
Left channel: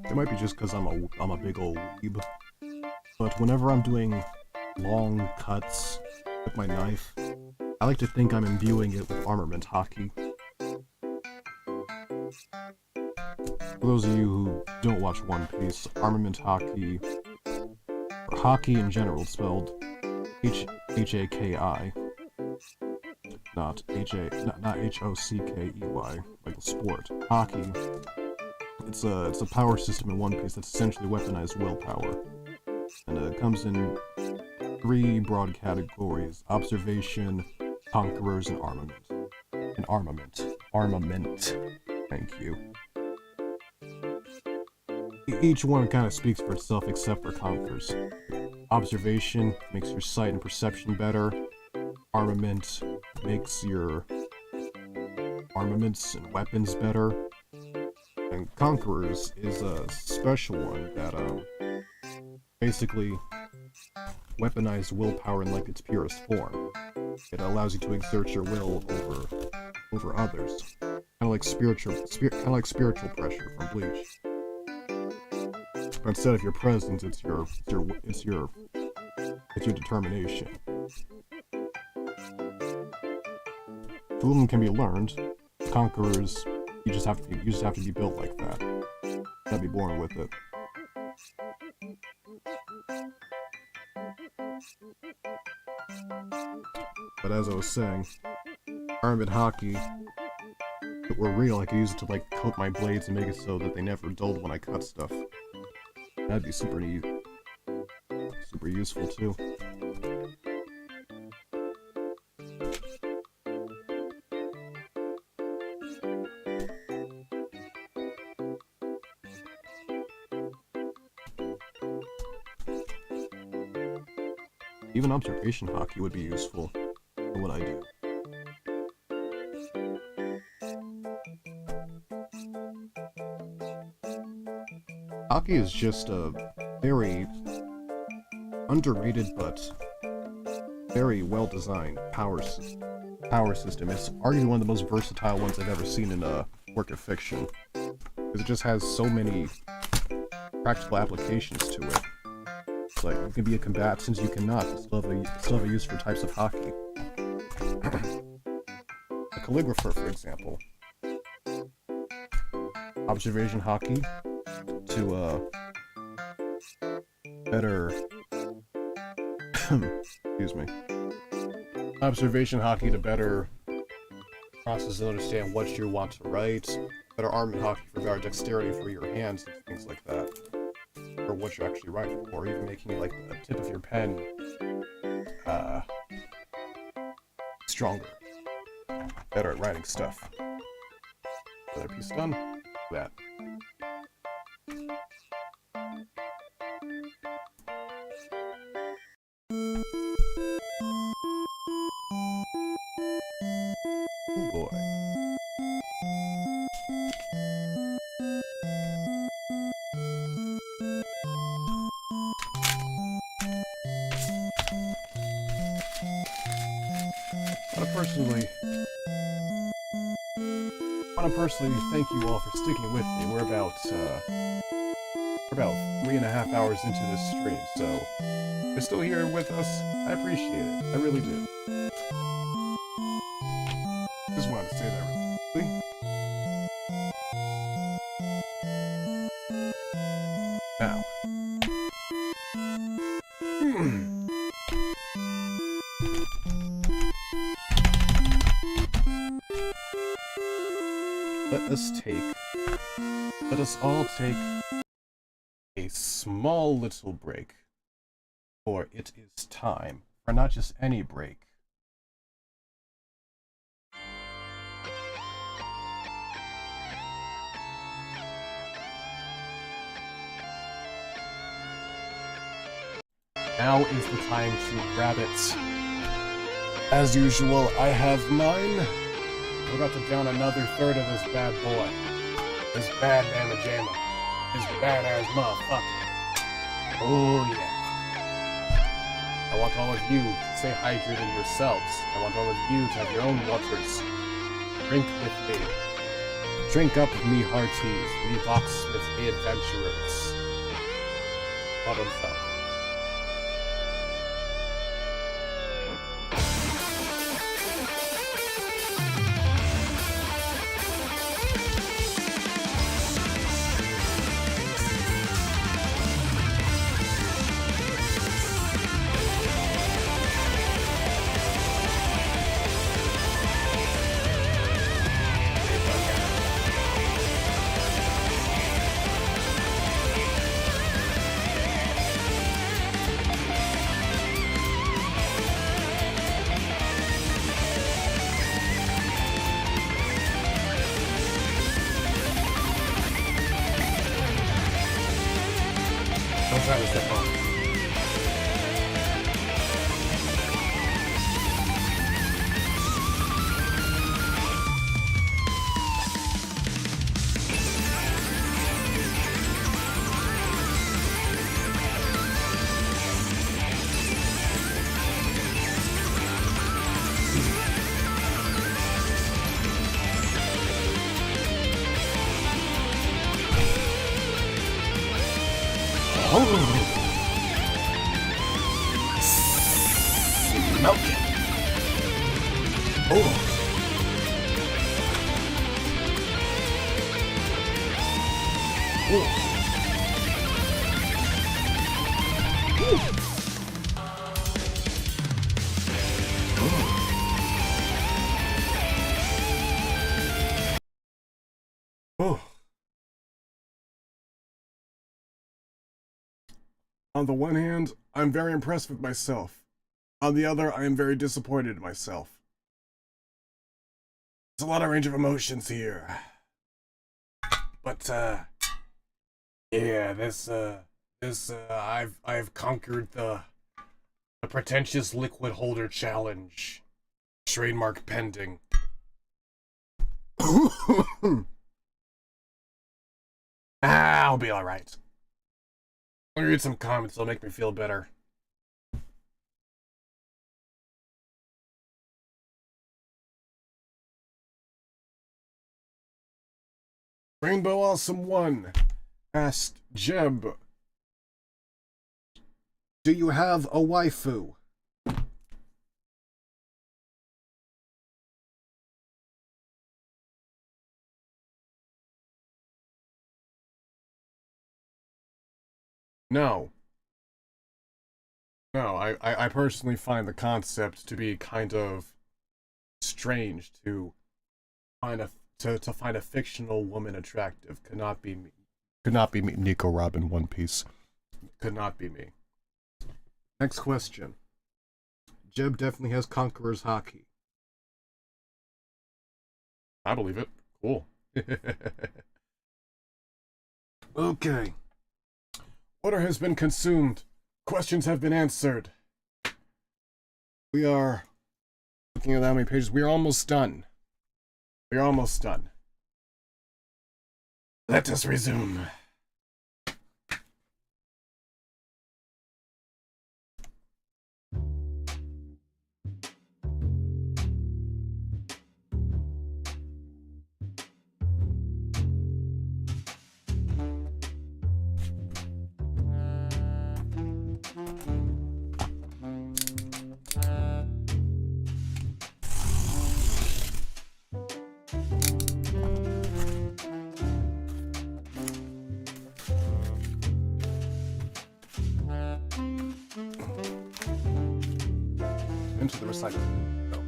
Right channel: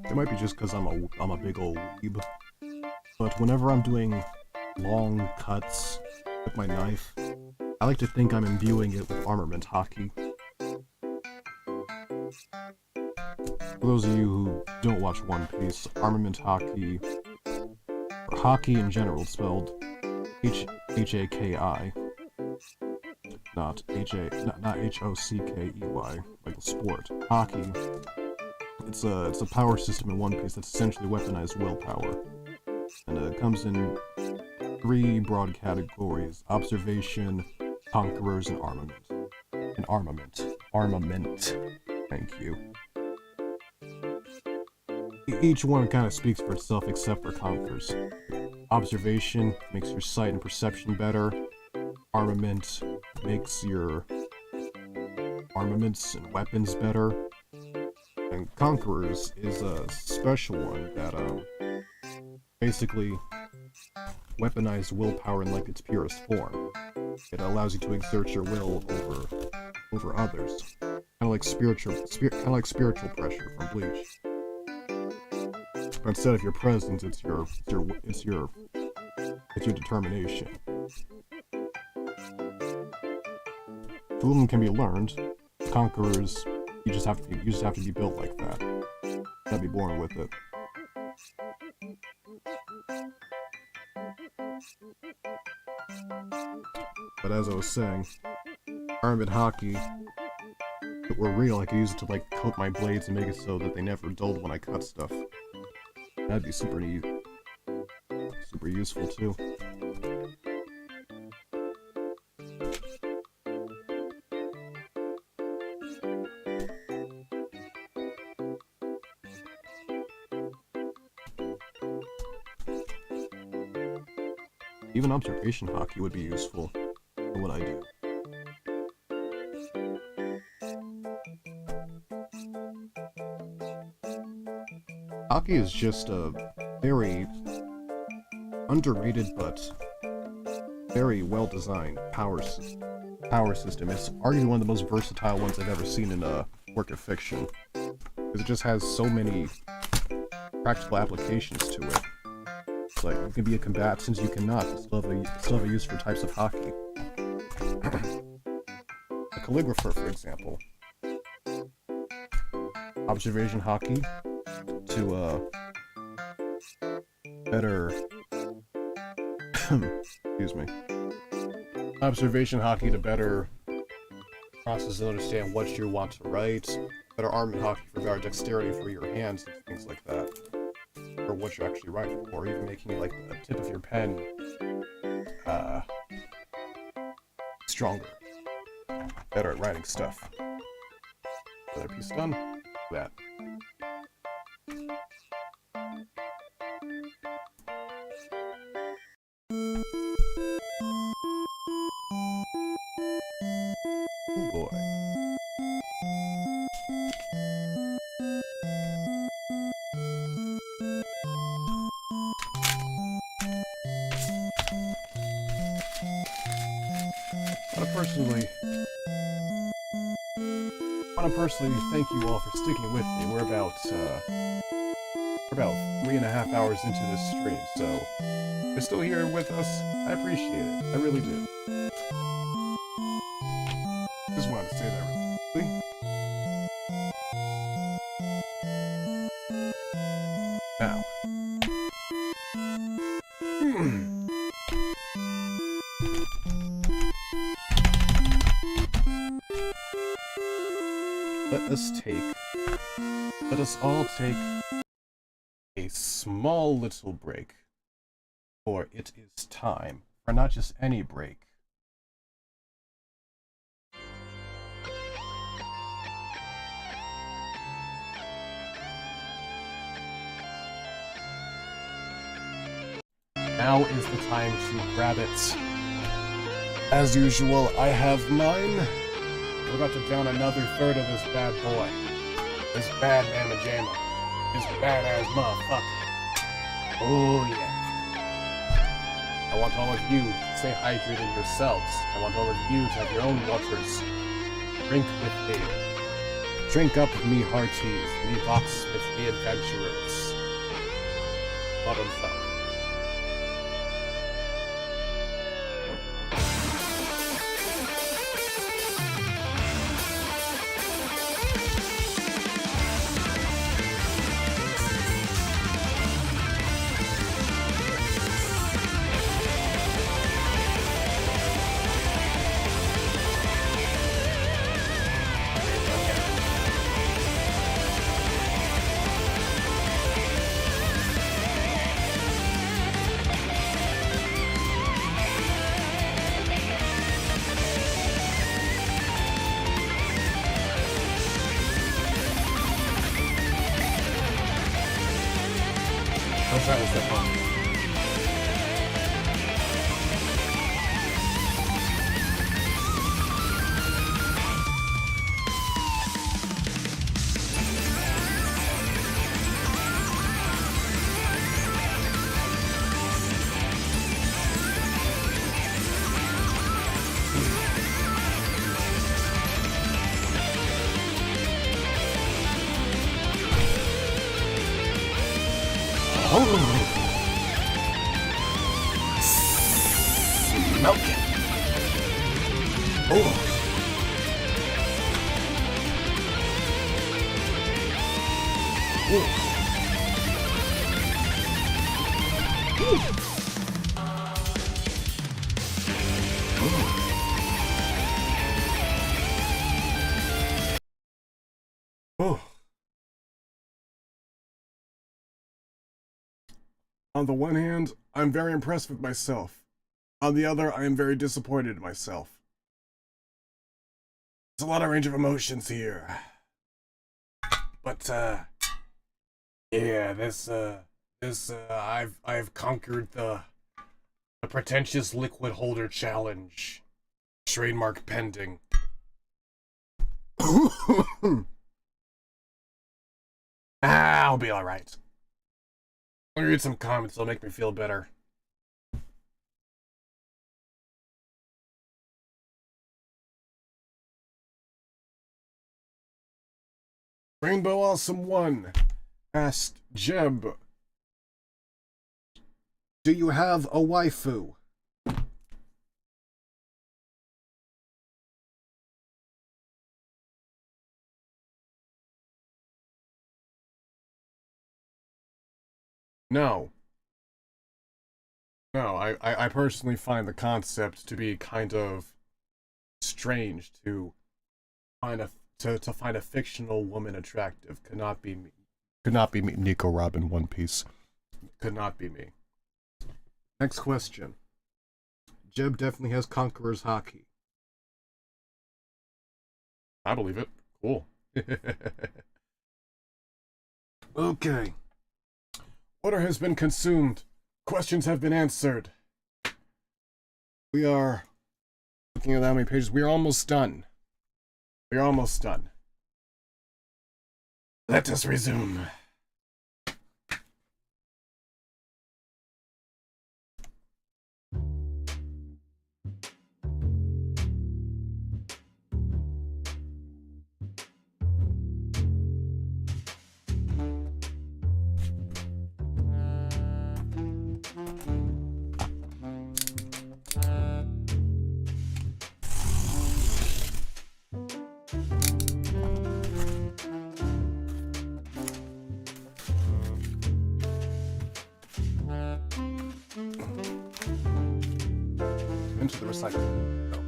It might be just because I'm a big old weeb, but whenever I'm doing long cuts with my knife, I like to think I'm imbuing it with armament haki. For those of you who don't watch One Piece, armament haki, or haki in general, spelled H-A-K-I, not H-O-C-K-E-Y, like the sport. Haki. It's a power system in One Piece that's essentially weaponized willpower, and it comes in 3 broad categories: observation, conquerors, and armament. Armament. Thank you. Each one kind of speaks for itself except for conquerors. Observation makes your sight and perception better. Armament makes your armaments and weapons better. And Conquerors is a special one that basically weaponized willpower in like its purest form. It allows you to exert your will over others, kind of like spiritual pressure from Bleach. But instead of your presence, it's your determination. Two of them can be learned. Conquerors, you just have to be built like that. You gotta be born with it. But as I was saying, armament haki If it were real, I could use it to like coat my blades and make it so that they never dulled when I cut stuff. That'd be super neat. Super useful too. Even observation hockey would be useful for what I do. Hockey is just a very underrated but very well-designed power system. It's arguably one of the most versatile ones I've ever seen in a work of fiction, because it just has so many practical applications to it. It's like, you can be a combatant, you cannot, but still have a use for types of hockey. A calligrapher, for example. Observation hockey to better excuse me. Observation hockey to better process and understand what you want to write. Better armament hockey for better dexterity for your hands and things like that. For what you're actually writing, or even making like the tip of your pen stronger. Better at writing stuff. Another piece done. That. Oh boy. I want to personally thank you all for sticking with me. We're about 3.5 hours into this stream, so if you're still here with us, I appreciate it. I really do. Just wanted to say that really quickly. Now. Let us all take a small little break, for it is time for not just any break. Now is the time to grab it. As usual, I have mine. We're about to down another third of this bad boy. This bad mamma jamma. This badass motherfucker. Oh yeah. I want all of you to stay hydrated yourselves. I want all of you to have your own waters. Drink with me. Drink up with me, hearties. Me box with me, adventurers. Bottoms up. Don't try to step on. Milk it. Oh. On the one hand, I'm very impressed with myself. On the other, I am very disappointed in myself. There's a lot of range of emotions here. But, yeah, I've conquered the pretentious liquid holder challenge. Trademark pending. I'll be alright. I'll read some comments, it'll make me feel better. Rainbow Awesome 1 asked Jeb, do you have a waifu? No. No, I personally find the concept to be kind of strange to find a fictional woman attractive. Could not be me. Could not be me. Nico Robin One Piece. Could not be me. Next question. Jeb definitely has Conqueror's Haki. I believe it. Cool. Okay. Order has been consumed. Questions have been answered. We are looking at how many pages. We are almost done. We are almost done. Let us resume. Into the recycling. Go.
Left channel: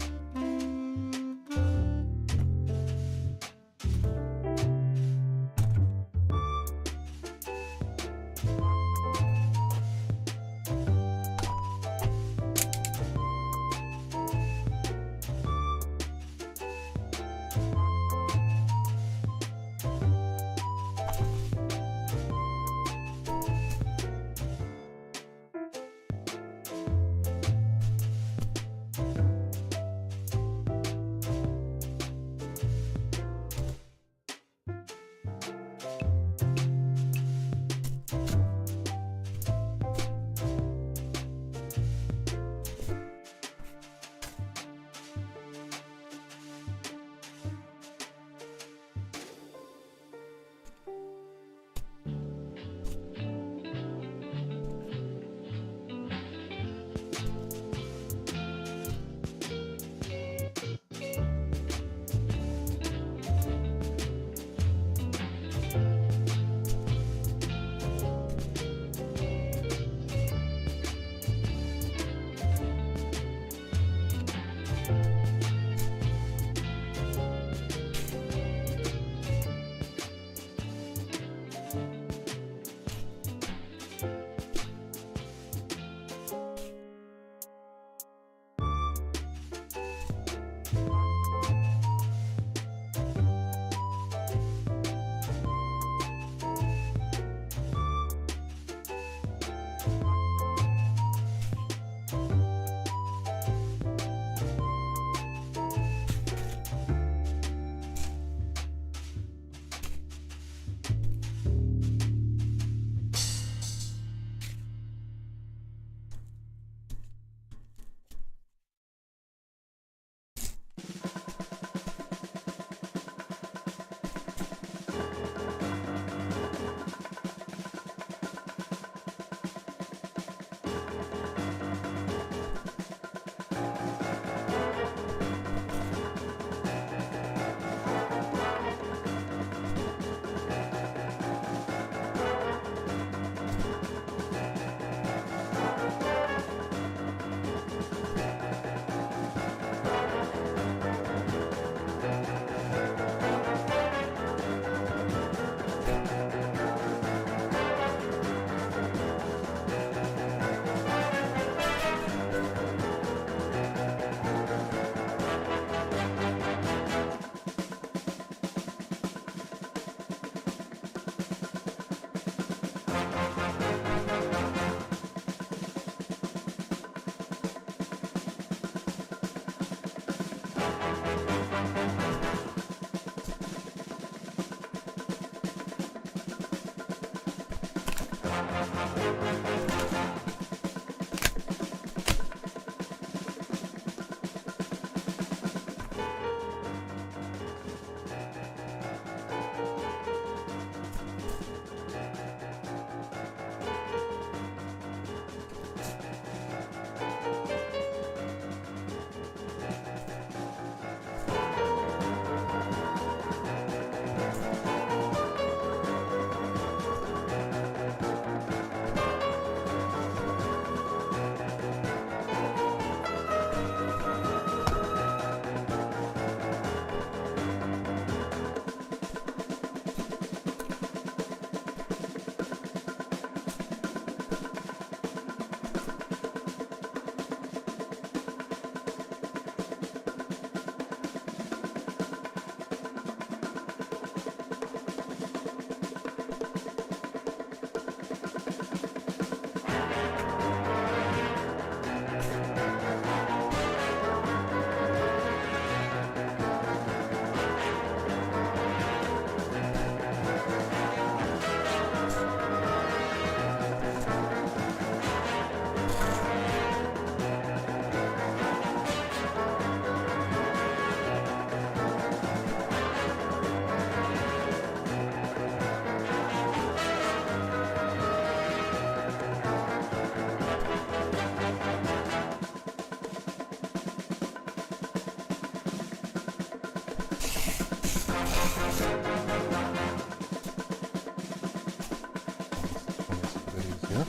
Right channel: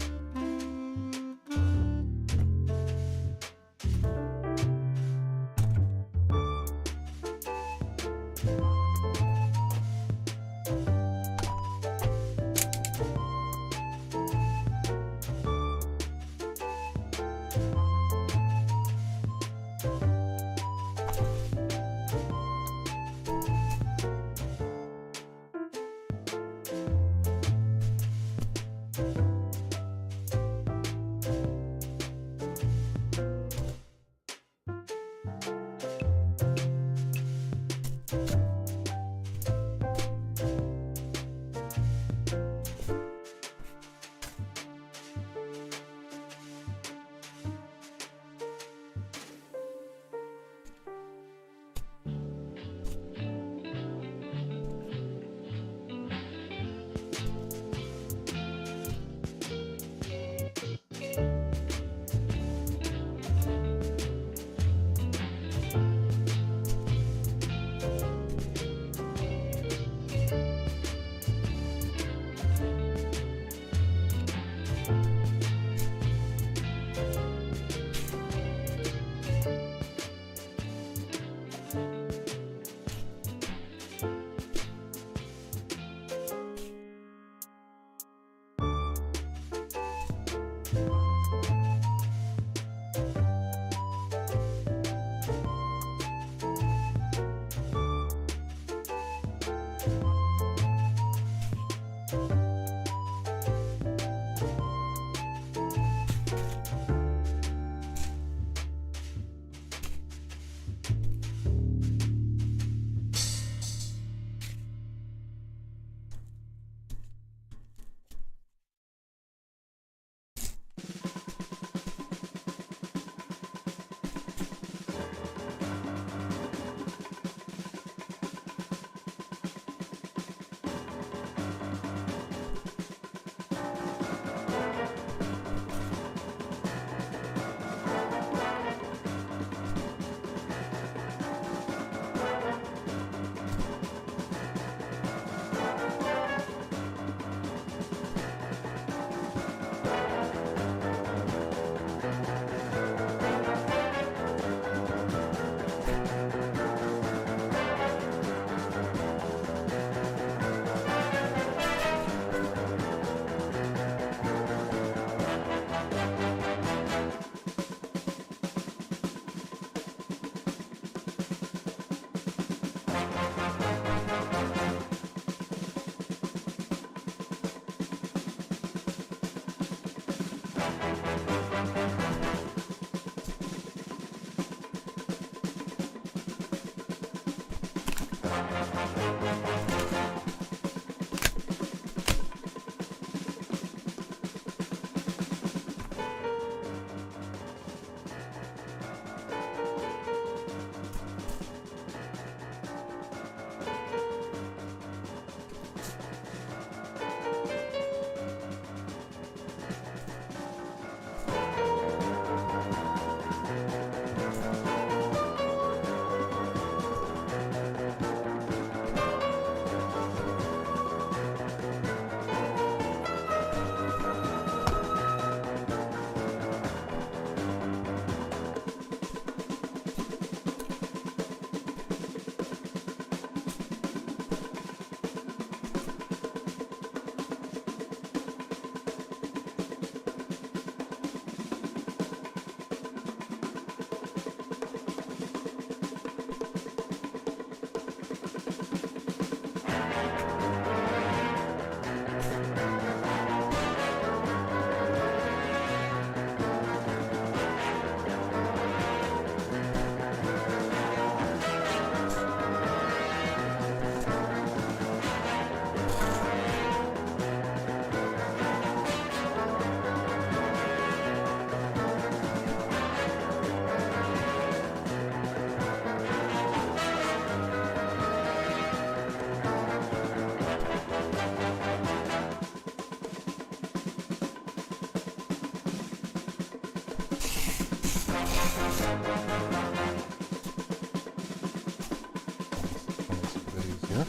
Here.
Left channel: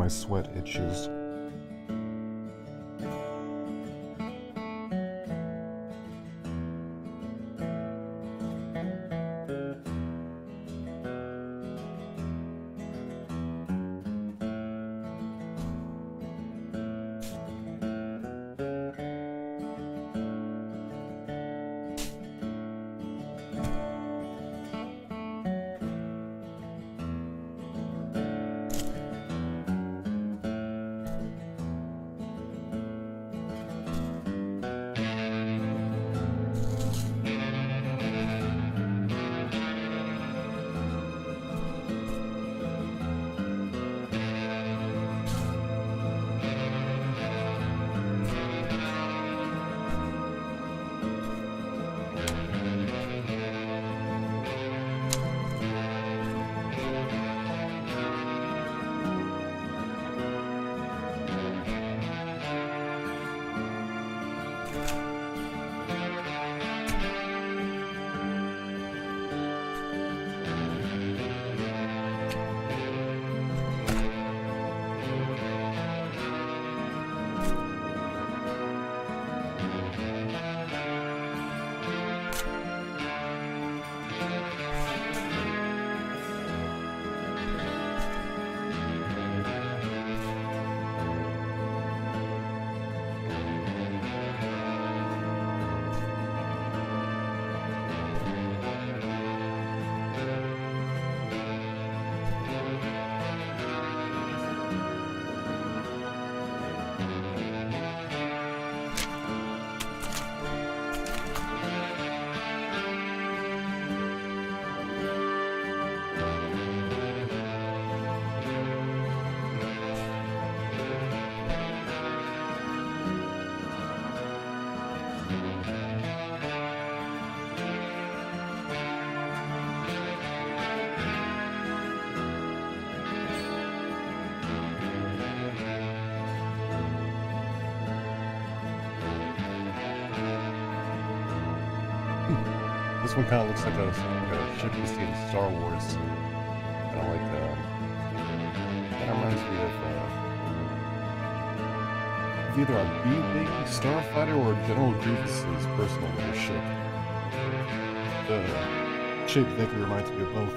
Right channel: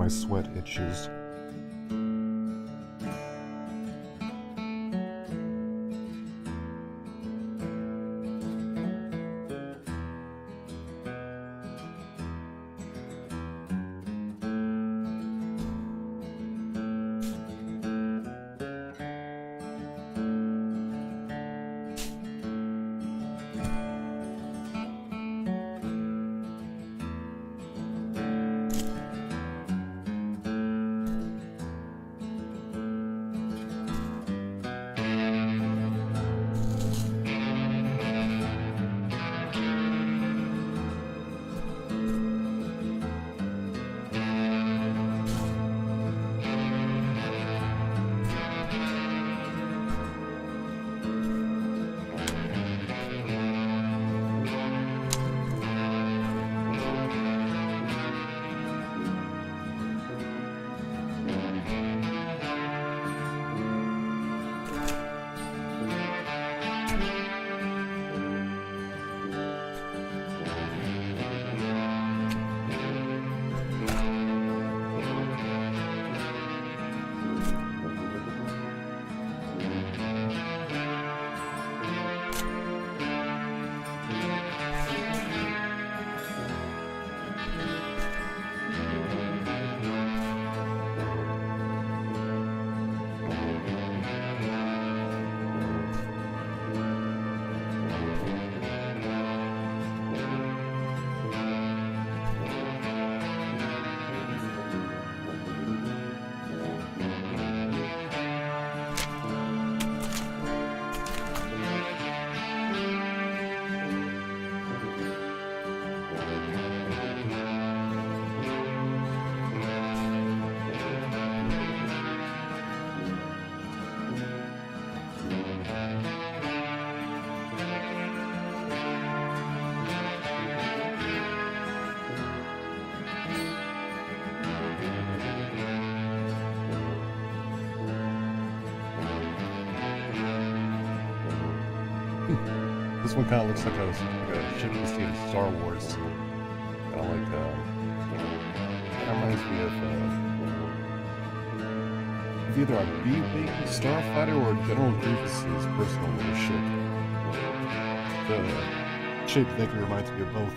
My sweat itches. This one kind of looks like a ship you see in Star Wars. Kind of like, that reminds me of either a B-Wing starfighter or General Grievous's personal little ship. The shape vaguely reminds me of both.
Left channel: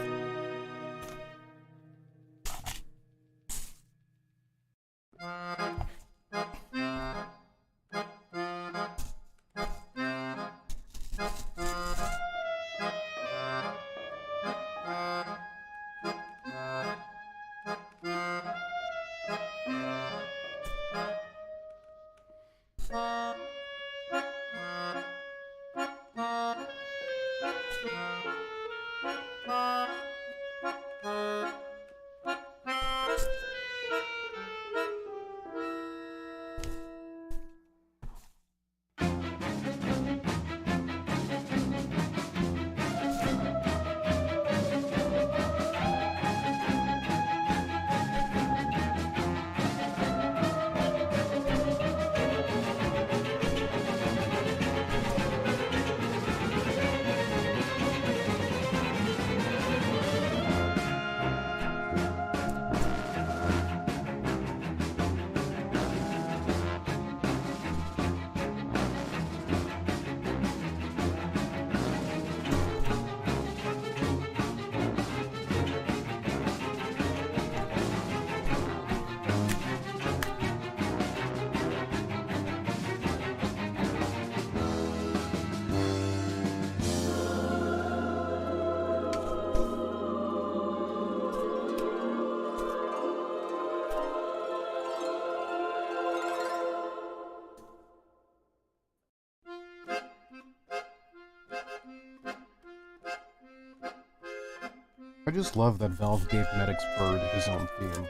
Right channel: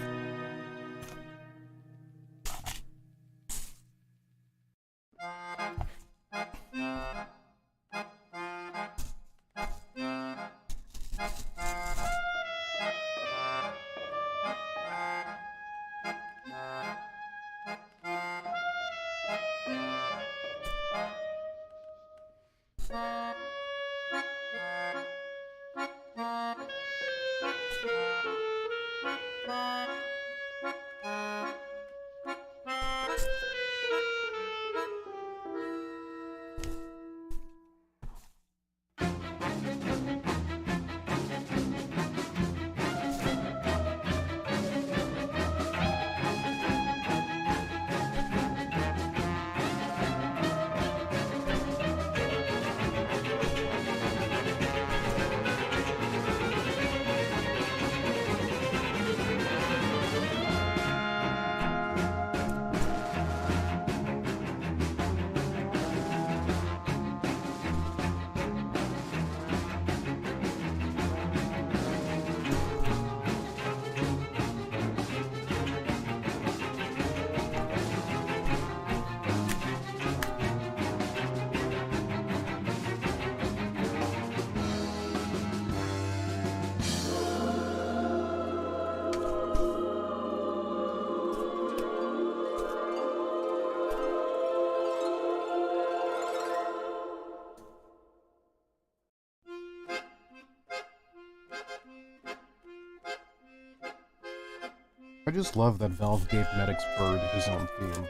I just love that Valve gave Medic's bird his own theme.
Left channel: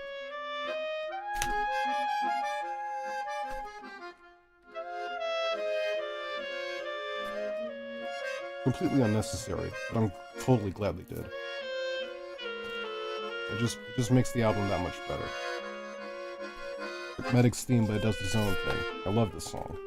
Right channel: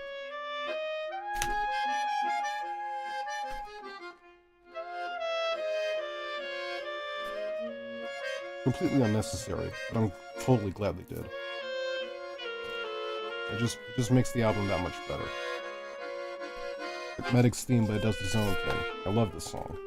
Completely unnecessary, but I'm totally glad they did. It just makes the album that much better. Like Medic's theme, but it does its own thing. I love this song.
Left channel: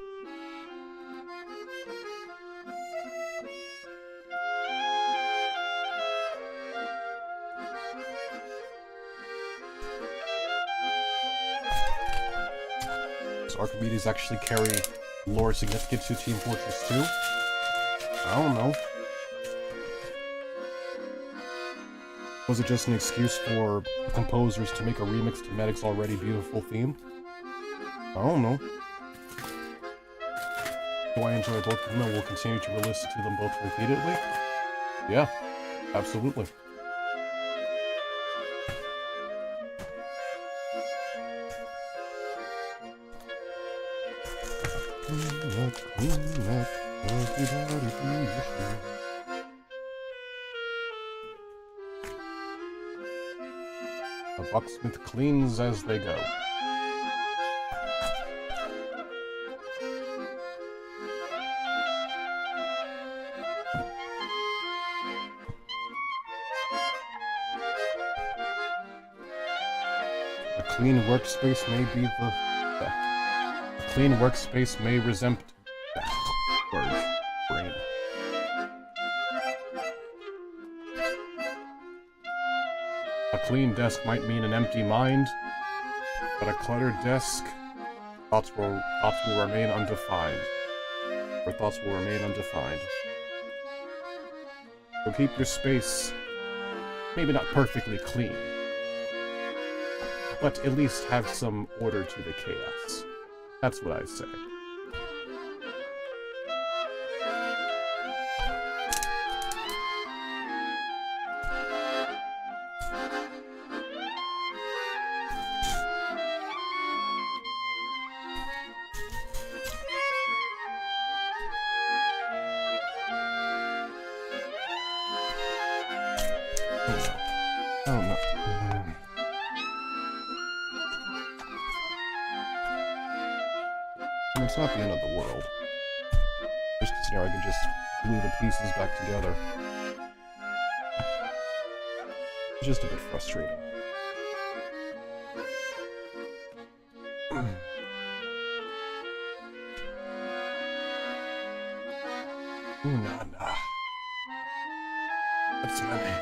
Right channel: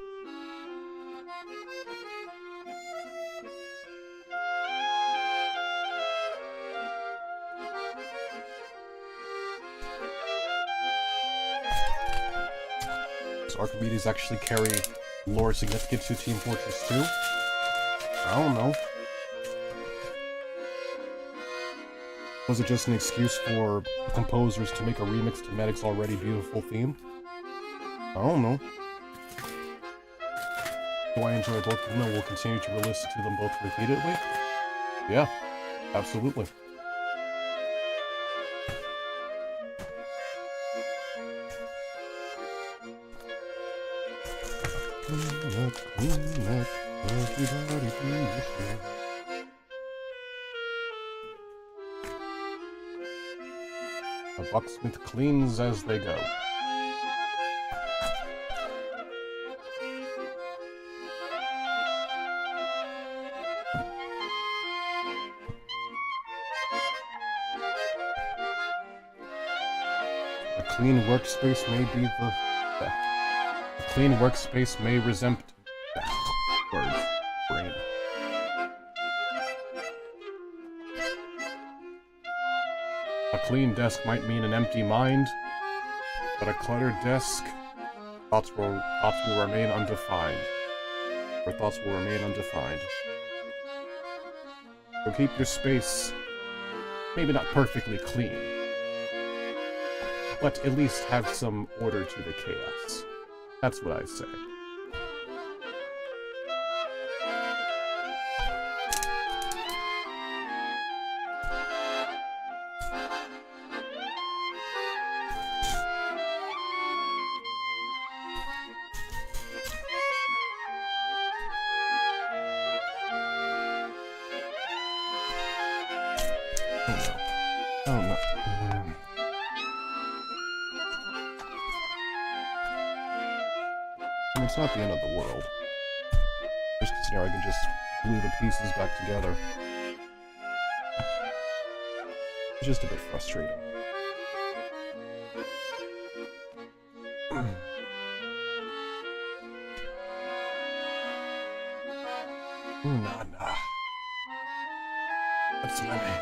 Does Archimedes actually carry lore significant to Team Fortress 2? I don't know. Was it just an excuse for the composers to make a remix to Medic's already beautiful theme? I don't know. Do I enjoy both of them and will continue to listen to them both repeatedly? Yeah, absolutely. Clean up, everybody do your share. The Bucksmith cleans as they go. A clean workspace may be the clean workspace may resemble brain. A clean desk might mean an empty mind, but a cluttered desk, thoughts will remain undefined. Or thoughts will remain undefined. So keep your space, maybe not perfectly clean, but at least have some order to the chaos. That's what I say. I don't know. It's not the end of the world. Just considering I can just glue the pieces back together. It's just a bit frustrating. Ooh, nah. That's my name.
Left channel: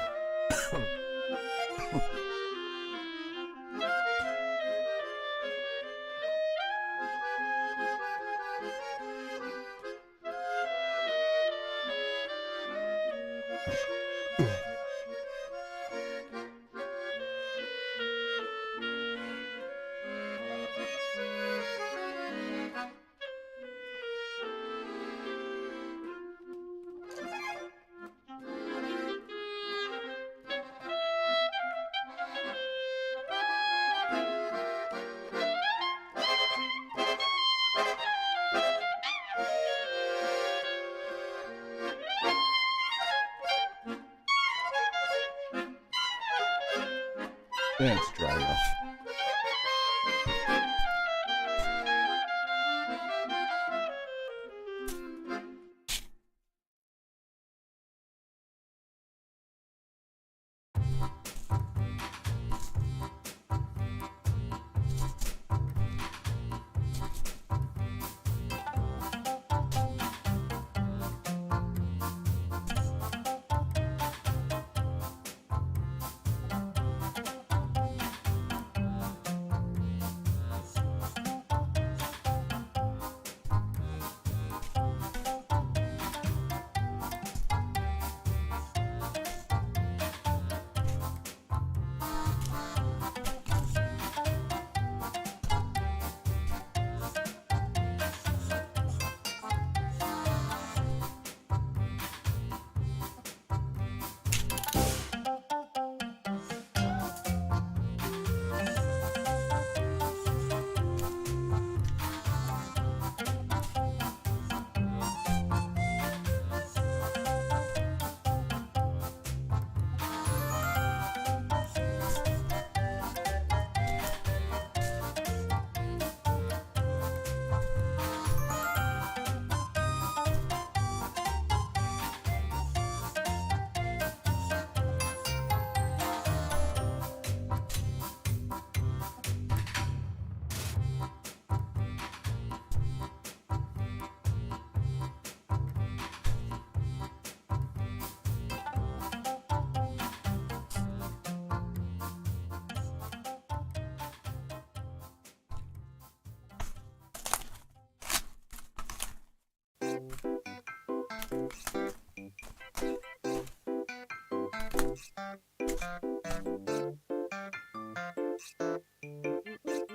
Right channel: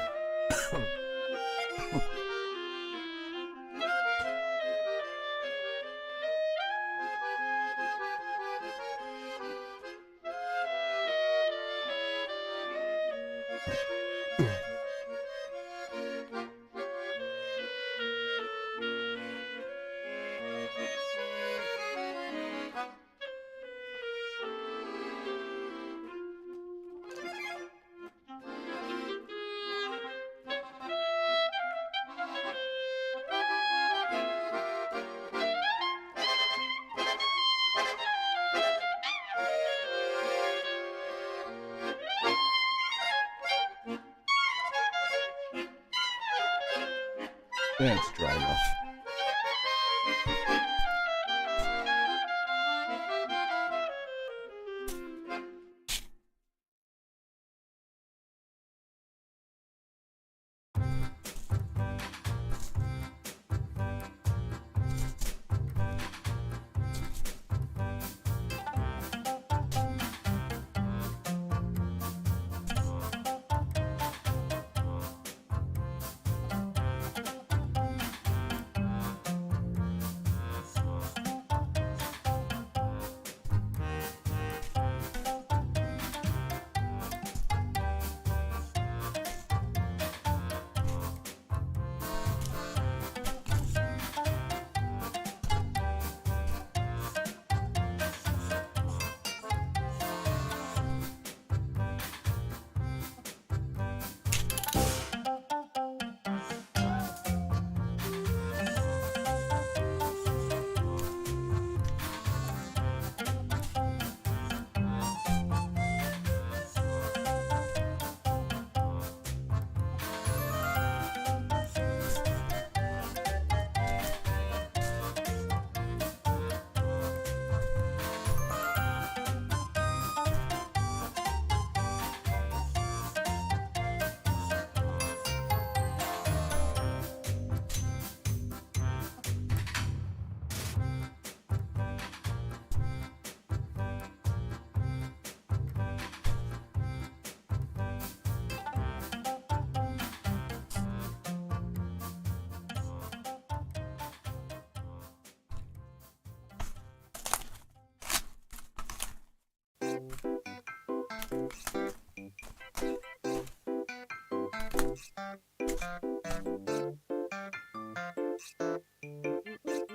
Yeah, it's dry enough.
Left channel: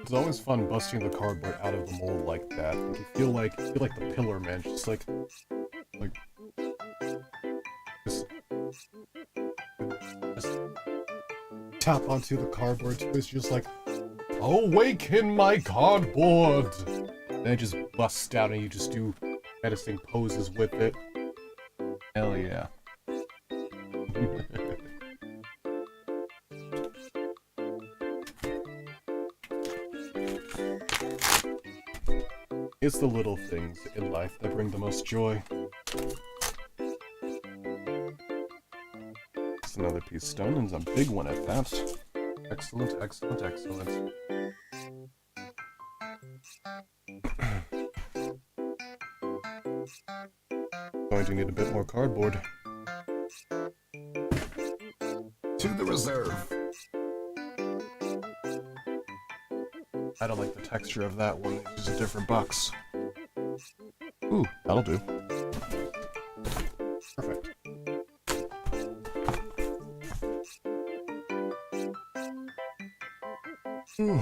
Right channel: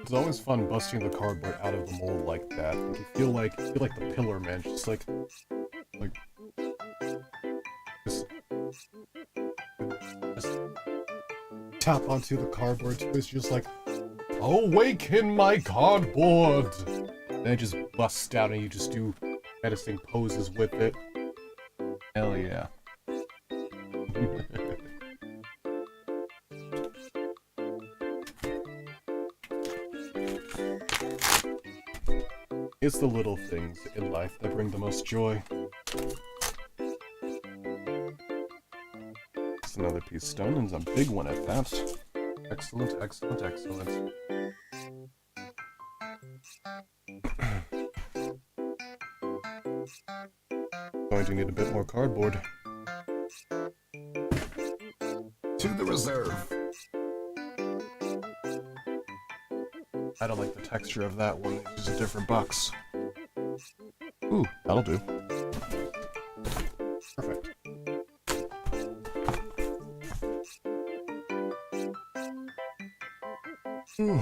It's always fun busting the cardboard out of the mold like that. Like you feel like the pillar man, just like just tap onto the cardboard too. It's just like, awaken my cardboard! Then it just busts out and you just do menacing poses with it. Hell yeah. It's the little things in life that bring the most joy. It's another piece of stone, and a big one at that. Excellent, excellent, excellent. Going to need a bit more cardboard. To the reserve! I don't like the texture of that one. It's a different box. Ooh, that'll do. Perfect. Ooh,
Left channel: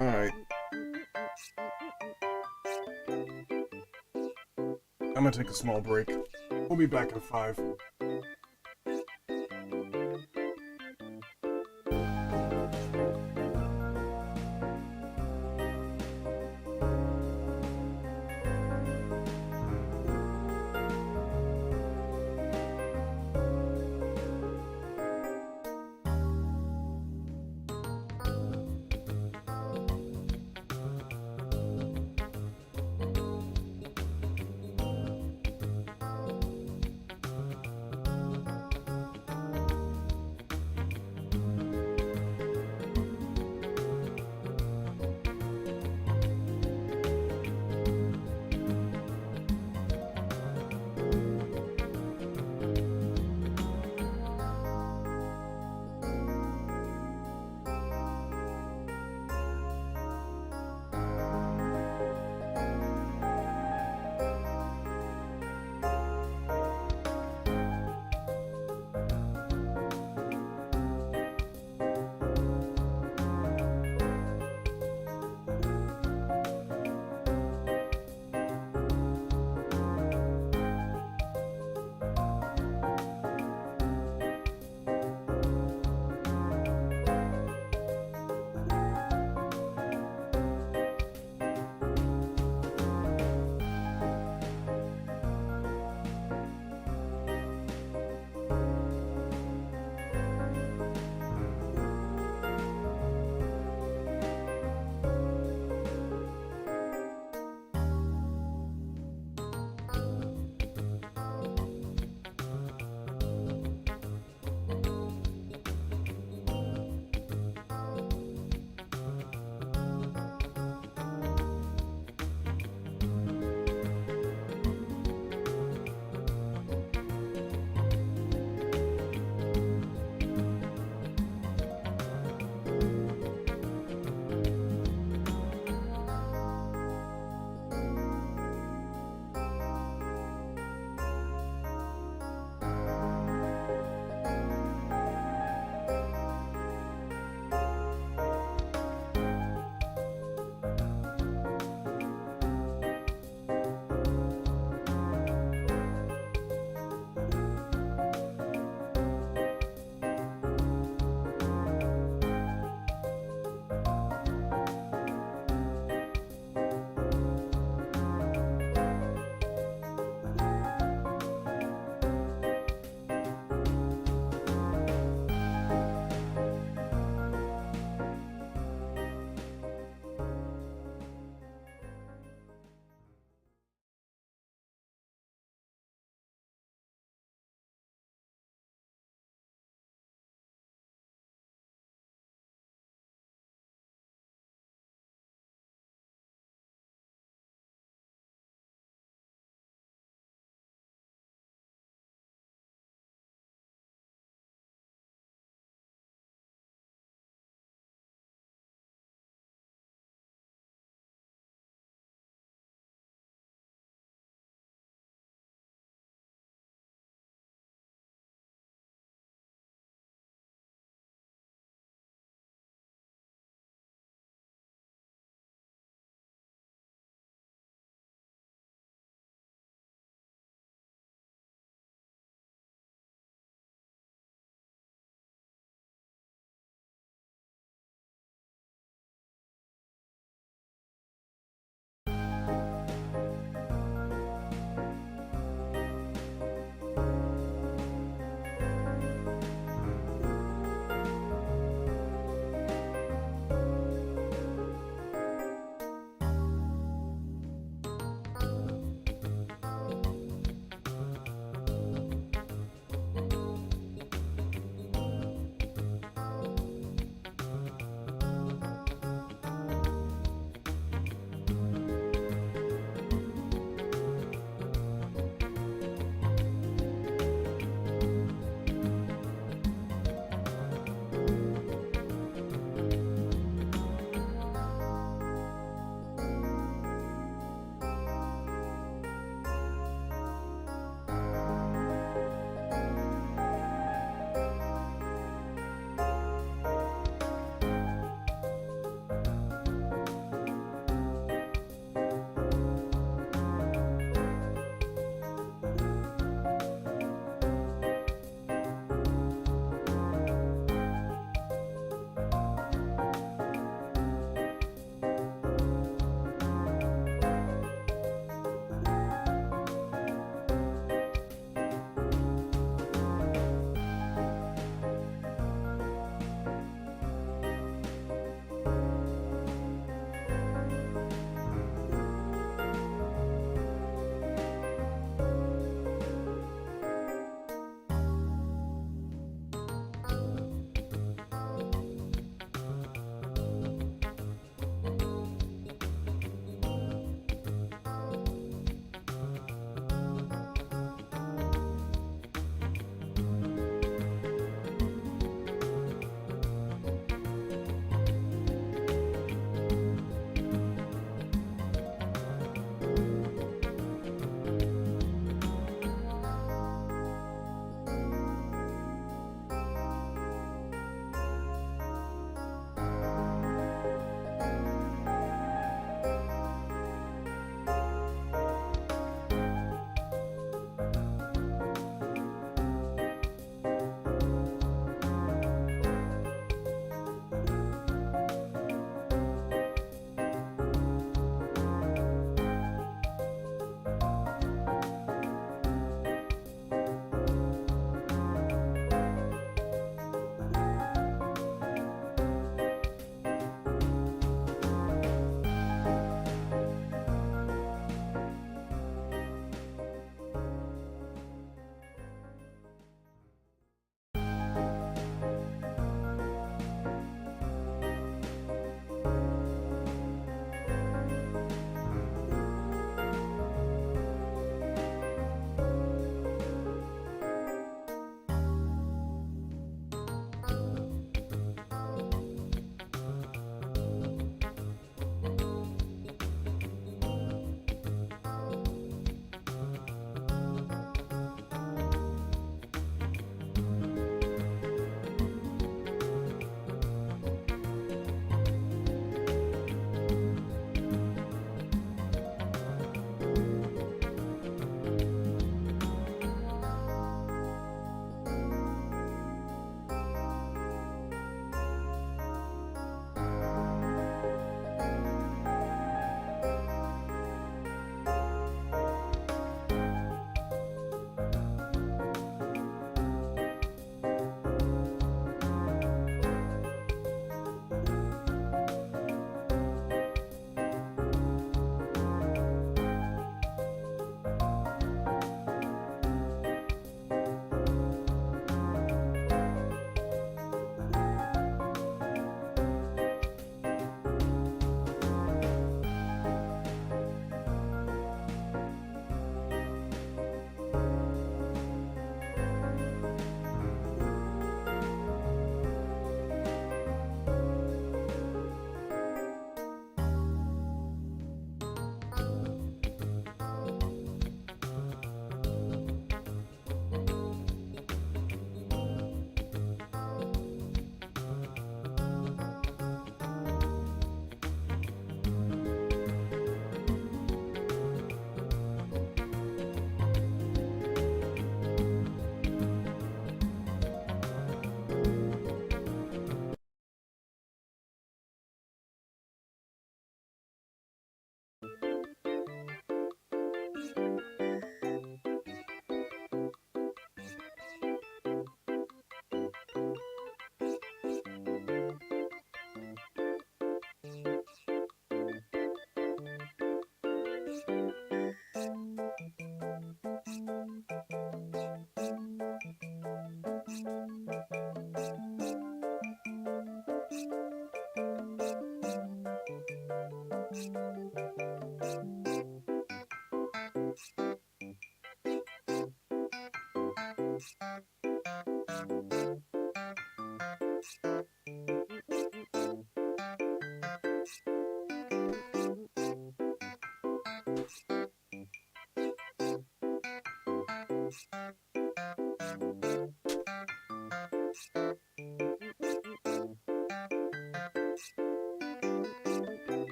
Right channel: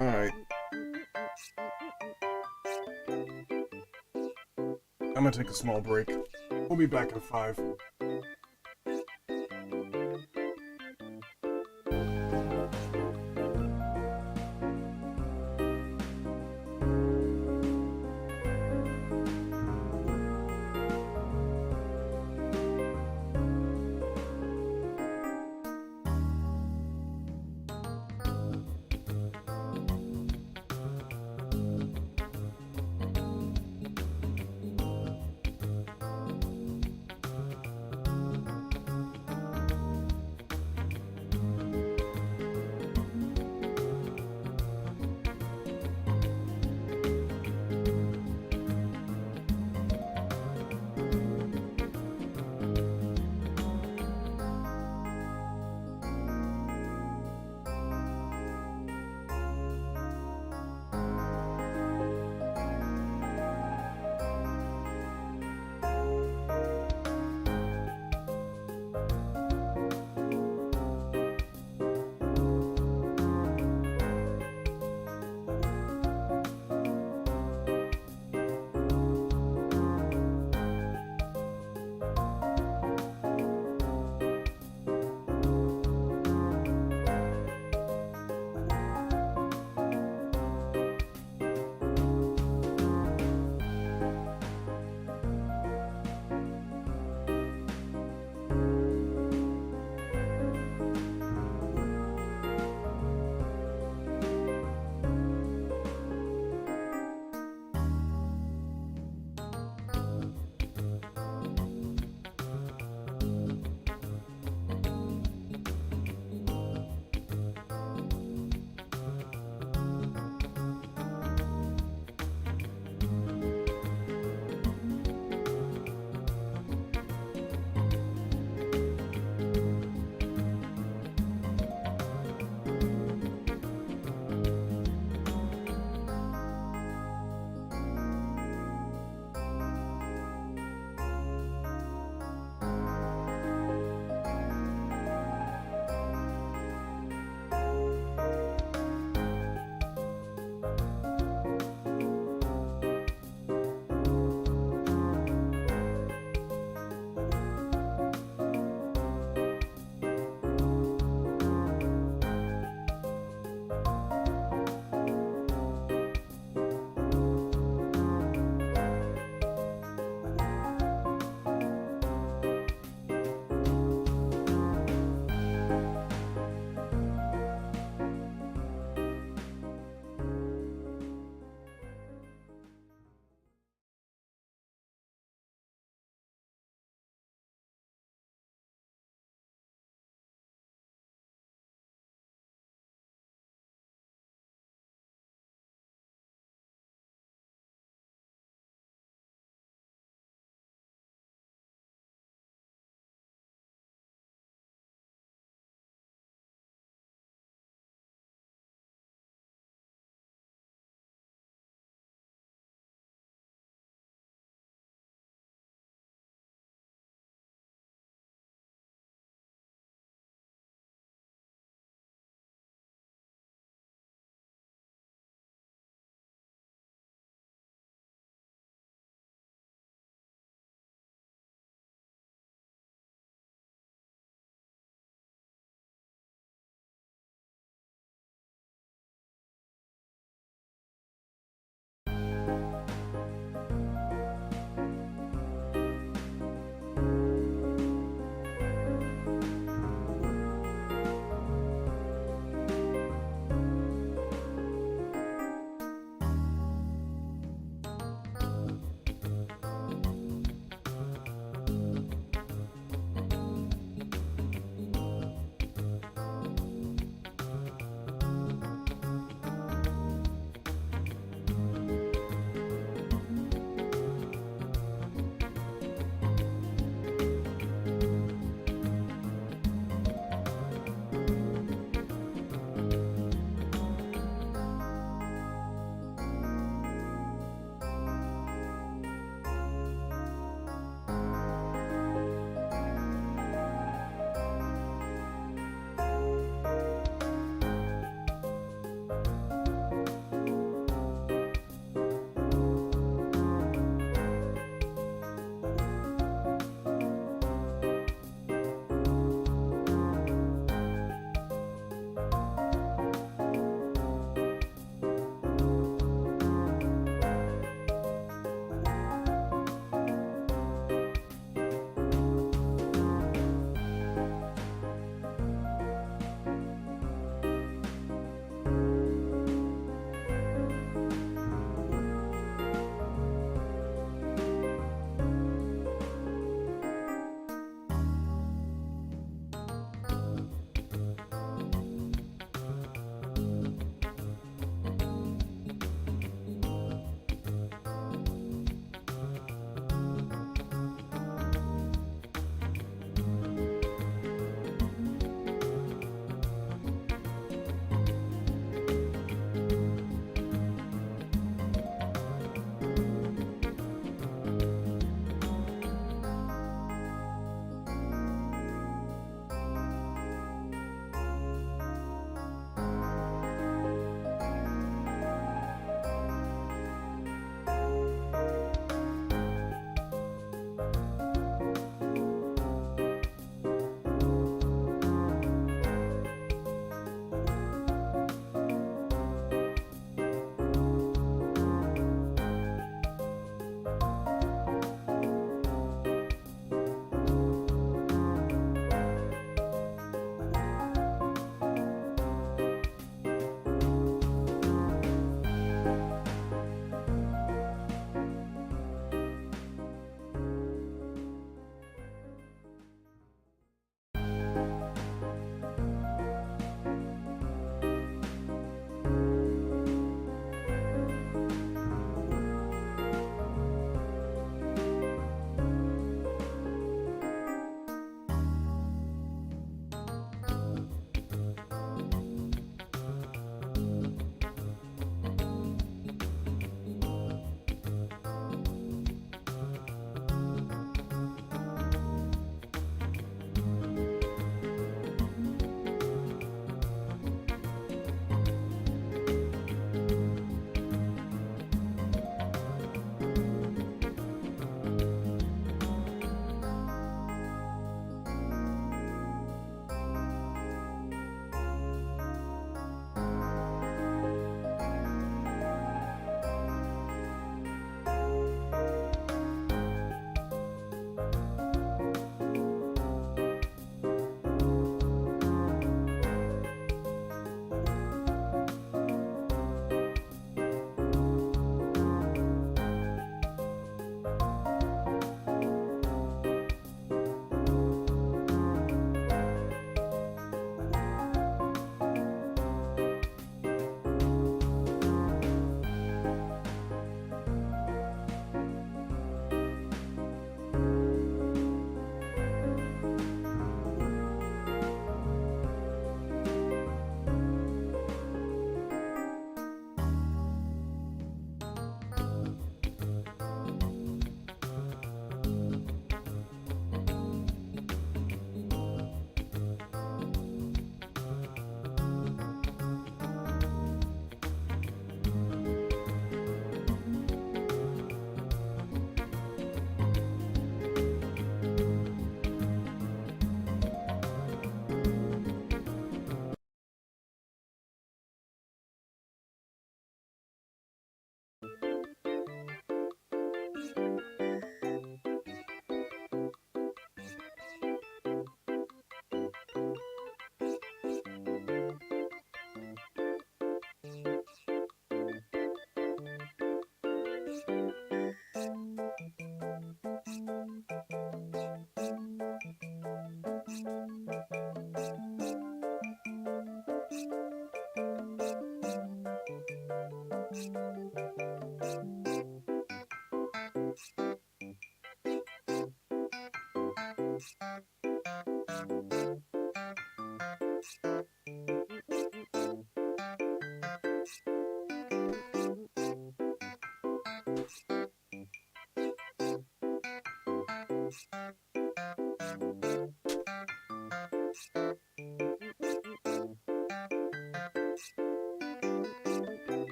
Alright. I'm gonna take a small break. We'll be back in 5.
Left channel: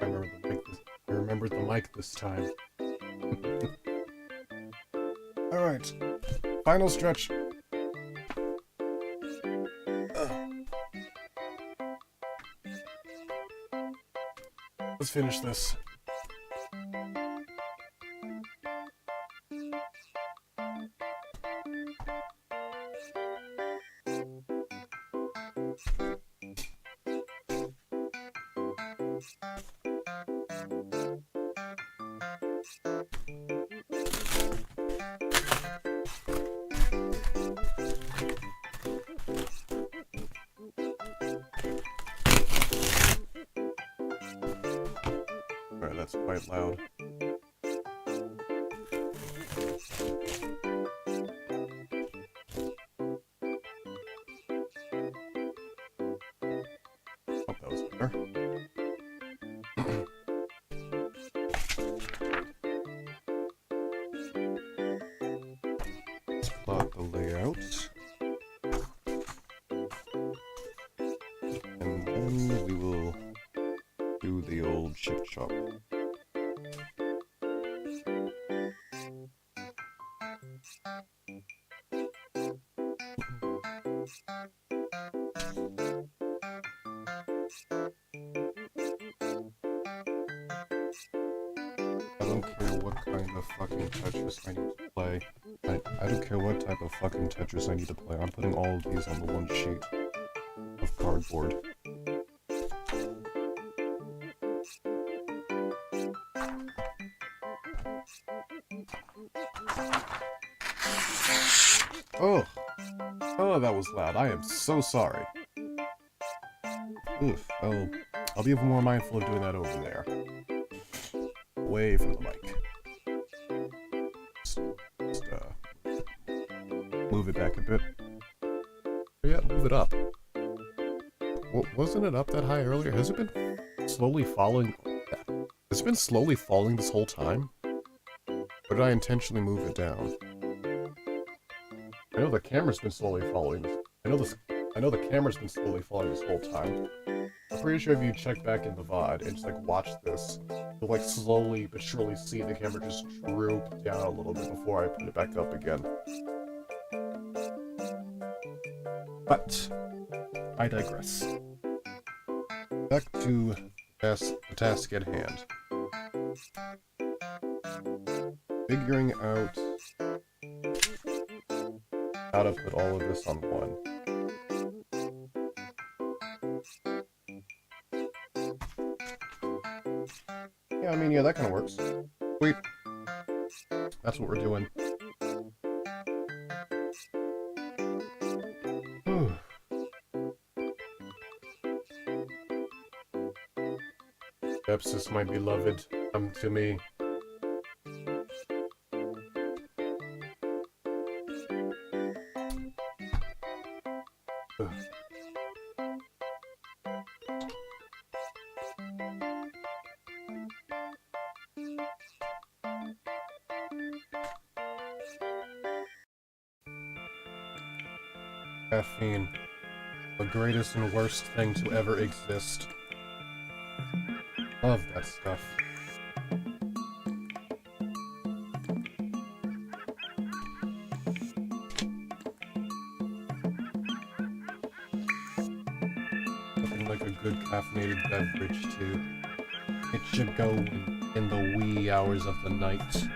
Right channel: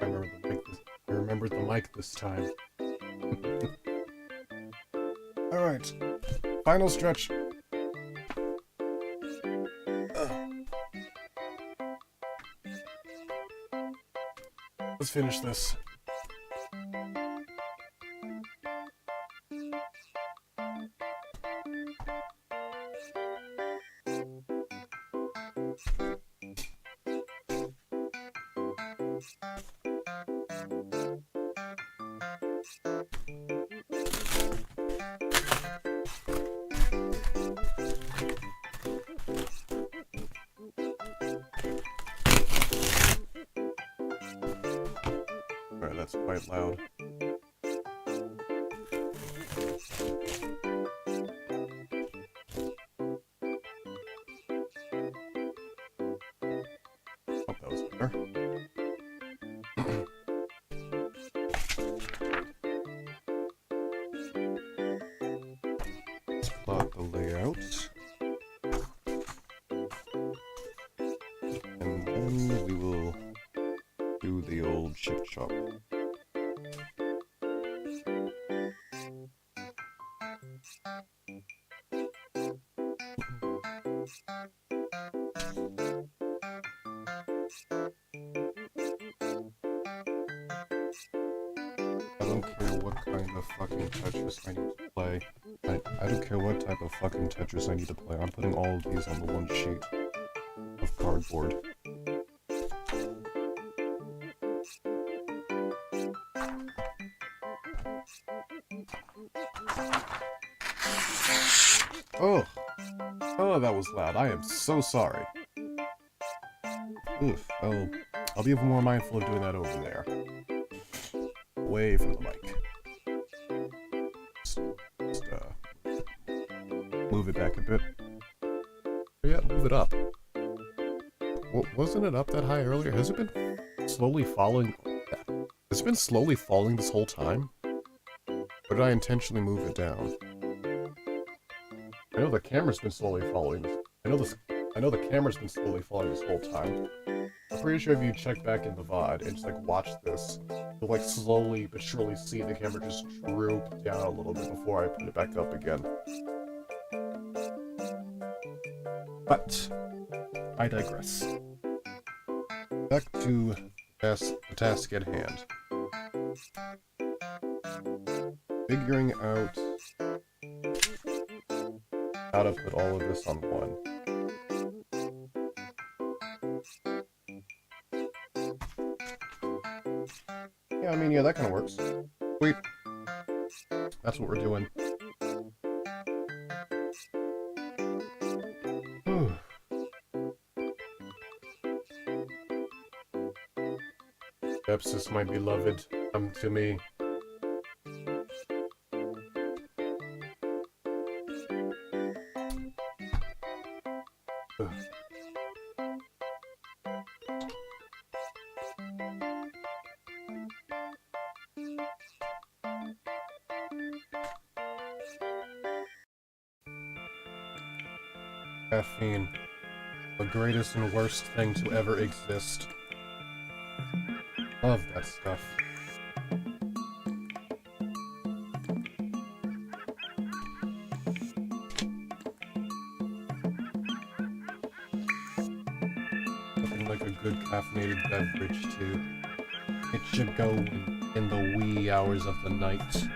I remember the mic I remembered the mic this time. Alright. Final stretch. Let's finish this. Alright, that's quite loud. Oh, that was better. Let's plot the layout. And then we will do the old chip chop. I don't care what kind of fucking Tetris I need to play. I don't care what type of fucking Tetris I need to play. I'm putting all of these on the one sheet of cardboard. Oh! Oh, that was loud. I am so sorry. Oof. I'll be more mindful of doing that over there. Away from the mic. Just move it back a bit. Yeah, move it up. Wasn't it up that high earlier? Has it been slowly falling? Has it been slowly falling this whole time? Or did I intentionally move it down? I know the camera's been slowly falling. I know the camera's been slowly falling this whole time. I'm pretty sure if you check back in the VOD and just like watch this, you'll like slowly but surely see the camera just droop down a little bit before I put it back up again. But I digress. Back to the task at hand. Figuring out how to put all of this on one. Yeah, I mean, yeah, that kind of works. Sweet. That's what we're doing. Whew. Sepsis, my beloved, come to me. Ugh. Caffeine. The greatest and worst thing to ever exist. Love that stuff. Nothing like a good caffeinated beverage to get you going in the wee hours of the night.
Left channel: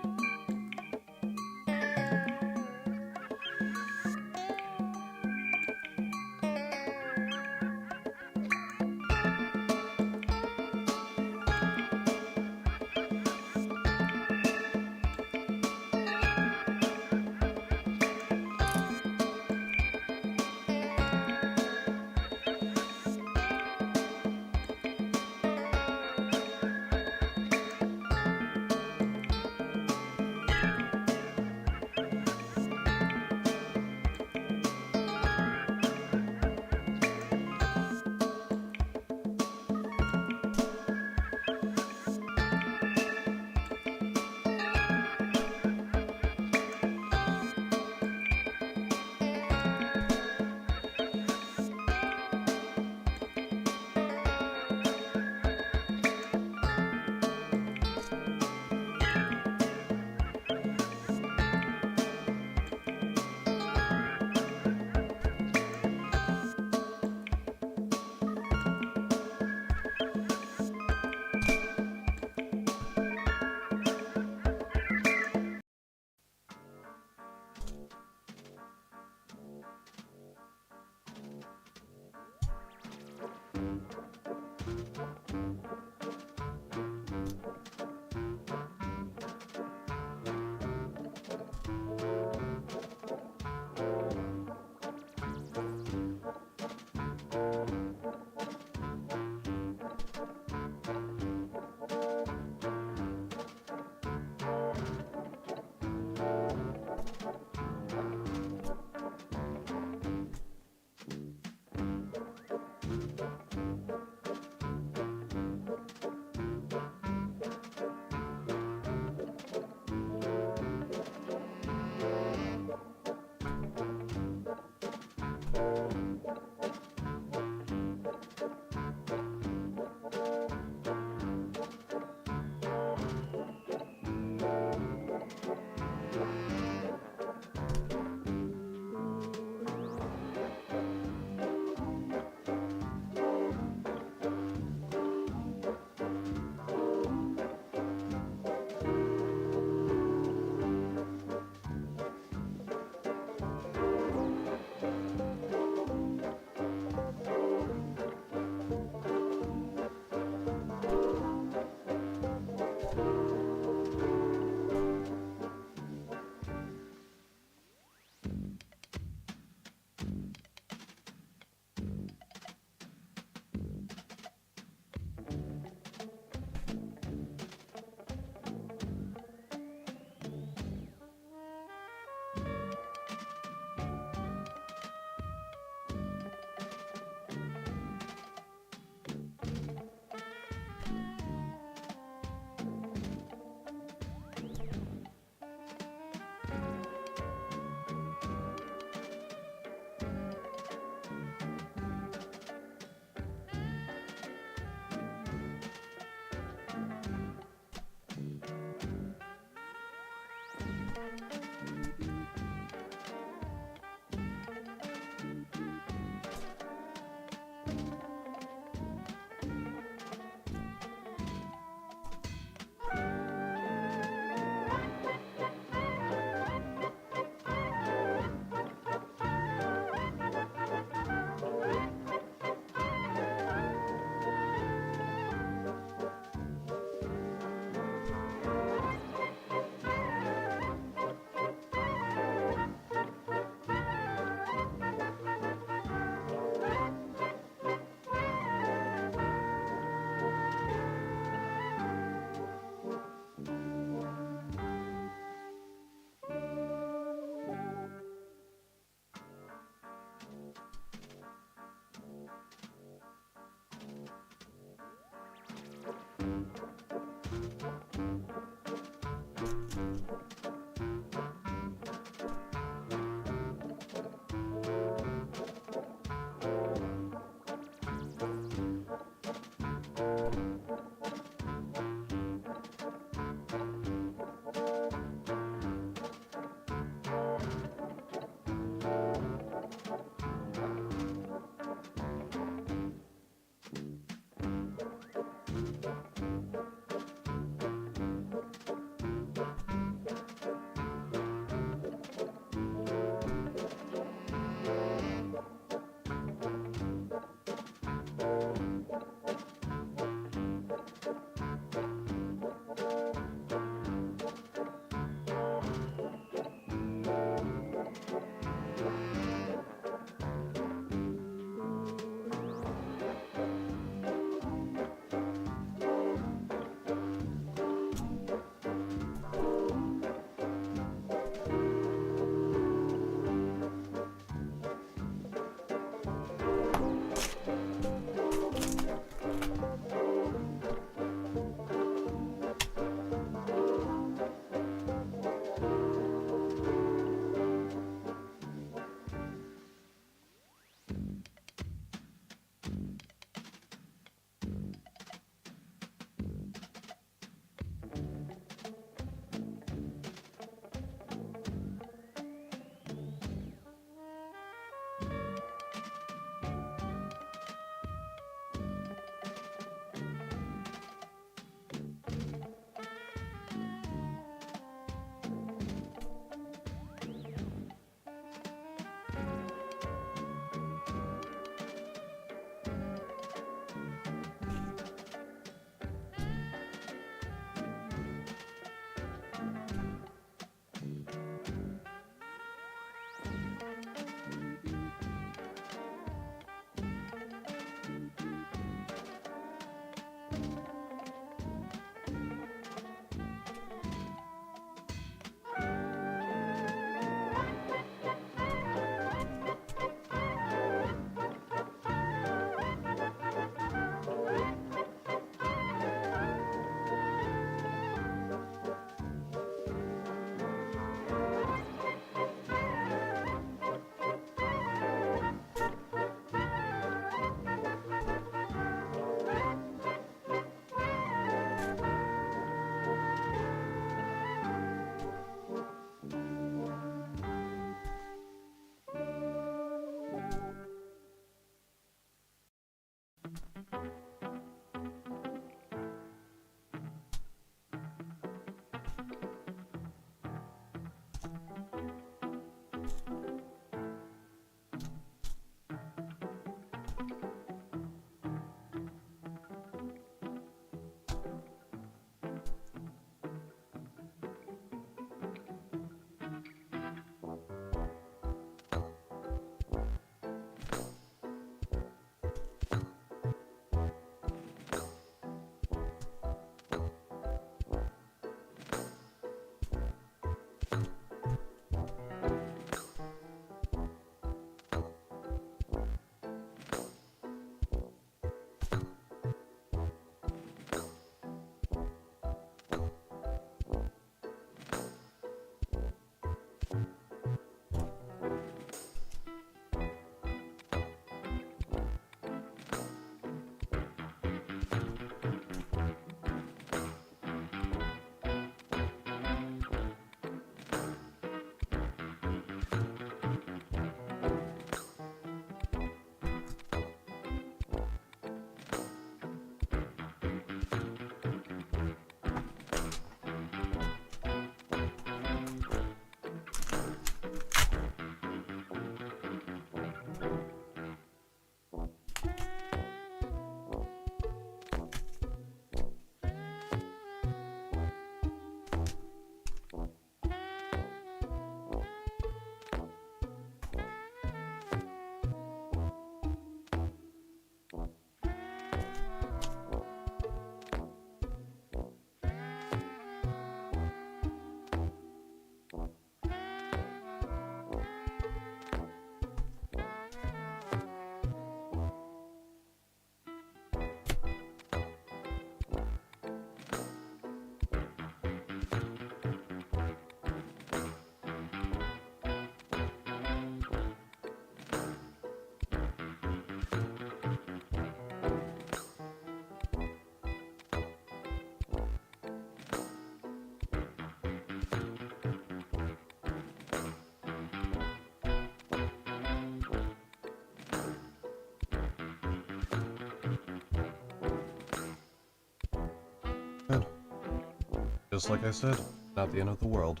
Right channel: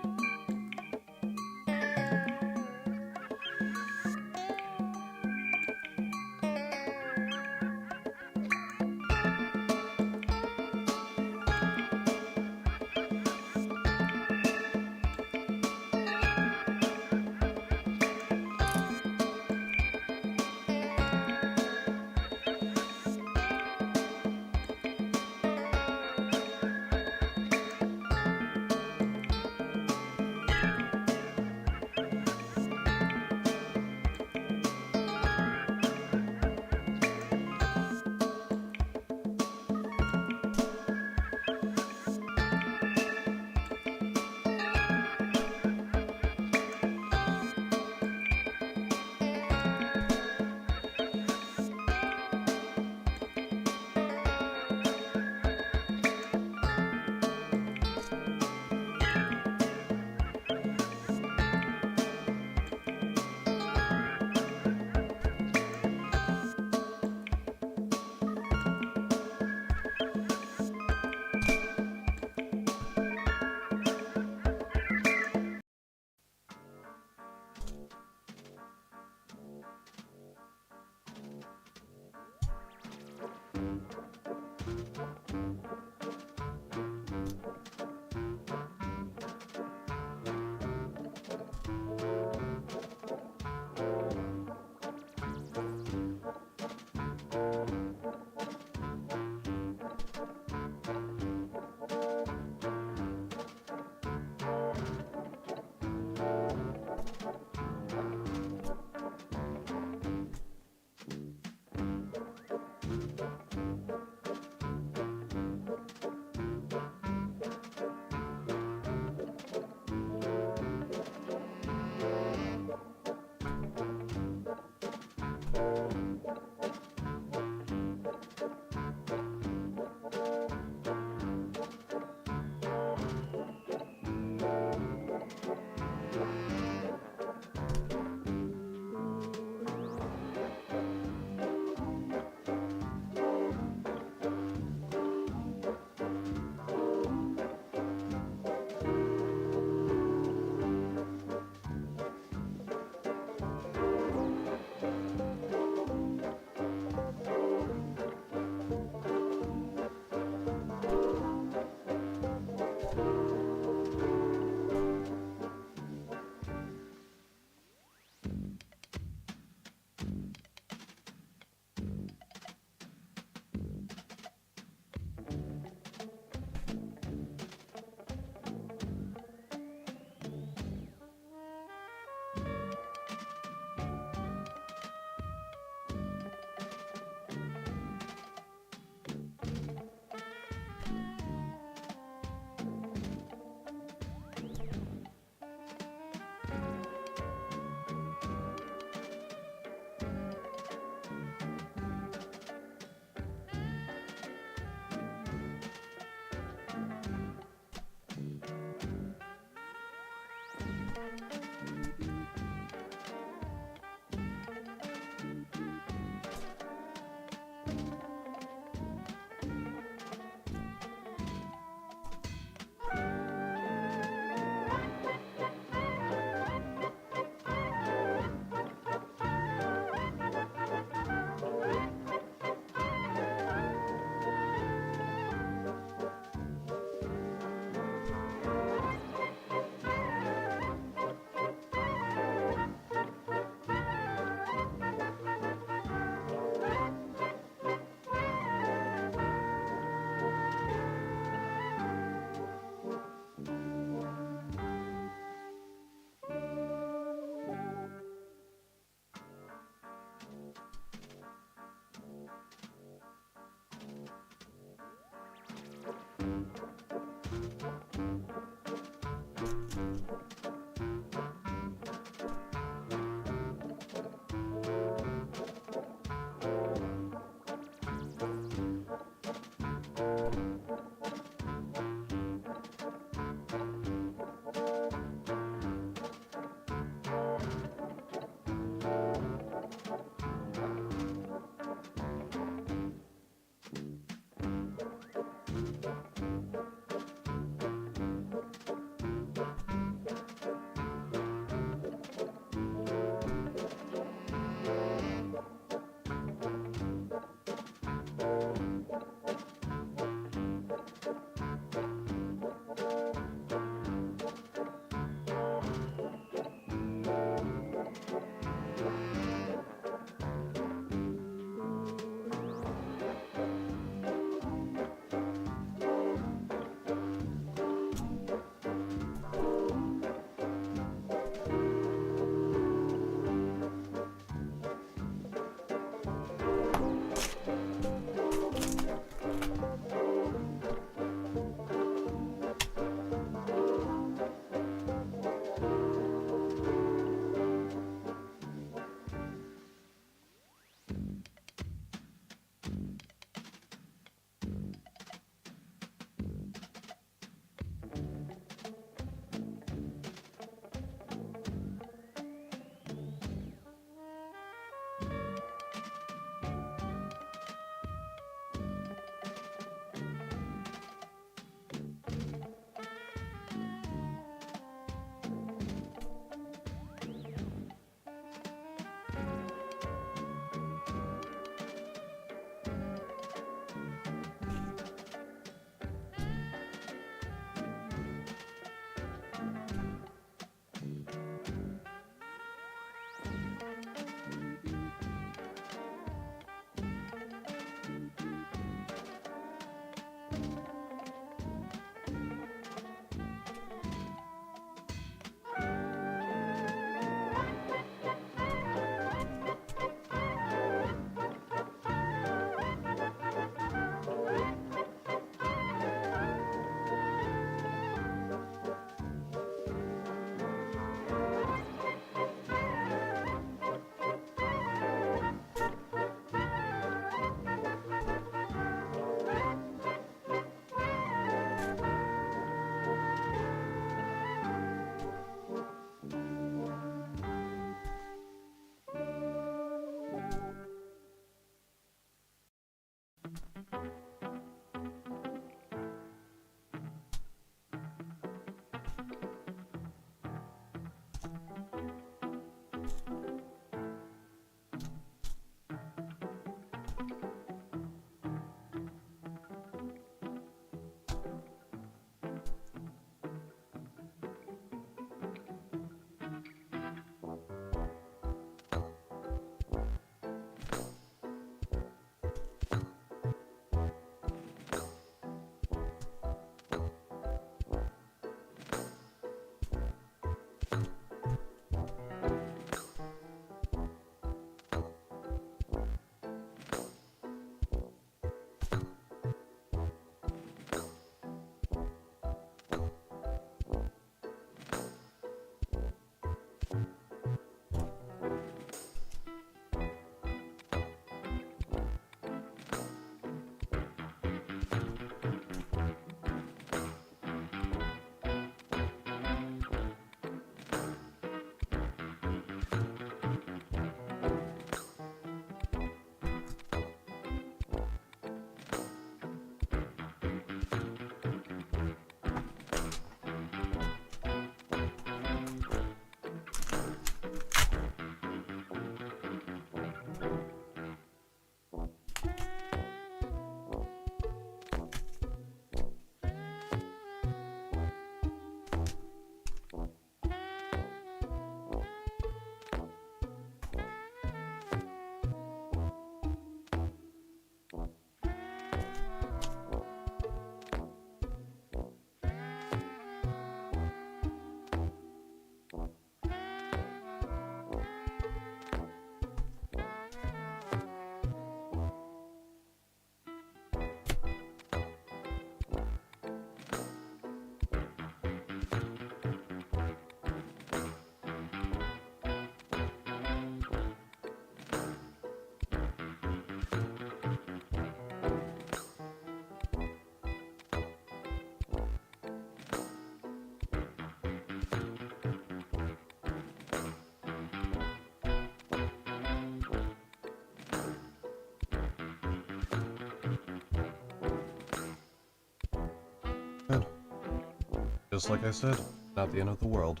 Just like I said, not the end of the world.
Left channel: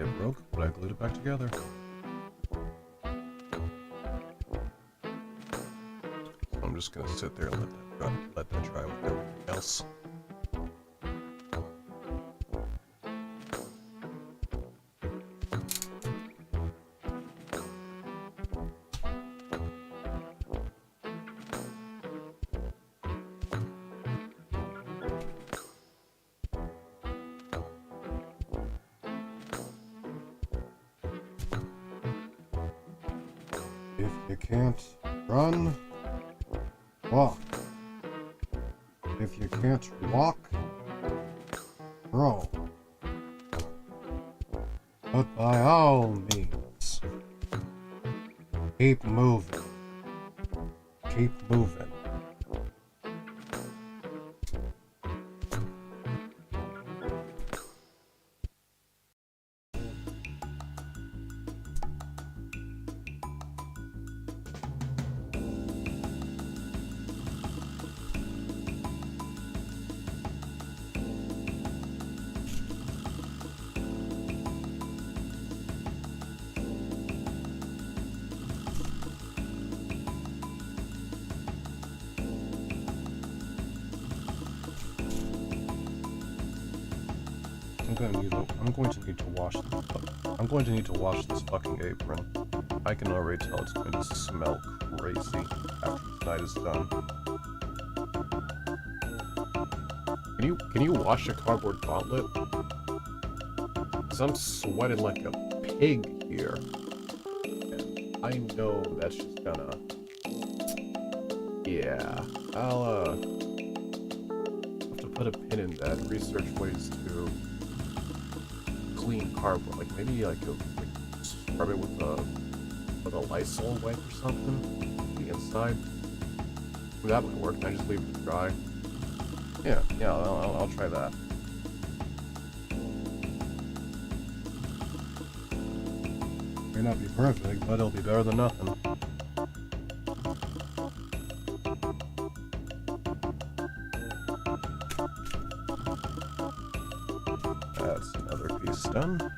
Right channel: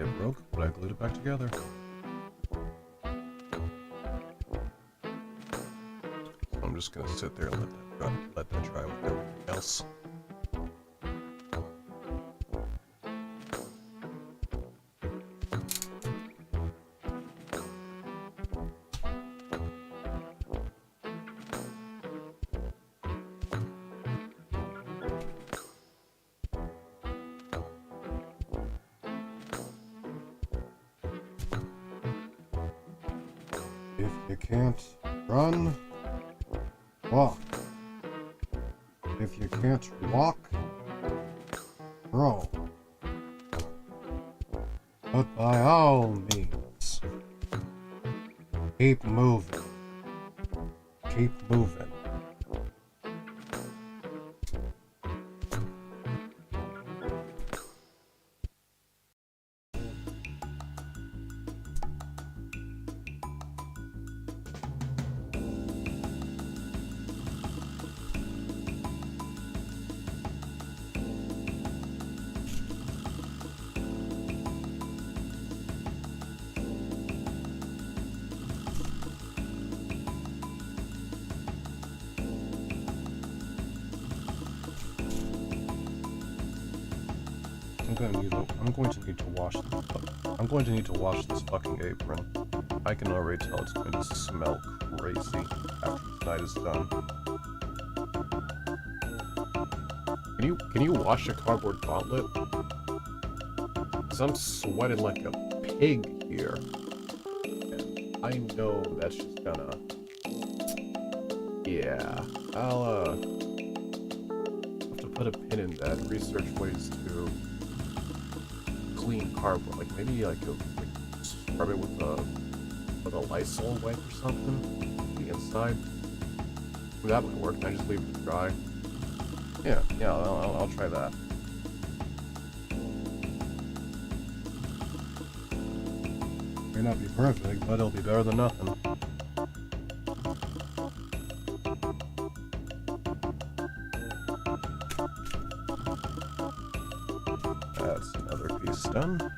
It broke, but I glued it back together. So I'm just gonna sit there and let that dry with everything else. If you can't run, walk. If you can't walk, crawl. But by all means, keep moving. Keep moving. I'm going to need to wash this fucking apron. I can already tell it's going to smell crazy after tonight is done. Can you wash a cardboard gauntlet? 'Cause I'm sweating like a pig here. And I know that's just gonna... Yeah, I'll have to put a pin in that, research ways to clean cardboard, like maybe like scrub it with a Lysol wipe or something. The inside. That might work. I just leave it to dry. Yeah, I'll try that. May not be perfect, but it'll be better than nothing. That's another piece done.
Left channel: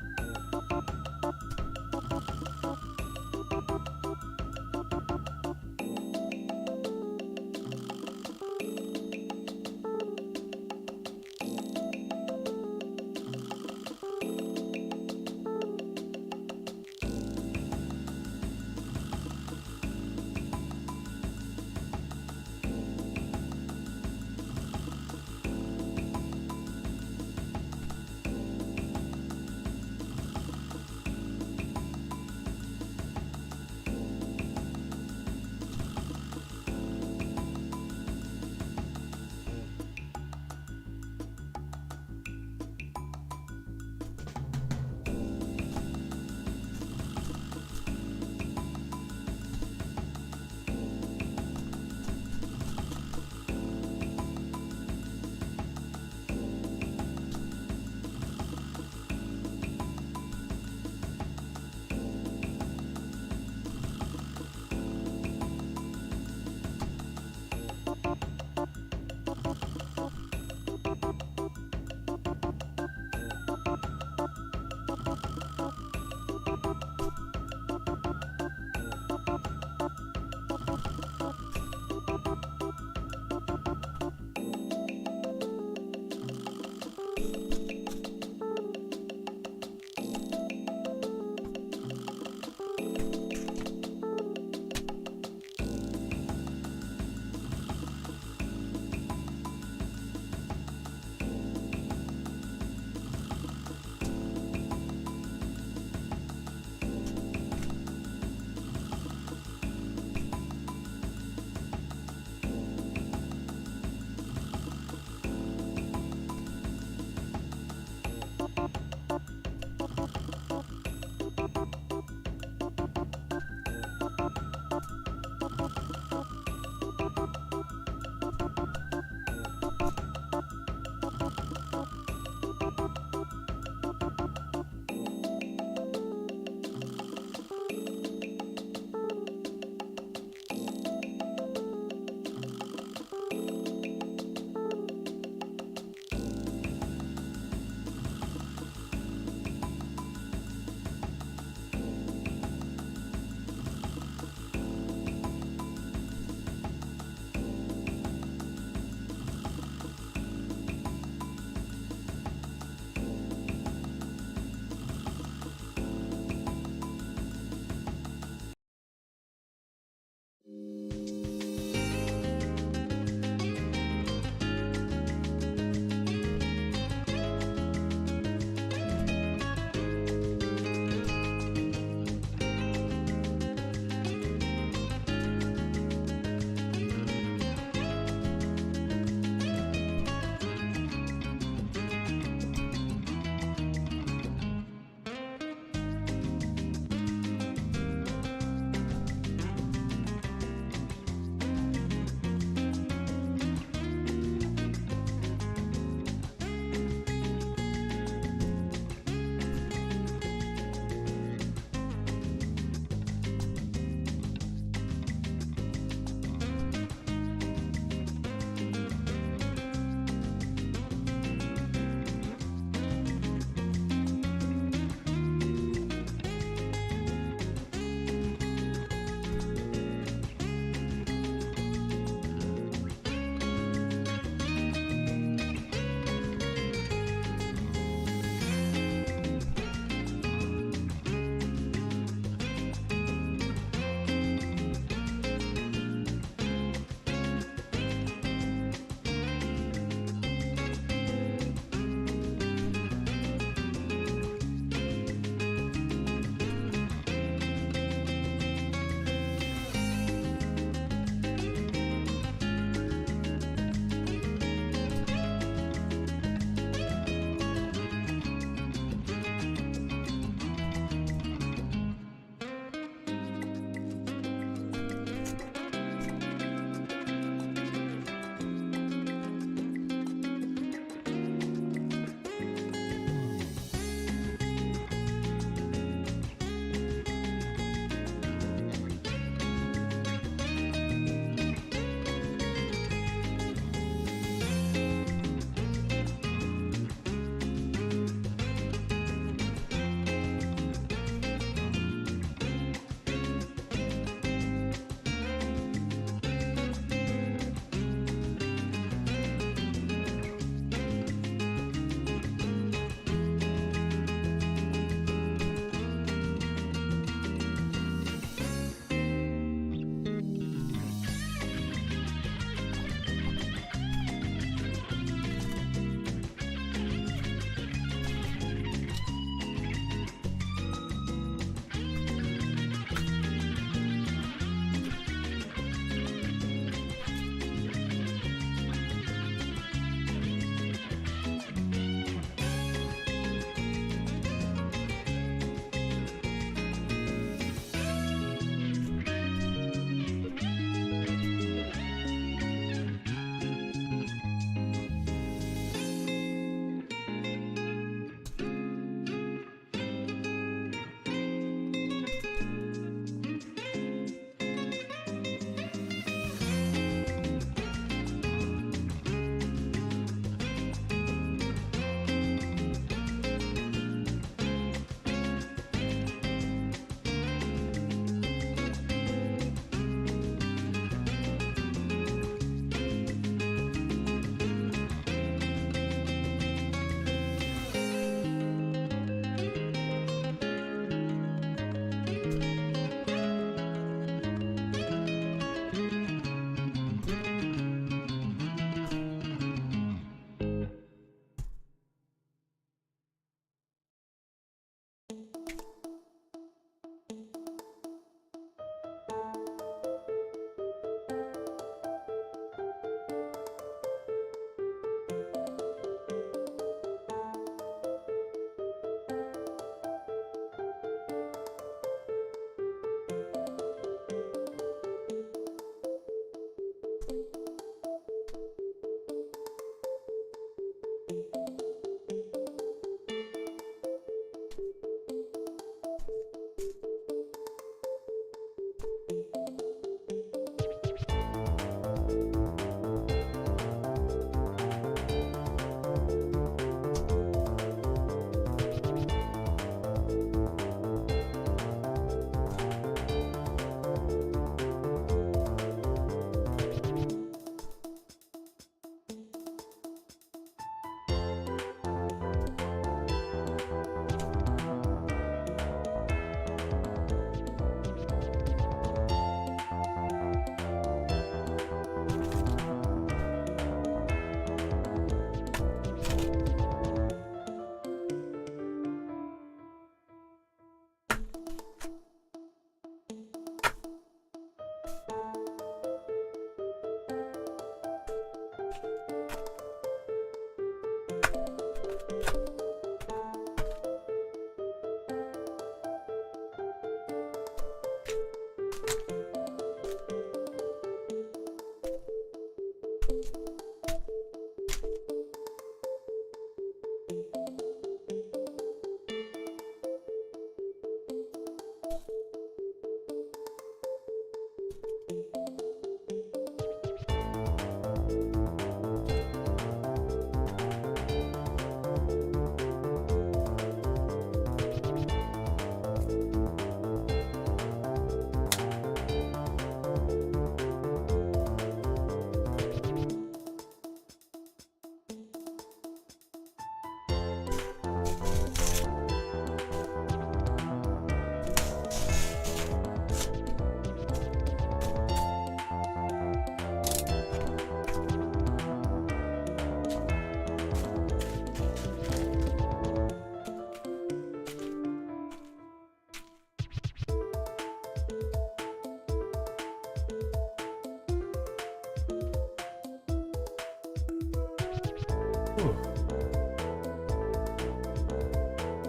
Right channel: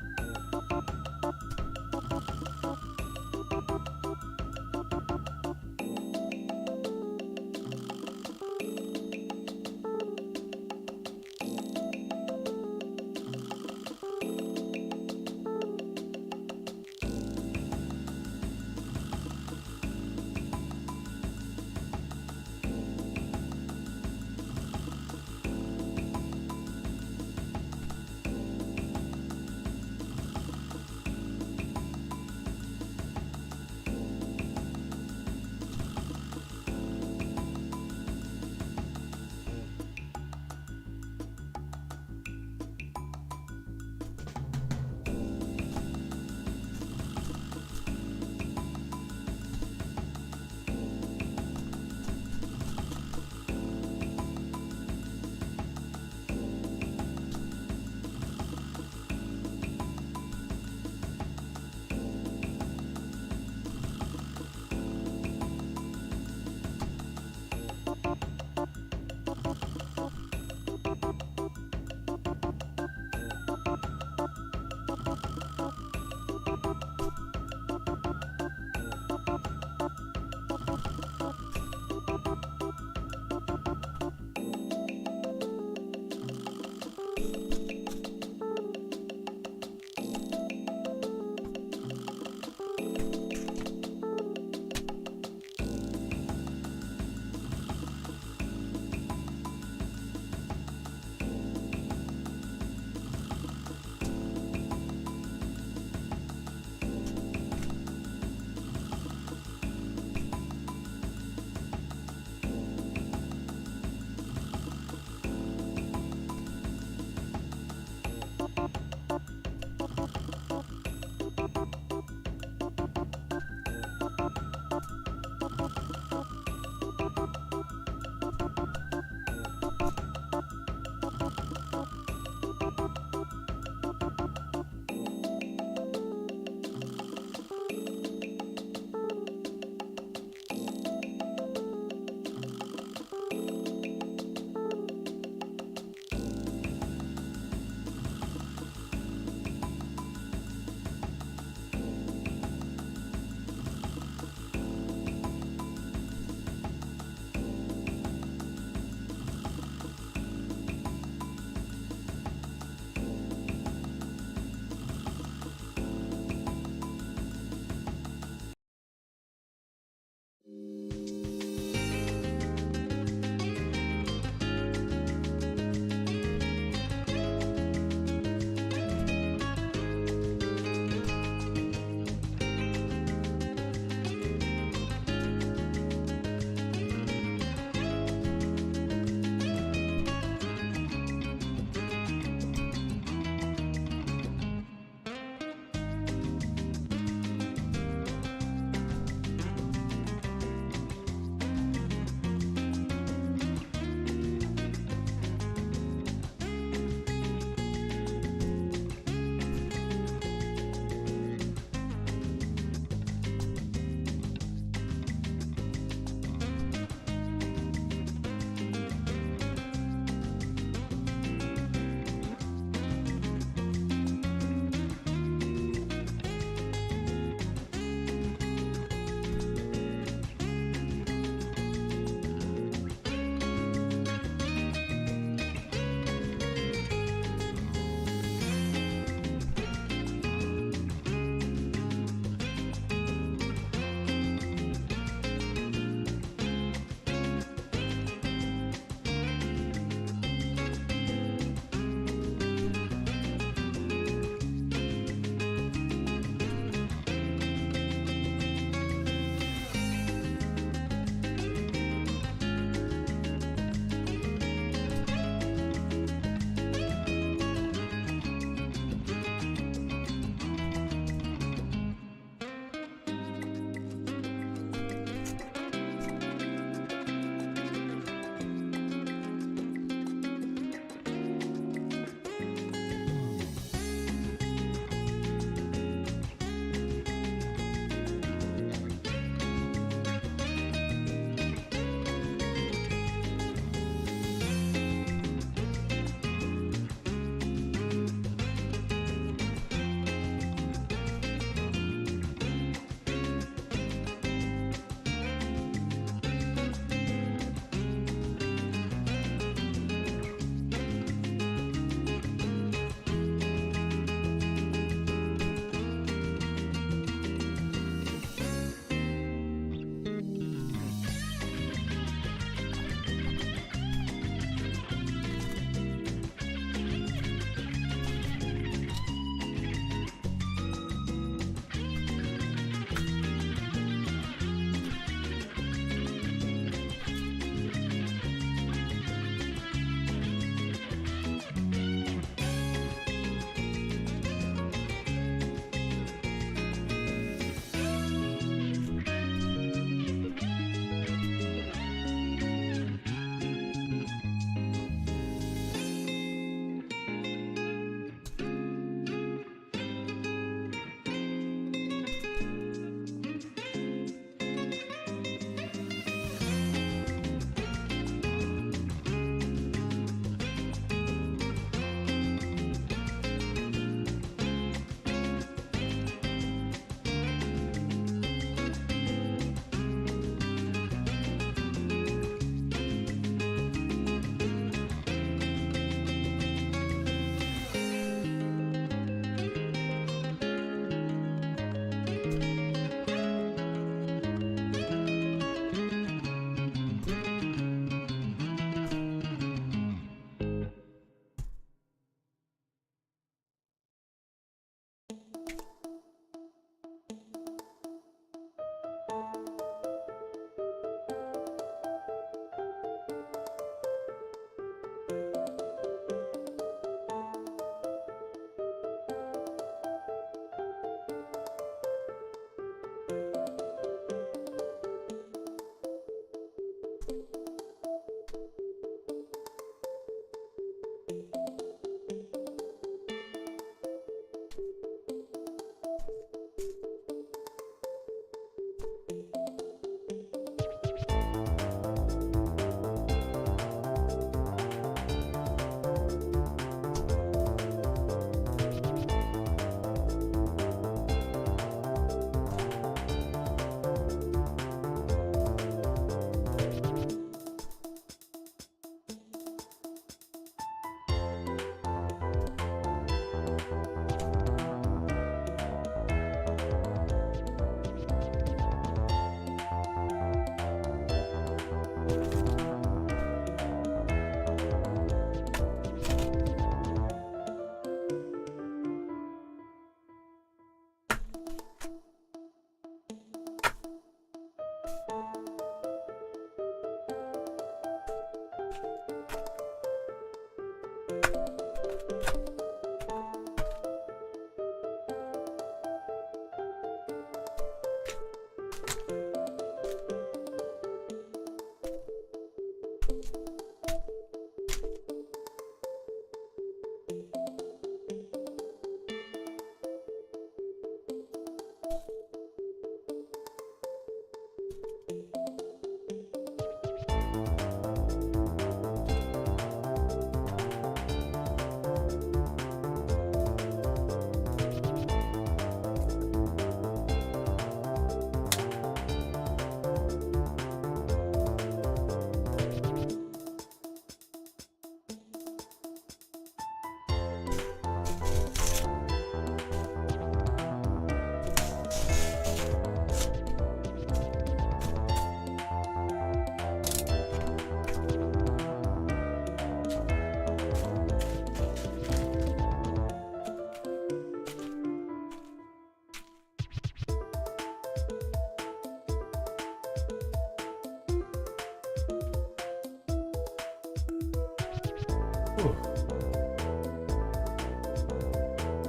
Whew.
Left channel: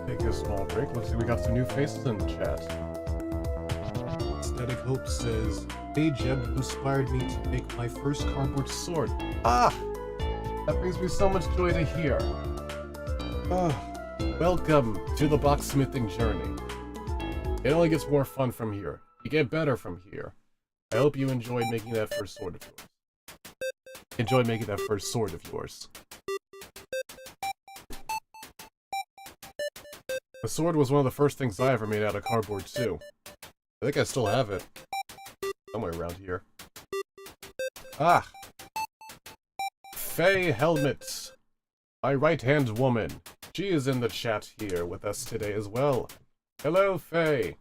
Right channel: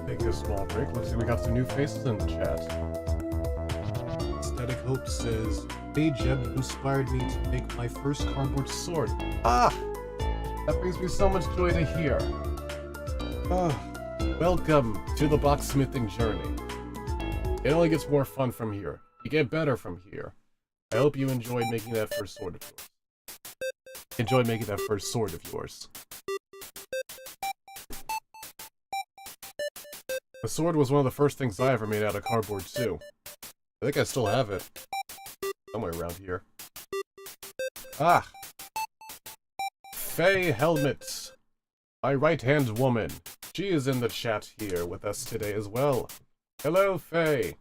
Take a small break. Looks like we got some new faces in the chat. Aesthetic Hope says, "Hey Jeb, you inspired me to make my first cardboard sword." Ah! That brings me so much joy to hear. Ah, welcome to the blacksmithing journey. It only gets more fun from here. You get better from here. I hope you enjoyed making that first sword of yours. Enjoyed making that first sword of yours. The sword was one of the first things I ever made out of cardboard too. I think I still have it. Somewhere around here. Ah! Faye Helmet! My right-hand woman. She is in the chat here with us today as well. Hello, Faye.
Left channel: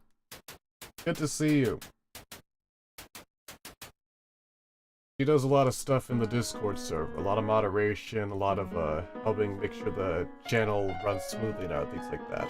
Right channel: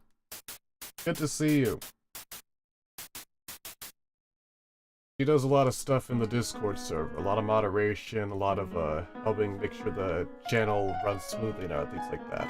Good to see you. She does a lot of stuff in the Discord server. A lot of moderation, a lot of helping make sure the channel runs smoothly now, things like that.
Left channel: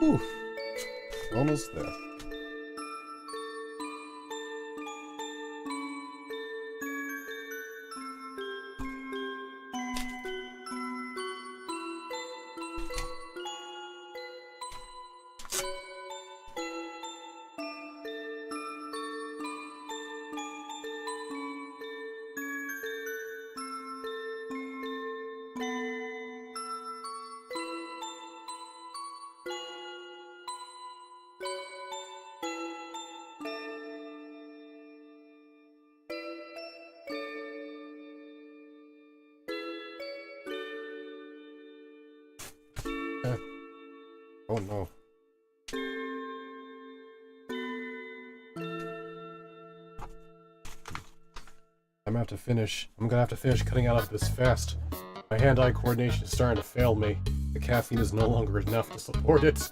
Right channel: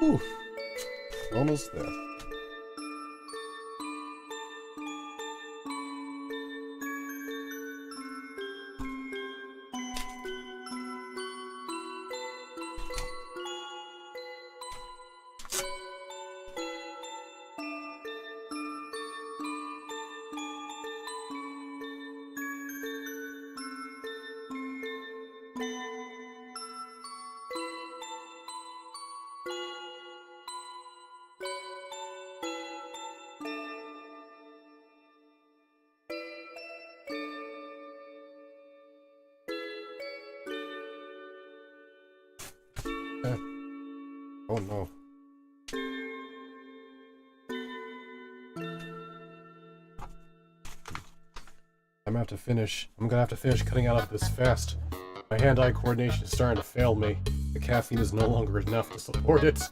Whew. Almost there. Oh no. I'm gonna have to finish cutting out of this fast. My hand-eye coordination is starting to fail me. The caffeine is no longer enough to support it.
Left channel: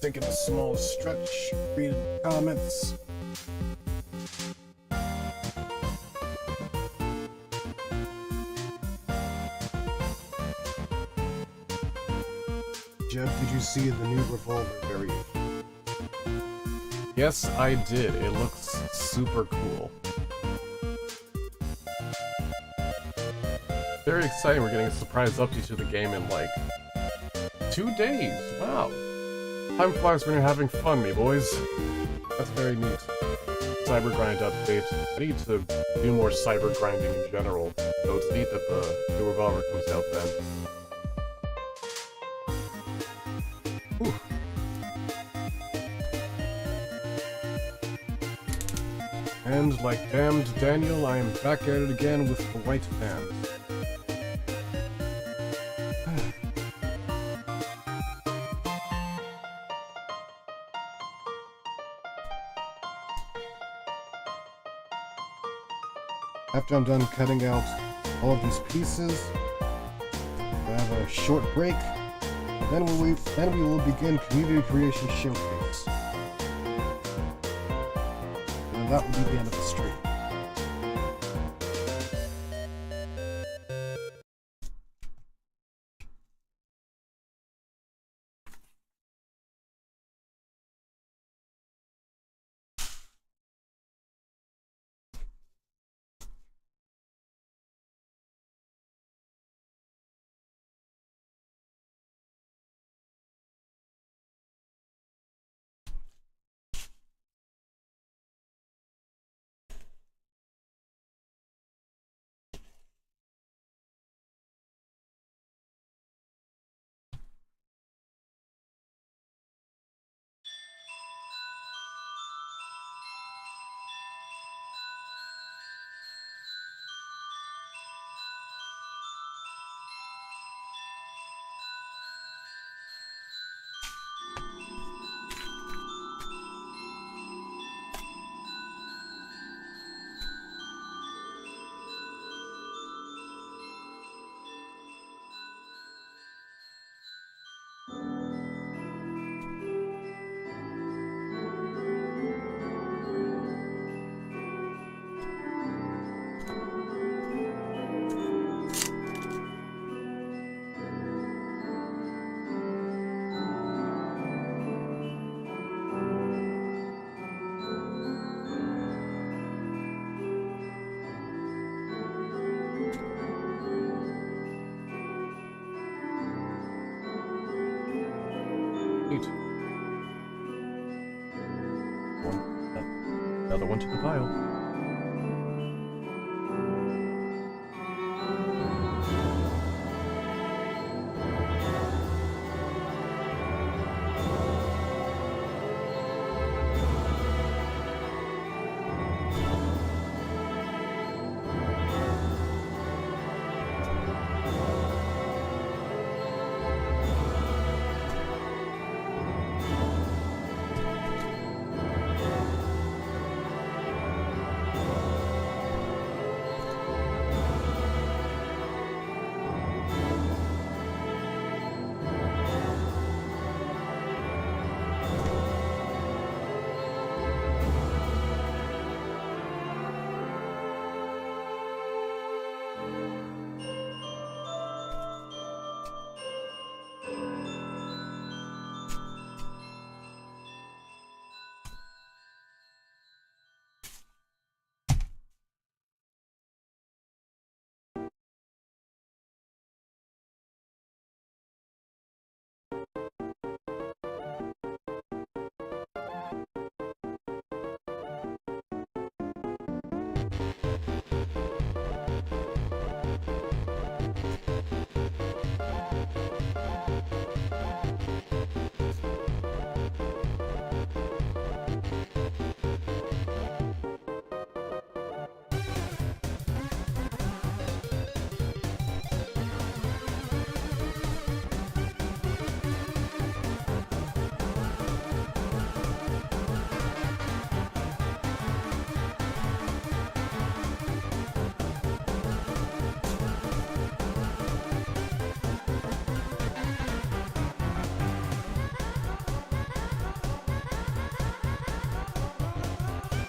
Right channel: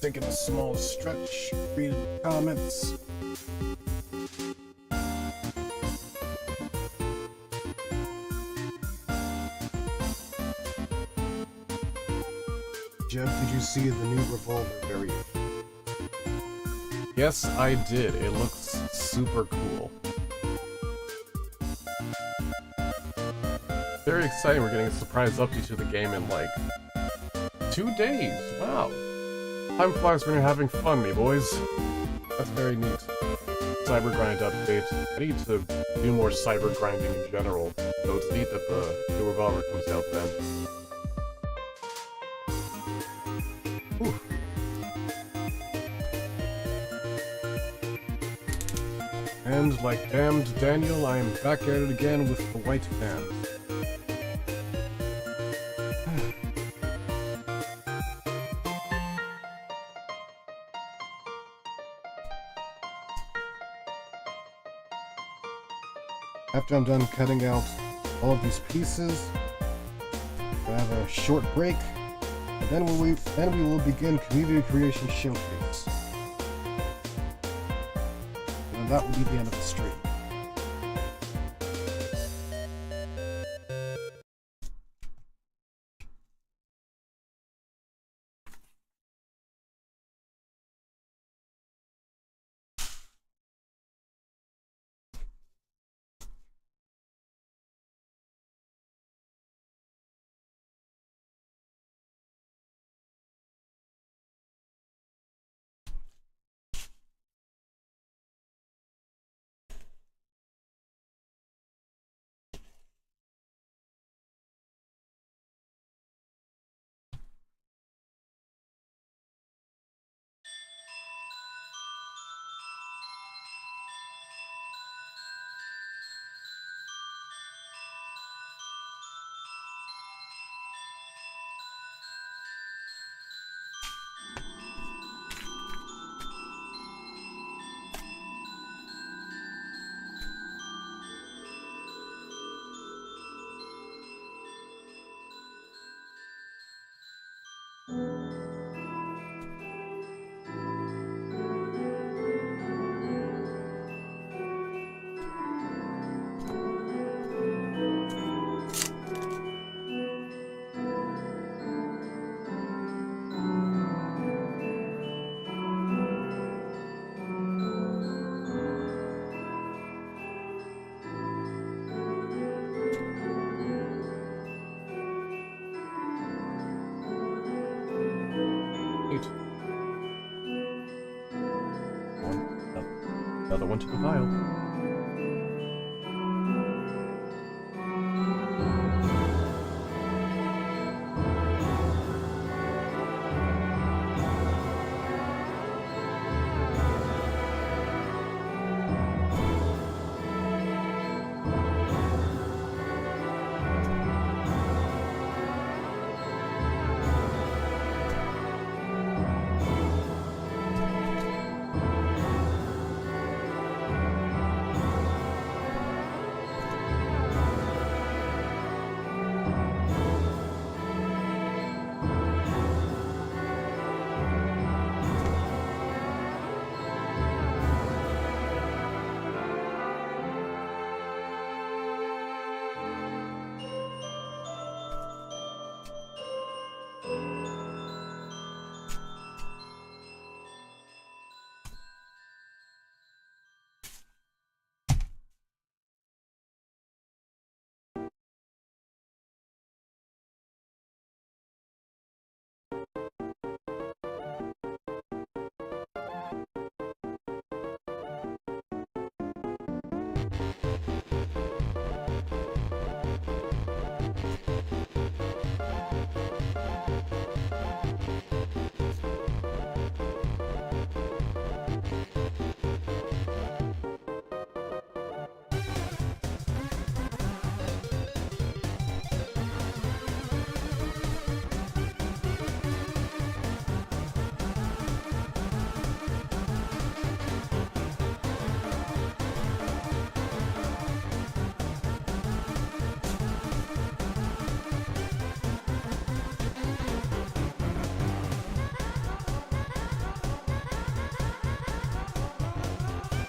Taking a small stretch, read comments. Jeb, did you see the new Revolver variant? Yes, I did. It looks super cool. Very exciting. We're getting a surprise update to the game in like 2 days. Wow. Time flies when you're having fun, me boys. That's very neat. Cyber grind update. I need to do more cyber grinding in general, so it's neat that the new Revolver comes out then. Whew. And like damned Daniel, I am back at it again with the white band. After I'm done cutting out all of these pieces, I have a short break, and then we will begin Community Creation Showcase. And that will be the end of the stream. Neat. Another one to the pile.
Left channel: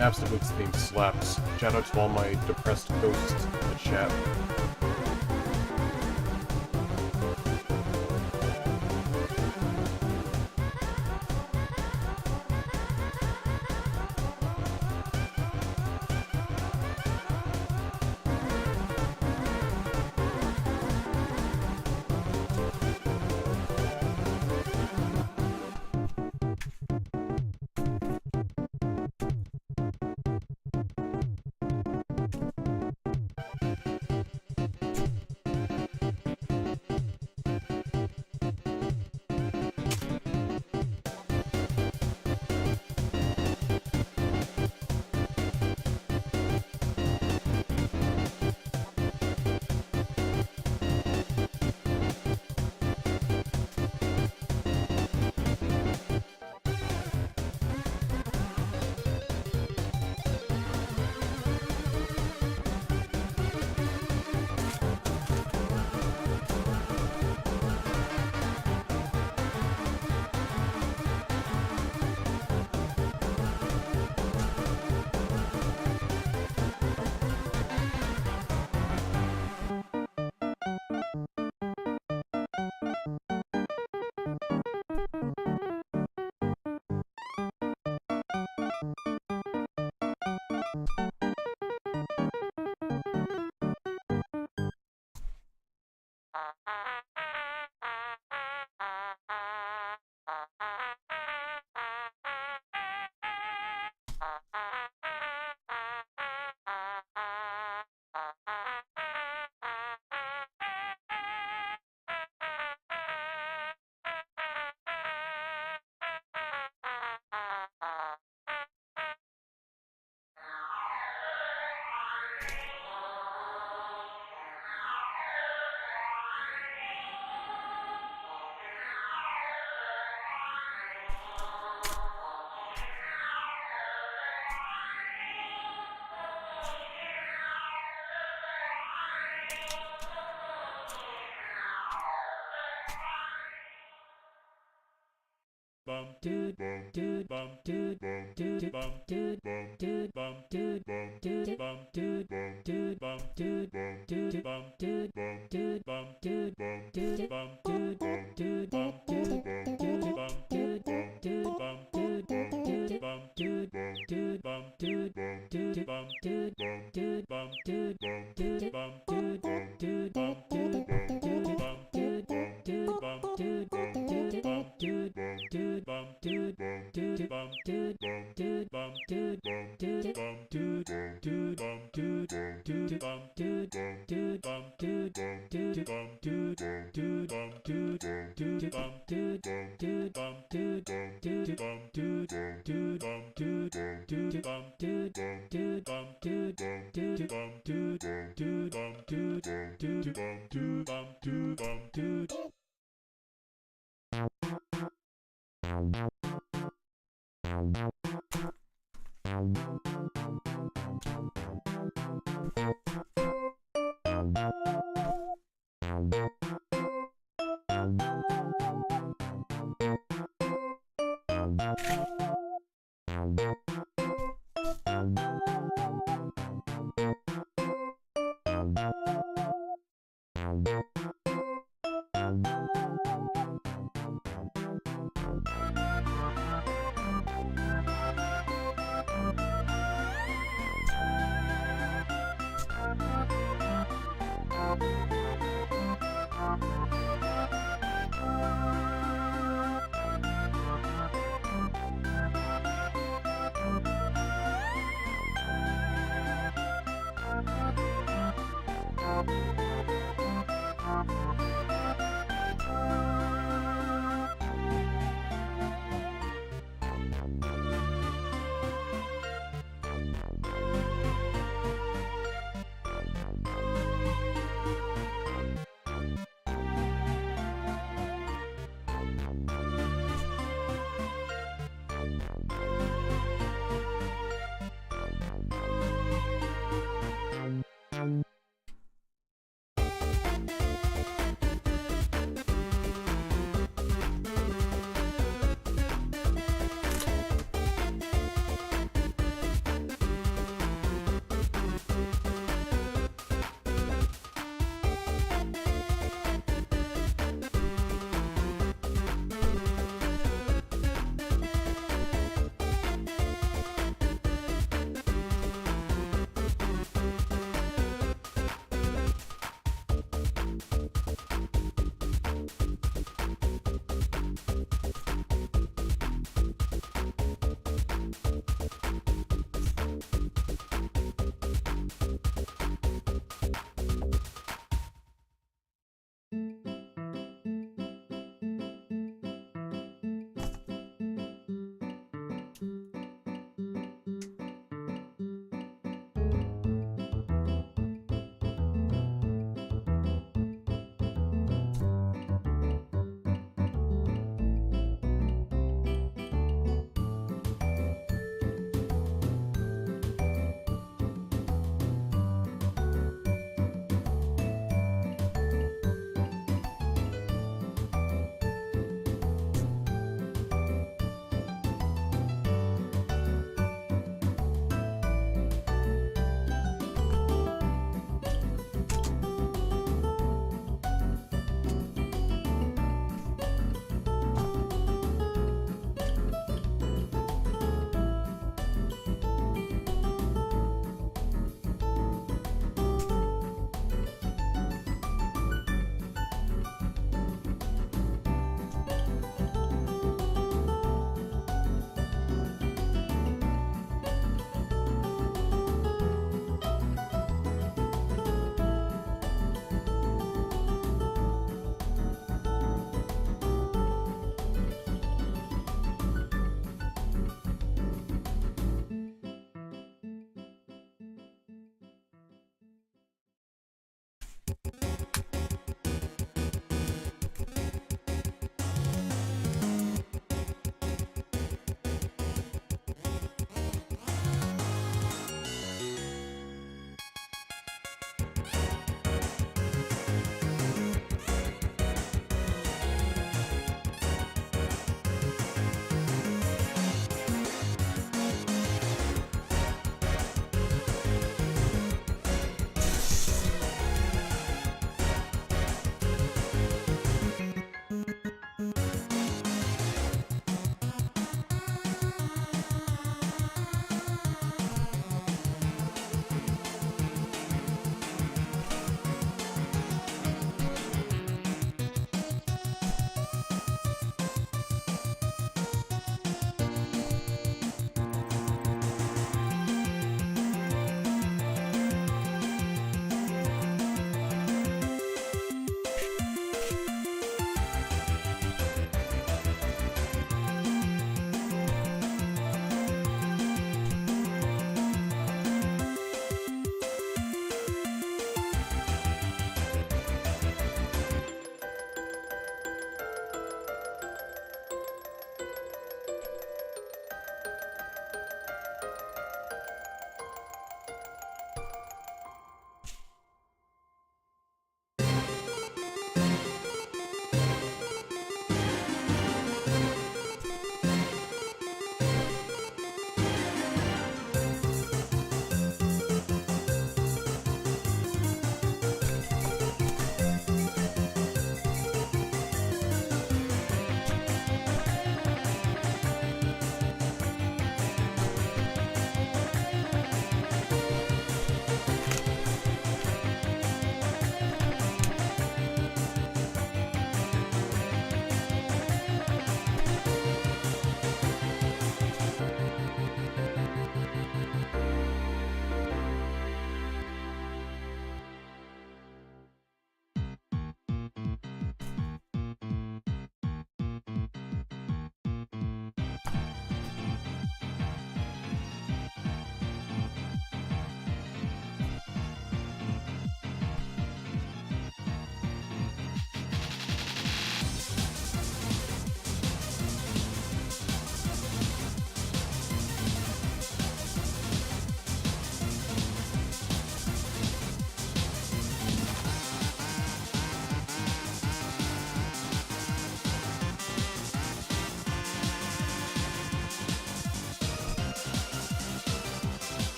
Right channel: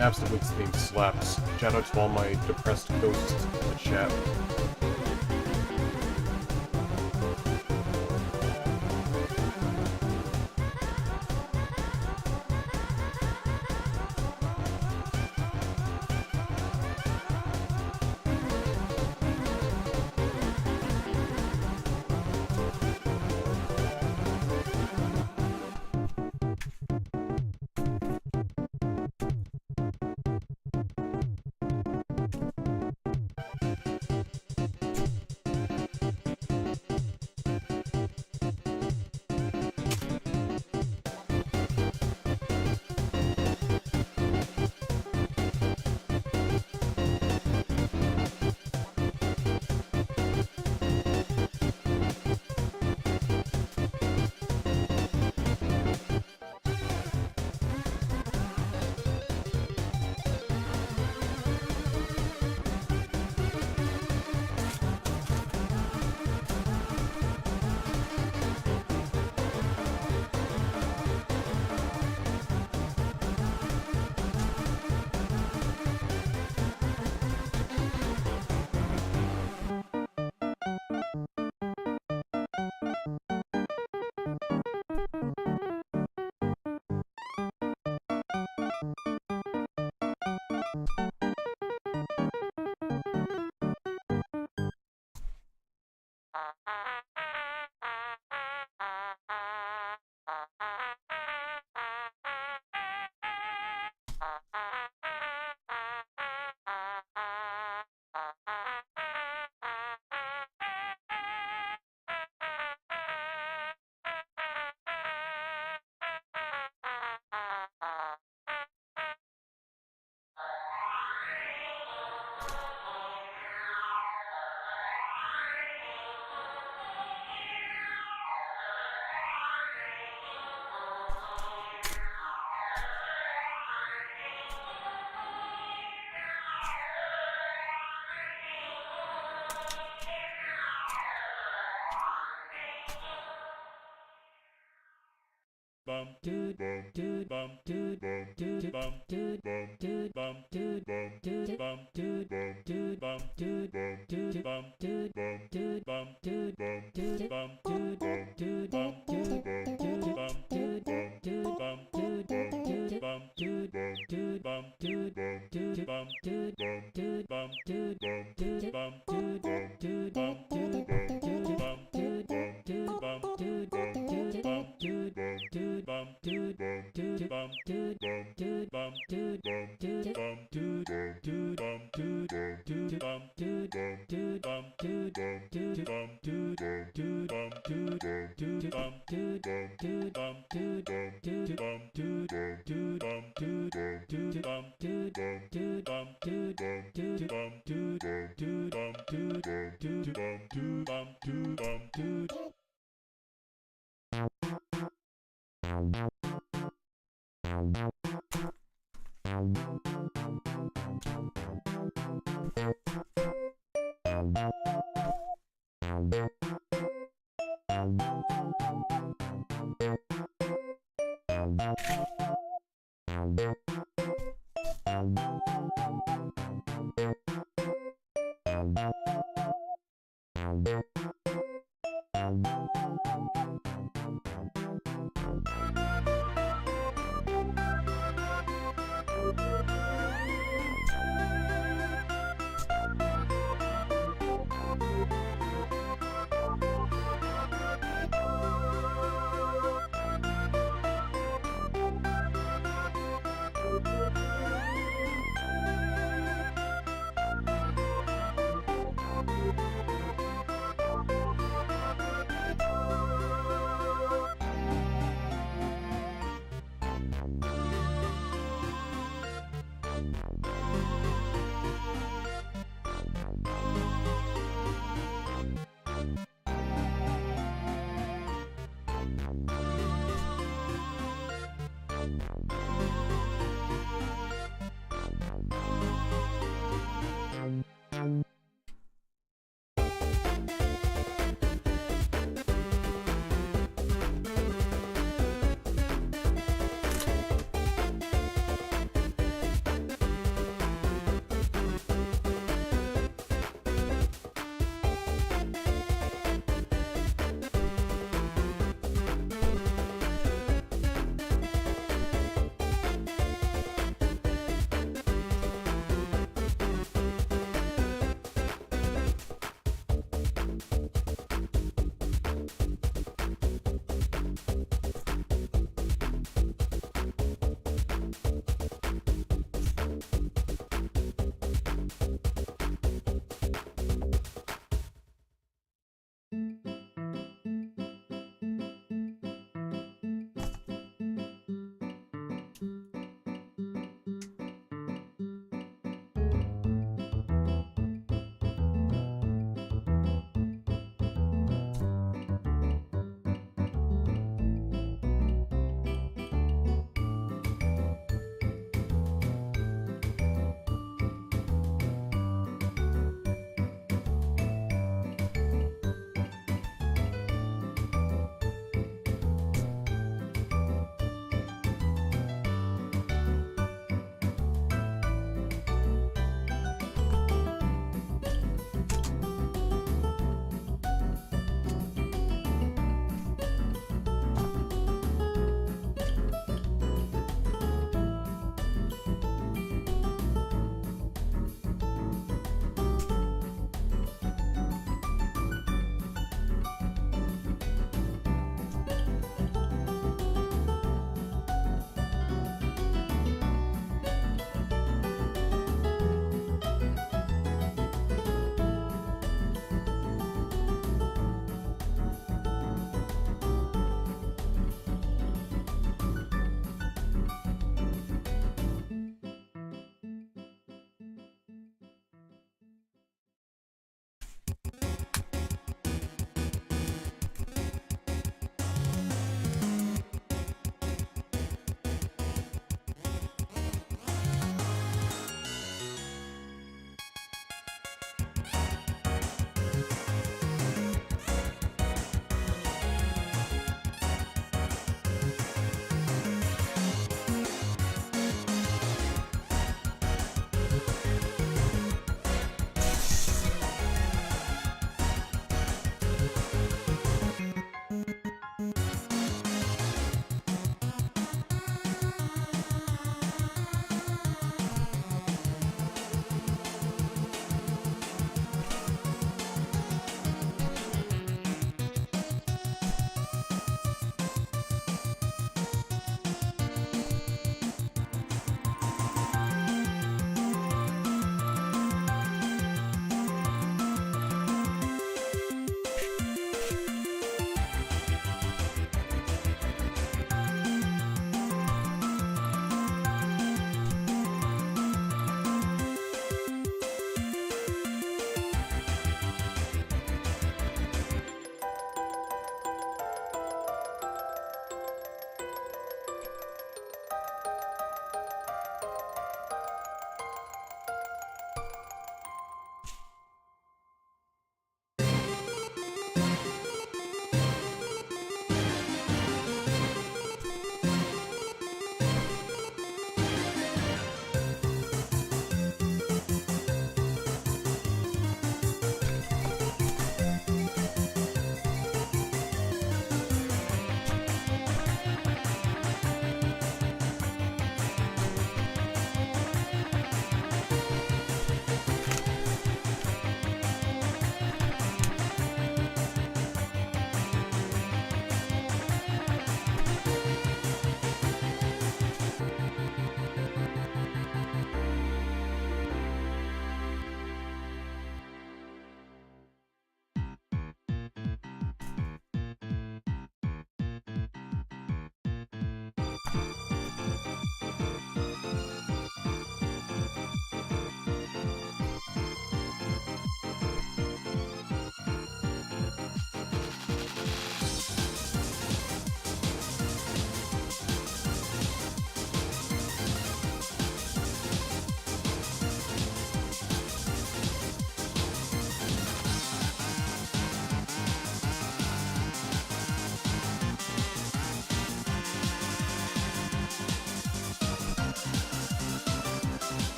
Absolute's theme slaps. Shout out to all my depressed ghosts in the chat.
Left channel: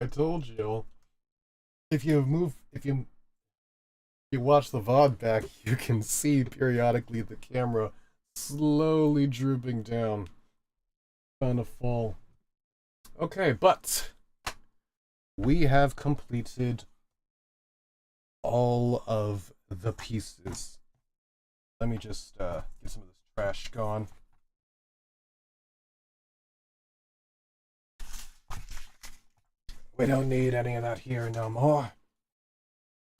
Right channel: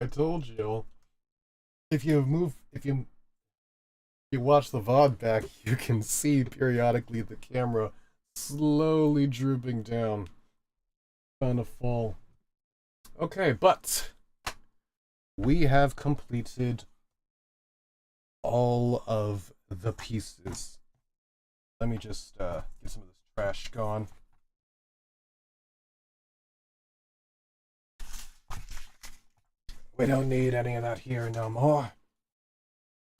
I told you. If you watch the VOD back, you can see periodically the camera slowly drooping down. Trying to fall. Okay, but we have completed all of the pieces. Let me just get some of this trash gone. We don't need any of that here no more.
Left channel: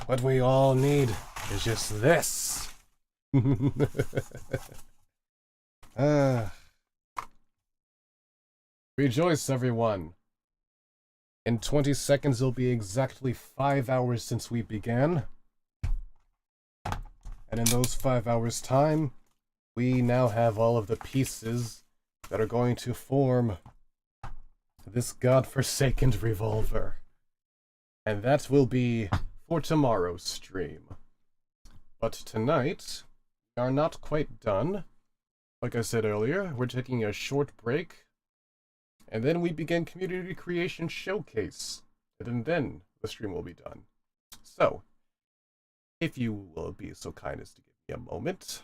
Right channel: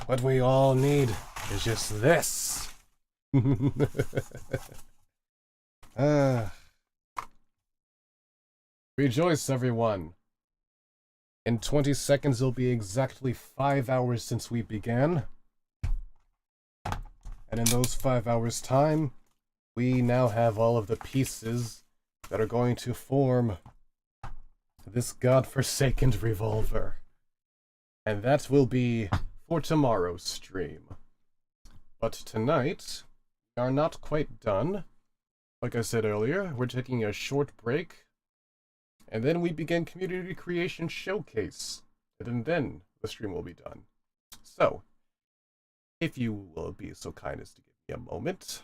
What we all need is just this. Rejoice, everyone. In 20 seconds, it'll be exactly 5 hours since we began. And in those 5 hours' time, we now have all of the pieces that are going to form this godforsaken revolver. And that will be for tomorrow's stream. But tonight, we are not quite done. Like I said earlier, we're taking a short break. And then we begin Community Creation Showcase. And then the stream will be done. So, if you will be so kind as to give me a moment.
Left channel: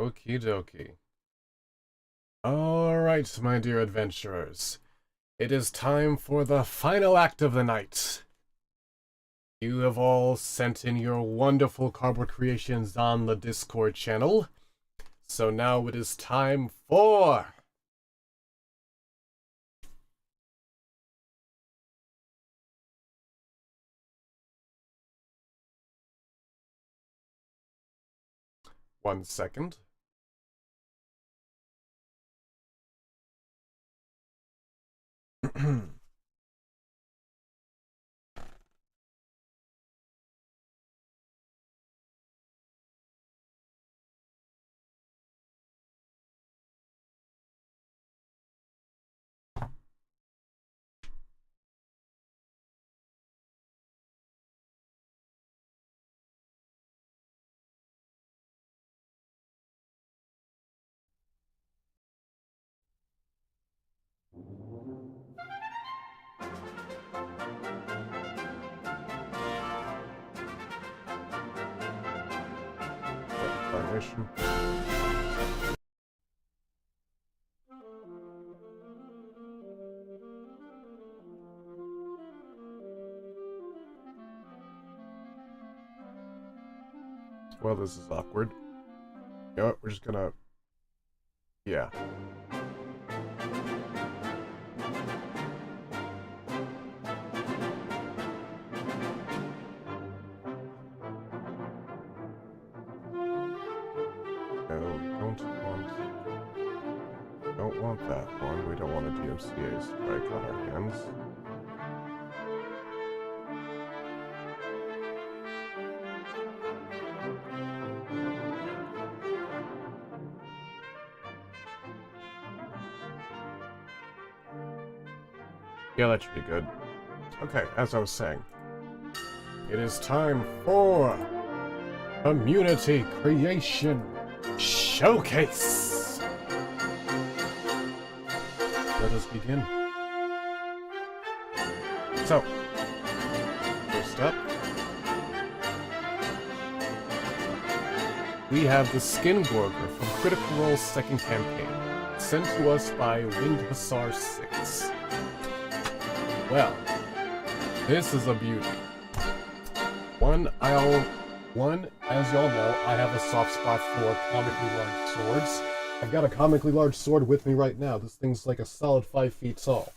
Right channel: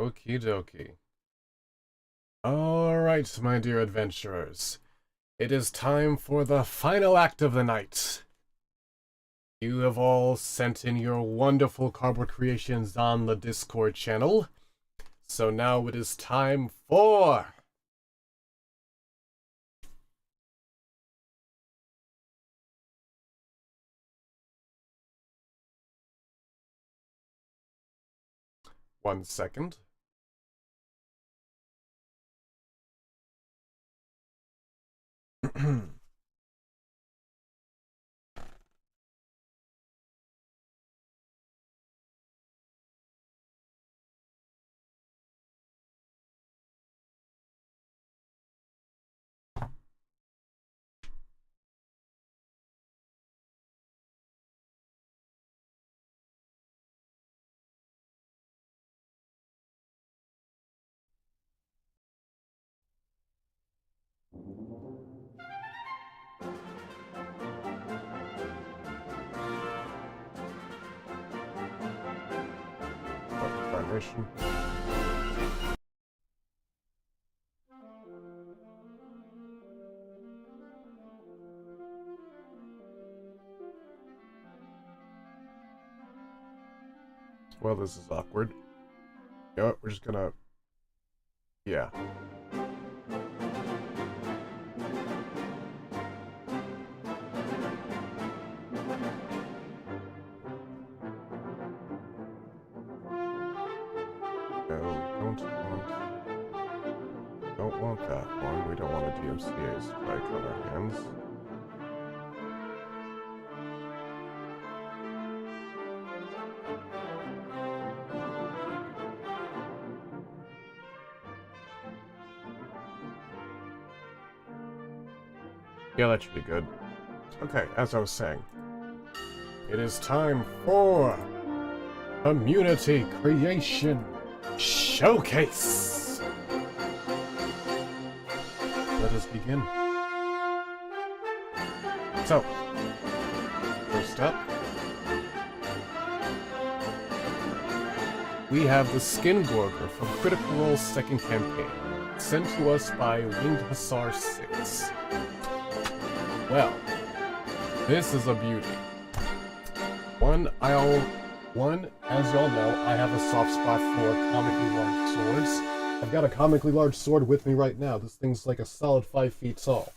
Okie dokie. Alright, my dear adventurers. It is time for the final act of the night. You have all sent in your wonderful cardboard creations on the Discord channel. So now it is time for... One second. Incarnation. Well, this is awkward. You know what? We're just gonna... Yeah. No, we don't want that one. We don't want a DMCA strike on our hands. Yeah, that should be good. Okay, as I was saying, it is time for Community Creation Showcase! Let us begin. So, first up, we have the Skin Gorger from Critical Role's second campaign, sent to us by Winged Hussar 6. Well, this is a beauty. One, as y'all know, I have a soft spot for comically large swords. I've got a comically large sword with me right now. This thing's like a solid 5 feet tall.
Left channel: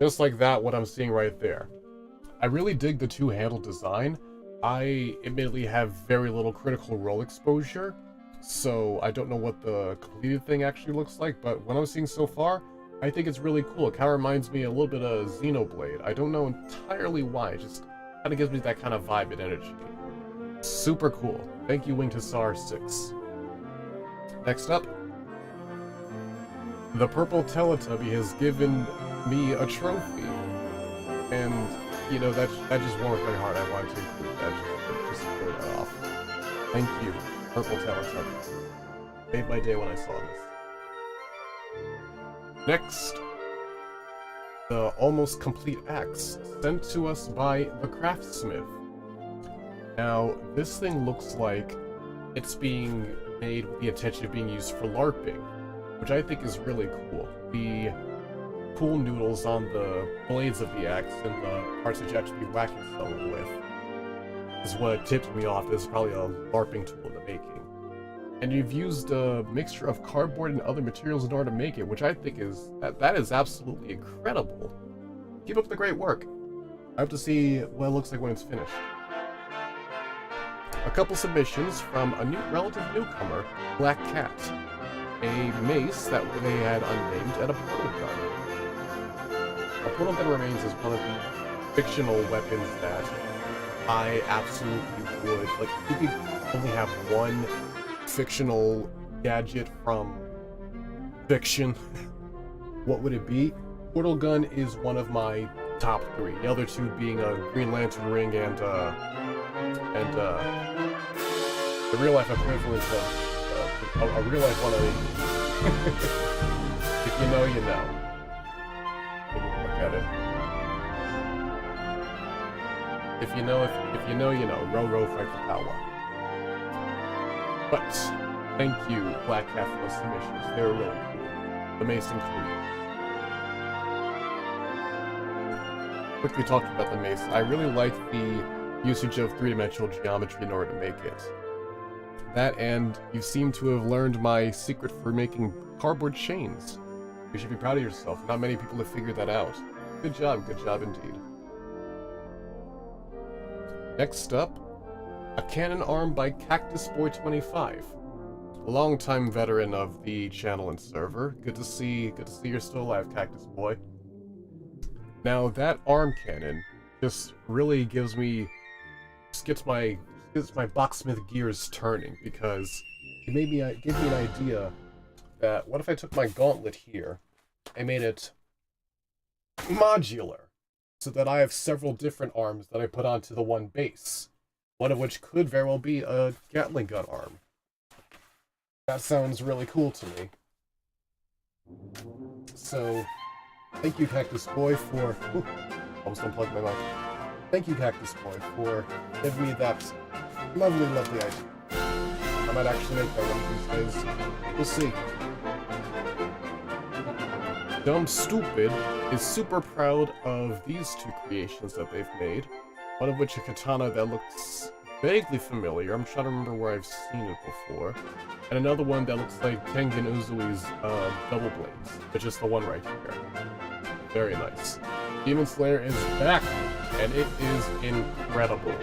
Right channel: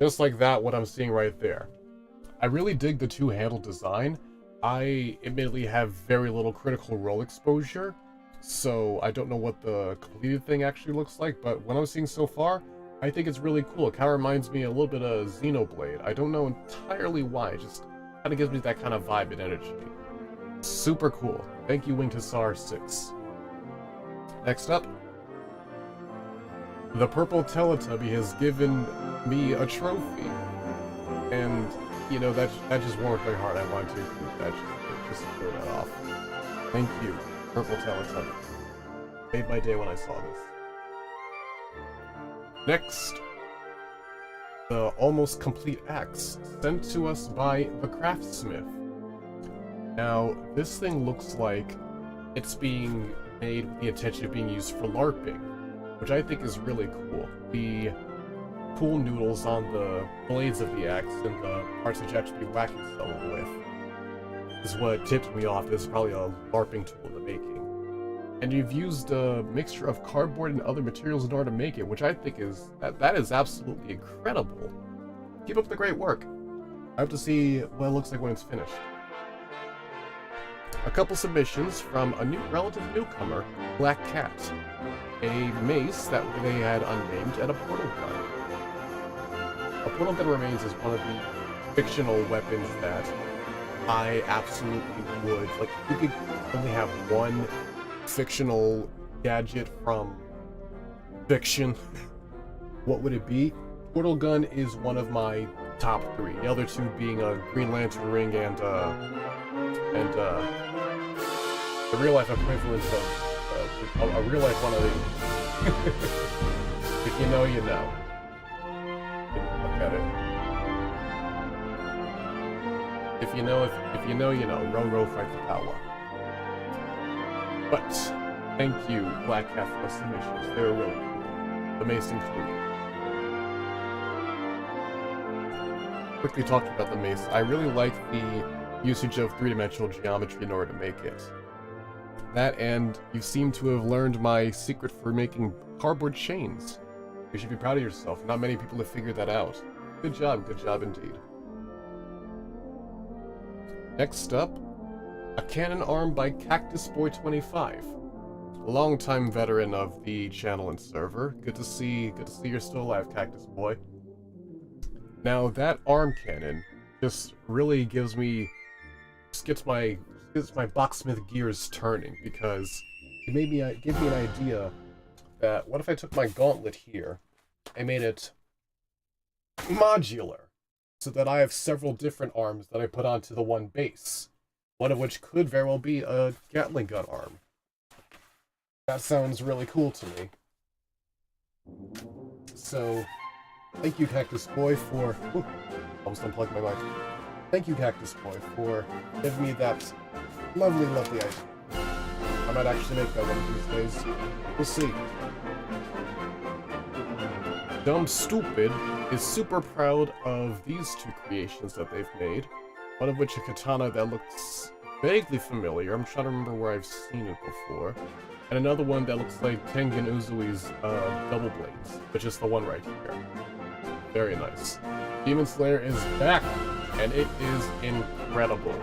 Just like that, what I'm seeing right there. I really dig the two-handle design. I admittedly have very little Critical Role exposure, so I don't know what the completed thing actually looks like, but what I'm seeing so far, I think it's really cool. It kind of reminds me a little bit of Xenoblade. I don't know entirely why, it just kind of gives me that kind of vibe and energy. Super cool. Thank you, Winged Hussar 6. Next up, the Purple Teletubby has given me a trophy. And, you know, that just warmed my heart. I wanted to include that, just to show that off. Thank you, Purple Teletubby. Made my day when I saw this. Next, the Almost Complete Axe, sent to us by the Craftsmith. Now, this thing looks like it's being made with the intention of being used for LARPing, which I think is really cool. The cool noodles on the blades of the axe and the parts that you actually be whacking someone with is what tipped me off. This is probably a LARPing tool in the making. And you've used a mixture of cardboard and other materials in order to make it, which I think is that is absolutely incredible. Keep up the great work. I hope to see what it looks like when it's finished. A couple submissions from a relative newcomer, Black Cat. A mace that they had unnamed, and a portal gun. A portal gun remains as one of the fictional weapons that I absolutely would, like, if you could only have one fictional gadget from fiction, what would it be? Portal gun is one of my top 3. The other 2 being a Green Lantern ring and the real life equivalent of a real life one of these. If you know, you know. Take a look at it. If you know, you know. Row, row, fight the power. But thank you, Black Cat, for those submissions. They were really cool. The mace included. Quickly talking about the mace, I really like the usage of three-dimensional geometry in order to make it. That, and you seem to have learned my secret for making cardboard chains. You should be proud of yourself. Not many people have figured that out. Good job indeed. Next up, a cannon arm by Cactus Boy 25. A longtime veteran of the channel and server. Good to see you're still alive, Cactus Boy. Now that arm cannon just really gets my Boxsmith gears turning, because it gave me an idea that what if I took my gauntlet here, I made it modular, so that I have several different arms that I put onto the one base, one of which could very well be a Gatling gun arm. That sounds really cool to me. So, thank you, Cactus Boy, for... Ooh, almost unplugged my mic. Thank you, Cactus Boy, for giving me that lovely idea. I might actually make that one of these days. We'll see. Dumb Stupid is super proud of these two creations that they've made. One of which a katana that looks vaguely familiar. I'm trying to remember where I've seen it before. And another one that looks like Tengen Uzui's double blades, which is the one right here. Very nice. Demon Slayer is back, and it is incredible.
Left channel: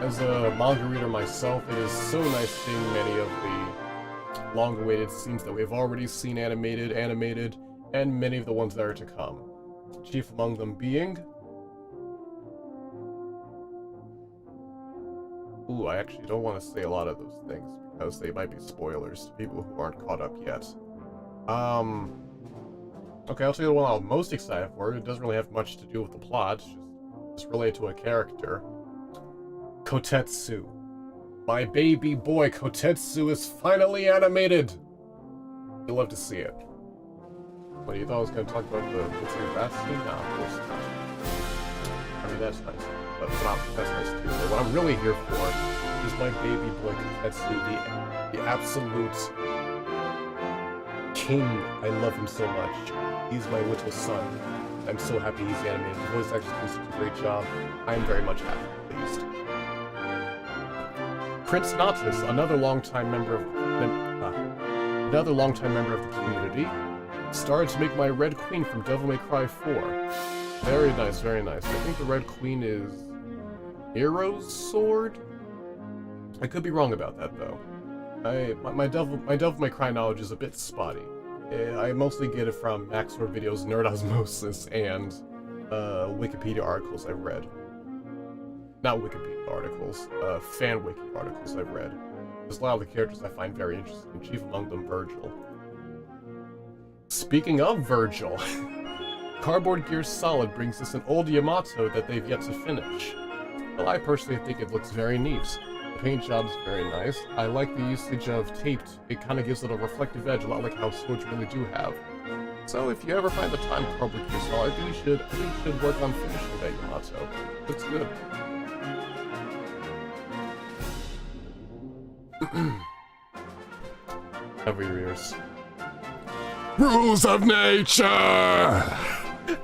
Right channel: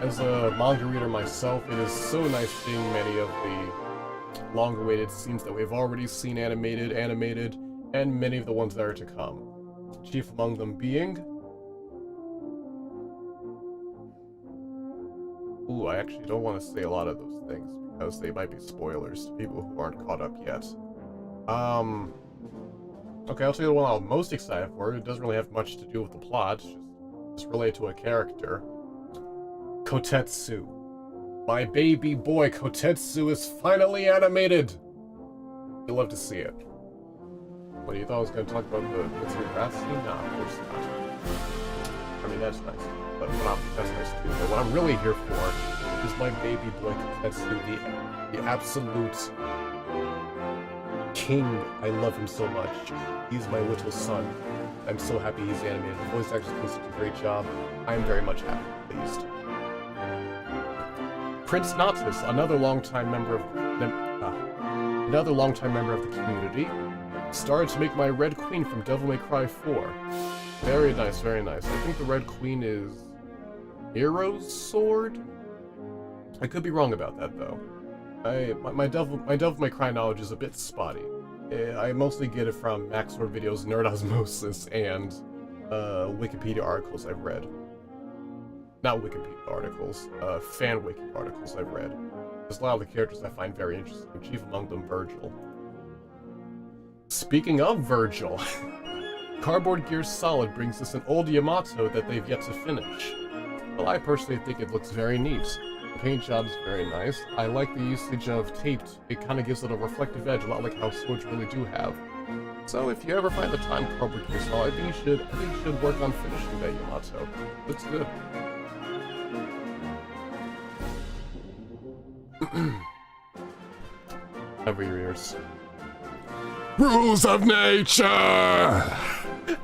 As a manga reader myself, it is so nice seeing many of the long-awaited scenes that we've already seen animated, and many of the ones that are to come. Chief among them being... Ooh, I actually don't want to say a lot of those things, because they might be spoilers to people who aren't caught up yet. Okay, I'll tell you the one I'm most excited for. It doesn't really have much to do with the plot, just related to a character. Kotetsu. My baby boy Kotetsu is finally animated! You'll love to see it. What, you thought I was going to talk about the Mitsuru Bat scene? Nah, of course not. I mean, that's nice. That's nice too. But what I'm really here for is my baby boy Kotetsu, the absolute king. I love him so much. He's my little son. I'm so happy he's animated. The voice actor's doing such a great job. I am very much happy, pleased. Prince Natus, another longtime member of the community, started to make my Red Queen from Devil May Cry 4. Very nice, very nice. I think the Red Queen is Hero's Sword? I could be wrong about that, though. My Devil May Cry knowledge is a bit spotty. I mostly get it from Maxword videos, Nerd Osmosis, and Wikipedia articles I've read. Not Wikipedia articles, fan wiki articles I've read. There's a lot of the characters I find very interesting, chief among them Virgil. Speaking of Virgil, Cardboard Gear Solid brings us an old Yamato that they've yet to finish. Well, I personally think it looks very neat. The paint job's very nice. I like the usage of taped. It kind of gives it a reflective edge, a lot like how swords really do have. So if you ever find the time, Cardboard Gear Solid, I think you should work on finishing that Yamato. Looks good. Cover your ears. Rules of nature!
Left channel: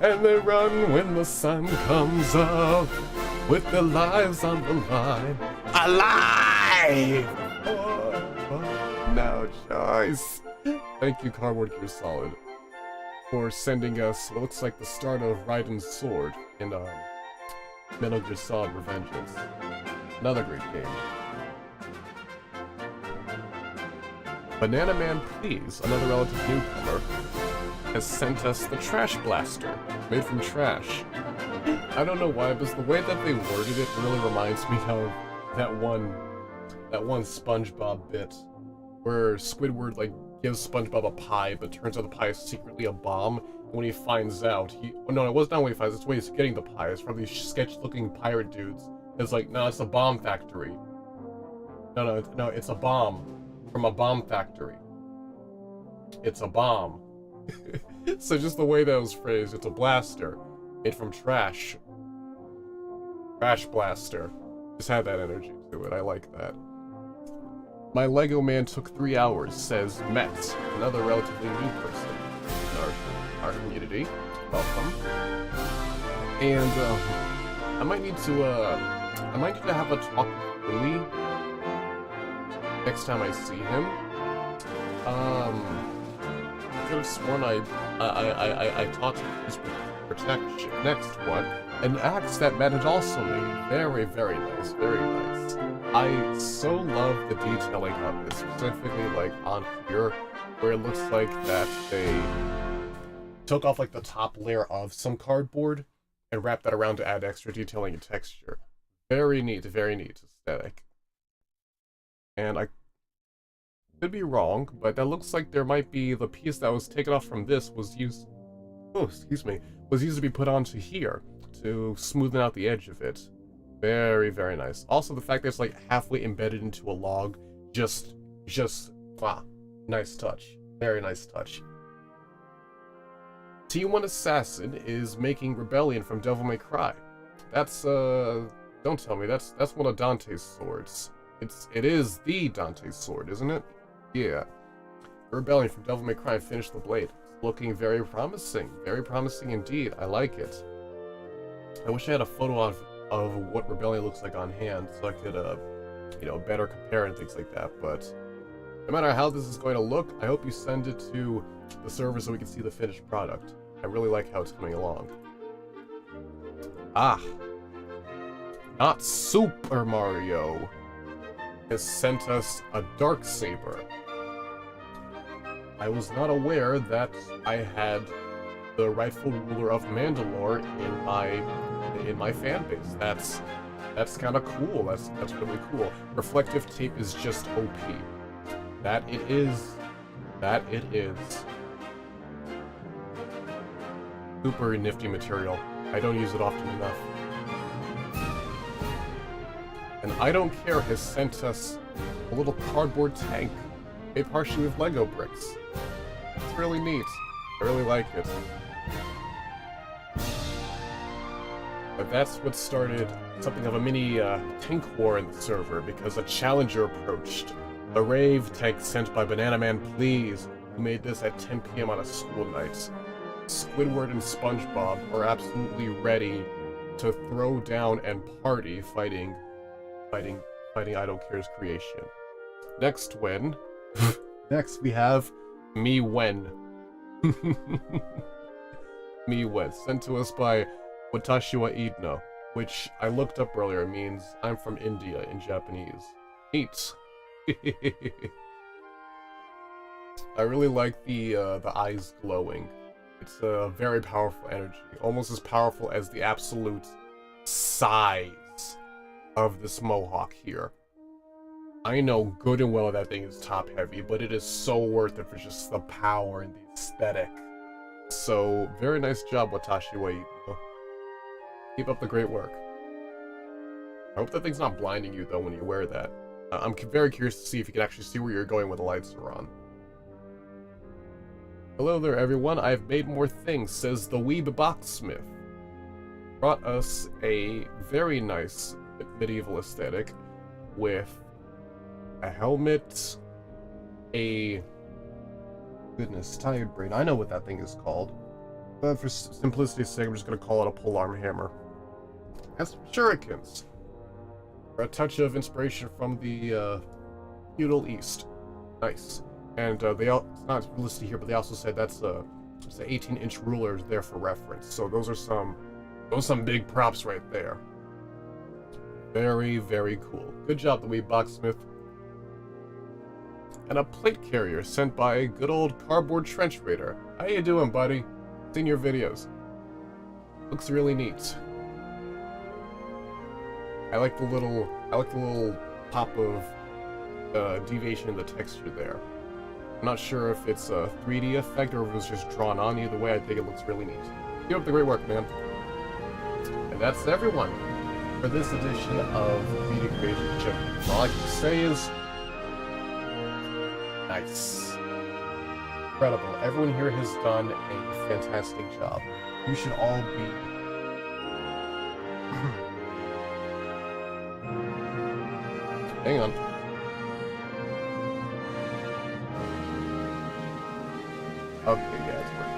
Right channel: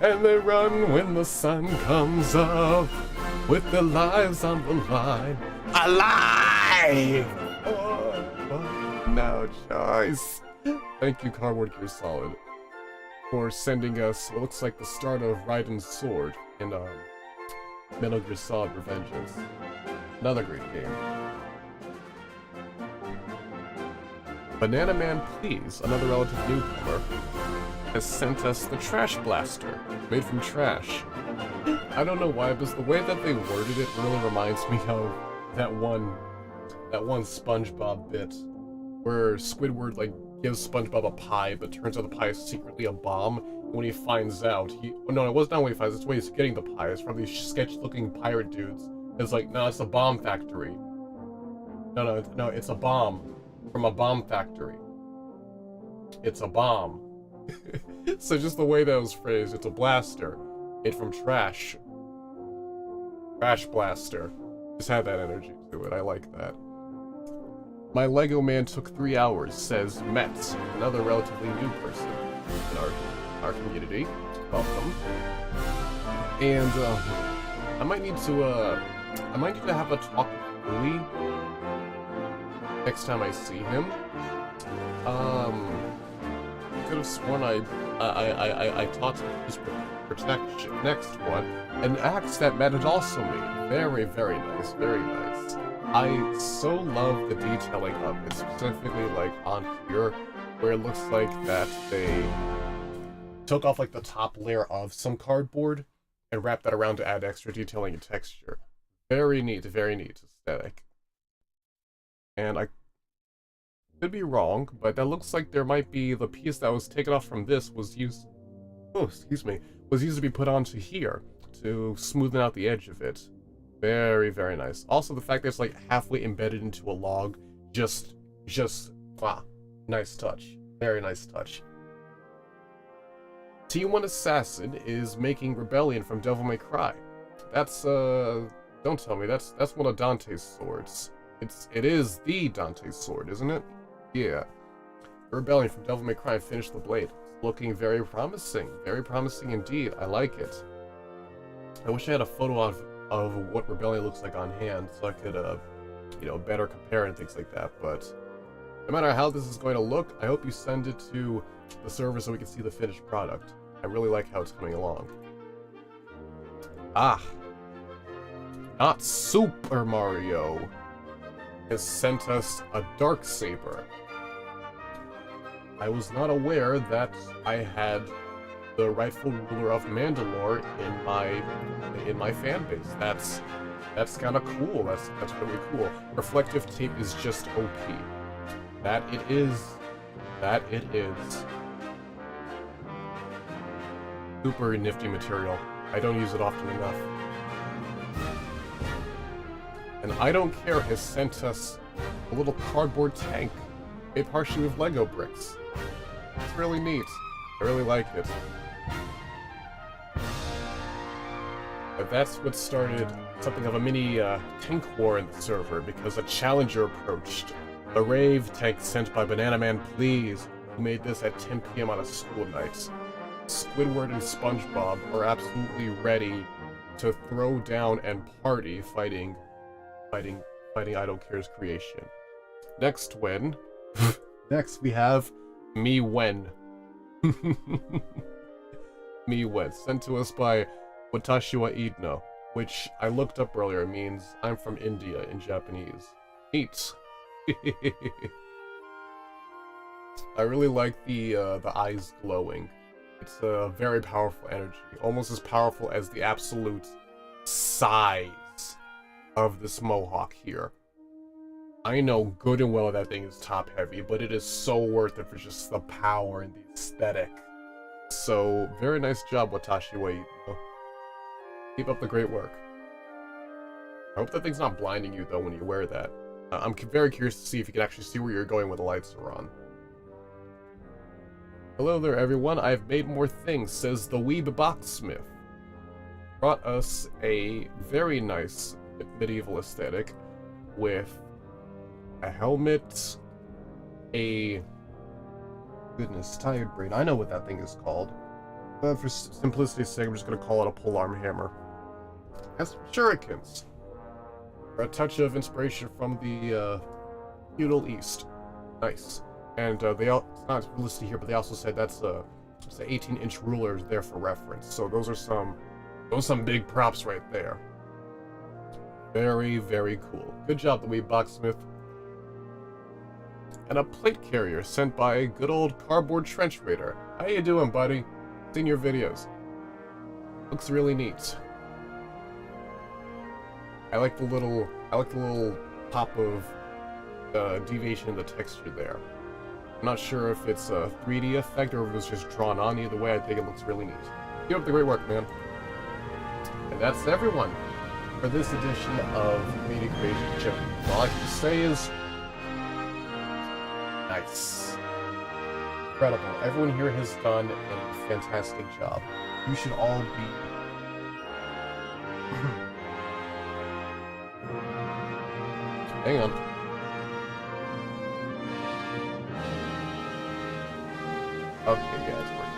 And they run when the sun comes up, with their lives on the line. Alive! No choice. Thank you, Cardboard Gear Solid, for sending us what looks like the start of Raiden's Sword in Metal Gear Solid Revengeance. Another great game. Banana Man Please, another relative newcomer, has sent us the Trash Blaster, made from trash. I don't know why, but the way that they worded it really reminds me of that one SpongeBob bit where Squidward gives SpongeBob a pie, but turns out the pie is secretly a bomb. And when he finds out, no, it was not when he finds out, it's when he's getting the pie. It's from these sketch-looking pirate dudes. It's like, no, it's a bomb factory. No, it's a bomb. From a bomb factory. It's a bomb. So just the way that was phrased, it's a blaster. Made from trash. Trash blaster. Just had that energy to it. I like that. My Lego man took 3 hours, says Metz, another relatively new person in our community. Welcome. And I might need to have a talk with Louis next time I see him. I could have sworn I taught his protection next one, an axe that Matt had also made. Very, very nice, very nice. I so love the detailing of it, specifically like on here, where it looks like that they took off like the top layer of some cardboard and wrapped that around to add extra detailing and texture. Very neat aesthetic. And I could be wrong, but that looks like there might be the piece that was taken off from this was used to be put onto here to smoothen out the edge of it. Very, very nice. Also, the fact that it's like halfway embedded into a log, just wow, nice touch. Very nice touch. T1 Assassin is making Rebellion from Devil May Cry. That's don't tell me that's one of Dante's swords. It is the Dante's sword, isn't it? Yeah. Rebellion from Devil May Cry finished the blade. It's looking very promising indeed. I like it. I wish I had a photo of what Rebellion looks like on hand, so I could, better compare and things like that, but no matter how this is going to look, I hope you send it to the server so we can see the finished product. I really like how it's coming along. Ah! Not Super Mario has sent us a Darksaber. I was not aware that I had the rightful ruler of Mandalore in my fan base. That's kind of cool. That's really cool. Reflective tape is just OP. That it is. Super nifty material. I don't use it often enough. And I Don't Care has sent us a little cardboard tank made partially with Lego bricks. It's really neat. I really like it. But that's what started something of a mini tank war in the server, because a challenger approached. The Rave tank sent by Banana Man Please, who made this at 10 PM on a school night. Squidward and SpongeBob are absolutely ready to throw down and party fighting I Don't Care's creation. Next we have Me When. Me When, sent to us by Watashi wa Idno, which I looked up earlier means I'm from India in Japanese. Neat. I really like the eyes glowing. It's a very powerful energy, almost as powerful as the absolute size of this mohawk here. I know good and well that thing is top heavy, but it is so worth it for just the power and the aesthetic. So, very nice job, Watashi wa Idno. Keep up the great work. I hope that thing's not blinding you, though, when you wear that. I'm very curious to see if you can actually see where you're going when the lights are on. Hello there, everyone. I've made more things, says the Weeb Boxsmith. Brought us a very nice medieval aesthetic with a helmet, goodness, tired brain. I know what that thing is called. But for simplicity's sake, I'm just going to call it a polearm hammer. Has some shurikens. For a touch of inspiration from the feudal East. Nice. And it's not listed here, but they also said that's the 18-inch ruler there for reference. So those are some big props right there. Very, very cool. Good job, the Wee Boxsmith. And a plate carrier sent by good old Cardboard Trench Raider. How you doing, buddy? Seen your videos. Looks really neat. I like the little pop of deviation in the texture there. I'm not sure if it's a 3D effect or if it was just drawn on. Either way, I think it looks really neat. Keep up the great work, man. And that's everyone for this edition of Media Creation Chip. All I can say is, nice. Incredible. Everyone here has done a fantastic job. You should all be... Hang on. Okay, yeah, it's working.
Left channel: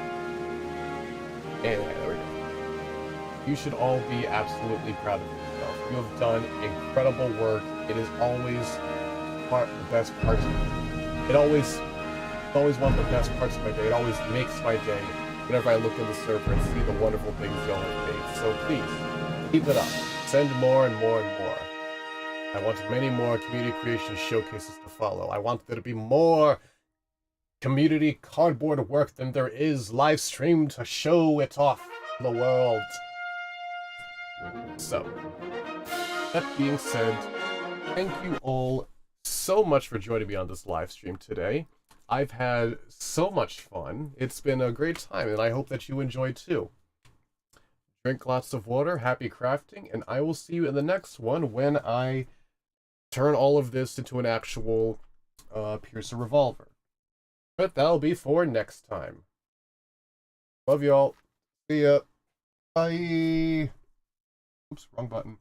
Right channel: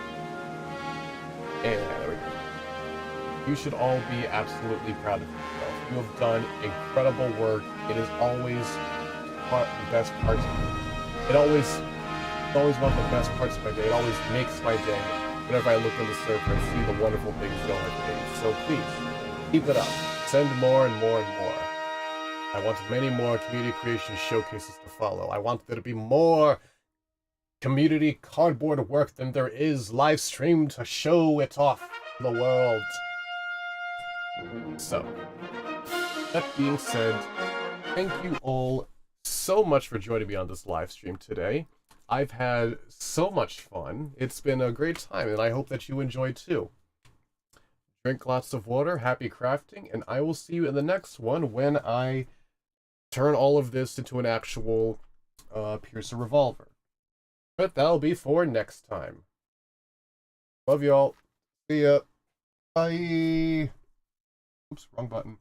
And there we go. You should all be absolutely proud of yourself. You have done incredible work. It is always the best parts. It's always one of the best parts of my day. It always makes my day whenever I look in the server and see the wonderful things y'all have made. So please, keep it up. Send more and more and more. I want many more community creation showcases to follow. I want there to be more community cardboard work than there is live stream to show it off to the world. So, that being said, thank you all so much for joining me on this live stream today. I've had so much fun. It's been a great time, and I hope that you enjoyed too. Drink lots of water, happy crafting, and I will see you in the next one when I turn all of this into an actual Piercer Revolver. But that'll be for next time. Love y'all. See ya. Bye. Oops, wrong button.